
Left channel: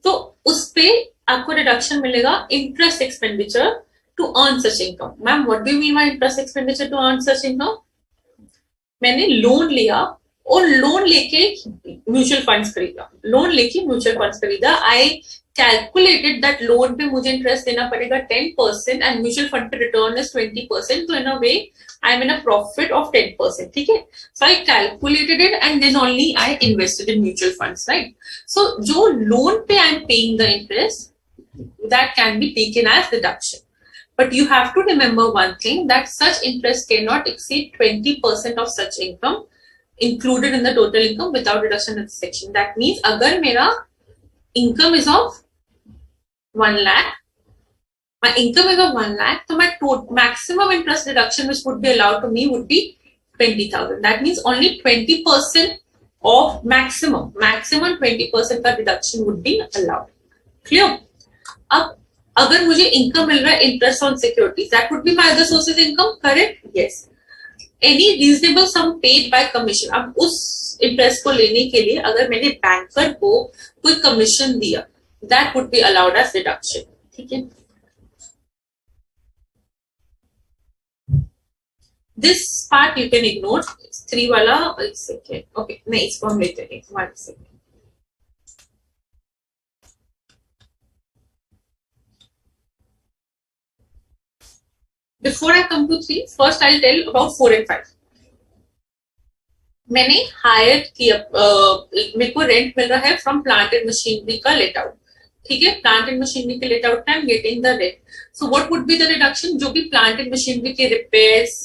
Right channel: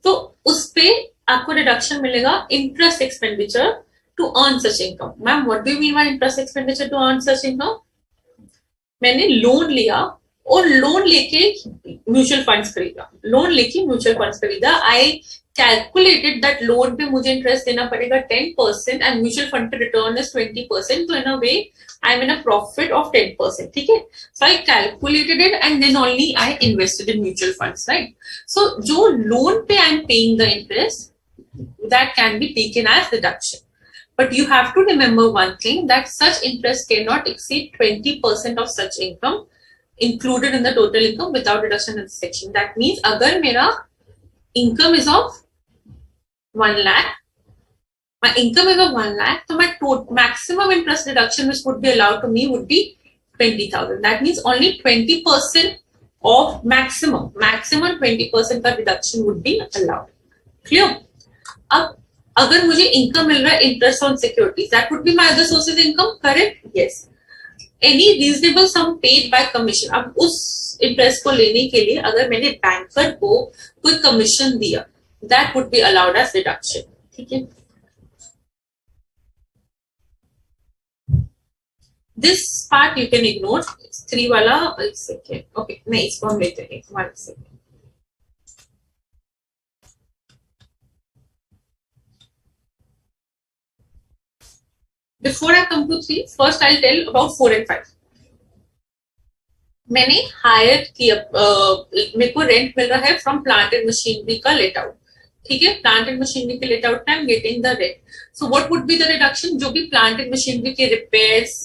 तो उस पे आपको deduction मिलेगा interest expenditure to earn such income. Ma'am what do you mean by interest expenditure to earn such income? मैंने loan लिया और loan लेके म्यूचुअल फंड्स खरीदा, लोन लेके म्यूचुअल फंड्स खरीदा. आई कैलकुलेटेड दैट लोन पे मुझे इंटरेस्ट देना पड़ेगा 10% एंड म्यूचुअल फंड पे रिटर्न इज 20%. तो in a way I am in a profit of 10%. ठीक है, so I calculated it and then only I invested in mutual funds, right? So जो loan पे I am paying the interest, that can be taken as deduction. But you have to remember one thing, that such interest cannot exceed 20% of such income included in the total income without deduction in this section. That means agar mera income is of 1 lakh, my income is of 1 lakh, so my maximum interest deduction which would be allowed to me would be 20,000. That means only 20% of maximum 20% का deduction would be allowed. Clear? अब अगर मुझे income मिल रहा है interest on securities, that would be my other sources income, correct? Yes. Any reasonable sum paid by commission, अब उस interest को लेने के लिए अगर मैंने बैंकर को कोई कमीशन दिया, that would be allowed as deduction. ठीक है, this part you can ignore. 3 वाला एक सेकेंड, ओके नहीं इसको हम लेते हैं 1 second. Before I come to 3, first I'll tell about 4 and 5. मैंने हायर किया, मेरे को रेंट मिल रहा है फ्रॉम प्लांट एंड मशीनरी का लेट आउट. ठीक है, प्लांट एंड मशीनरी के let out time getting the rent. So what would be the reduction? जो भी प्लांट एंड मशीनरी के रिपेयर्स,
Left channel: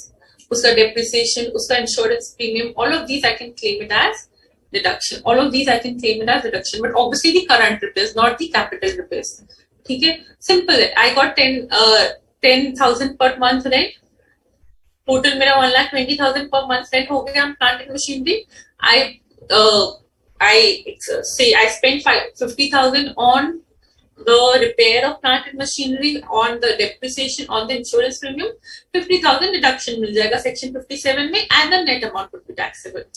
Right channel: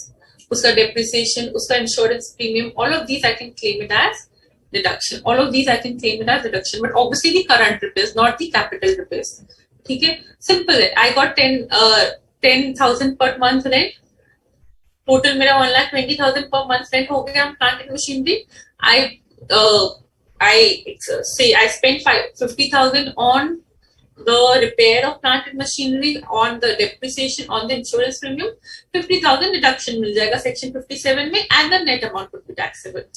उसका डेप्रिसिएशन, उसका insurance premium, all of these I can claim it as deduction. All of these I can claim it as deduction, but obviously the current repairs, not the capital repairs. ठीक है, simple है. I got 10,000 per month rent. Total मेरा 1,20,000 per month rent हो गया. Plant and machinery. I say I spent 50,000 on the repair of plant and machinery, on the depreciation, on the insurance premium. 50,000 deduction मिल जाएगा section 57 में, and the net amount would be taxable.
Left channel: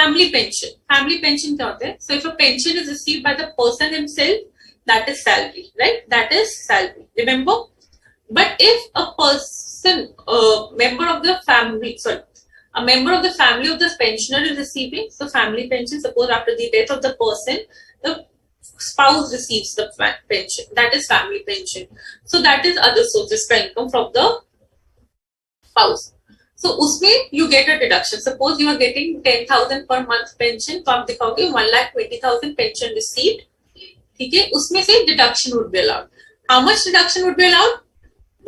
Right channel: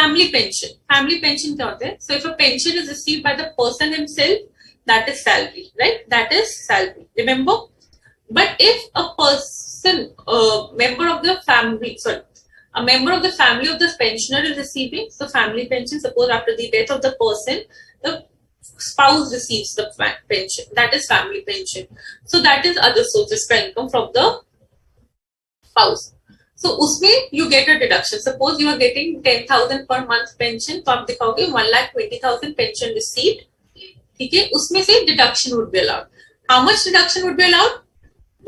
Family pension. Family pension क्या होता है? So if a pension is received by the person himself, that is salary, right? That is salary. Remember? But if a person, a member of the family of the pensioner is receiving, so family pension, suppose after the death of the person, the spouse receives the pension, that is family pension. So that is other sources of income from the spouse. So उसमें you get a deduction. Suppose you are getting 10,000 per month pension, तो आप दिखाओगे 1,20,000 pension received. ठीक है, उसमें से deduction would be allowed. How much deduction would be allowed?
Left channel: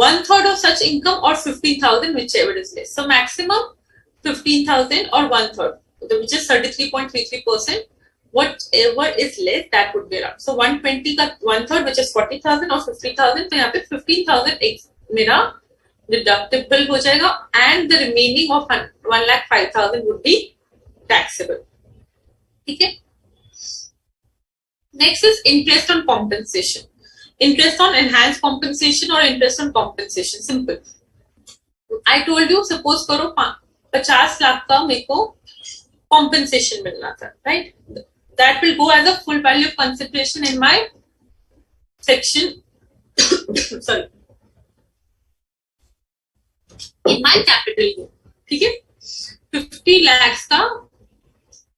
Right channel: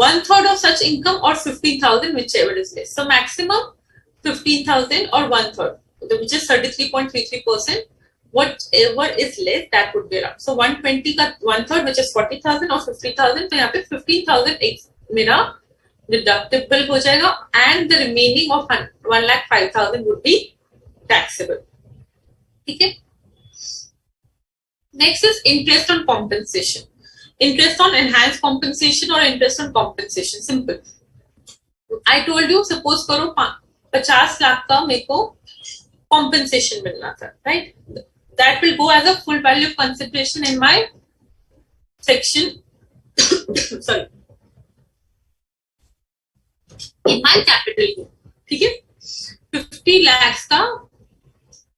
1/3 of such income or 15,000, whichever is less. So maximum 15,000 or 1/3, which is 33.33%. Whatever is less, that would be allowed. So 120 का 1/3, which is 40,000 or 50,000. तो यहाँ पे 15,000 मेरा deductible हो जाएगा, and the remaining of 1,05,000 would be taxable. ठीक है. Next is interest on compensation. Interest on enhanced compensation or interest on compensation. Simple. I told you, suppose करो 50 लाख का मेरे को compensation मिलना था, right? That will go as a full value of consideration in my section. Sorry. In my capital gain. ठीक है? 50 lakhs का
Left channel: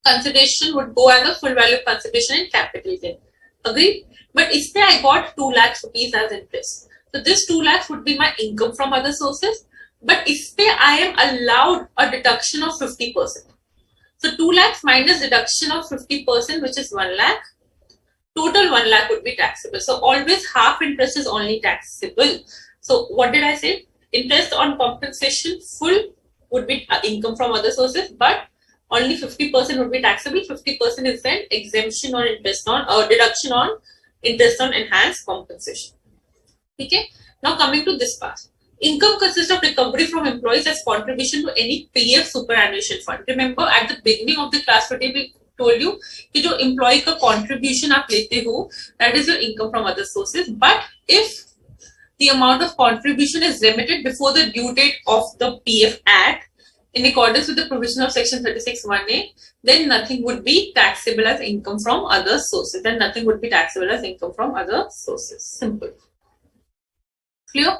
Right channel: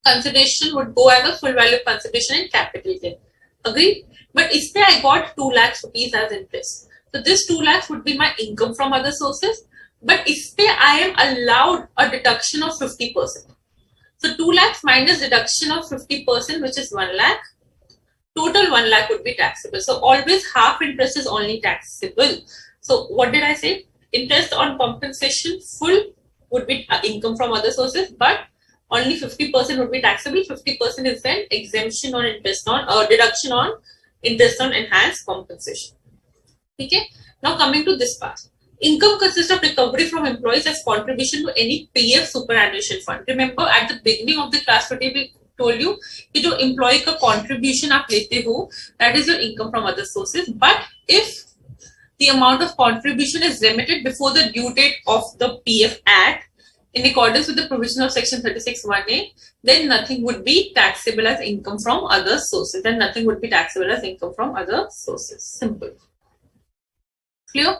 consideration would go as a full value of consideration in capital gain. Agree? But if I got 2 lakhs rupees as interest, so this 2 lakhs would be my income from other sources. But if I am allowed a deduction of 50%, so 2 lakhs minus deduction of 50%, which is 1 lakh, total 1 lakh would be taxable. So always half interest is only taxable. So what did I say? Interest on compensation full would be income from other sources, but only 50% would be taxable. 50% is then exemption or interest on or deduction on interest on enhanced compensation. Okay. Now coming to this part, income consists of recovery from employees as contribution to any PF superannuation fund. Remember at the beginning of the class today we told you कि जो employee का contribution आप लेते हो, that is your income from other sources. But if the amount of contribution is remitted before the due date of the PF Act, in accordance with the provision of section 36(1)(a), then nothing would be taxable as income from other sources. Then nothing would be taxable as income from other sources. Simple. Clear?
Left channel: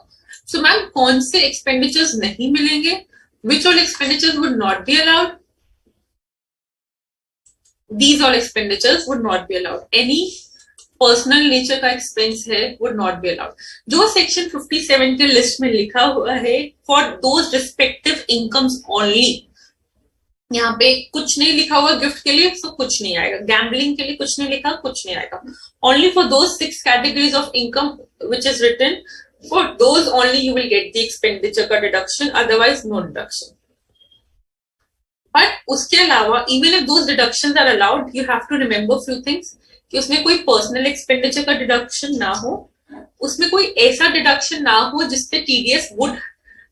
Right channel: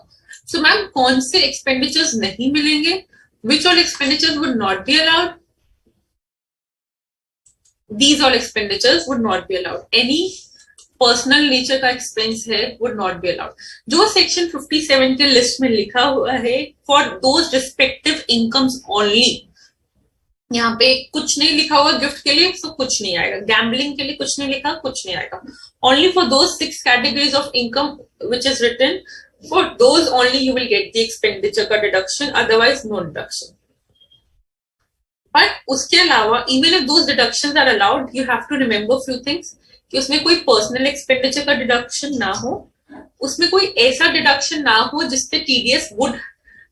So ma'am, कौन से expenditures नहीं मिलेंगे? Which all expenditures would not be allowed? These all expenditures would not be allowed. Any personal nature का expense है would not be allowed. जो section 57 के list में लिखा हुआ है for those respective incomes only. यहाँ पे कुछ नहीं लिखा हुआ गिफ्ट के लिए, तो कुछ नहीं आएगा. गैम्बलिंग के लिए कुछ नहीं लिखा, कुछ नहीं आएगा. Only for those 6 categories of income which is written, for those only you will get the expenditure का deduction, otherwise no deduction. But उसके अलावा even if those deductions are allowed, you have to remember few things कि उसमें कोई personal expenditure का deduction ना हो, उसमें कोई ऐसा डिडक्शन ना हो जिससे TDS would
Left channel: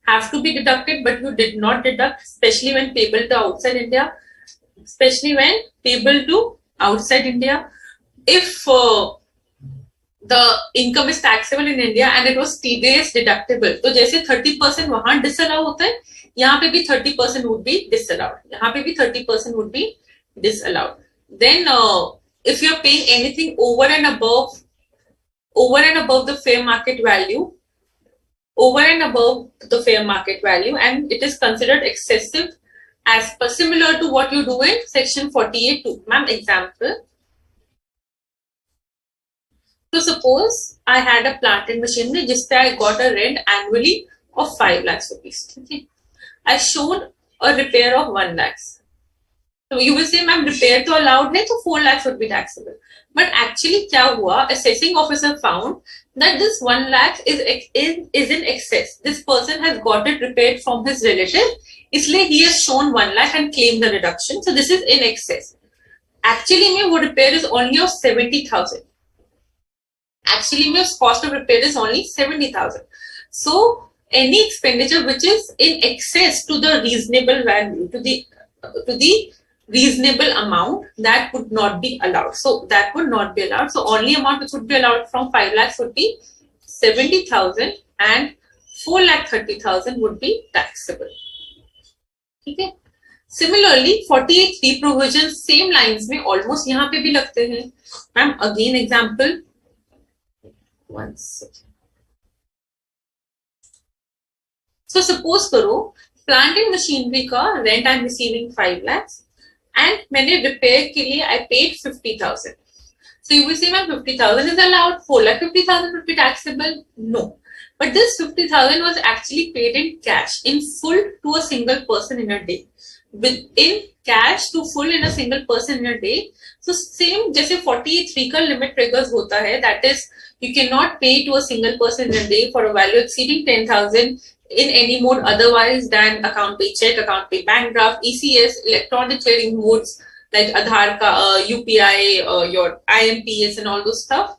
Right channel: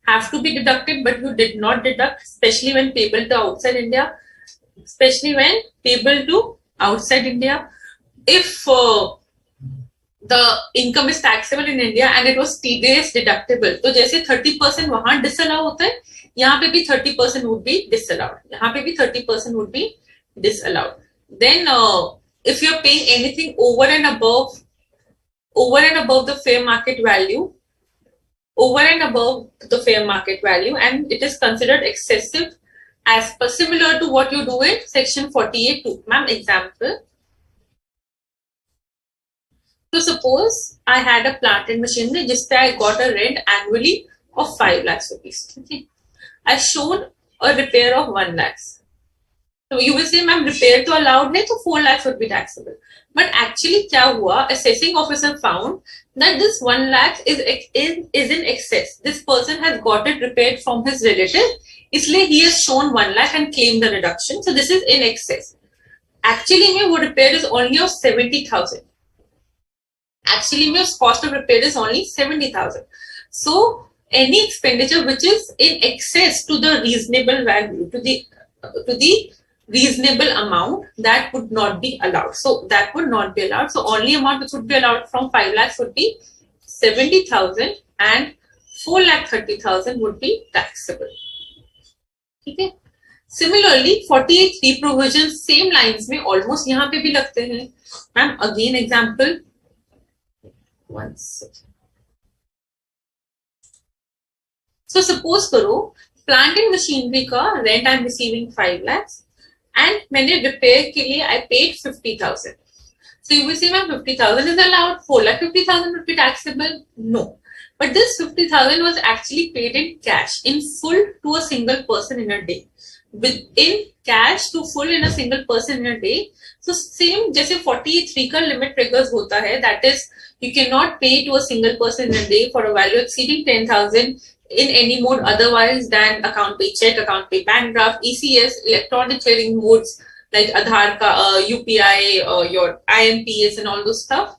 have to be deducted but you did not deduct, specially when payable to outside India. Specially when payable to outside India, if the income is taxable in India and it was TDS deductible, तो जैसे 30% वहां disallow होता है, यहाँ पे भी 30% would be disallowed. यहाँ पे भी 30% would be disallowed. Then if you're paying anything over and above the fair market value, and it is considered excessive as per similar to what you do in section 48(2). Ma'am, example. So suppose I had a plant and machinery just I got a rent annually of 5 lakhs rupees. Okay. I've shown a repair of 1 lakhs. So you will say, ma'am, repair to allowed है, तो 4 lakhs would be taxable. But actually क्या हुआ? Assessing officer found that this 1 lakh is in excess. This person has got it repaired from his relative. इसलिए he has shown 1 lakh and claimed the reduction. So this is in excess. Actually में वो repair is only of 70,000. Actually में cost of repair is only 70,000. So any expenditure which is in excess to the reasonable value, to the reasonable amount, that would not be allowed. So that would not be allowed. So only amount which would be allowed from 5 lakhs would be 70,000 and 4,30,000 would be taxable. Okay. Similarly, 48(3) provisions same lines में almost यहाँ पे भी लगते हैं. Ma'am, again example. One second. So suppose करो plant and machinery का rent I am receiving 5 lakhs. And मैंने repair के लिए I paid 50,000. So you will say, ma'am, 50,000 is allowed. 4,50,000 would be taxable. No, but this 50,000 was actually paid in cash, in full to a single person in a day. In cash to full in a single person in a day. So same जैसे 48(3) का limit triggers होता है. That is, you cannot pay to a single person in a day for a value exceeding 10,000. In any mode otherwise than account pay check, account pay bank draft, ECS, electronic clearing modes like Aadhaar, UPI, your IMPS and all those stuff,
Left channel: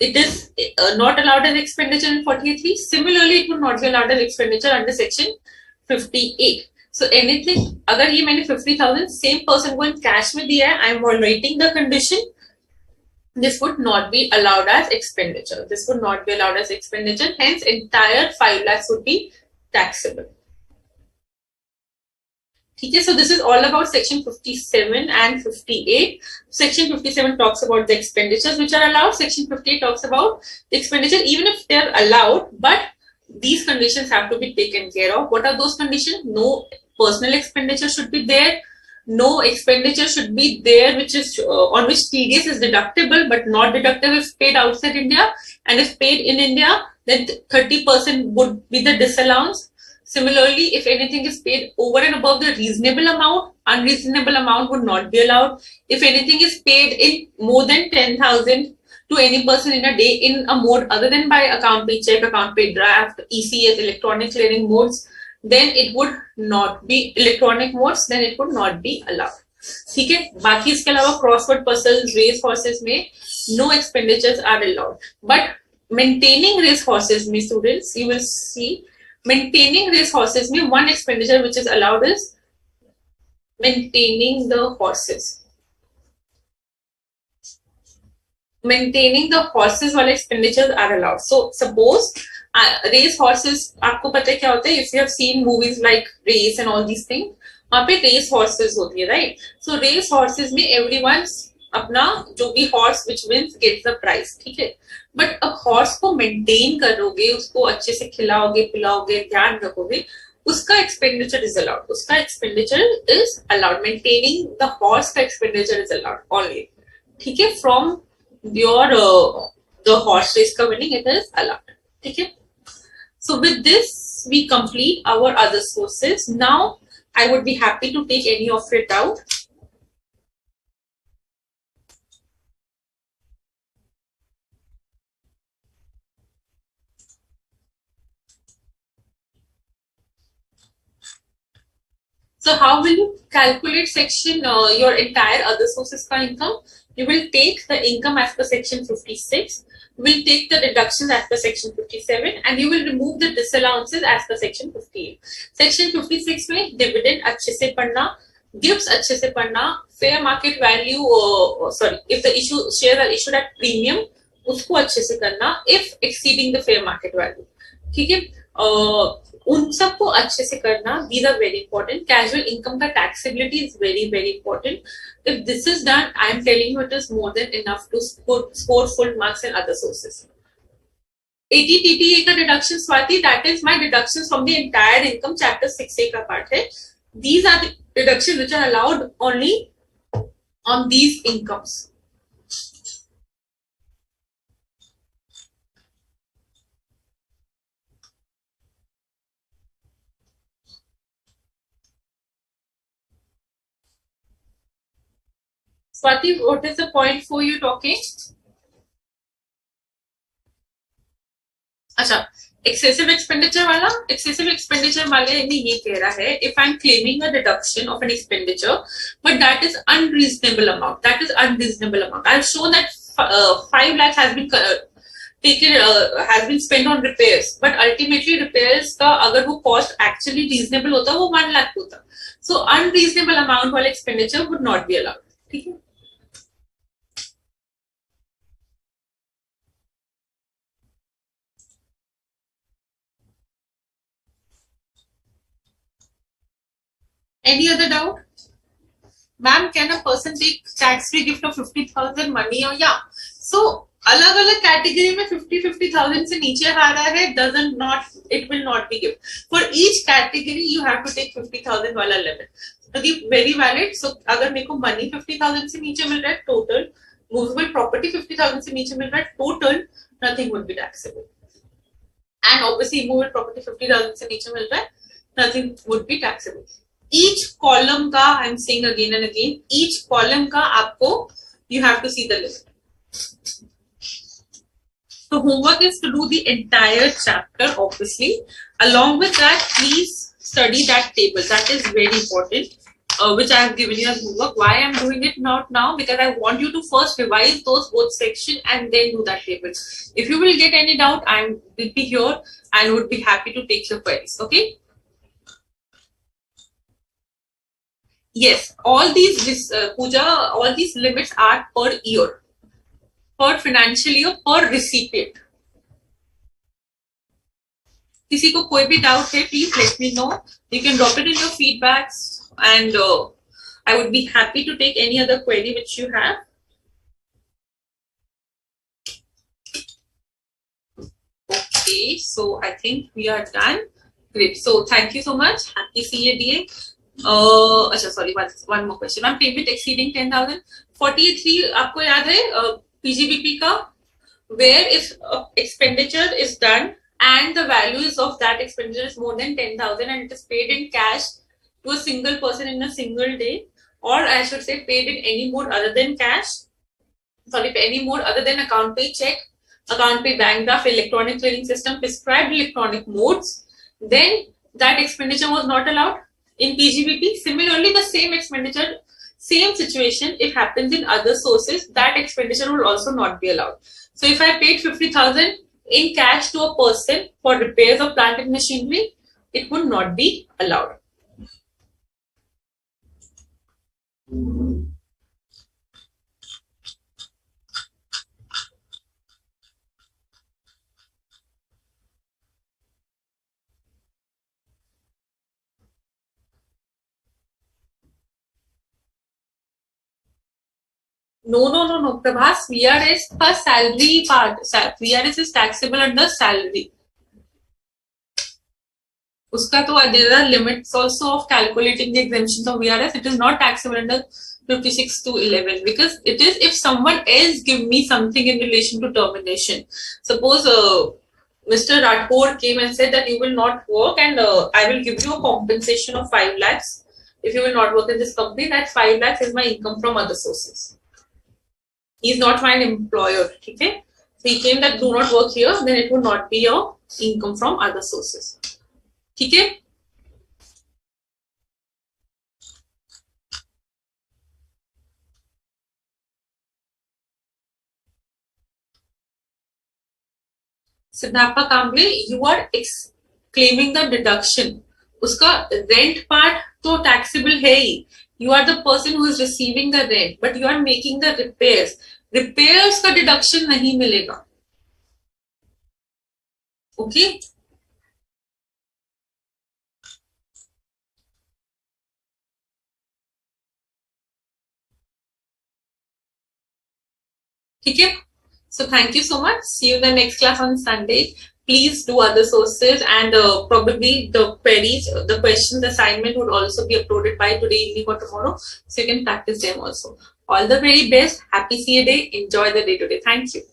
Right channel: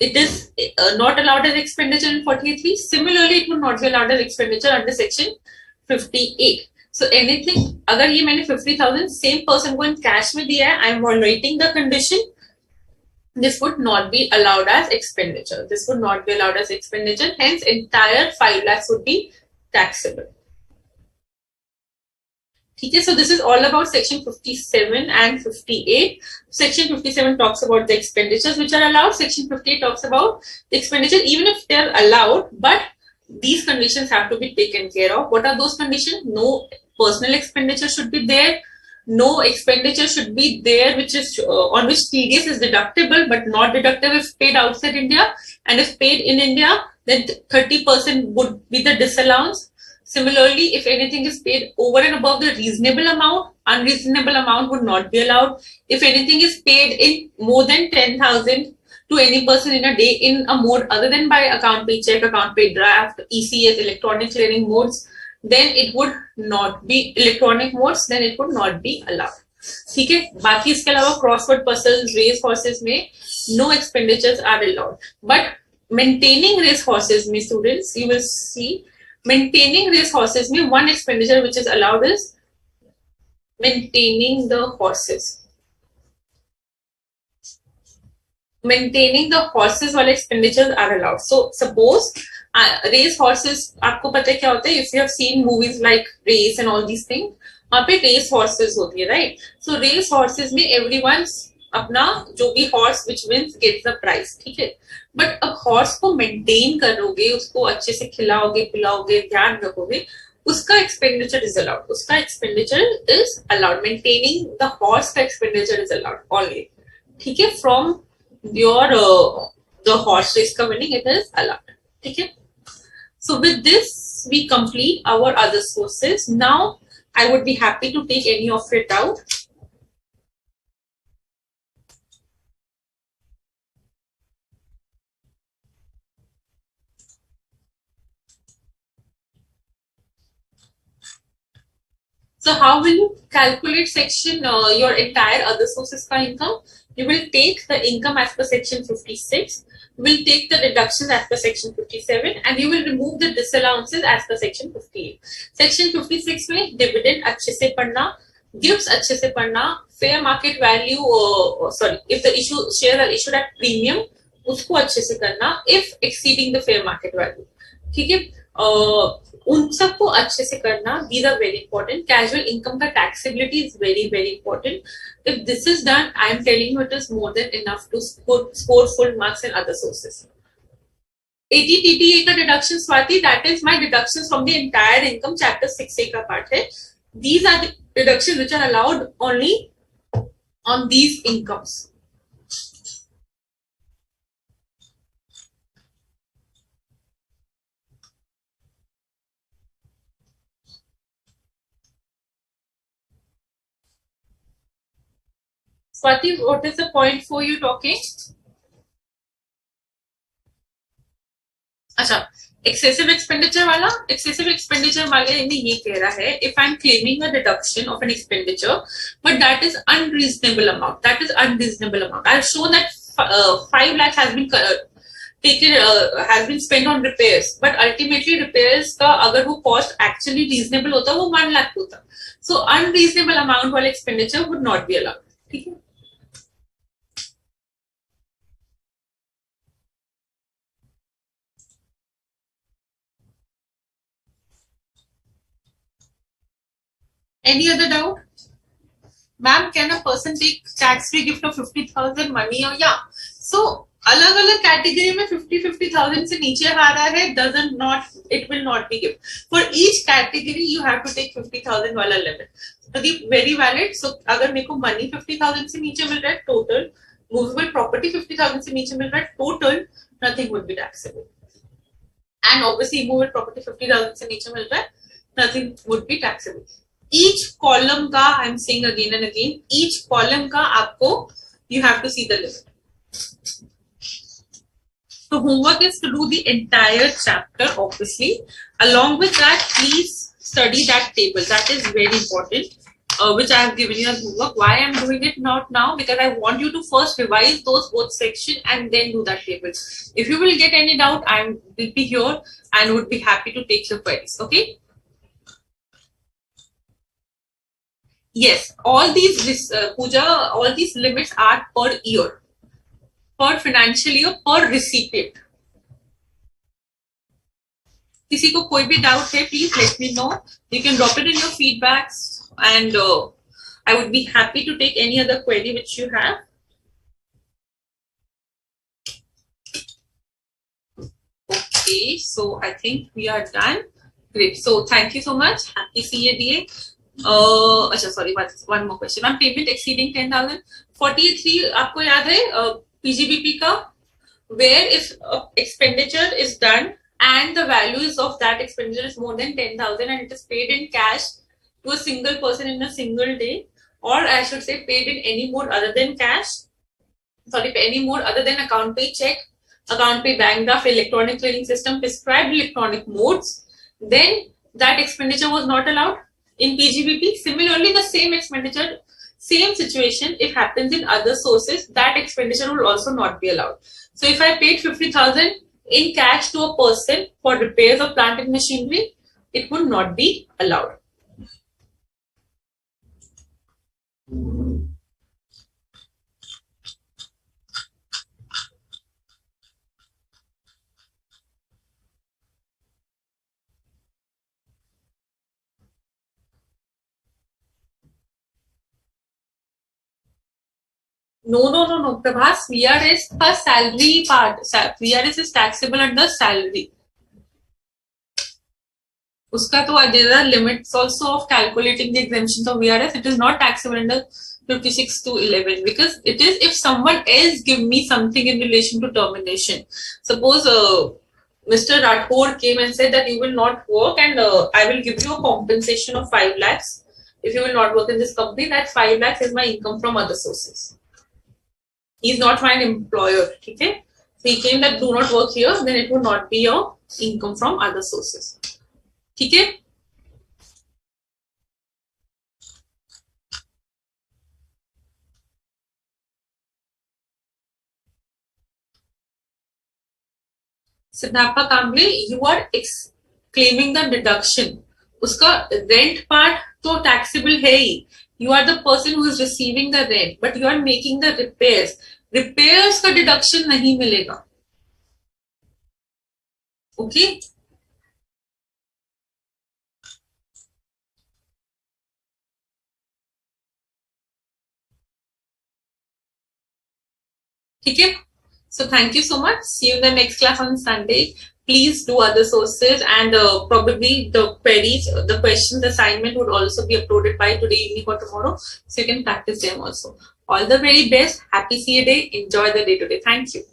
it is not allowed as expenditure in 48(3). Similarly, it would not be allowed as expenditure under section 58. So anything, अगर ये मैंने 50,000 same person को in cash में दिया है, I am violating the condition. This would not be allowed as expenditure. This would not be allowed as expenditure. Hence, entire 5 lakhs would be taxable. Okay, so this is all about section 57 and 58. Section 57 talks about the expenditures which are allowed. Section 58 talks about the expenditure even if they are allowed, but these conditions have to be taken care of. What are those conditions? No personal expenditure should be there. No expenditure should be there which is on which TDS is deductible but not deductible if paid outside India, and if paid in India then 30% would be the disallowance. Similarly, if anything is paid over and above the reasonable amount, unreasonable amount would not be allowed. If anything is paid in more than 10,000 to any person in a day in a mode other than by account pay check, account pay draft, ECS, electronic clearing modes, then it would not be electronic modes, then it would not be allowed. ठीक है. बाकी इसके अलावा crossword puzzles, race horses में no expenditures are allowed. But maintaining race horses में students, you will see maintaining race horses में one expenditure which is allowed is maintaining the horses. Maintaining the horses वाले expenditures are allowed. So suppose race horses आपको पता है क्या होता है, if you have seen movies like race and all these thing, वहां पे रेस हॉर्सेस होती है, राइट? सो रेस हॉर्सेस में एवरीवन अपना जो भी horse which wins gets the prize, ठीक है? बट अब हॉर्स को मेंटेन करोगे, उसको अच्छे से खिलाओगे पिलाओगे, ध्यान रखोगे, उसका एक्सपेंडिचर इज अलाउड, उसका expenditure is allowed, maintaining the horse का एक्सपेंडिचर इज अलाउड ओनली, ठीक है? From your the horse race का विनिंग इट इज अलाउड, ठीक है? So with this, we complete our other sources. Now, I would be happy to take any of it out. So how will you calculate section your entire other sources ka income? You will take the income as per section 56. You will take the deductions as per section 57, and you will remove the disallowances as per section 58. Section 56 में dividend अच्छे से पढ़ना, gifts अच्छे से पढ़ना, fair market value sorry, if the issue shares are issued at premium उसको अच्छे से करना, if exceeding the fair market value, ठीक है? उन सबको अच्छे से करना, these are very important. Casual income का taxability is very very important. If this is done, I am telling you it is more than enough to score full marks in other sources. ATTTA का deduction, Swati, that is my deductions from the entire income, chapter 6A का part है. These are the deductions which are allowed only on these incomes. Swati, what is the point for you talking? अच्छा, excessive expenditure वाला, excessive expenditure वाले में ये कह रहा है, if I am claiming a deduction of an expenditure but that is unreasonable amount, that is unreasonable amount, I have shown that 5 lakhs has been taken has been spent on repairs, but ultimately repairs का अगर वो cost actually reasonable होता वो 1 lakh होता, so unreasonable amount वाले expenditure would not be allowed, ठीक है? Any other doubt? Ma'am, can a person take tax-free gift of 50,000 money or yeah? So अलग अलग कैटेगरी में 50,000 से नीचे आ रहा है, doesn't not, it will not be gift. For each category you have to take 50,000 वाला limit. So the very valid. So अगर मेरे को money 50,000 से नीचे मिल रहा है total, movable property 50,000 से नीचे मिल रहा है total, nothing would be taxable. And obviously movable property 50,000 से नीचे मिल रहा है, nothing would be taxable. Each column का, I am saying again and again, each column का आपको you have to see the limit. So homework is to do the entire chapter, obviously. Along with that, please study that table. That is very important, which I have given you as homework. Why I am doing it not now? Because I want you to first revise those both sections and then do that table. If you will get any doubt, I will be here and would be happy to take your queries. Okay? Yes, all these Pooja, all these limits are per year, per financial year, per recipient. किसी को कोई भी doubt है, please let me know. You can drop it in your feedbacks and I would be happy to take any other query which you have. Okay, so I think we are done. Great. So thank you so much. Happy CADA. Sorry, one more question. Ma'am, payment exceeding 10,000. 43 आपको याद है PGBP का, where if expenditure is done and the values of that expenditure is more than 10,000 and it is paid in cash to a single person in a single day, or I should say paid in any mode other than cash, sorry, any mode other than account pay check, account pay bank draft, electronic clearing system, prescribed electronic modes, then that expenditure was not allowed in PGBP. Similarly, the same expenditure, same situation, if happens in other sources, that expenditure will also not be allowed. So if I paid 50,000 in cash to a person for repairs of plant and machinery, it would not be allowed. No. Prabhas, VRS का salary part. VRS is taxable under salary. Uska to there are limits also of calculating the exemptions of VRS. It is not taxable under 56 to 11 because it is if someone else give me something in relation to termination. Suppose Mr. Rathore came and said that you will not work and I will give you a compensation of 5 lakhs if you will not work in this company. That 5 lakhs is my income from other sources. He is not my employer. Okay? So he came that do not work here, then it would not be your income from other sources. ठीक है. Siddhartha Kamble, you are claiming the deduction. उसका rent part तो taxable है ही. You are the person who is receiving the rent, but you are making the repairs. Repairs का deduction नहीं मिलेगा. Okay? ठीक है. So thank you so much. See you in the next class on Sunday. Please do other sources and probably the queries, the questions, the assignment would also be uploaded by today evening or tomorrow. So you can practice them also. All the very best. Happy CA day. Enjoy the day today. Thank you.